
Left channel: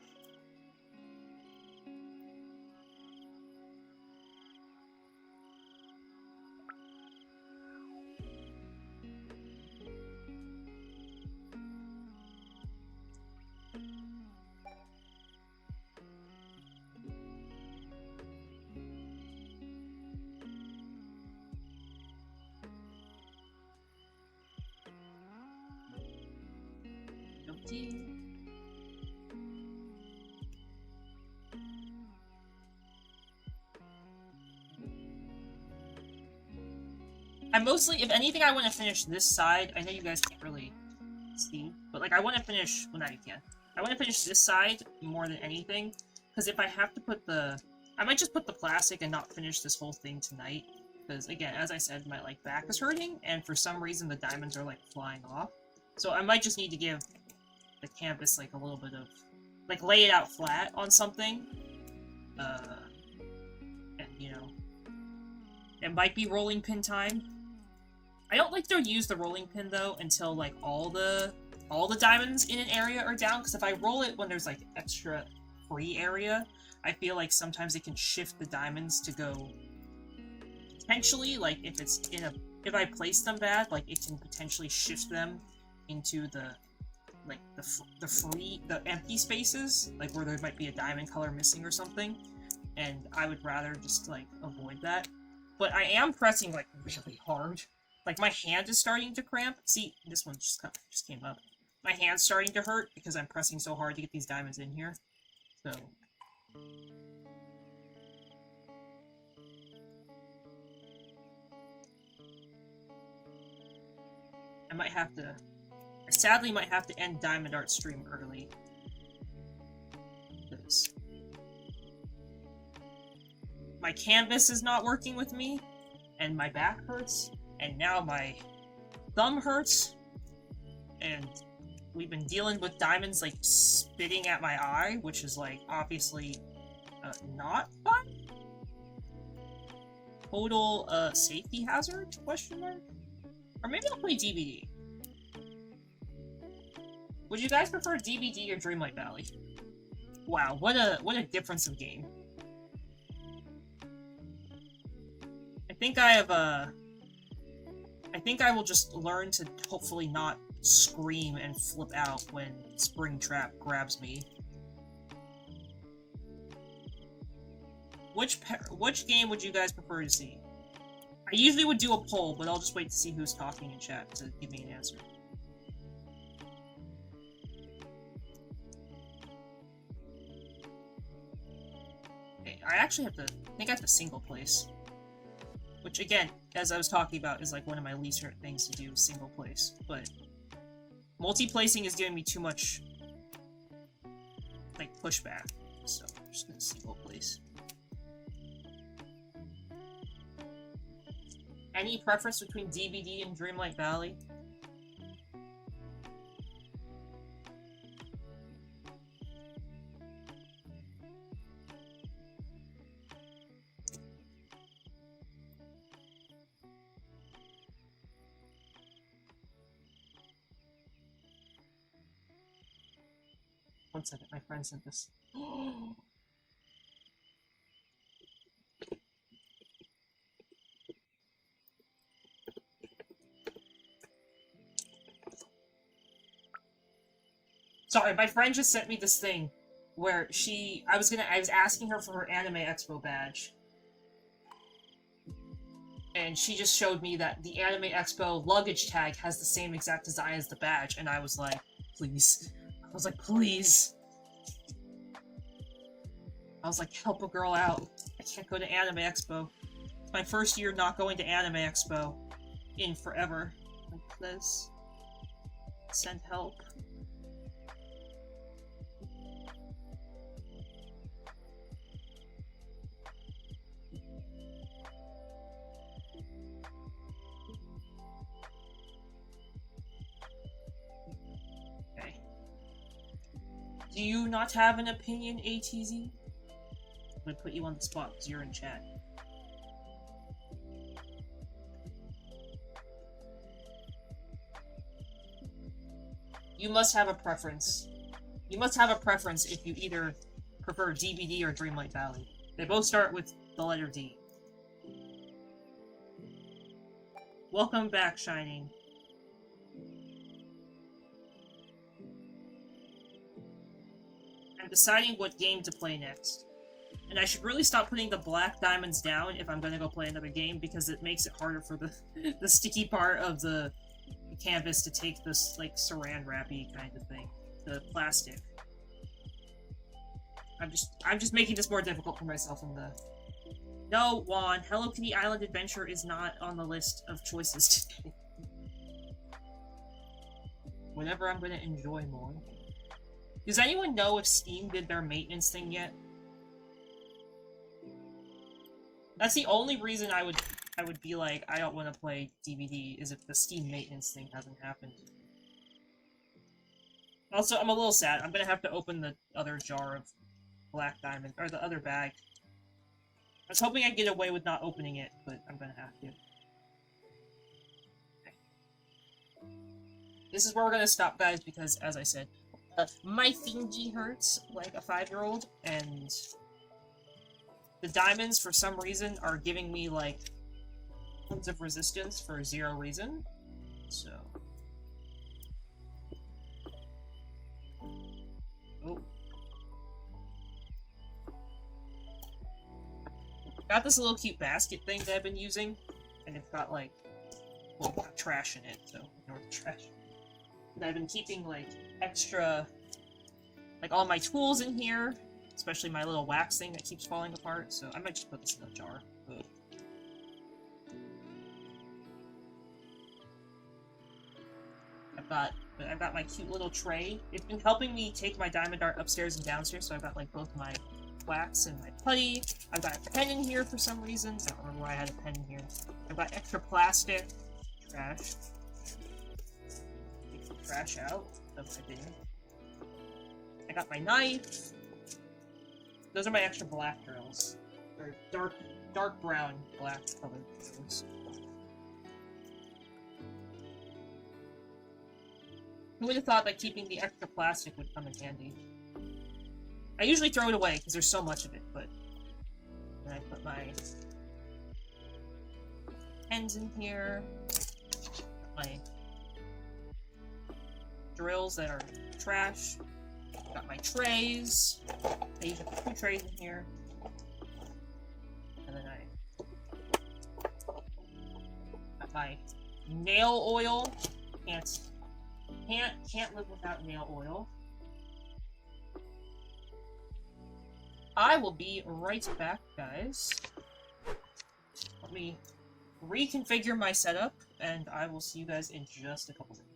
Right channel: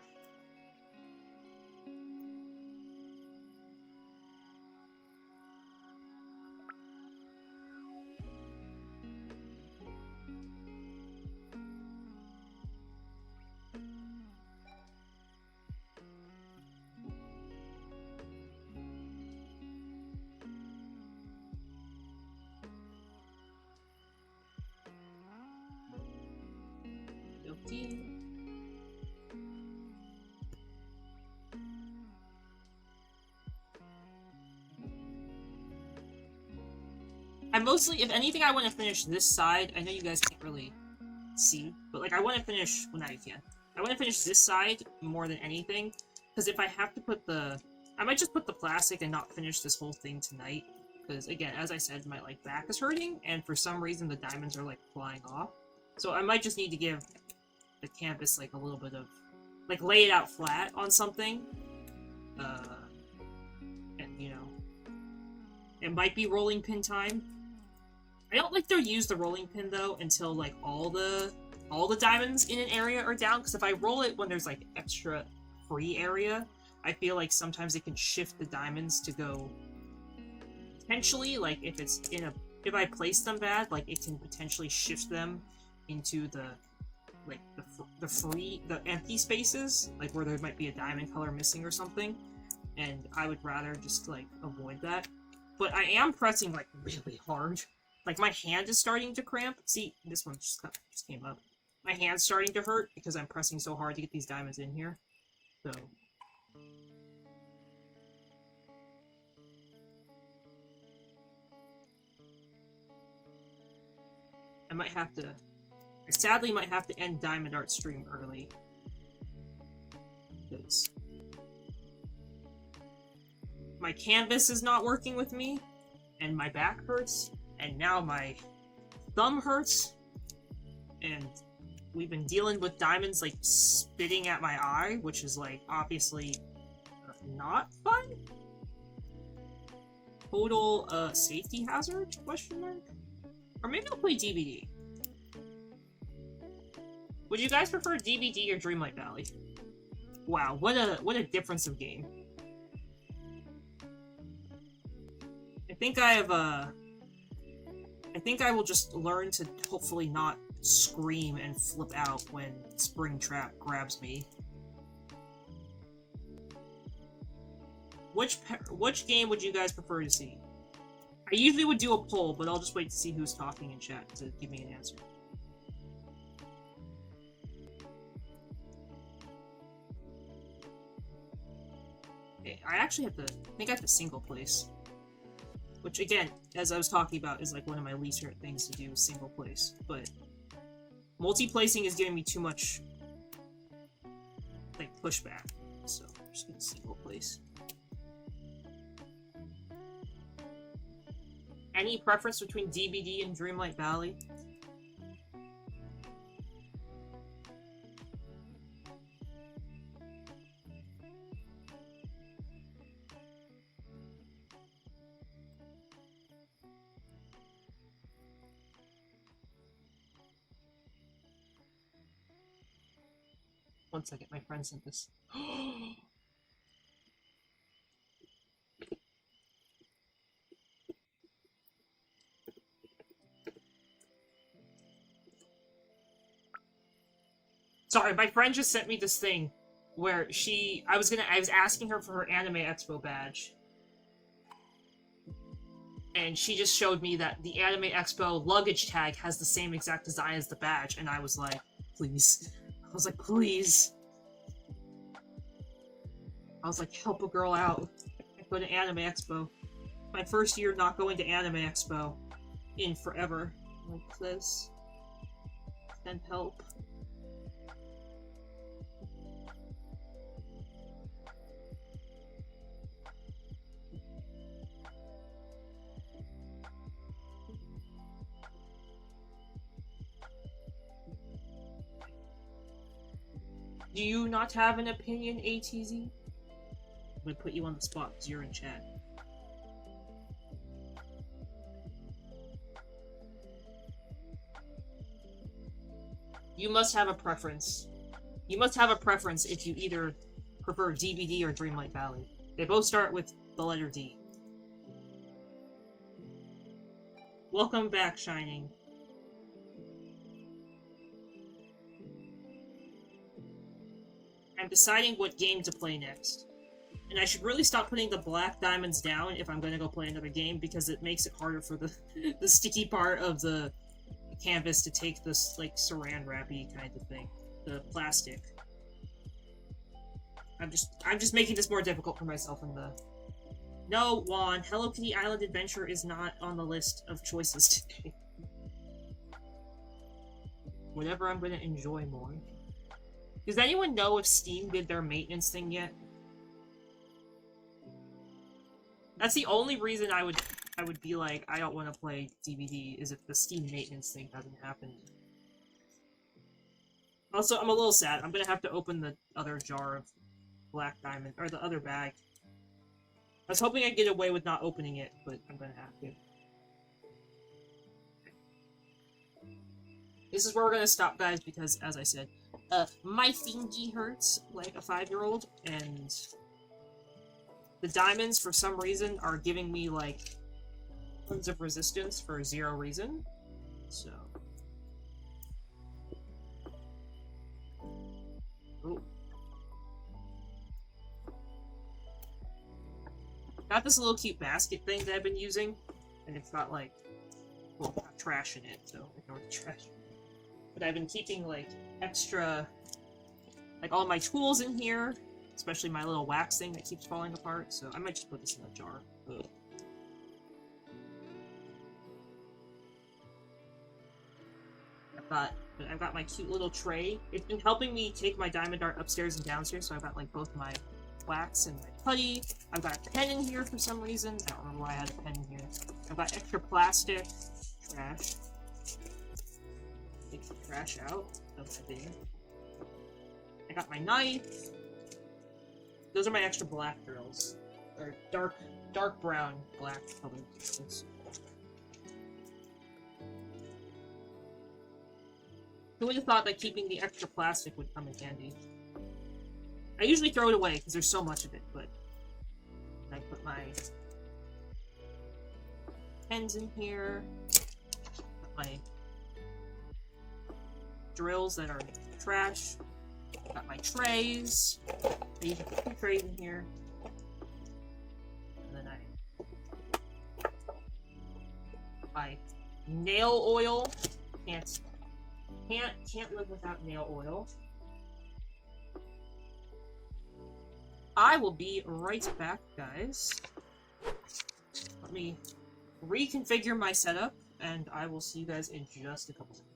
I mostly, if anything, I want to finish this side. I know you guys can't really see, but like I want to finish, well, now you can. I want to finish this side more than anything, because if I have to put I might just put the plastic and not finish this whole thing tonight, because, again, as I said, my, like, back is hurting, and for some reason the diamonds are, like, flying off. So I might just need to give the canvas, like, a little bit of... like, lay it out flat on something. And, you know... it might be rolling pin time. I don't like to use the rolling pin, though, until, like, all the diamonds in an area are down, because if I roll it when there's, like, extra free area, I feel like sometimes it can shift the diamonds to go... potentially, like, if it's in a... if I place them bad, like, it can potentially shift them into the... like, the empty spaces, like, where there might be a diamond color missing or something, and I would rather just, like, avoid that. But I am pressing, like, really hard. Like, my hand is starting to cramp. See, this one just came up. My hand's starting to hurt because I'm pressing so hard to get these diamonds in here. So... I might have to... I sadly might have to end Diamond Art stream early. Because... my canvas is not working with me, and my back hurts, and now my thumb hurts, and we've been dealing with diamonds, like, spitting at my eye, which is, like, obviously not fun? Total, safety hazard? Question mark? Or maybe I'll play DVD. Would you guys prefer DVD or Dreamlight Valley? Wow, what a difference of game. I think I will just learn to hopefully not scream and flip out when Springtrap grabs me. Which game would you guys prefer to see? I usually would do a poll, but I'll just wait to see who's talking in chat to give me an answer. Okay, I actually have to... I think I have to single place. Which, again, as I was talking about, is like one of my least favorite things to do, single place. But multi-placing is giving me too much, like, pushback. So I'm just gonna single place. Any preference between DVD and Dreamlight Valley? One second, my friend sent this. Sorry, my friend just sent me this thing where I was asking her for her Anime Expo badge. And she just showed me that the Anime Expo luggage tag has the same exact design as the badge, and I was like, please. I was like, please. I was like, help a girl out. I can't go to Anime Expo. It's my first year not going to Anime Expo in forever. Like this. Send help. Do you not have an opinion, ATZ? I'm gonna put you on the spot because you're in chat. You must have a preference. You must have a preference if you either prefer DVD or Dreamlight Valley. They both start with the letter D. Welcome back, Shining. I'm deciding what game to play next. And I should really stop putting the black diamonds down if I'm gonna go play another game, because it makes it harder for the sticky part of the canvas to take this, like, saran wrappy kind of thing. The plastic. I'm just making this more difficult for myself in the... No, Juan, Hello Kitty Island Adventure is not on the list of choices today. Whatever I'm gonna enjoy more. Does anyone know if Steam did their maintenance thing yet? That's the only reason I would I would be like, I don't want to play DVD, is if the Steam maintenance thing hasn't happened. Also, I'm a little sad. I'm gonna have to open the other jar of black diamond, or the other bag. I was hoping I'd get away with not opening it, but I'm gonna have to. This is where we're gonna stop, guys, because, as I said, my fingy hurts like a 5-year-old, and the diamonds, for some reason, are giving me, like, tons of resistance for 0 reason, so... Oh. Got this little cute basket thing that I've been using, and it's got, like, well, trash in it, so ignore the trash. But I've been keeping, like, extra, like, all my tools in here, especially my little wax thing that keeps falling apart, so I might just put this in a jar. Ugh. I've got my cute little tray. It's been helping me take my diamond art upstairs and downstairs, so I've got, like, both my wax and my putty. I've got a pen in here for some reason. I don't remember why I had a pen in here. I've got extra plastic. Trash. Take the trash out of my bin. I got my knife. Those are my extra black drills. Or dark brown black colored drills. Who would have thought that keeping the extra plastic would come in handy? I usually throw it away because there's so much of it, but then I put my pens in here, my drills that are trash, got my trays. I usually put 2 trays in here, and then I got my nail oil. Can't live without nail oil. I will be right back, guys. Let me reconfigure my setup, and I will see you guys in just a couple minutes.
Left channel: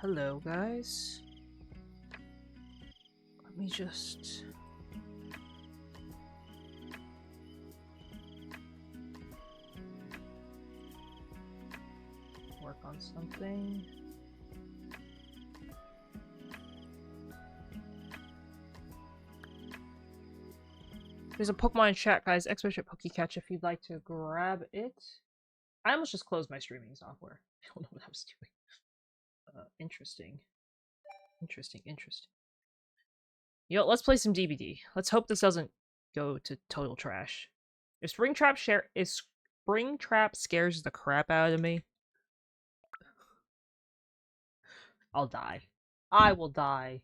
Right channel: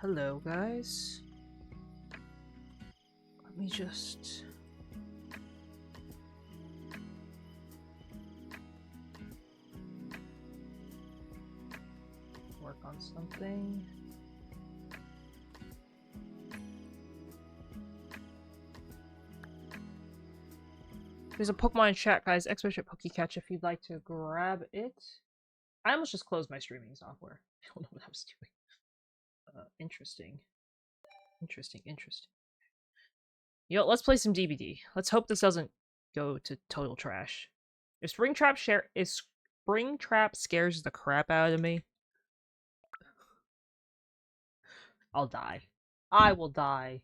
Hello, guys. Let me just... work on something. There's a Pokemon chat, guys. Expert Pokecatch if you'd like to grab it. I almost just closed my streaming software. I don't know what I was doing. Interesting. Interesting. Yo, let's play some DBD. Let's hope this doesn't go to total trash. If Springtrap scares the crap out of me, I'll die. I will die.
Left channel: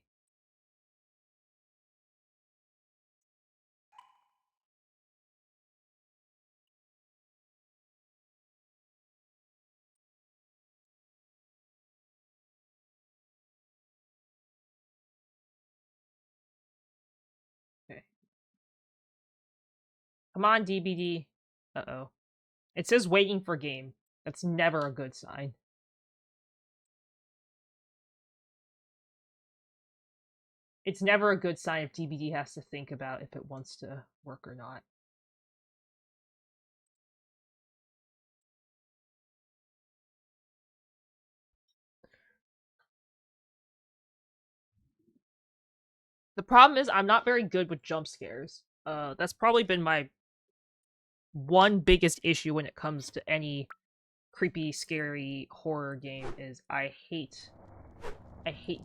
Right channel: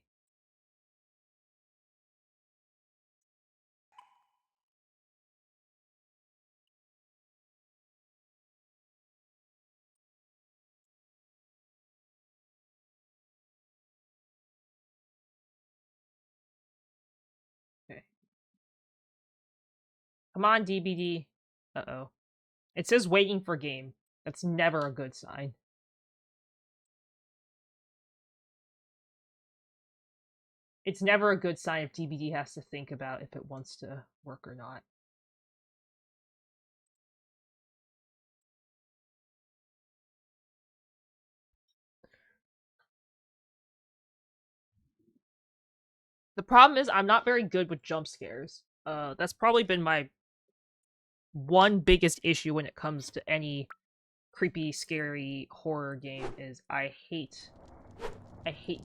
Come on, DBD. Uh-oh. It says waiting for game. That's never a good sign. It's never a good sign if DBD has to think about if it wants to work or not. The problem is I'm not very good with jump scares. That's probably been my one biggest issue when it comes to any creepy, scary horror game is I hate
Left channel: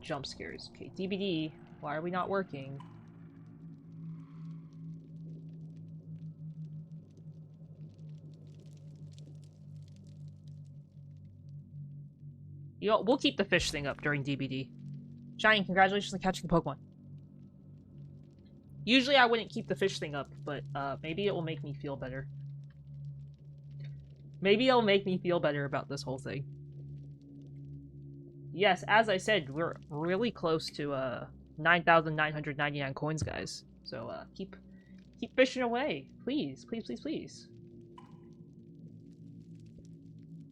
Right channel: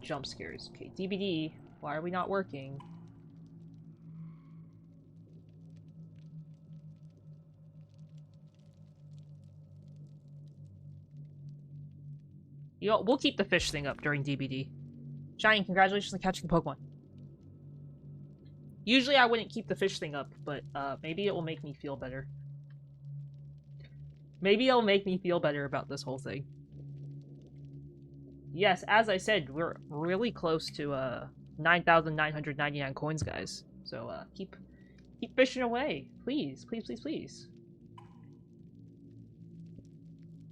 jump scares. Okay, DBD, why are we not working? You know, we'll keep the fish thing up during DBD. Shining, congratulations on catching Pokemon. Usually I wouldn't keep the fish thing up, but maybe it will make me feel better. Maybe it'll make me feel better about this whole thing. Yes, as I said, we're really close to 9,999 coins, guys. So keep fishing away, please, please, please, please.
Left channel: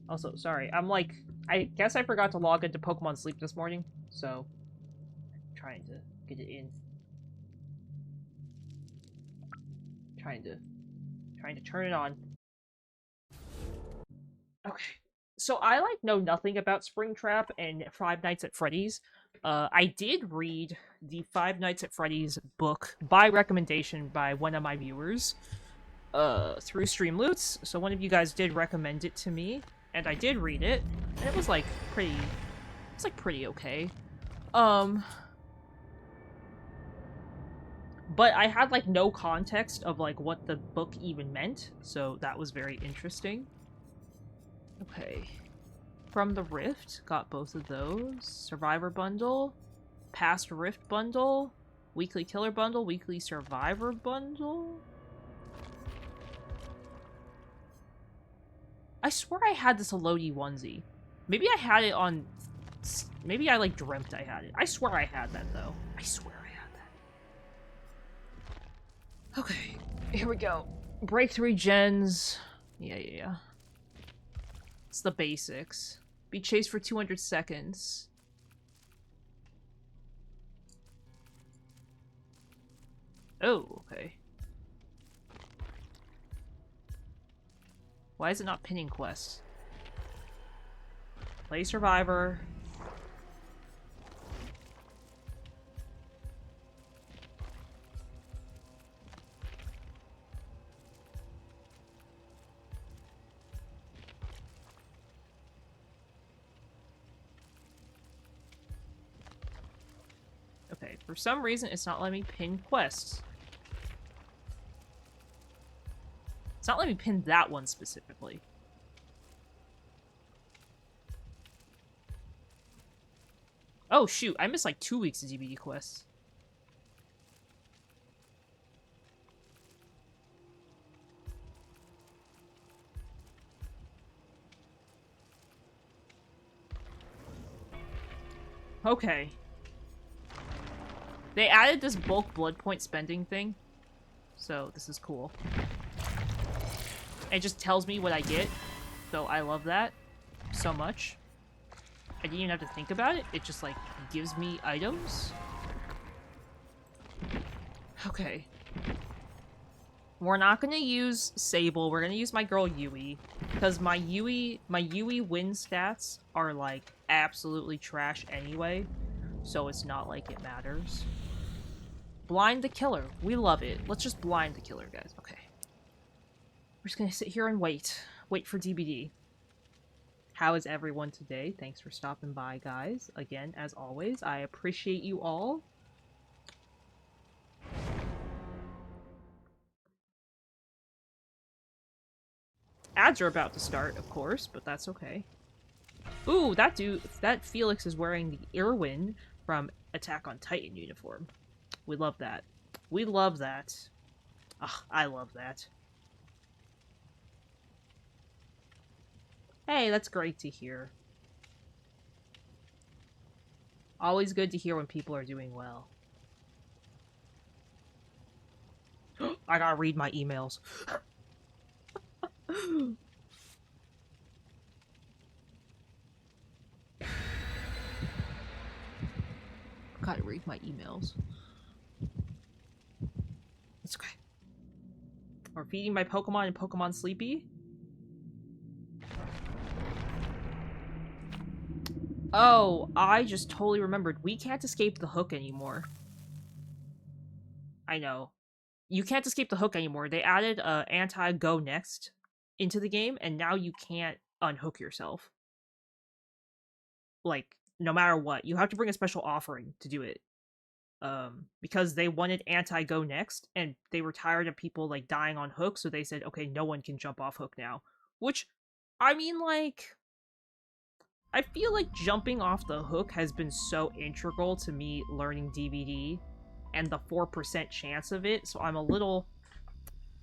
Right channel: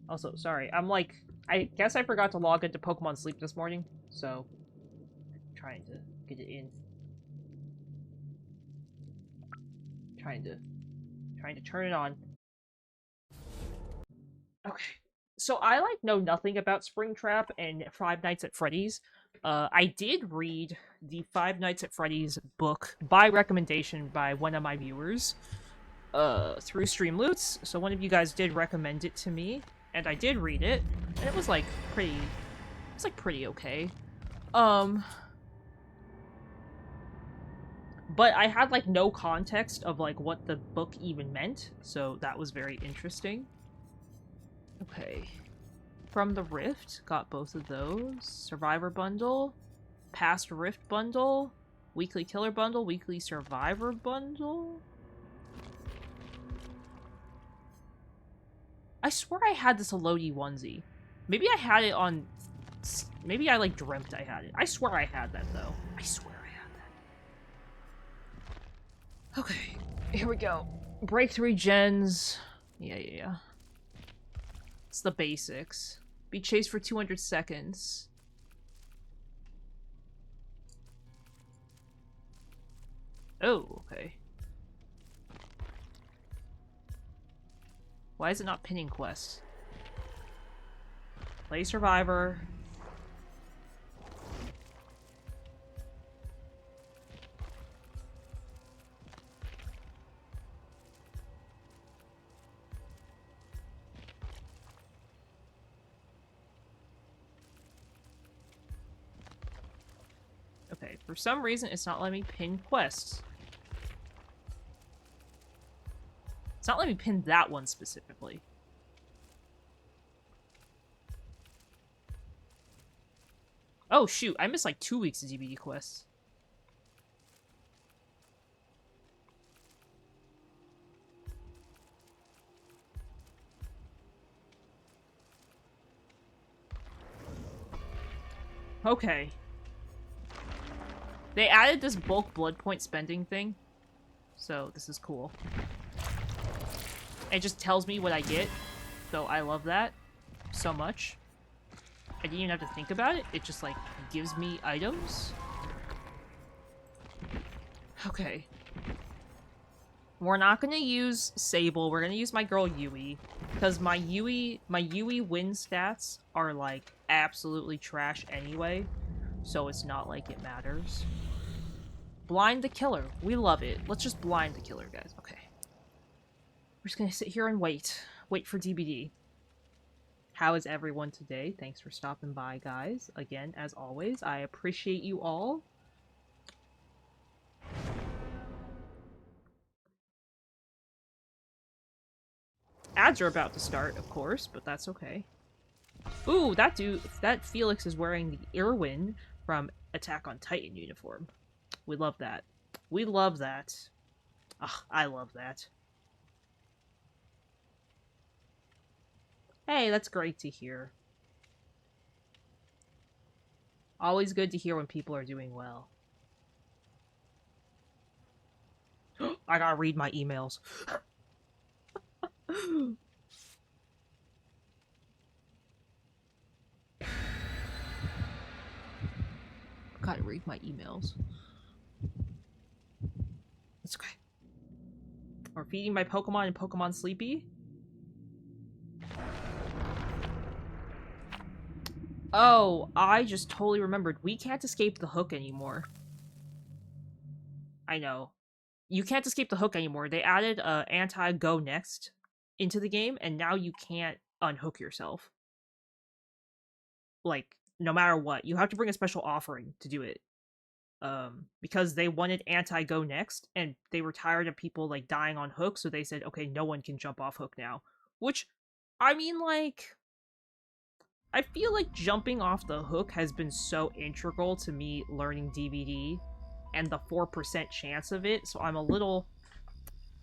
Also, sorry, I guess I forgot to log into Pokemon Sleep this morning, so I'm trying to get it in. Trying to turn it on. Okay. So I know nothing about Springtrap and Five Nights at Freddy's. I did read the Five Nights at Freddy's book by recommendation by one of my viewers through Streamloots. So one of you guys did recommend it to me, and I did read it, and it was pretty okay. But I had no context of what the book even meant, so that was very interesting. Okay. From the Rift, got both of those. Survivor Bundle, Past Rift Bundle, Weekly Killer Bundle, Weekly Survivor Bundle. I swear I had this Elodie onesie. Maybe I had it on... Maybe I dreamt I had it. I swear I had that though. I swear I had that. Okay, here we go. Break 3 gens. Yeah. It's the basics. Be chased for 200 seconds. Oh, okay. Why is it not pinning quests? Play Survivor. Okay, for some reason it's not letting me pin quests. It's not letting me pin that one specifically. Oh shoot, I missed 2 weeks of DBD quests. Okay. They added this bulk blood point spending thing, so this is cool. It just tells me what I get, so I love that so much. I didn't even have to think about it. It just gives me items. Okay. We're not gonna use Sable. We're gonna use my girl Yui, because my Yui win stats are absolutely trash anyway, so it's not it matters. Blind the killer. We love it. Let's just blind the killer, guys. Okay. We're just gonna sit here and wait. Wait for DBD. How is everyone today? Thanks for stopping by, guys. Again, as always, I appreciate you all. Ads are about to start, of course, but that's okay. Ooh, that Felix is wearing the Irwin from Attack on Titan uniform. We love that. We love that. Ugh, I love that. Hey, that's great to hear. Always good to hear when people are doing well. I gotta read my emails. Gotta read my emails. It's okay. Or feeding my Pokemon and Pokemon Sleepy? Oh, I just totally remembered. We can't escape the hook anymore. I know. You can't escape the hook anymore. They added anti-go next into the game, and now you can't unhook yourself. Like, no matter what. You have to bring a special offering to do it. Because they wanted anti-go next, and they were tired of people, like, dying on hook, so they said, okay, no one can jump off hook now. Which, I mean, like... I feel like jumping off the hook has been so integral to me learning DVD, and the 4% chance of it, so I'm a little...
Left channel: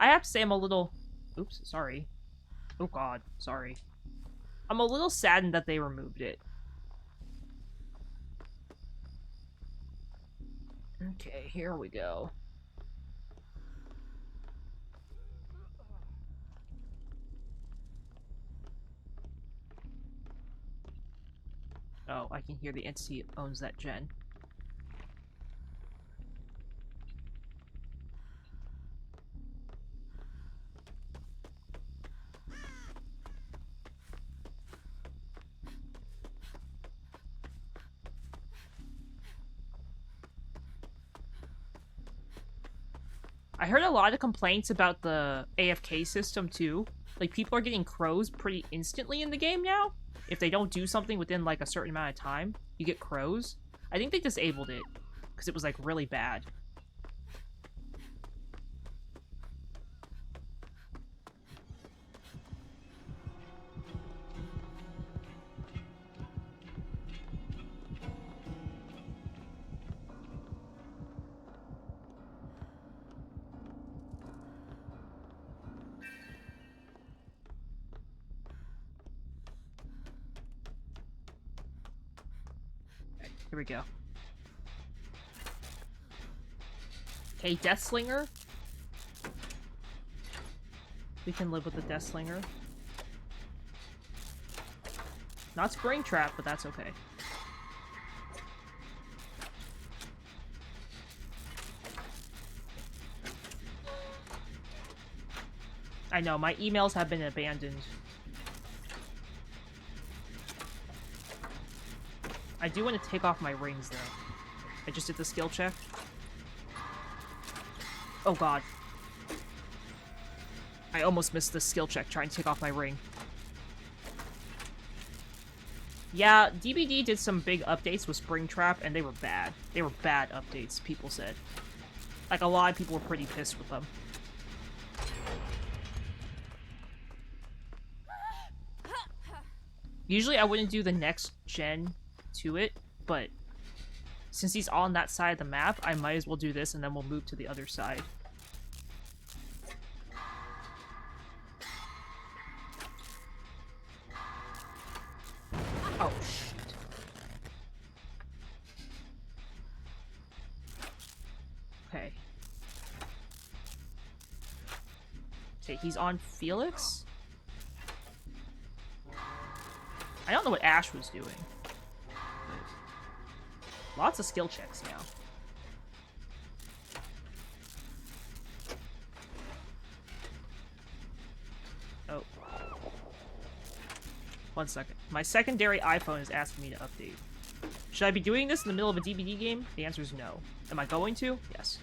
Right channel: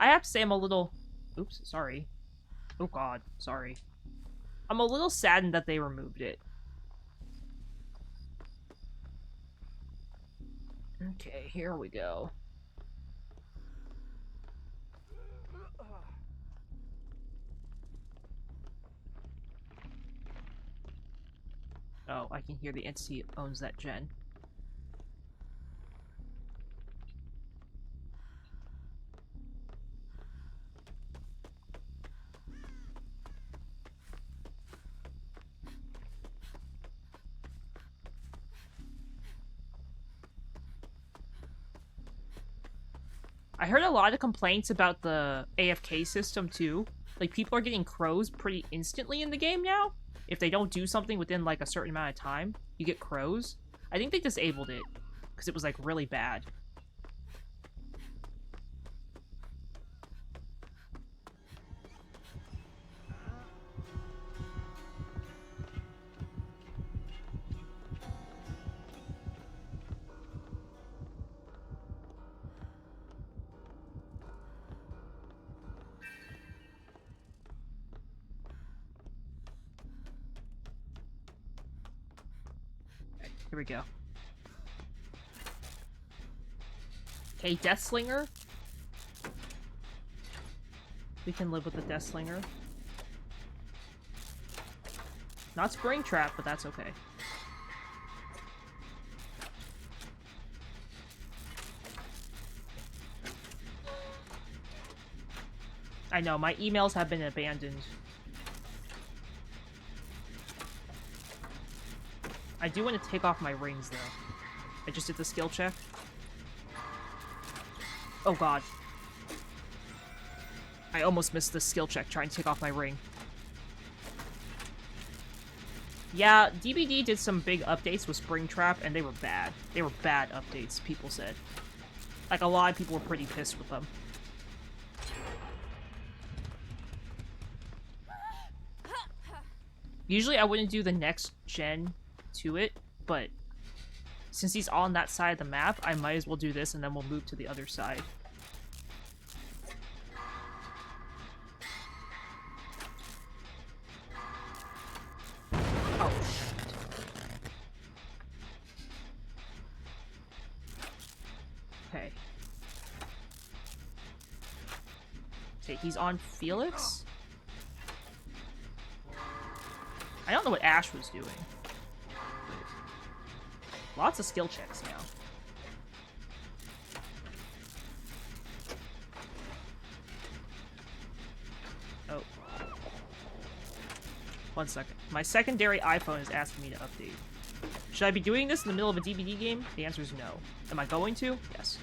I have to say I'm a little... Oops, sorry. Oh god, sorry. I'm a little saddened that they removed it. Okay, here we go. Oh, I can hear the entity owns that gen. I heard a lot of complaints about the AFK system, too. Like, people are getting crows pretty instantly in the game now. If they don't do something within, like, a certain amount of time, you get crows. I think they disabled it, because it was, like, really bad. Here we go. Okay, Death Slinger. We can live with the Death Slinger. Not Spring Trap, but that's okay. I know, my emails have been abandoned. I do want to take off my rings, though. I just did the skill check. Oh god. I almost missed the skill check trying to take off my ring. Yeah, DBD did some big updates with Springtrap, and they were bad. They were bad updates, people said. Like, a lot of people were pretty pissed with them. Usually I wouldn't do the next gen to it, but since he's on that side of the map, I might as well do this, and then we'll move to the other side. Oh, shit. Okay. Okay, he's on Felix? I don't know what Ash was doing. Lots of skill checks now. Oh. 1 second. My secondary iPhone is asking me to update. Should I be doing this in the middle of a DVD game? The answer is no. Am I going to? Yes.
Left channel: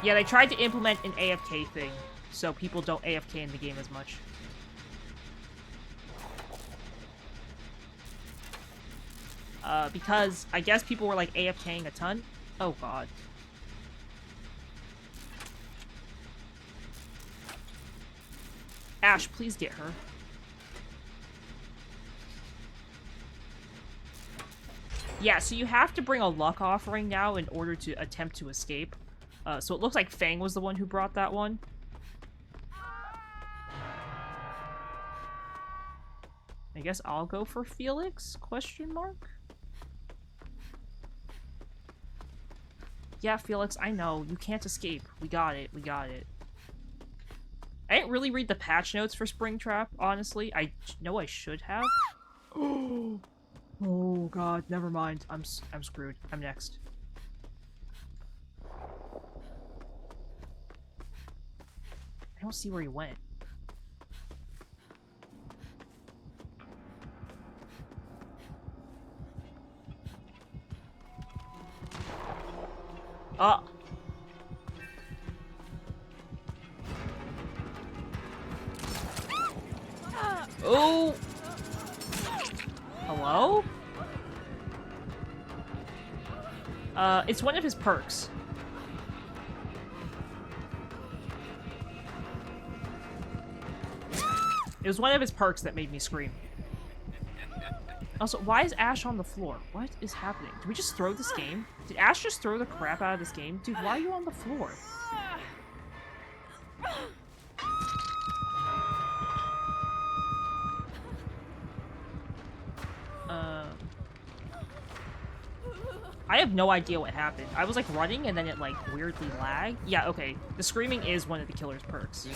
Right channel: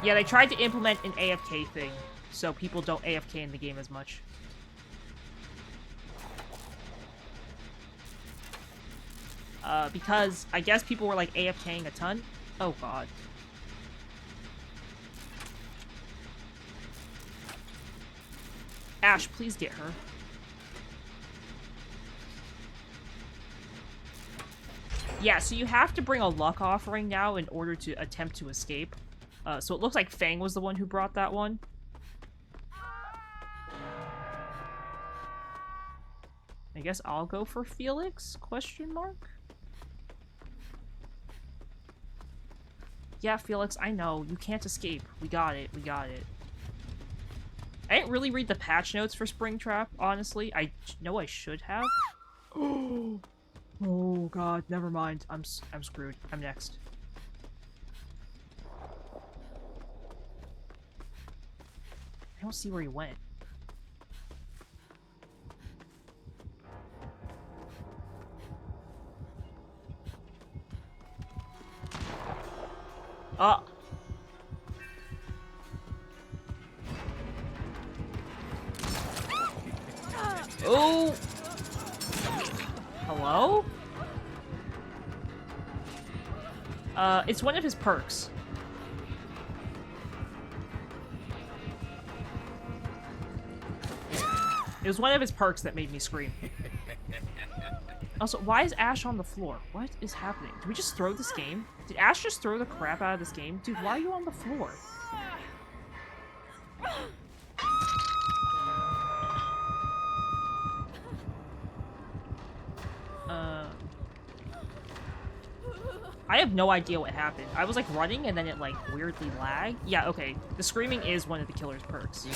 Yeah, they tried to implement an AFK thing, so people don't AFK in the game as much. Because I guess people were like AFKing a ton. Oh god. Ash, please get her. Yeah, so you have to bring a luck offering now in order to attempt to escape. So it looks like Fang was the one who brought that one. I guess I'll go for Felix? Question mark? Yeah, Felix, I know. You can't escape. We got it. We got it. I didn't really read the patch notes for Springtrap, honestly. I know I should have. Oh god, never mind. I'm screwed. I'm next. I don't see where he went. Oh! Hello? It's one of his perks. It was one of his perks that made me scream. Also, why is Ash on the floor? What is happening? Did we just throw this game? Did Ash just throw the crap out of this game? Dude, why are you on the floor? I have no idea what happened. I was like running and then it like weirdly lagged. Yeah, okay. The screaming is one of the killer's perks.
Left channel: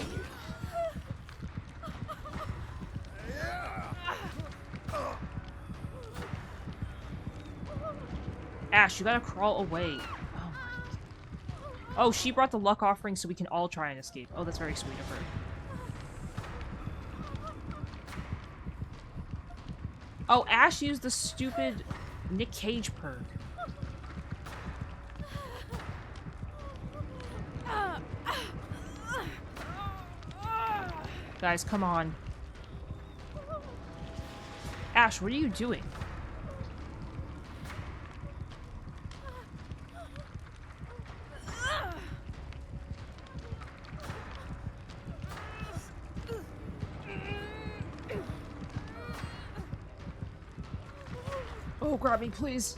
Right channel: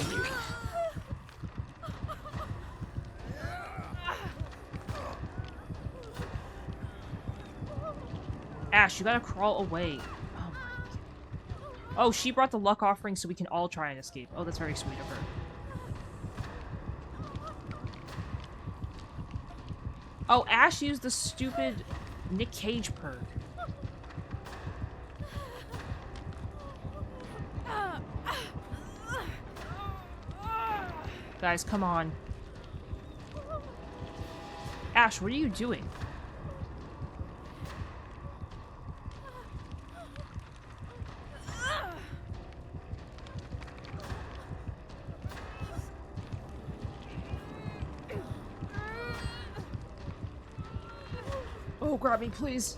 Ash, you gotta crawl away. Oh my god. Oh, she brought the luck offering so we can all try and escape. Oh, that's very sweet of her. Oh, Ash used the stupid Nick Cage perk. Guys, come on. Ash, what are you doing? Oh, grab me, please.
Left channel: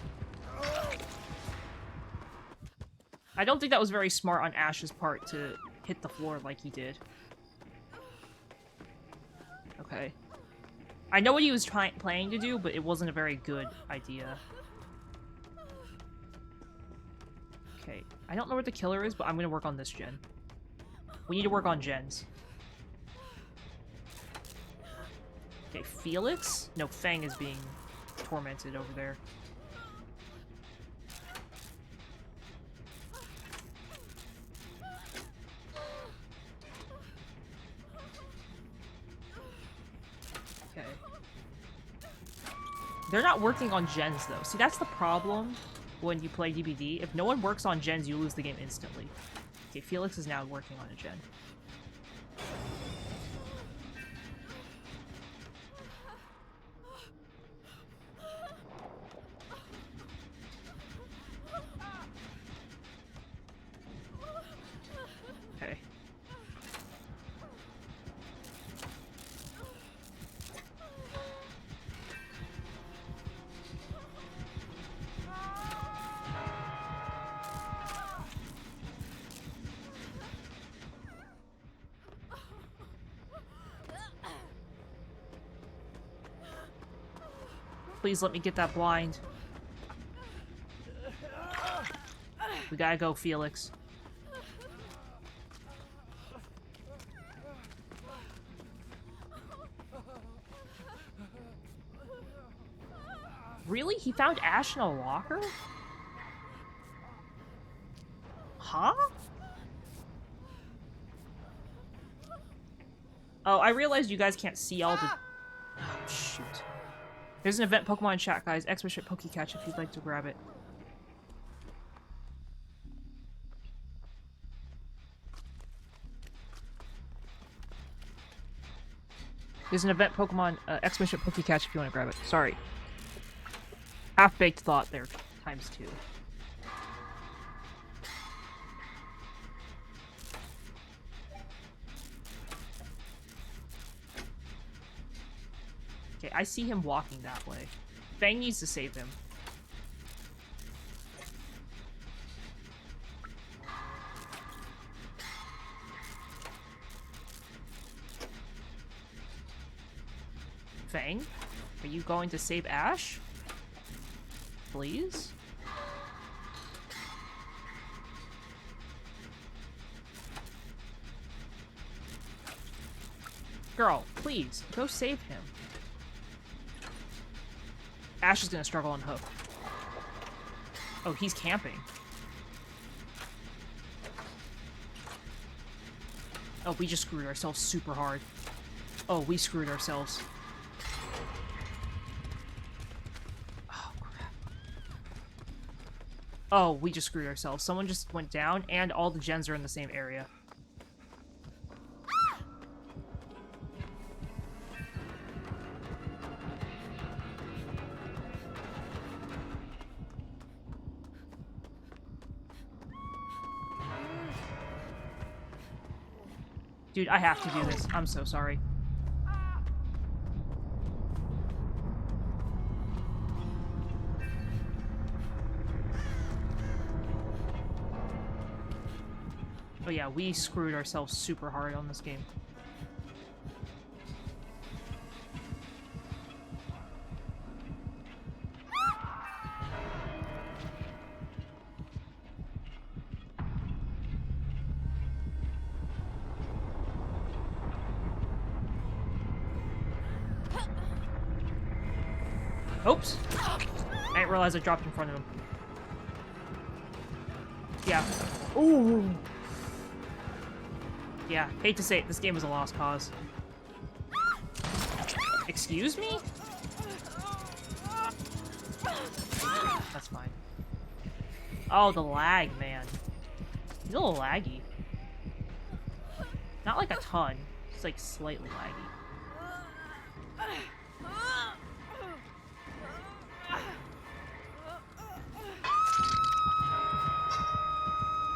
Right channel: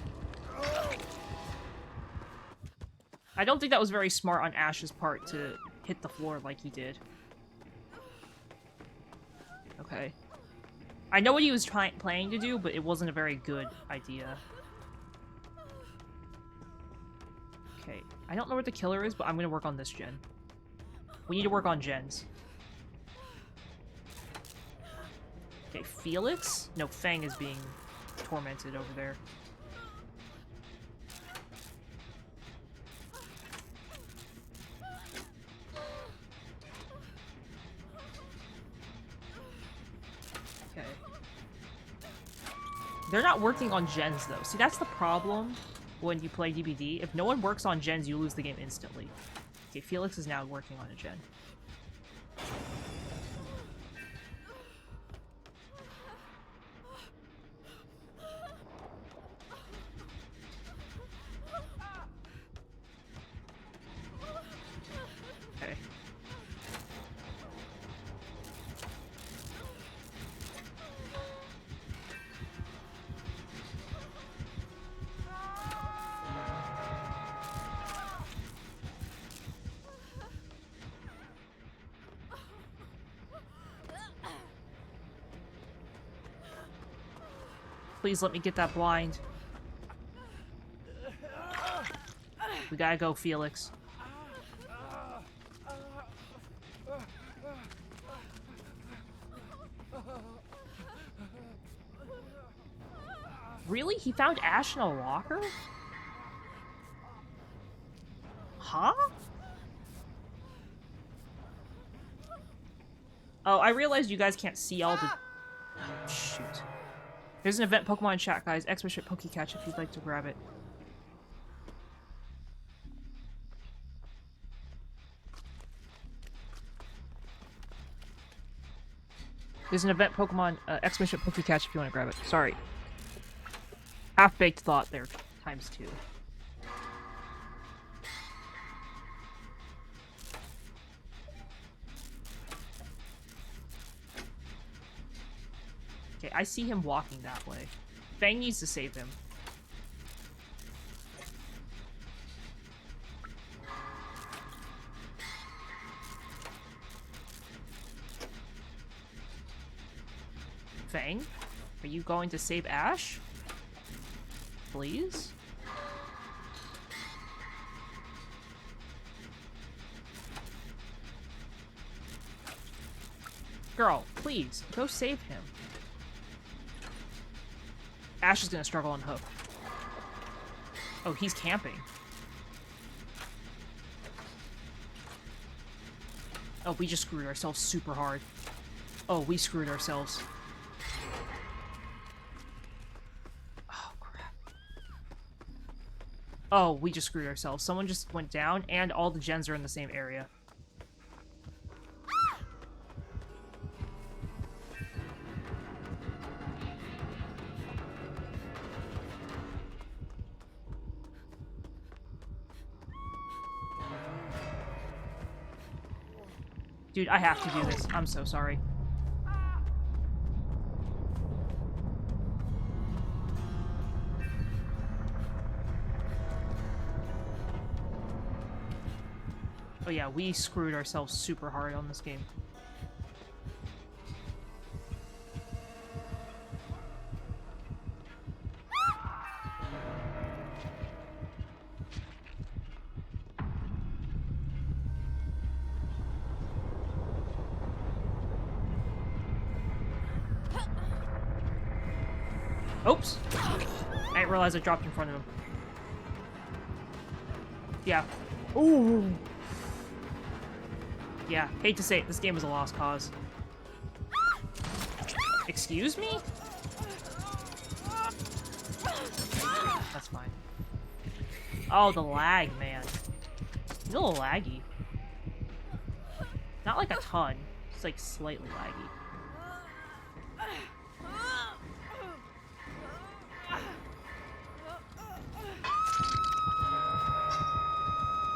I don't think that was very smart on Ash's part to hit the floor like he did. Okay. I know what he was planning to do, but it wasn't a very good idea. Okay. I don't know what the killer is, but I'm gonna work on this gen. We need to work on gens. Okay, Felix? No, Fang is being tormented over there. Okay. They're not working on gens, though. See, that's the problem when you play DBD. If no one works on gens, you lose the game instantly. Okay, Felix is now working on a gen. Okay. Please let me get that blind. We gotta go, Felix. Really? He found Ash in a locker? Huh? Oh, I realized you guys can't see all the... Oh, shoot. There's an event Pokemon chat, guys. Expert Pokecatch if you'd like to grab it. There's an event Pokemon Expert Pokecatch if you want to grab it. Sorry. Half-baked thought there, times 2. Okay, I see him walking that way. Fang needs to save him. Fang? Are you going to save Ash? Please? Girl, please, go save him. Ash is gonna struggle on Hook. Oh, he's camping. Oh, we just screwed ourselves super hard. Oh, we screwed ourselves. Oh, crap. Oh, we just screwed ourselves. Someone just went down, and all the gens are in the same area. Dude, I have to do this. I'm so sorry. Oh yeah, we screwed ourselves super hard on this game. Oops! I didn't realize I dropped in front of him. Yeah. Ooh! Yeah, hate to say it, this game is a lost cause. Excuse me? That's fine. Oh, the lag, man. It's a little laggy. Not like a ton, it's like slightly laggy.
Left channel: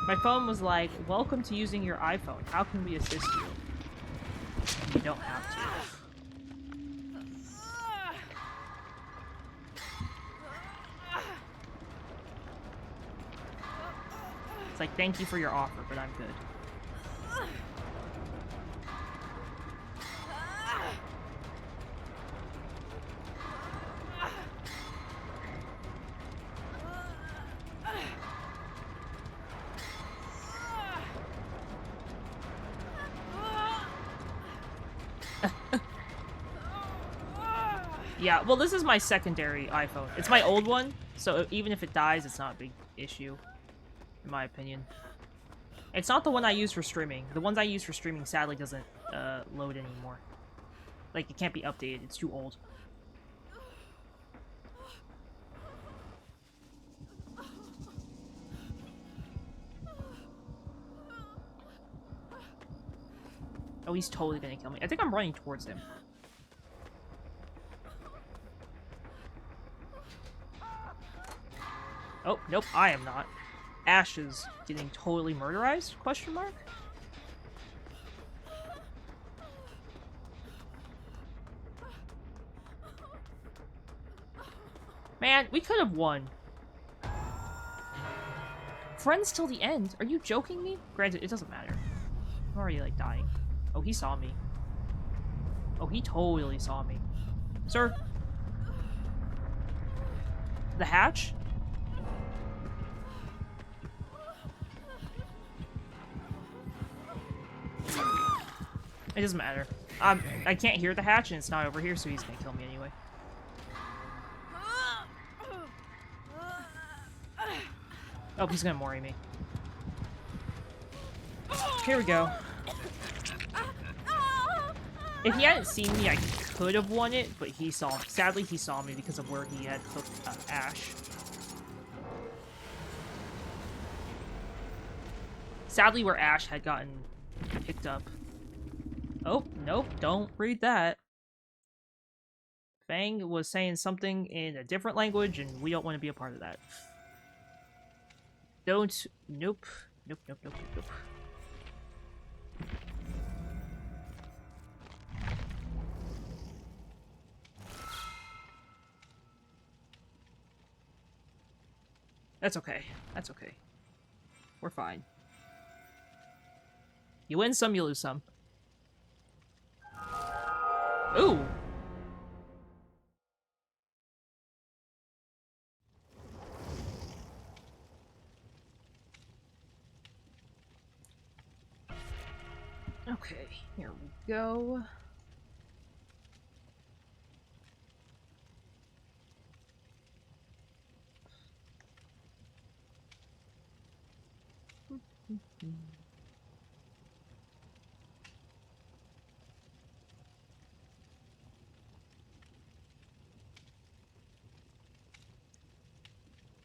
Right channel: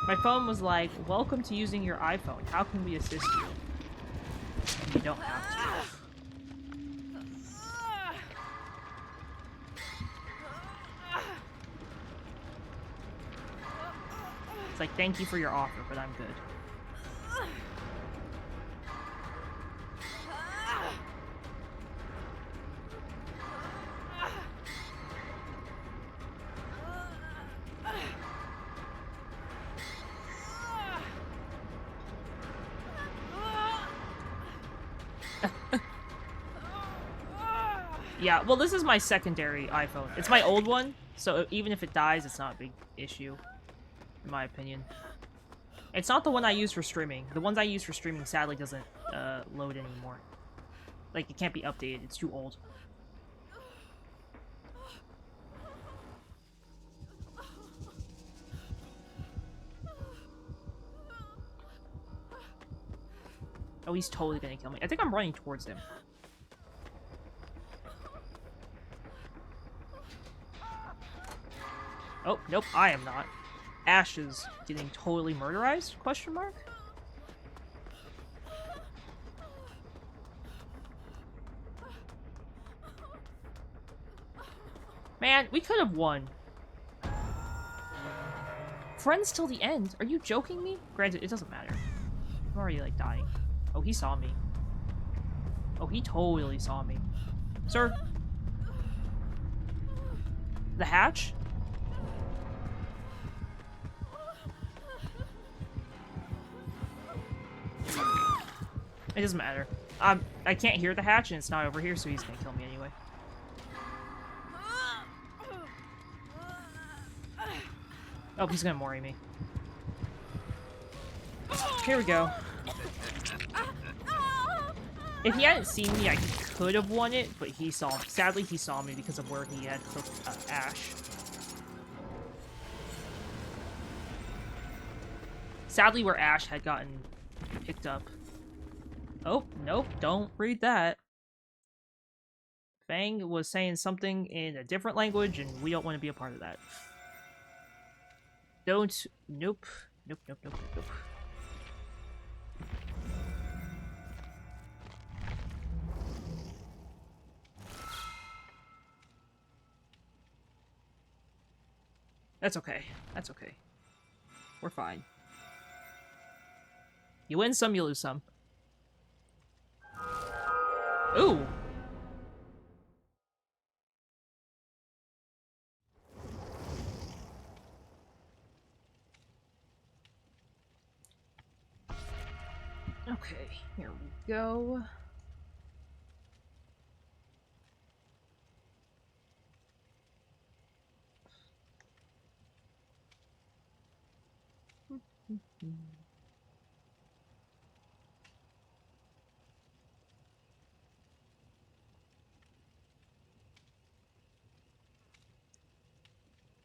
My phone was like, welcome to using your iPhone. How can we assist you? You don't have to. It's like, thank you for your offer, but I'm good. Yeah, well, this is my secondary iPhone. It's my old one, so even if it dies, it's not a big issue, in my opinion. It's not the one I use for streaming. The ones I use for streaming sadly doesn't load anymore. Like, it can't be updated. It's too old. Oh, he's totally gonna kill me. I think I'm running towards him. Oh, nope, I am not. Ash is getting totally murderized? Question mark? Man, we could have won. Friends till the end? Are you joking me? Granted, it doesn't matter. I'm already, like, dying. Oh, he saw me. Oh, he totally saw me. Sir? The hatch? It doesn't matter. I can't hear the hatch, and it's not over here, so he's gonna kill me anyway. Oh, he's gonna Mori me. Here we go. If he hadn't seen me, I could have won it, but he saw me. Sadly, he saw me because of where he had hooked Ash. Sadly, where Ash had gotten picked up. Oh, nope, don't read that. Fang was saying something in a different language, and we don't want to be a part of that. Don't. Nope. Nope, nope, nope, nope, nope. That's okay. That's okay. We're fine. You win some, you lose some. Ooh! Here we go.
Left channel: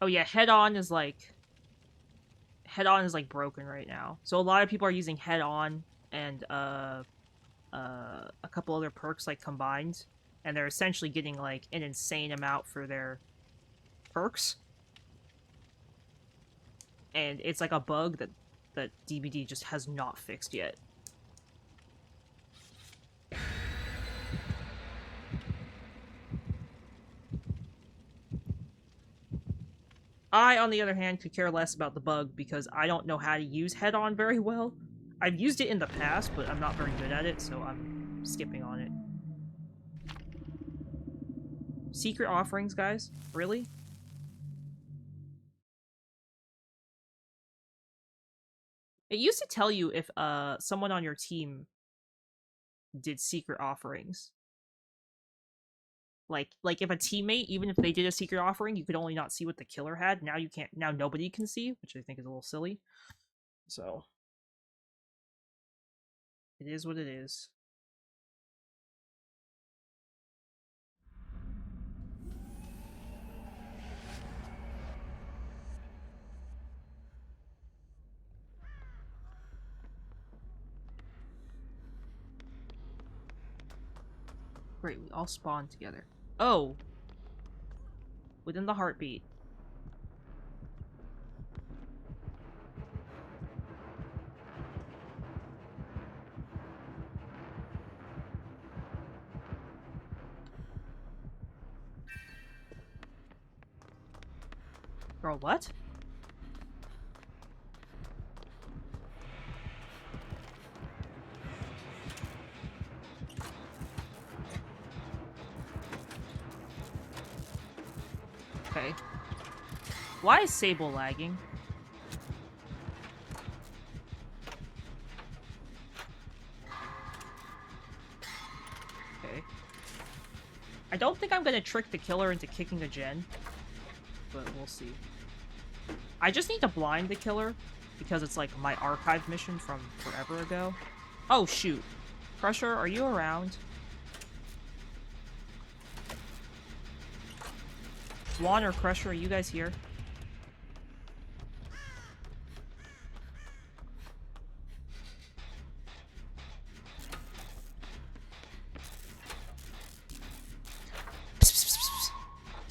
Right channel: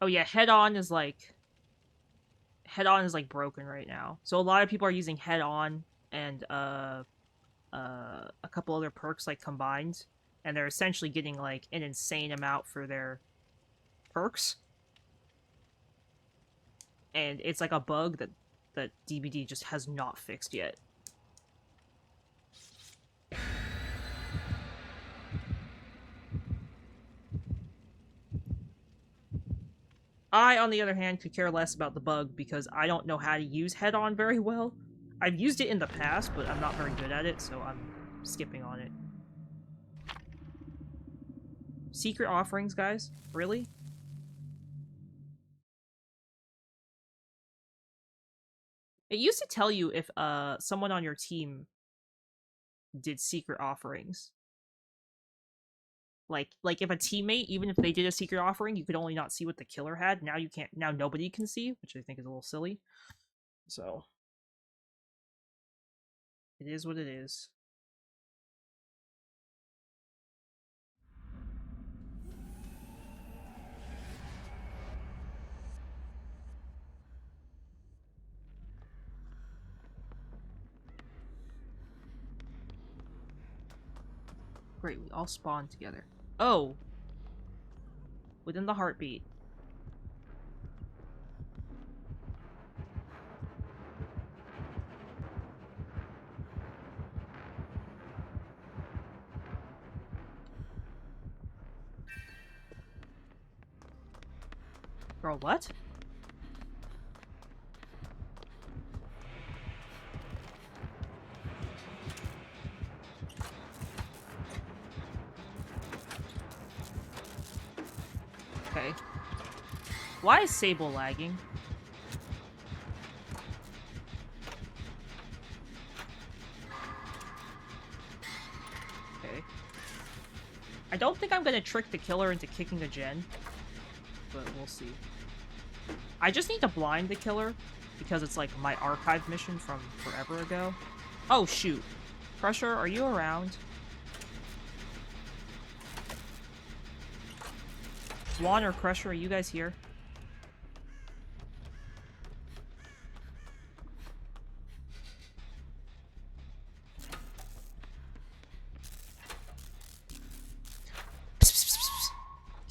Oh yeah, head-on is like broken right now. So a lot of people are using head-on and a couple other perks like combined, and they're essentially getting like an insane amount for their perks. And it's like a bug that DBD just has not fixed yet. I, on the other hand, could care less about the bug because I don't know how to use head-on very well. I've used it in the past, but I'm not very good at it, so I'm skipping on it. Secret offerings, guys? Really? It used to tell you if someone on your team did secret offerings. Like if a teammate, even if they did a secret offering, you could only not see what the killer had. Now you can't. Now nobody can see, which I think is a little silly. So it is what it is. Great, we all spawn together. Oh! Within the heartbeat. Girl, what? Okay. Why is Sable lagging? Okay. I don't think I'm gonna trick the killer into kicking a gen, but we'll see. I just need to blind the killer, because it's like my archive mission from forever ago. Oh, shoot. Crusher, are you around? Swan or Crusher, are you guys here?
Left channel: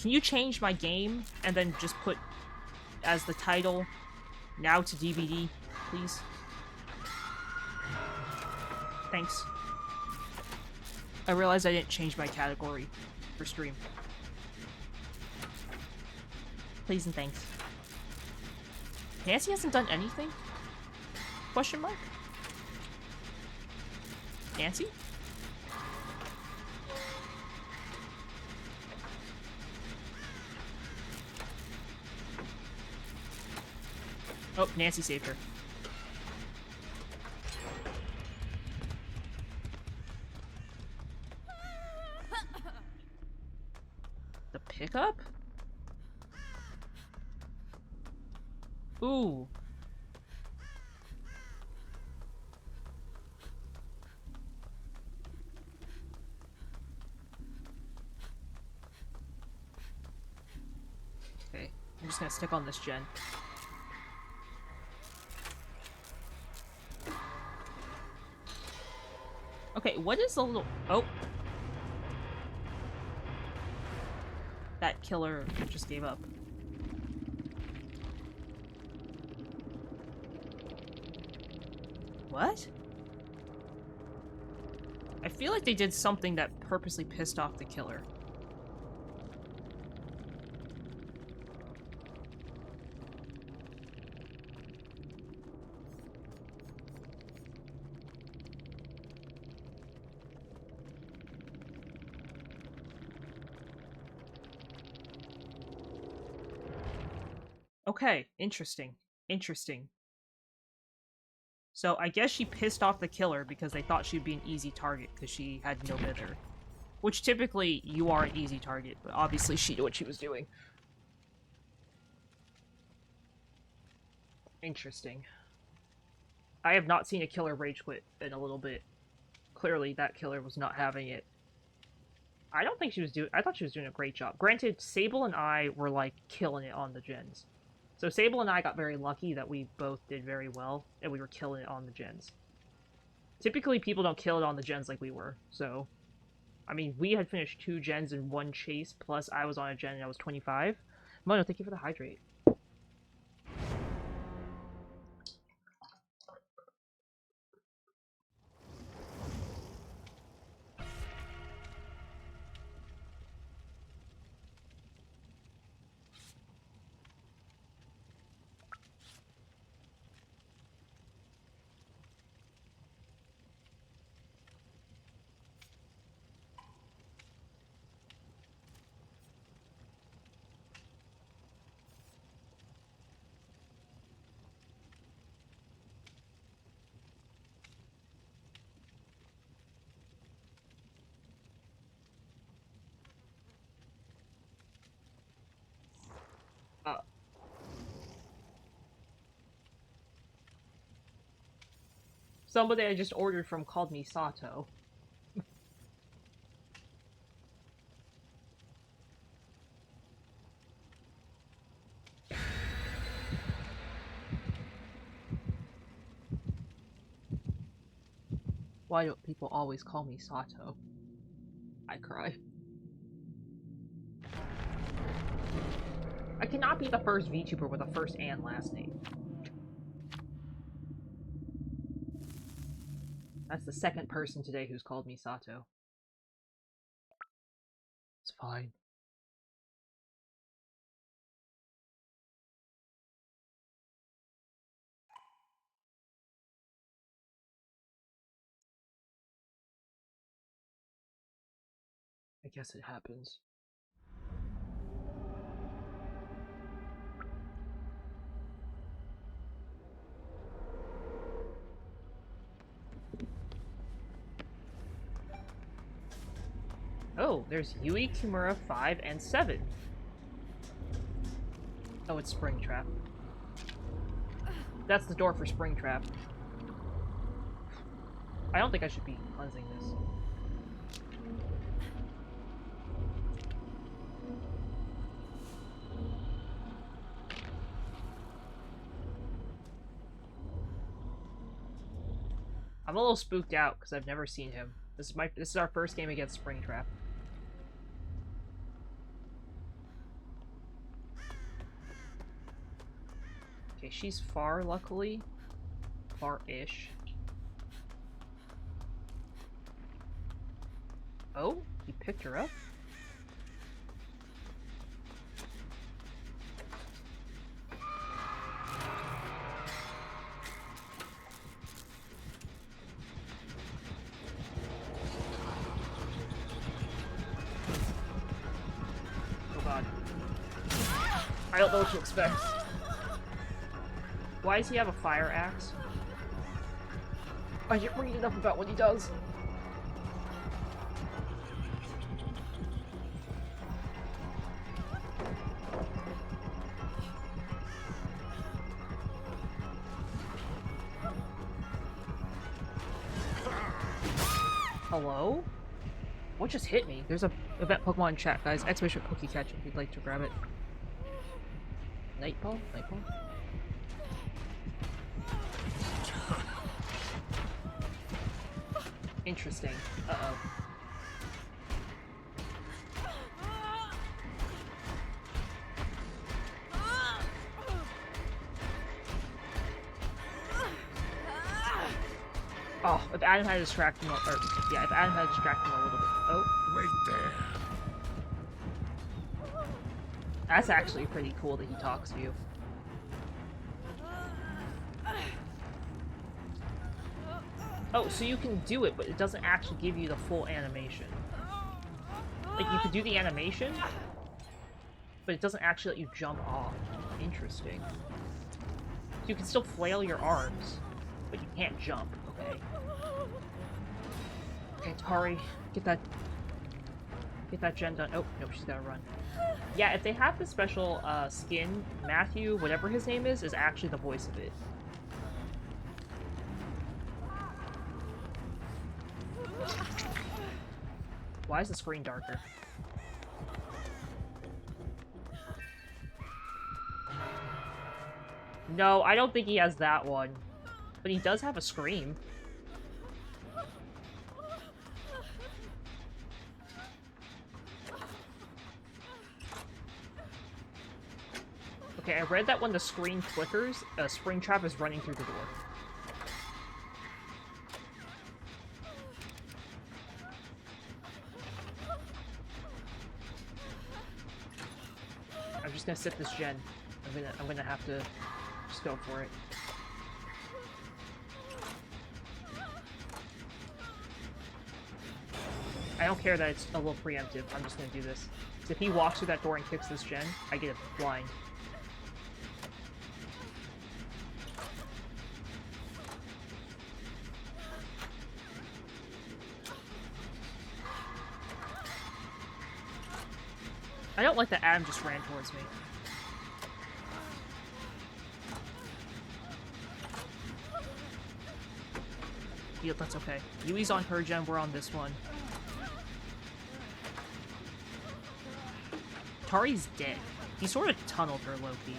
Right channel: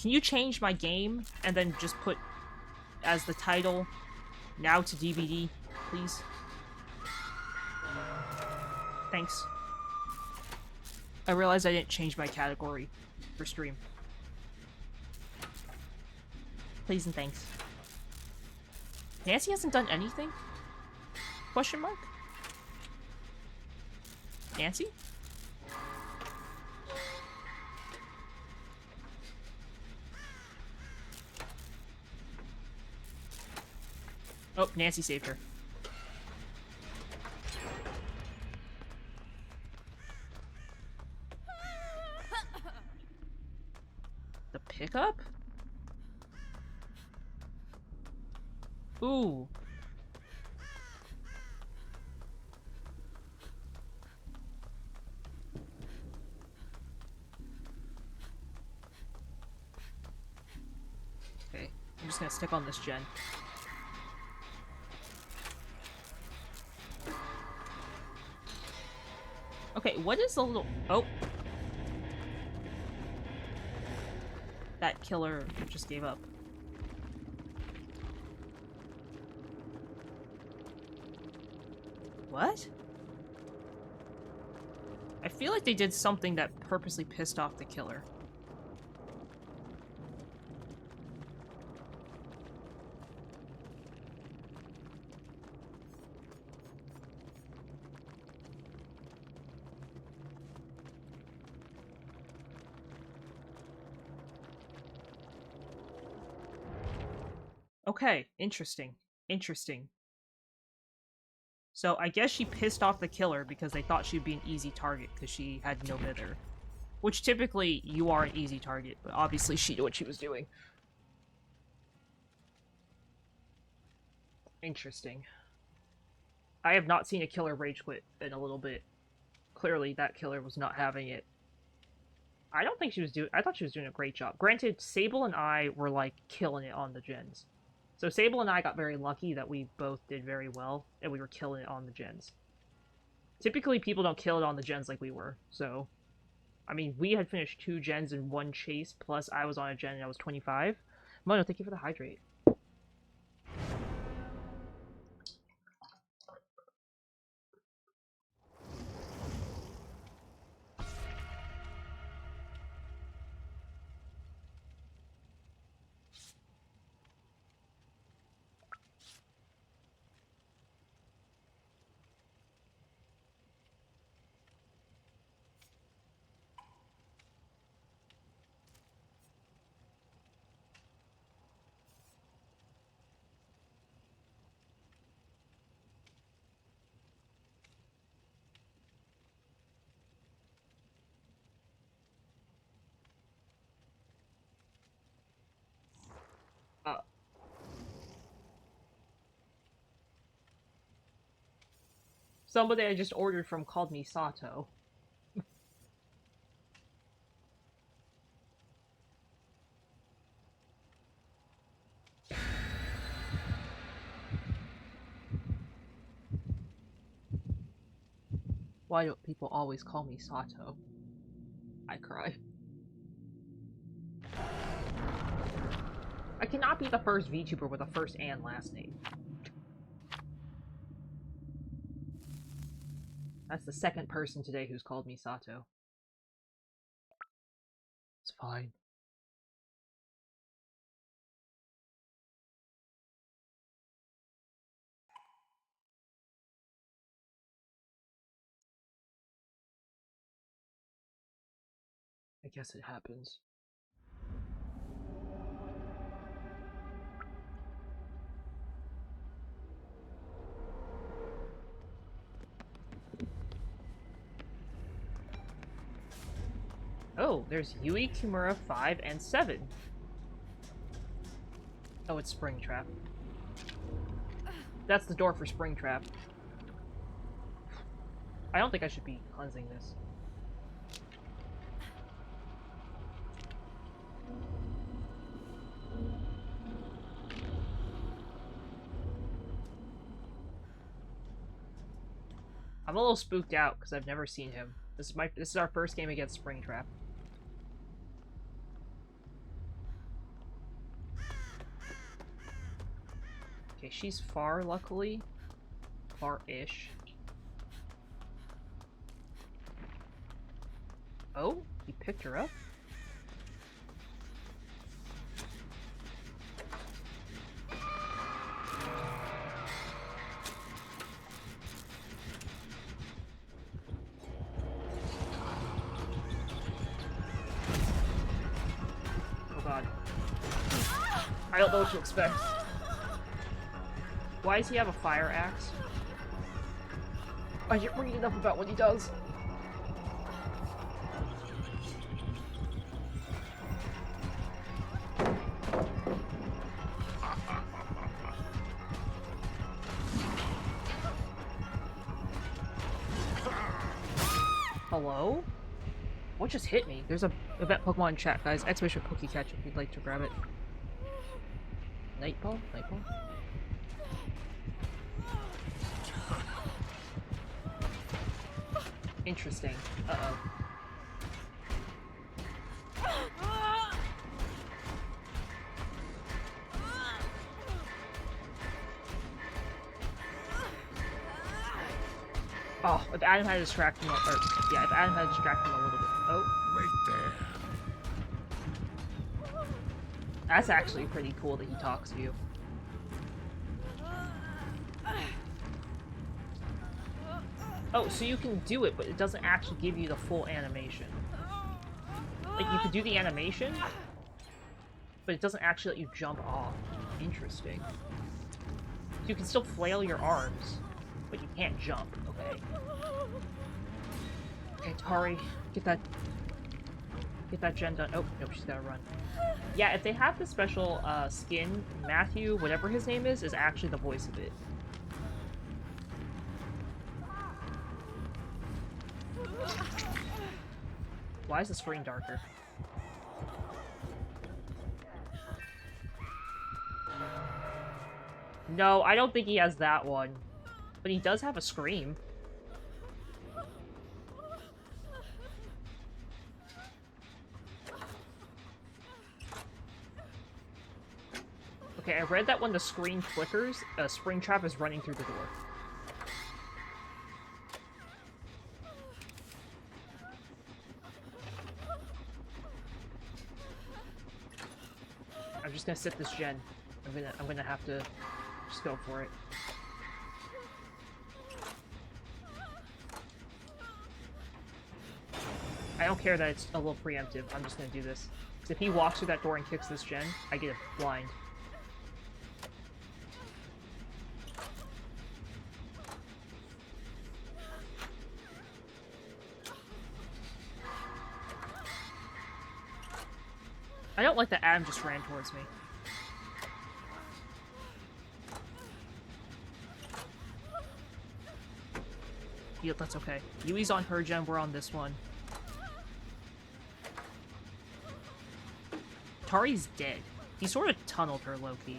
Can you change my game and then just put as the title now to DVD, please? Thanks. I realized I didn't change my category for stream. Please and thanks. Nancy hasn't done anything? Question mark? Nancy? Oh, Nancy saved her. The pickup? Ooh. Okay, I'm just gonna stick on this gen. Okay, what is the little... Oh. That killer just gave up. What? I feel like they did something that purposely pissed off the killer. Okay, interesting. Interesting. So I guess she pissed off the killer because they thought she'd be an easy target because she had no mither. Which typically you are an easy target, but obviously she knew what she was doing. Interesting. I have not seen a killer rage quit in a little bit. Clearly that killer was not having it. I don't think she was doing... I thought she was doing a great job. Granted, Sable and I were, like, killing it on the gens. So Sable and I got very lucky that we both did very well, and we were killing it on the gens. Typically, people don't kill it on the gens like we were, so... I mean, we had finished 2 gens in 1 chase, plus I was on a gen and I was 25. Mono, thank you for the hydrate. Somebody I just ordered from called me Sato. Why don't people always call me Sato? I cry. I cannot be the first VTuber with a first and last name. That's the second person today who's called me Sato. It's fine. I guess it happens. Oh, there's Yui, Kimura, 5, and 7. Oh, it's Springtrap. That's the door for Springtrap. I don't think I should be cleansing this. I'm a little spooked out because I've never seen him. This is our first game against Springtrap. Okay, she's far, luckily. Far-ish. Oh, he picked her up? Oh god. I don't know what to expect. Why does he have a fire axe? I didn't read enough about what he does. Hello? What just hit me? There's a event Pokemon in chat, guys. Expedition Pokecatch if you'd like to grab it. Nightball? Nightball? Interesting. Uh-oh. Oh, if Adam had distracted him, or yeah, if Adam had distracted him a little bit. Oh. Wait there. That's actually pretty cool that he talks to you. Oh, so you can do it, but it doesn't actually give you the full animation. Like, you could do the animation, but it doesn't actually let you jump off. Interesting. So you can still flail your arms. But you can't jump, okay? Okay, Tari, get that gen done. Oh, nope, she's gotta run. Yeah, if they have the special skin, Matthew, whatever his name is actually the voice of it. Why is the screen darker? No, I don't think he has that one. But he does have a scream. Okay, I read that when the screen flickers, a Springtrap is running through the door. I'm just gonna sit this gen. I'm gonna have to just go for it. I don't care that it's a little preemptive. I'm just gonna do this. Because if he walks through that door and kicks this gen, I get a blind. I don't like that Adam just ran towards me. Yeah, that's okay. Yui's on her gen, we're on this one. Tari's dead. He sort of tunneled her low-key.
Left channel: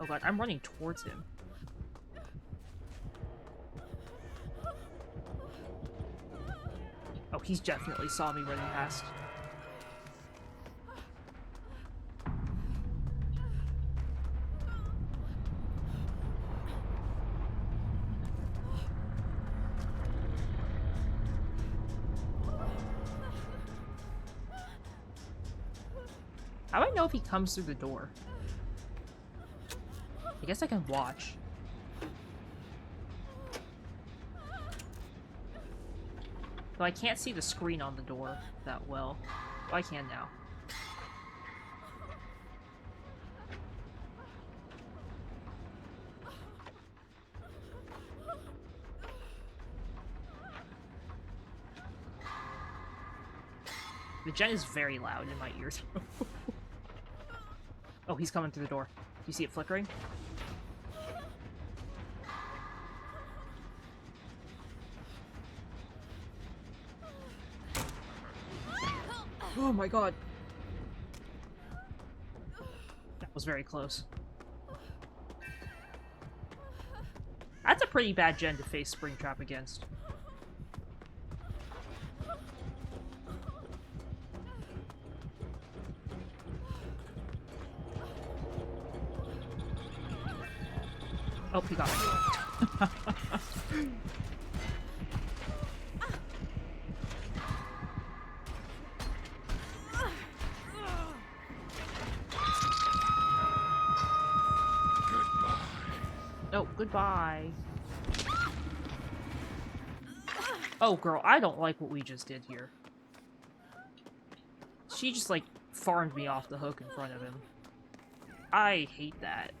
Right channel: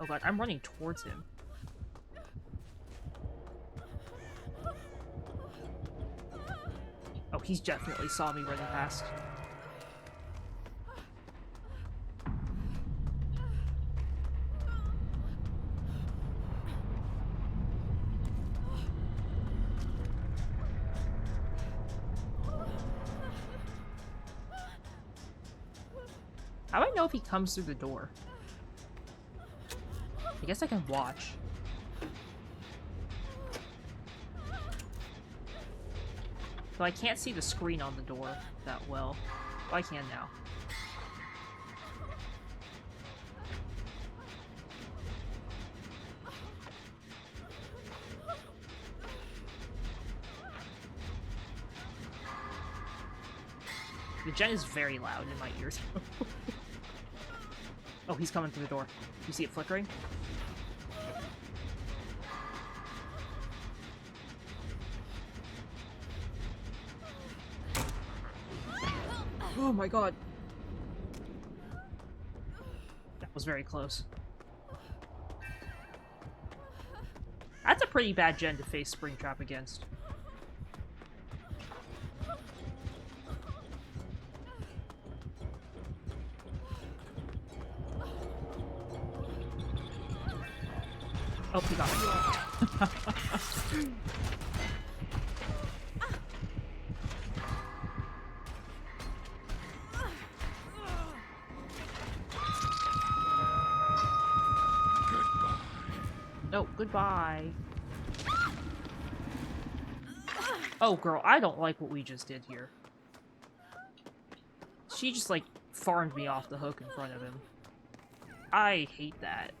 Oh god, I'm running towards him. Oh, he's definitely saw me running past. How do I know if he comes through the door? I guess I can watch. Though I can't see the screen on the door that well. Oh, I can now. The gen is very loud in my ears. Oh, he's coming through the door. You see it flickering? Oh my god. That was very close. That's a pretty bad gen to face Springtrap against. Oh, he got me. Oh, goodbye. Oh, girl, I don't like what we just did here. She just, like, farmed me off the hook in front of him. I hate that.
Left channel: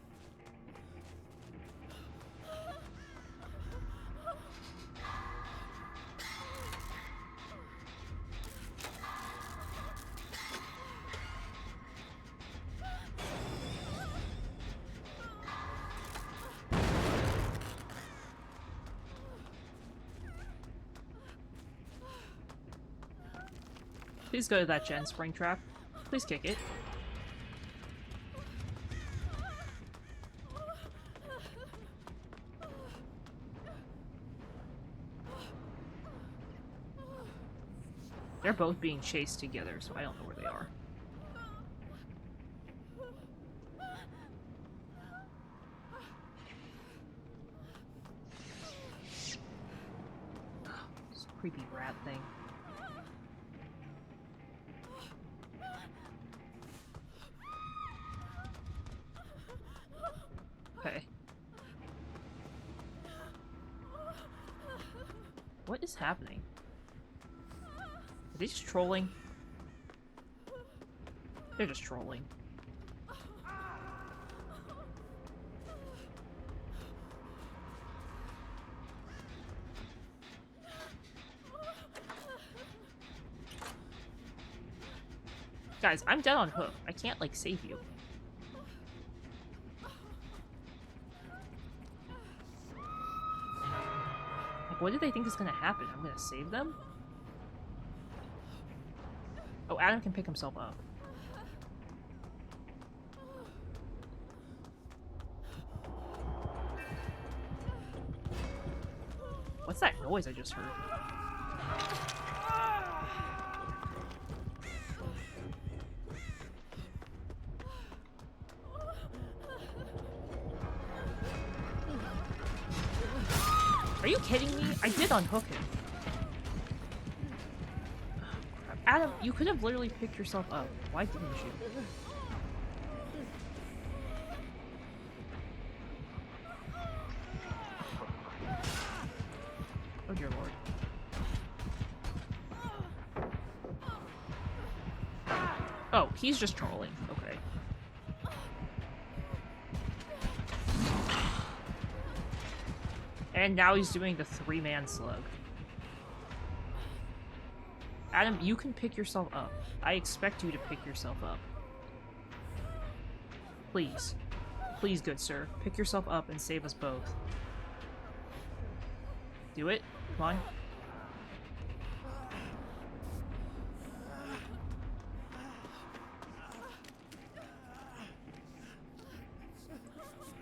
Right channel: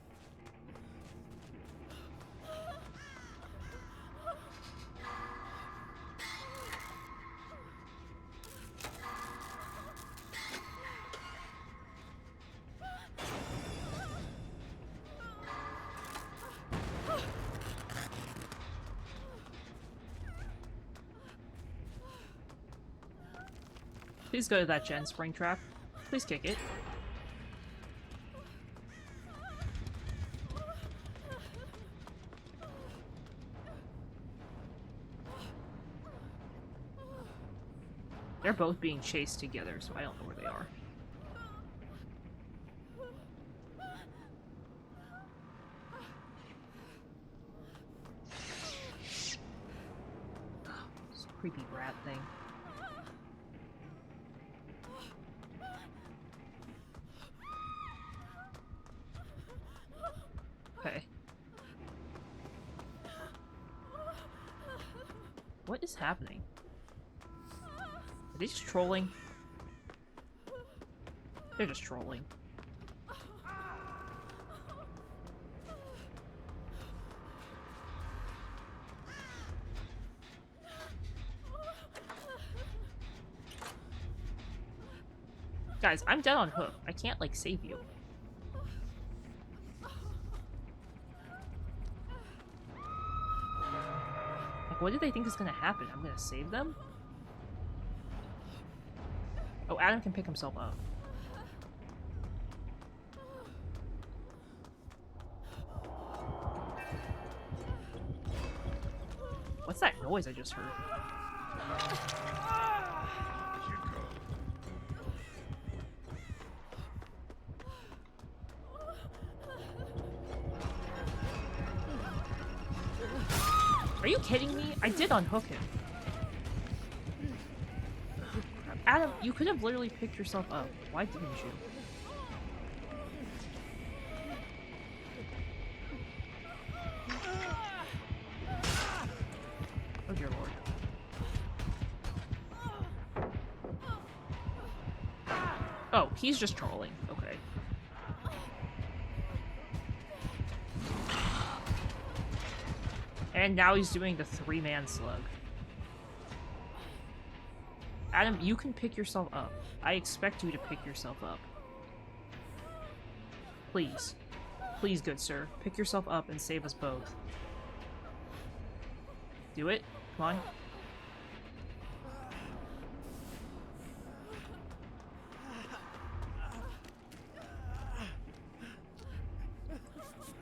Please go to that gen, Springtrap. Please kick it. They're both being chased together, so I don't know where they are. This creepy rat thing. Okay. is happening? Are they just trolling? They're just trolling. Guys, I'm dead on hook. I can't, like, save you. Like, what do they think is gonna happen? I'm gonna save them? Oh, Adam can pick himself up. What's that noise I just heard? Are you kidding me? I did unhook him. Oh, crap. Adam, you could have literally picked yourself up. Why didn't you? Oh dear lord. Oh, he's just trolling. Okay. And now he's doing the 3-man slug. Adam, you can pick yourself up. I expect you to pick yourself up. Please. Please, good sir. Pick yourself up and save us both. Do it. Come on.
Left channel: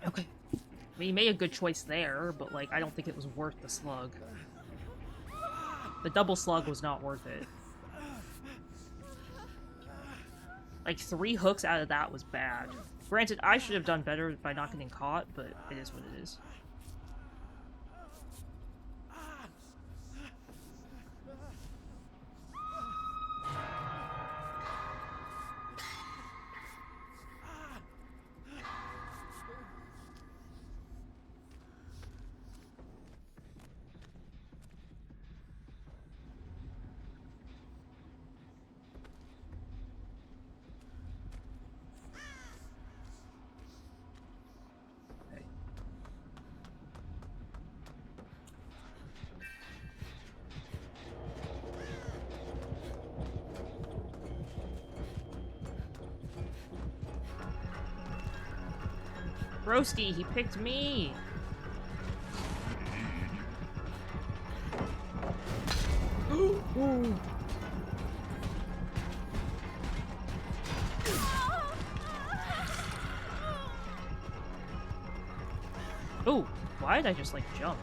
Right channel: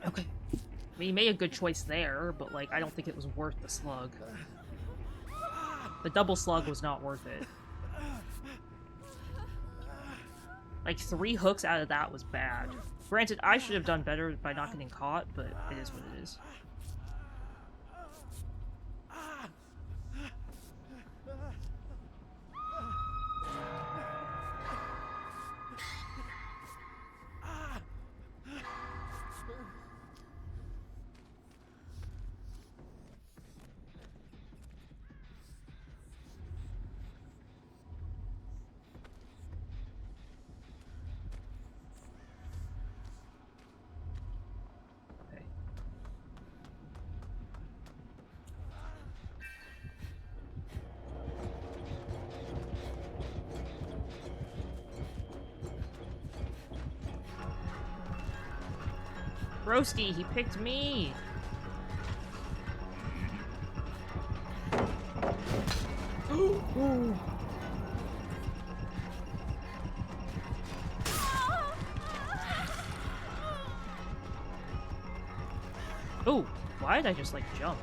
Okay. I mean, he made a good choice there, but, like, I don't think it was worth the slug. The double slug was not worth it. Like, 3 hooks out of that was bad. Granted, I should have done better by not getting caught, but it is what it is. Broski, he picked me! Ooh. Ooh, why did I just, like, jump?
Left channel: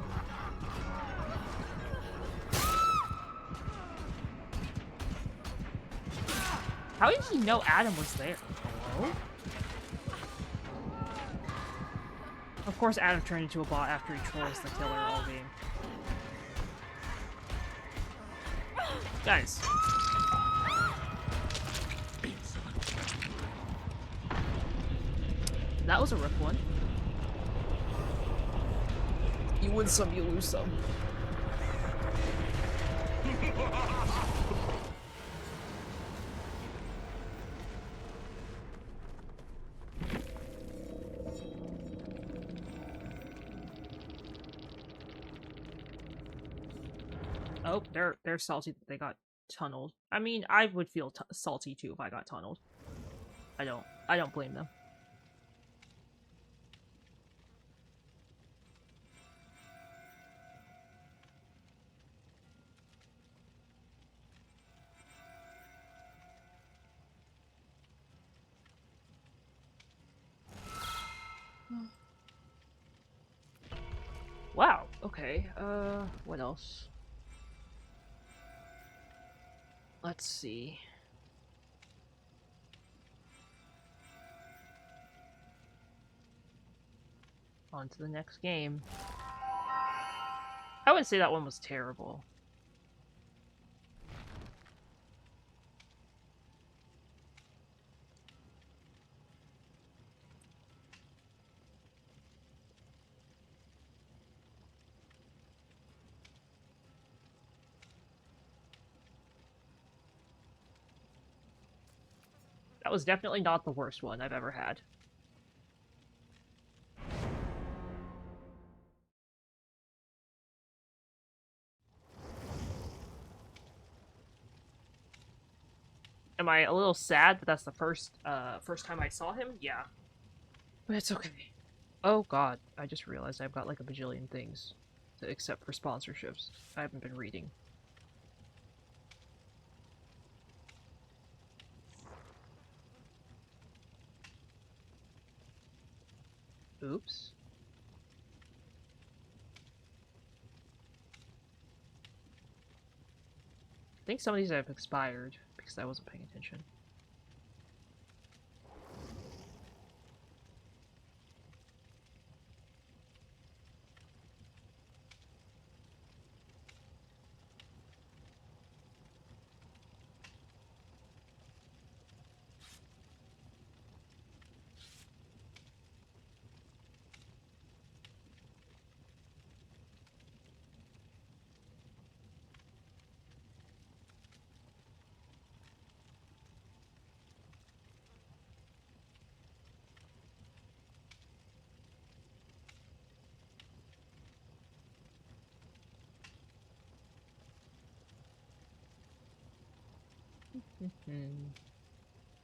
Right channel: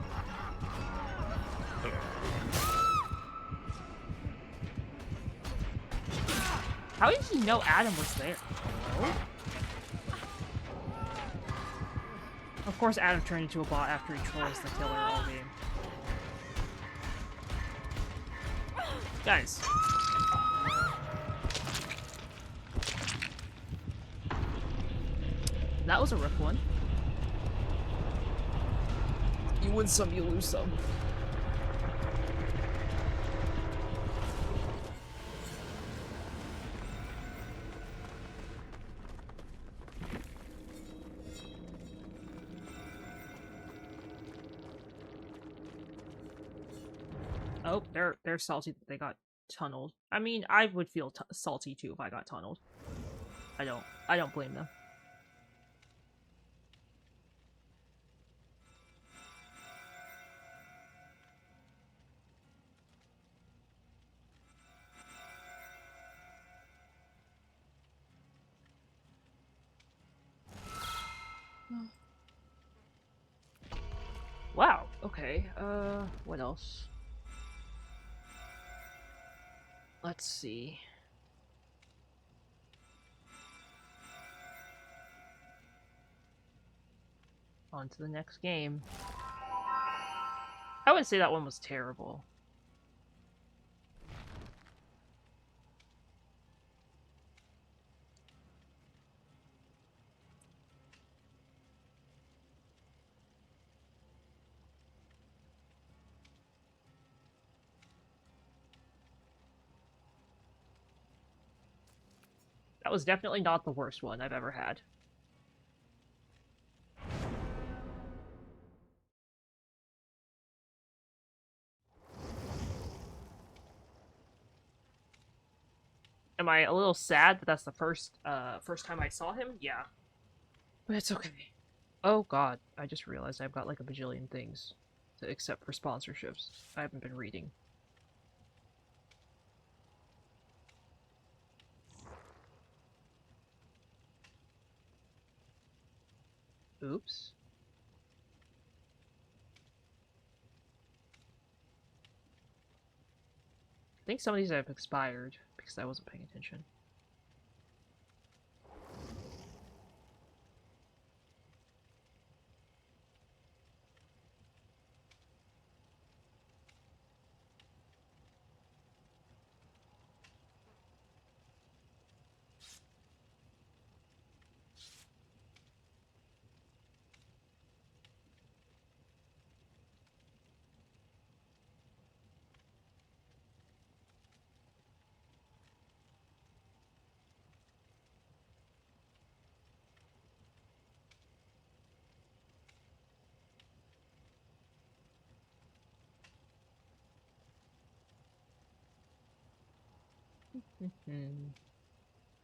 How did he know Adam was there? Hello? Of course Adam turned into a bot after he trolls the killer all game. Guys. That was a rough one. You win some, you lose some. Oh, they're salty that they got tunneled. I mean, I would feel salty too if I got tunneled. I don't blame them. Wow, okay, what else? Let's see. On to the next game. I wouldn't say that one was terrible. That was definitely not the worst one I've ever had. Am I a little sad that that's the first time I saw him? Yeah. But it's okay. Oh god, I just realized I've got like a bajillion things to accept for sponsorships. I haven't been reading. Oops. I think some of these have expired because I wasn't paying attention.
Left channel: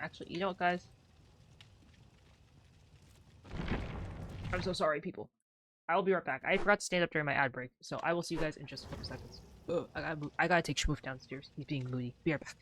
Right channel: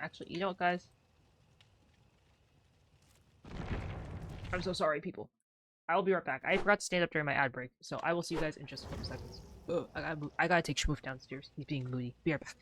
Actually, you know what, guys? I'm so sorry, people. I will be right back. I forgot to stand up during my ad break, so I will see you guys in just a couple seconds. Ugh, I gotta take Schmoof downstairs. He's being moody. Be right back.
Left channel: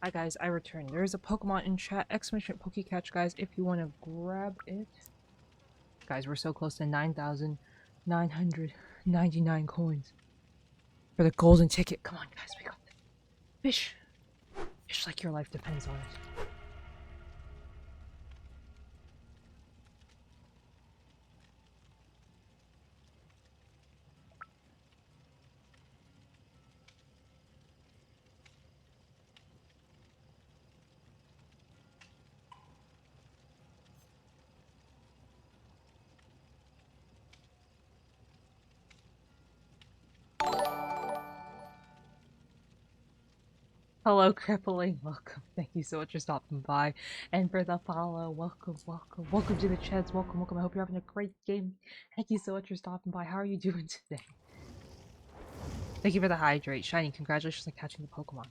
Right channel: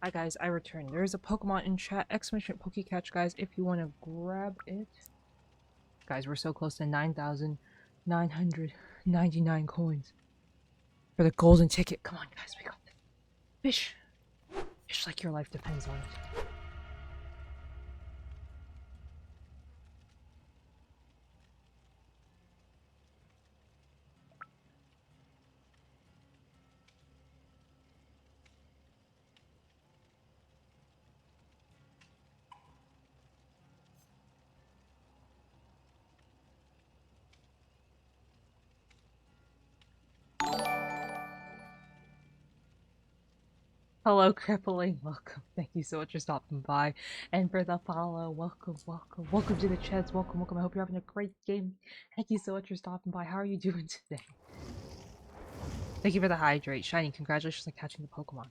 Hi guys, I returned. There's a Pokemon in chat, exclamation Pokecatch, guys, if you want to grab it. Guys, we're so close to 9,999 coins for the golden ticket. Come on, guys, we got this. Fish. Fish like your life depends on it. Hello, Crippling. Welcome. Thank you so much for stopping by. And for the follow, welcome, welcome. Welcome to the chats. Welcome, welcome. I hope you're having a great game. Thank you so much for stopping by. How are you doing today? Thank you for the hydrate. Shiny, congratulations on catching the Pokemon.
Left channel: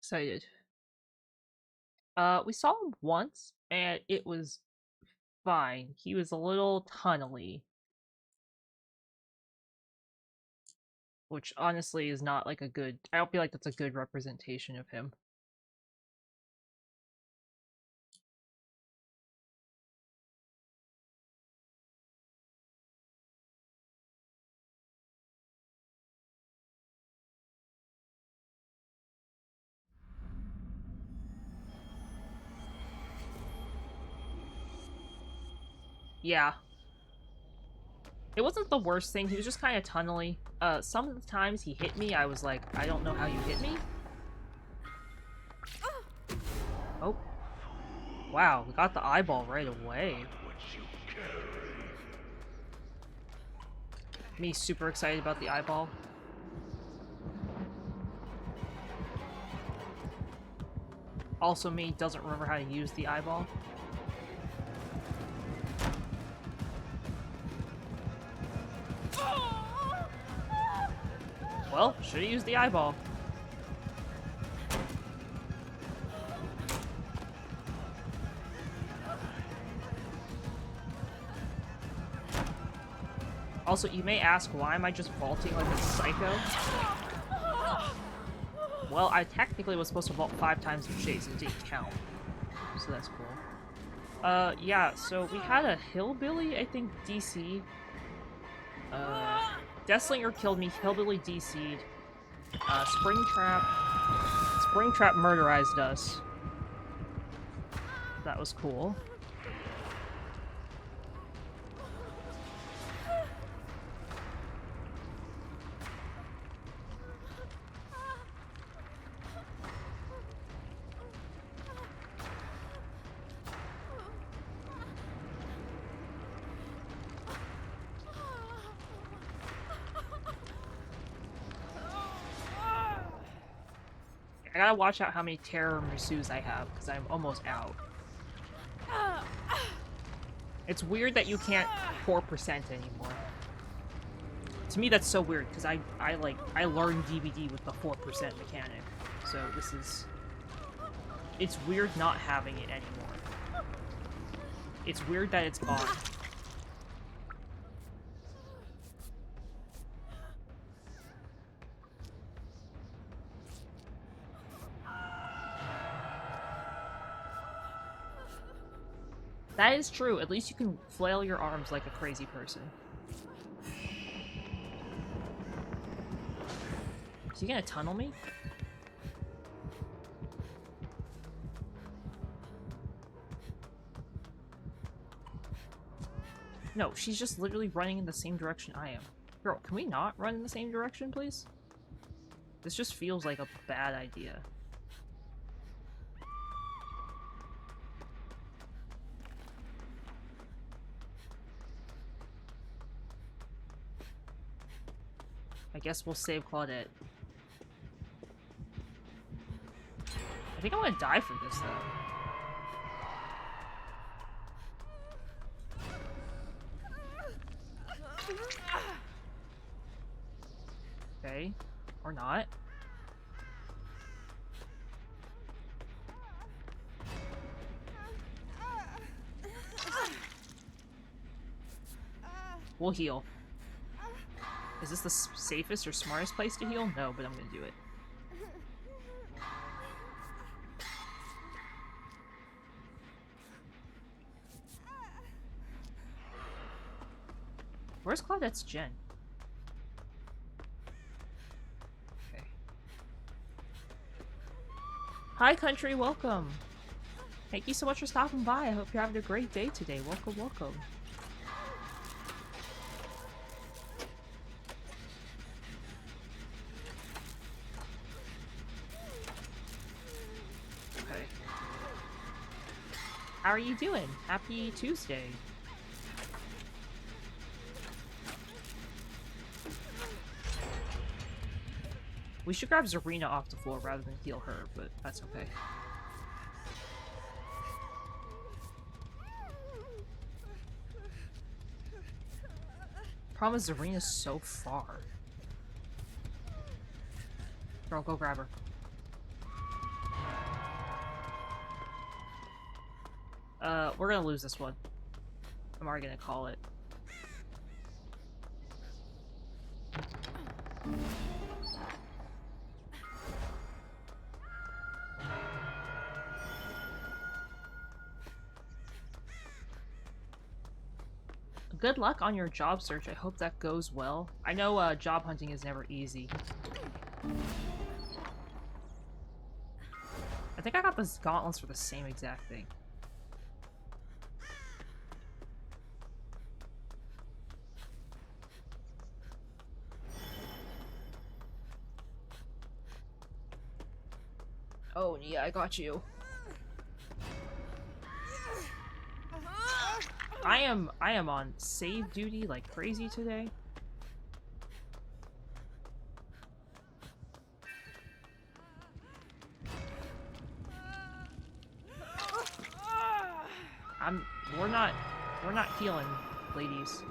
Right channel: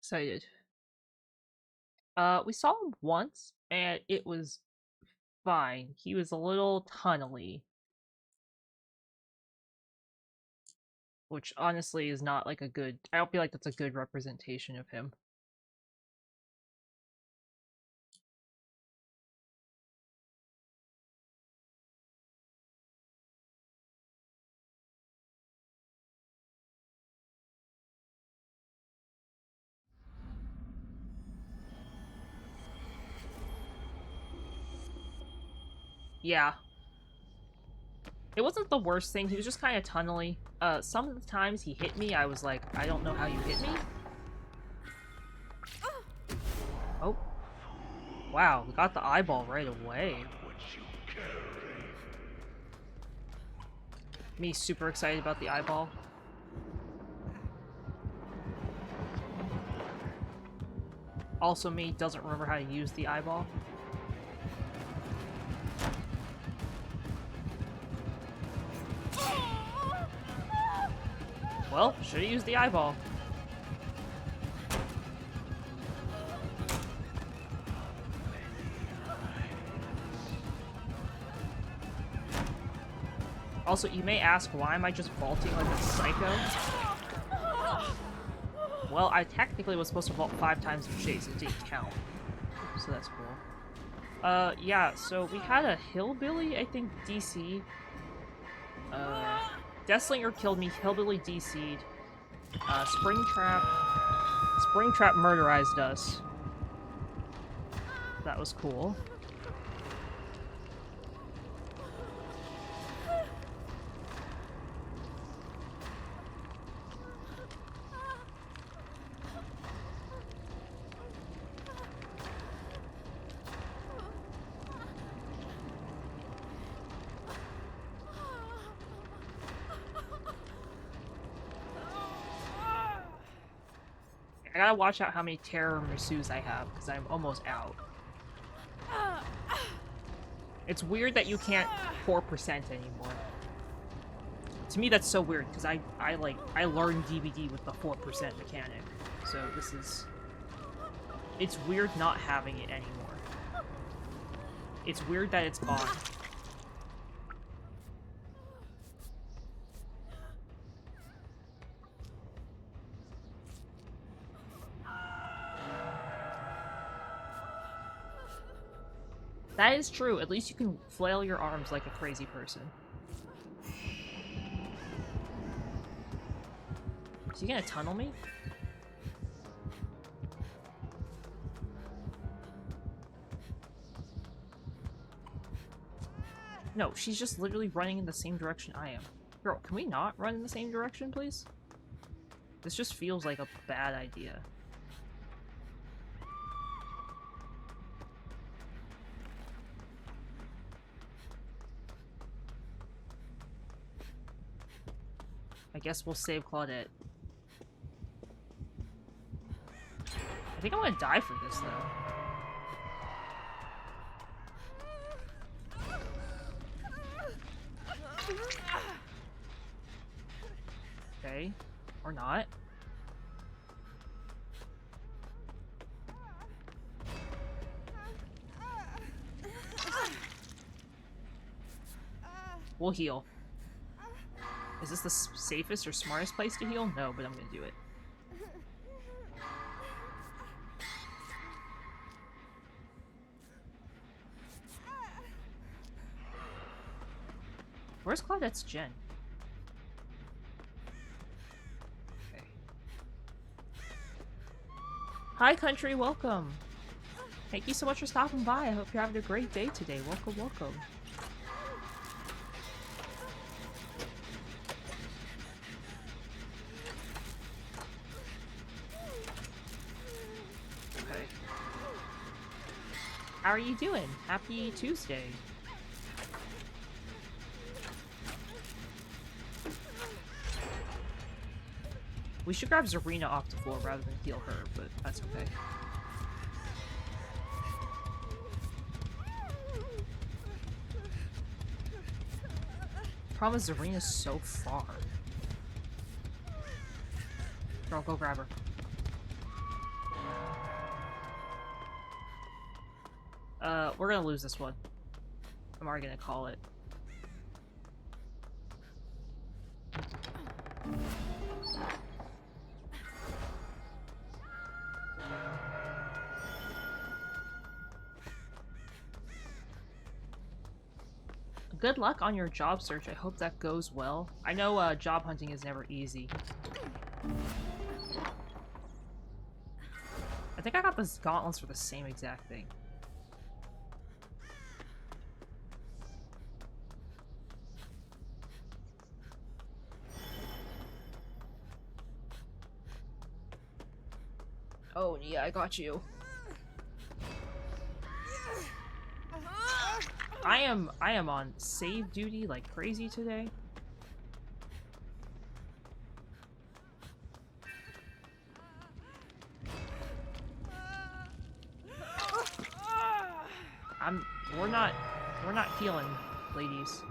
Excited. We saw him once, and it was fine. He was a little tunnely. Which honestly is not like a good... I don't feel like that's a good representation of him. Yeah. It wasn't the worst thing, he was just kind of tunnely. Some of the times he hit me, I was like, I don't know how you hit me. Oh. Wow, we got the eyeball right away. Me super excited about the eyeball. Also me doesn't remember how to use the eyeball. Well, should've used the eyeball. Also, you may ask, why am I just vaulting like a psycho? Well, I technically was supposed to vault 5 times in chase, it didn't count. So that's cool. Yeah, so we had a hillbilly, I think, DC. Deathslinger killed me, hillbilly DC'd. Springtrap murderized us. That was cool. I gotta watch out how many Terror Mursus I have, because I'm almost out. It's weird that you can't 4% anymore. To me, that's so weird, because I learned DBD with the 4% mechanic. So this is... It's weird not having it anymore. It's weird that it's gone. That is true. At least you can flail your arms like a crazy person. Is he gonna tunnel me? No, she's just literally running in the same direction I am. Girl, can we not run in the same direction, please? This just feels like a bad idea. I guess we'll save Claudette. I think I'm gonna die for this, though. Okay. Or not. We'll heal. Is this the safest or smartest place to heal? No, but I'm gonna do it. Where's Claudette's gen? Okay. Hi, country, welcome. Thank you so much for stopping by. I hope you're having a great day today. Welcome, welcome. Okay. How are you doing? Happy Tuesday. We should grab Zarina off the floor rather than heal her, but that's okay. Problem is Zarina's so far. Girl, go grab her. We're gonna lose this one. I'm already gonna call it. Good luck on your job search. I hope that goes well. I know job hunting is never easy. I think I got the gauntlets for the same exact thing. Oh, yeah, I got you. I am on save duty like crazy today. We're not healing, ladies.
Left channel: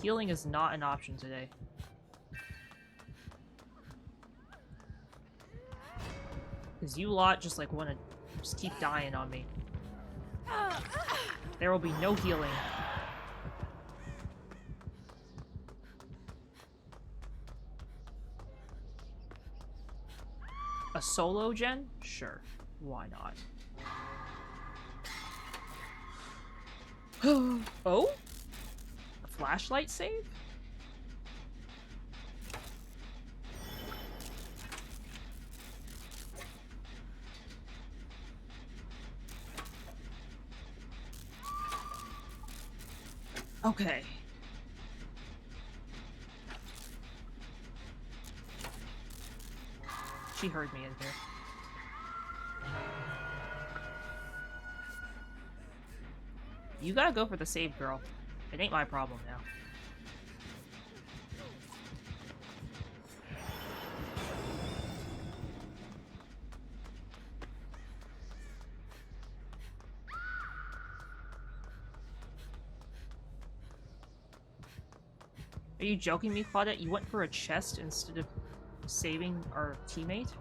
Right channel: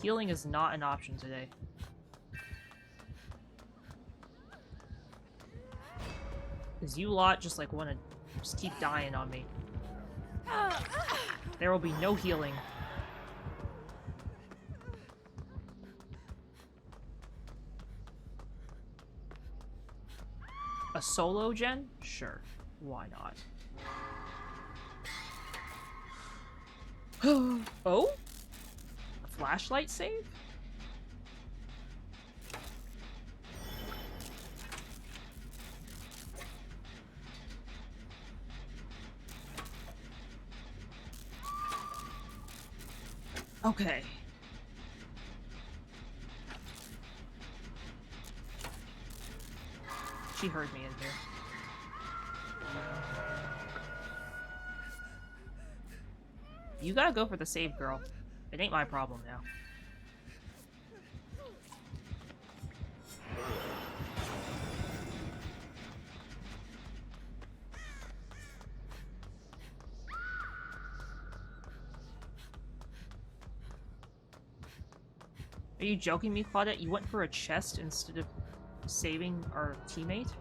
Healing is not an option today. Cause you lot just like wanna just keep dying on me. There will be no healing. A solo gen? Sure. Why not? Oh? A flashlight save? Okay. She heard me in here. You gotta go for the save, girl. It ain't my problem now. Are you joking me, Claudette? You went for a chest instead of saving our teammate?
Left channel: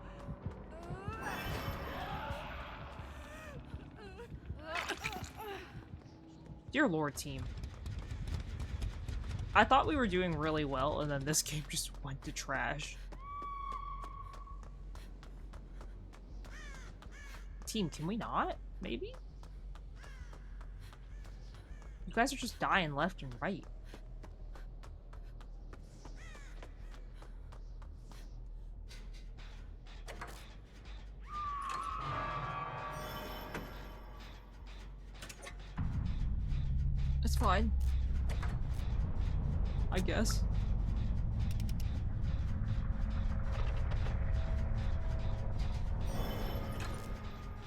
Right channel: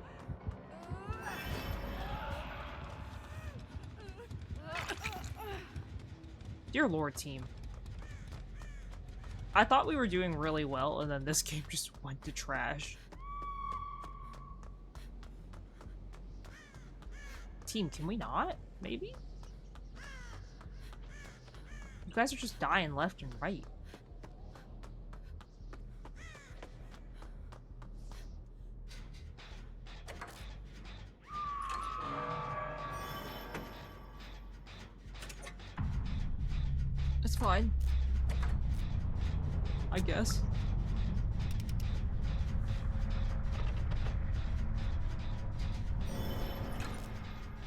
Dear Lord, team. I thought we were doing really well, and then this game just went to trash. Team, can we not? Maybe? You guys are just dying left and right. It's fine. I guess.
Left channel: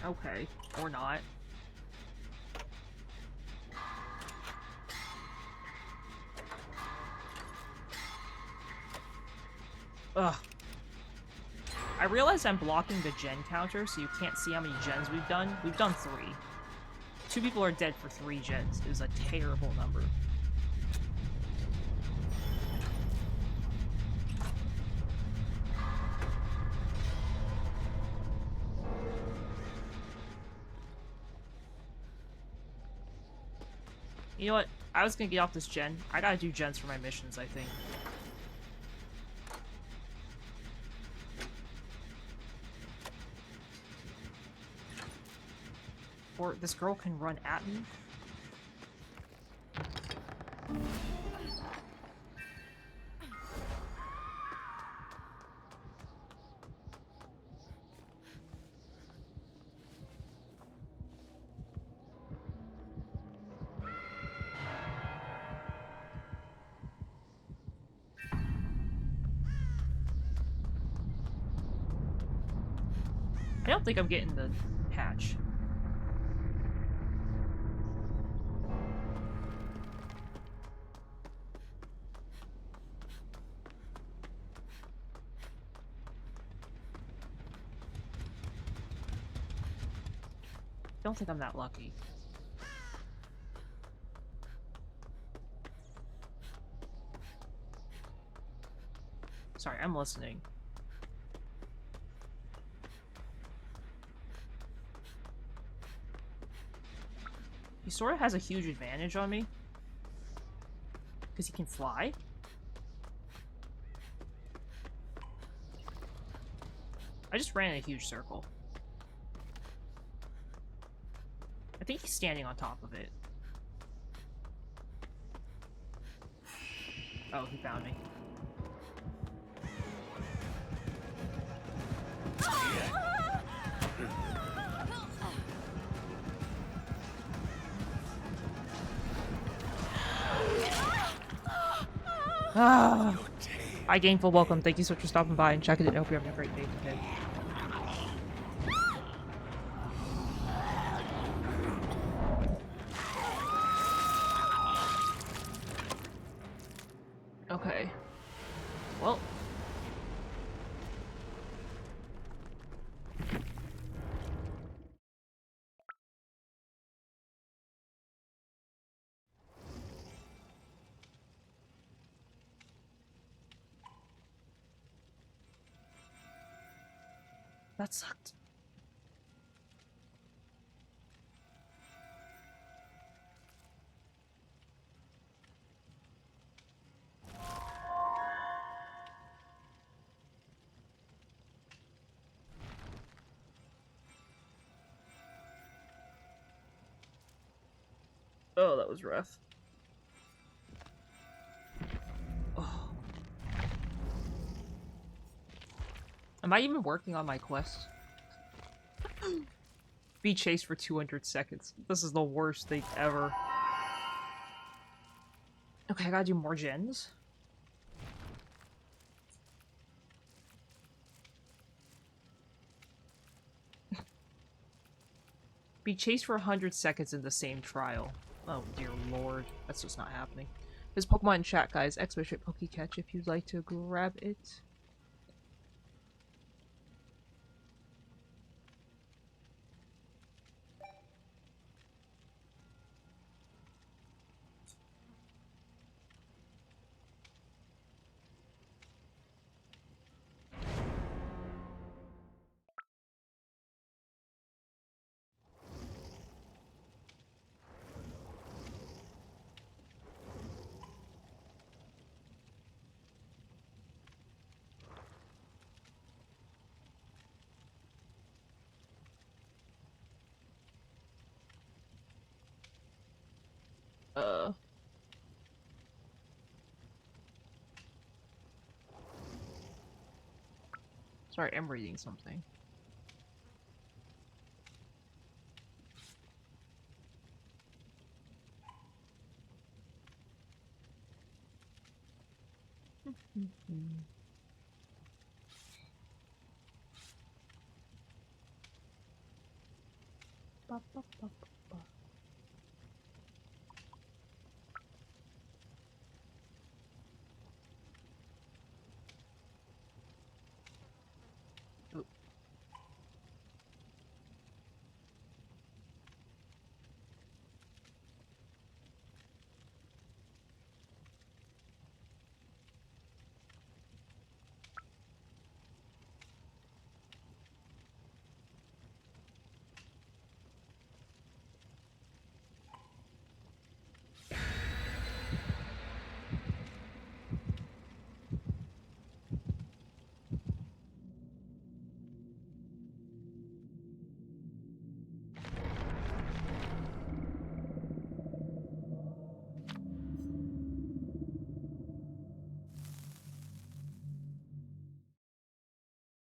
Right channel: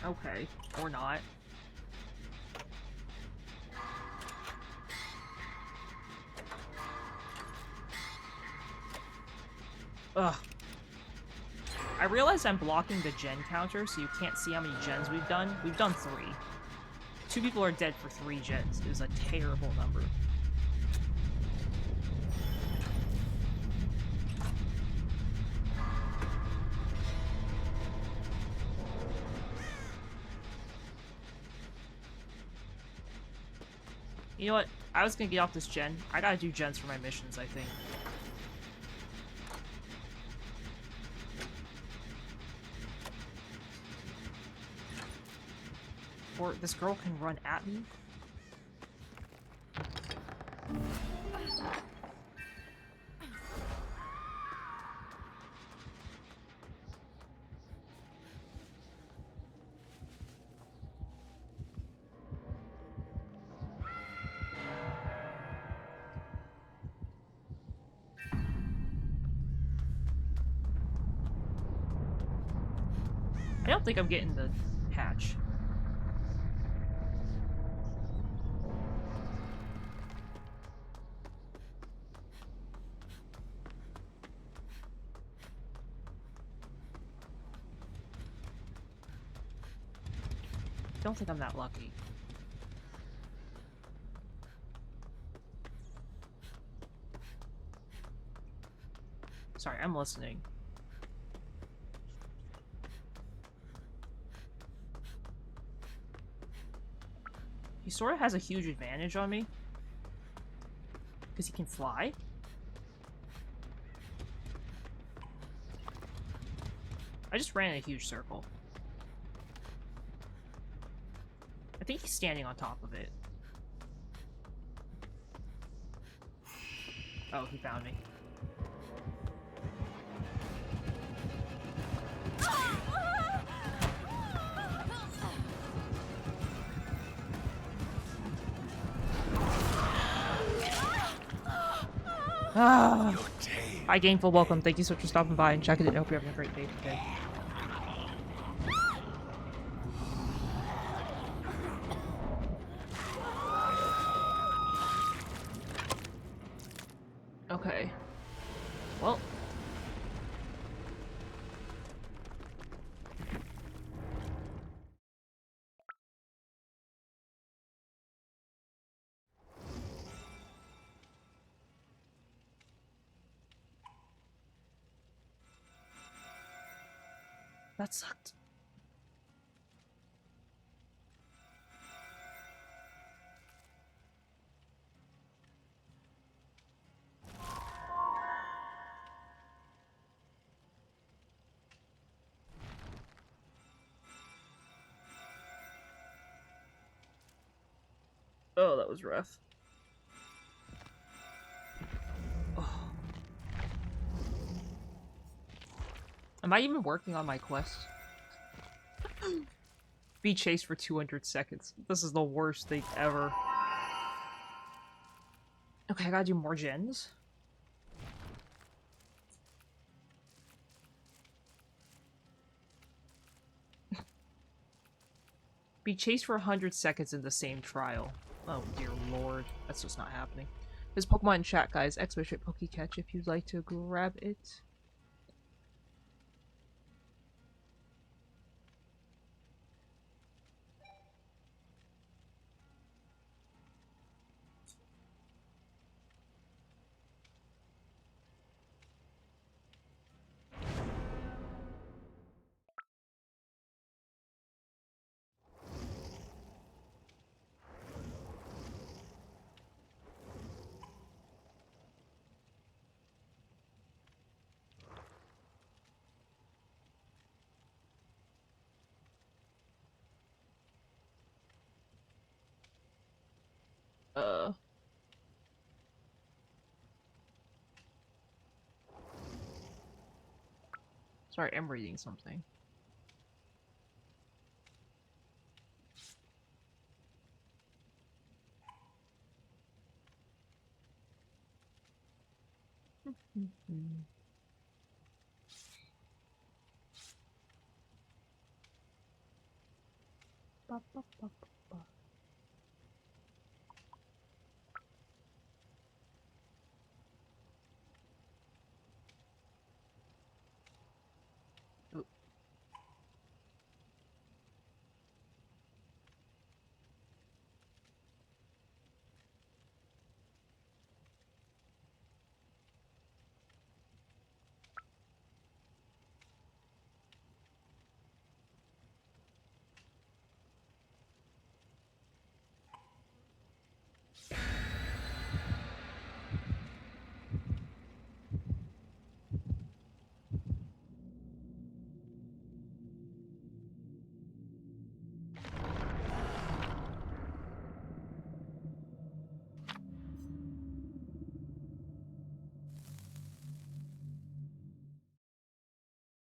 Okay. Or not. Ugh. I realize I'm blocking the gen counter, so you can't see how many gens we've done. We've done 3. 2 people are dead for 3 gens. It is a terrible number. You know what? I was gonna get off this gen. I gotta do gens for my missions, I think. Or this girl can run at me? I don't think I'm getting the hatch. Don't think I'm that lucky. Sorry, I'm listening. He sort of has a huge advantage on me. Because he can fly. I just ran in a huge circle. I think he's standing on top of it. Oh, he found me. Ah. Hi, Gainful. Welcome. Thank you so much for stopping by and checking it. I hope you're having a great day today. Okay. Well. That sucked. Oh, that was rough. Oh. Am I even working on my quest? Be chased for 200 seconds. This is the worst thing ever. Okay, I gotta do more gens. Be chased for 100 seconds in the same trial. Oh dear lord. That's just not happening. There's Pokemon in chat, guys. Expert Pokecatch if you'd like to grab it. Sorry, I'm reading something. Ba, ba, ba, ba, ba.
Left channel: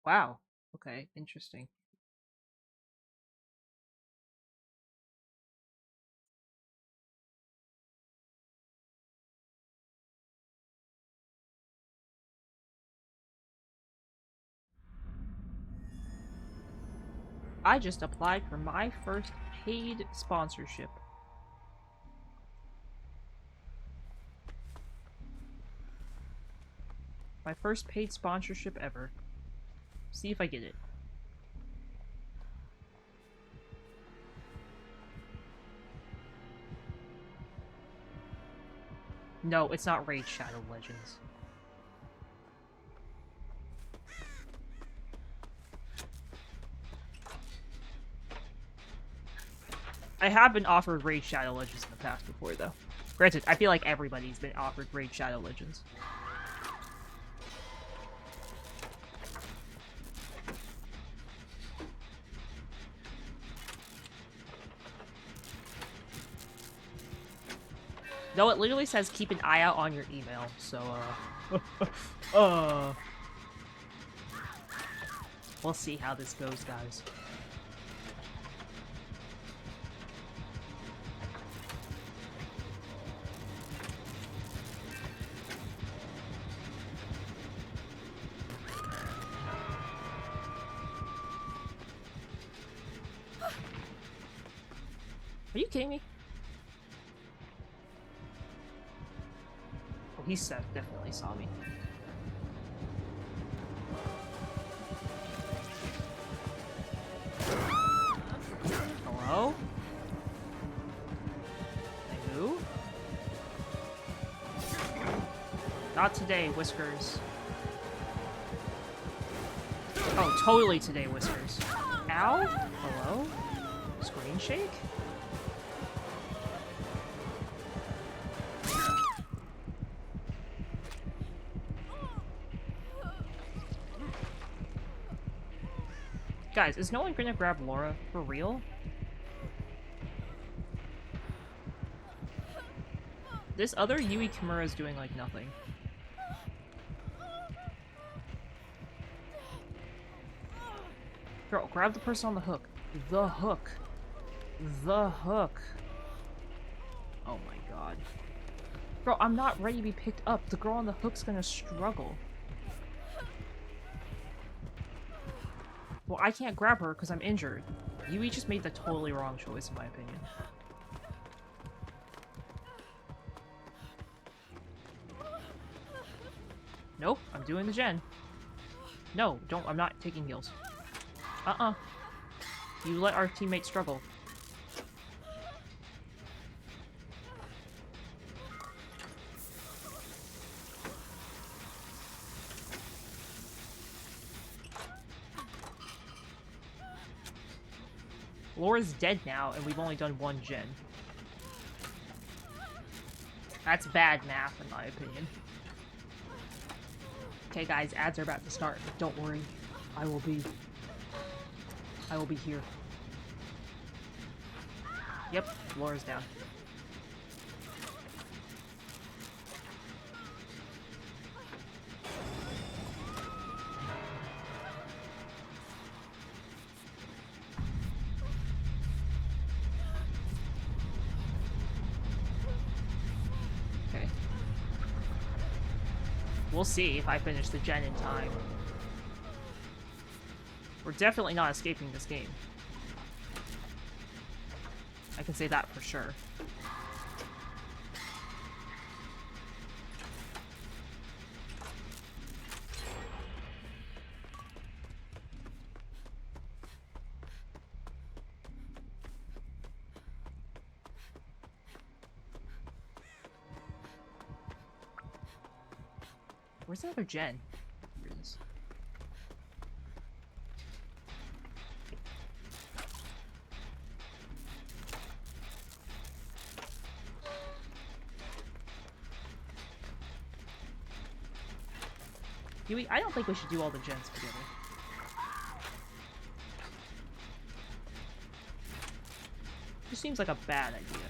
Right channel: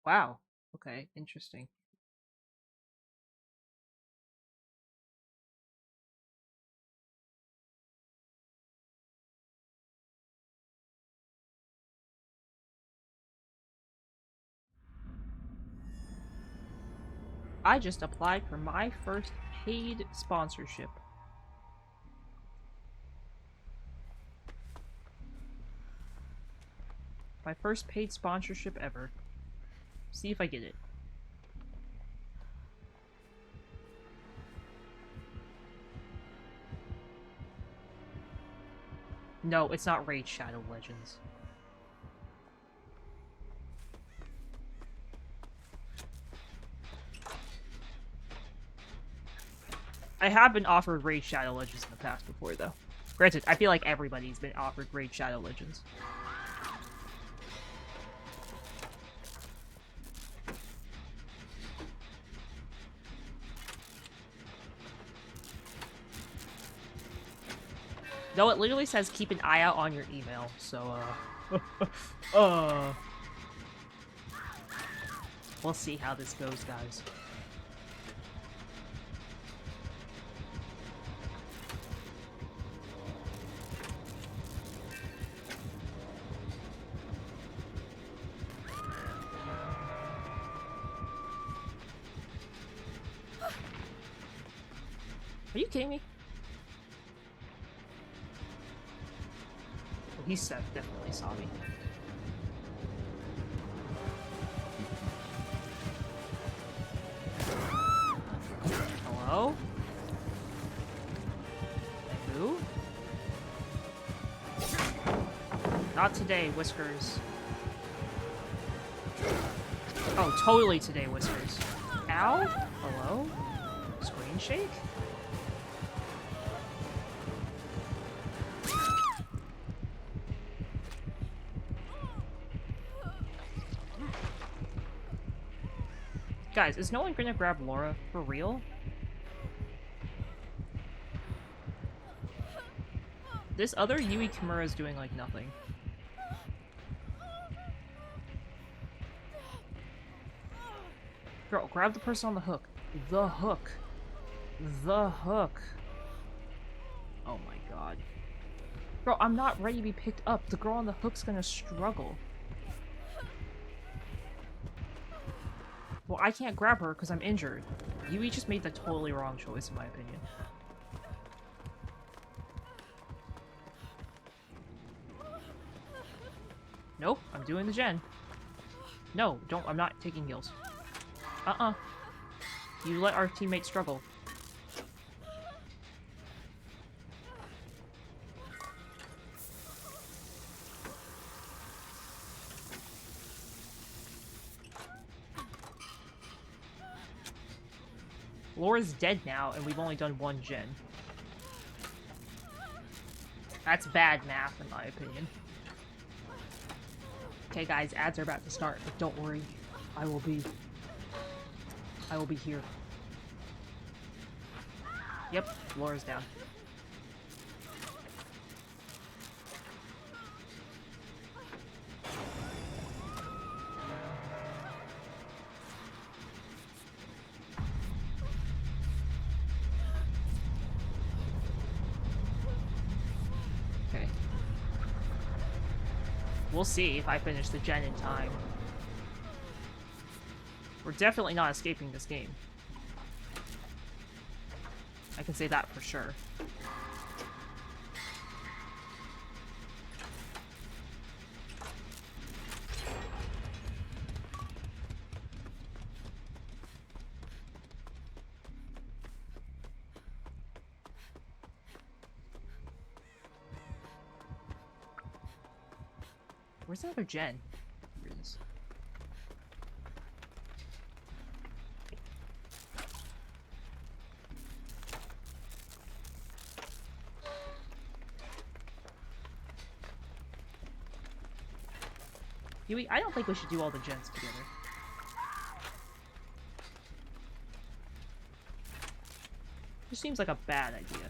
Wow. Okay, interesting. I just applied for my first paid sponsorship. My first paid sponsorship ever. See if I get it. No, it's not Raid Shadow Legends. I have been offered Raid Shadow Legends in the past before, though. Granted, I feel like everybody's been offered Raid Shadow Legends. Though it literally says keep an eye out on your email, so, we'll see how this goes, guys. Are you kidding me? Oh, he definitely saw me. Hello? Can I move? Not today, Whiskers. Oh, totally today, Whiskers. Ow? Hello? Screen shake? Guys, is no one gonna grab Laura? For real? This other Yui Kimura is doing, like, nothing. Girl, grab the person on the hook. The hook. The hook. Oh my god. Bro, I'm not ready to be picked up. The girl on the hook's gonna struggle. Well, I can't grab her because I'm injured. Yui just made the totally wrong choice, in my opinion. Nope, I'm doing the gen. No, don't. I'm not taking heals. You let our teammate struggle. Laura's dead now, and we've only done one gen. That's bad math, in my opinion. Okay, guys, ads are about to start, but don't worry. I will be here. Yep, Laura's down. Okay. We'll see if I finish the gen in time. We're definitely not escaping this game. I can say that for sure. Where's the other gen? Here it is. Yui, I don't think we should do all the gens together. This seems like a bad idea.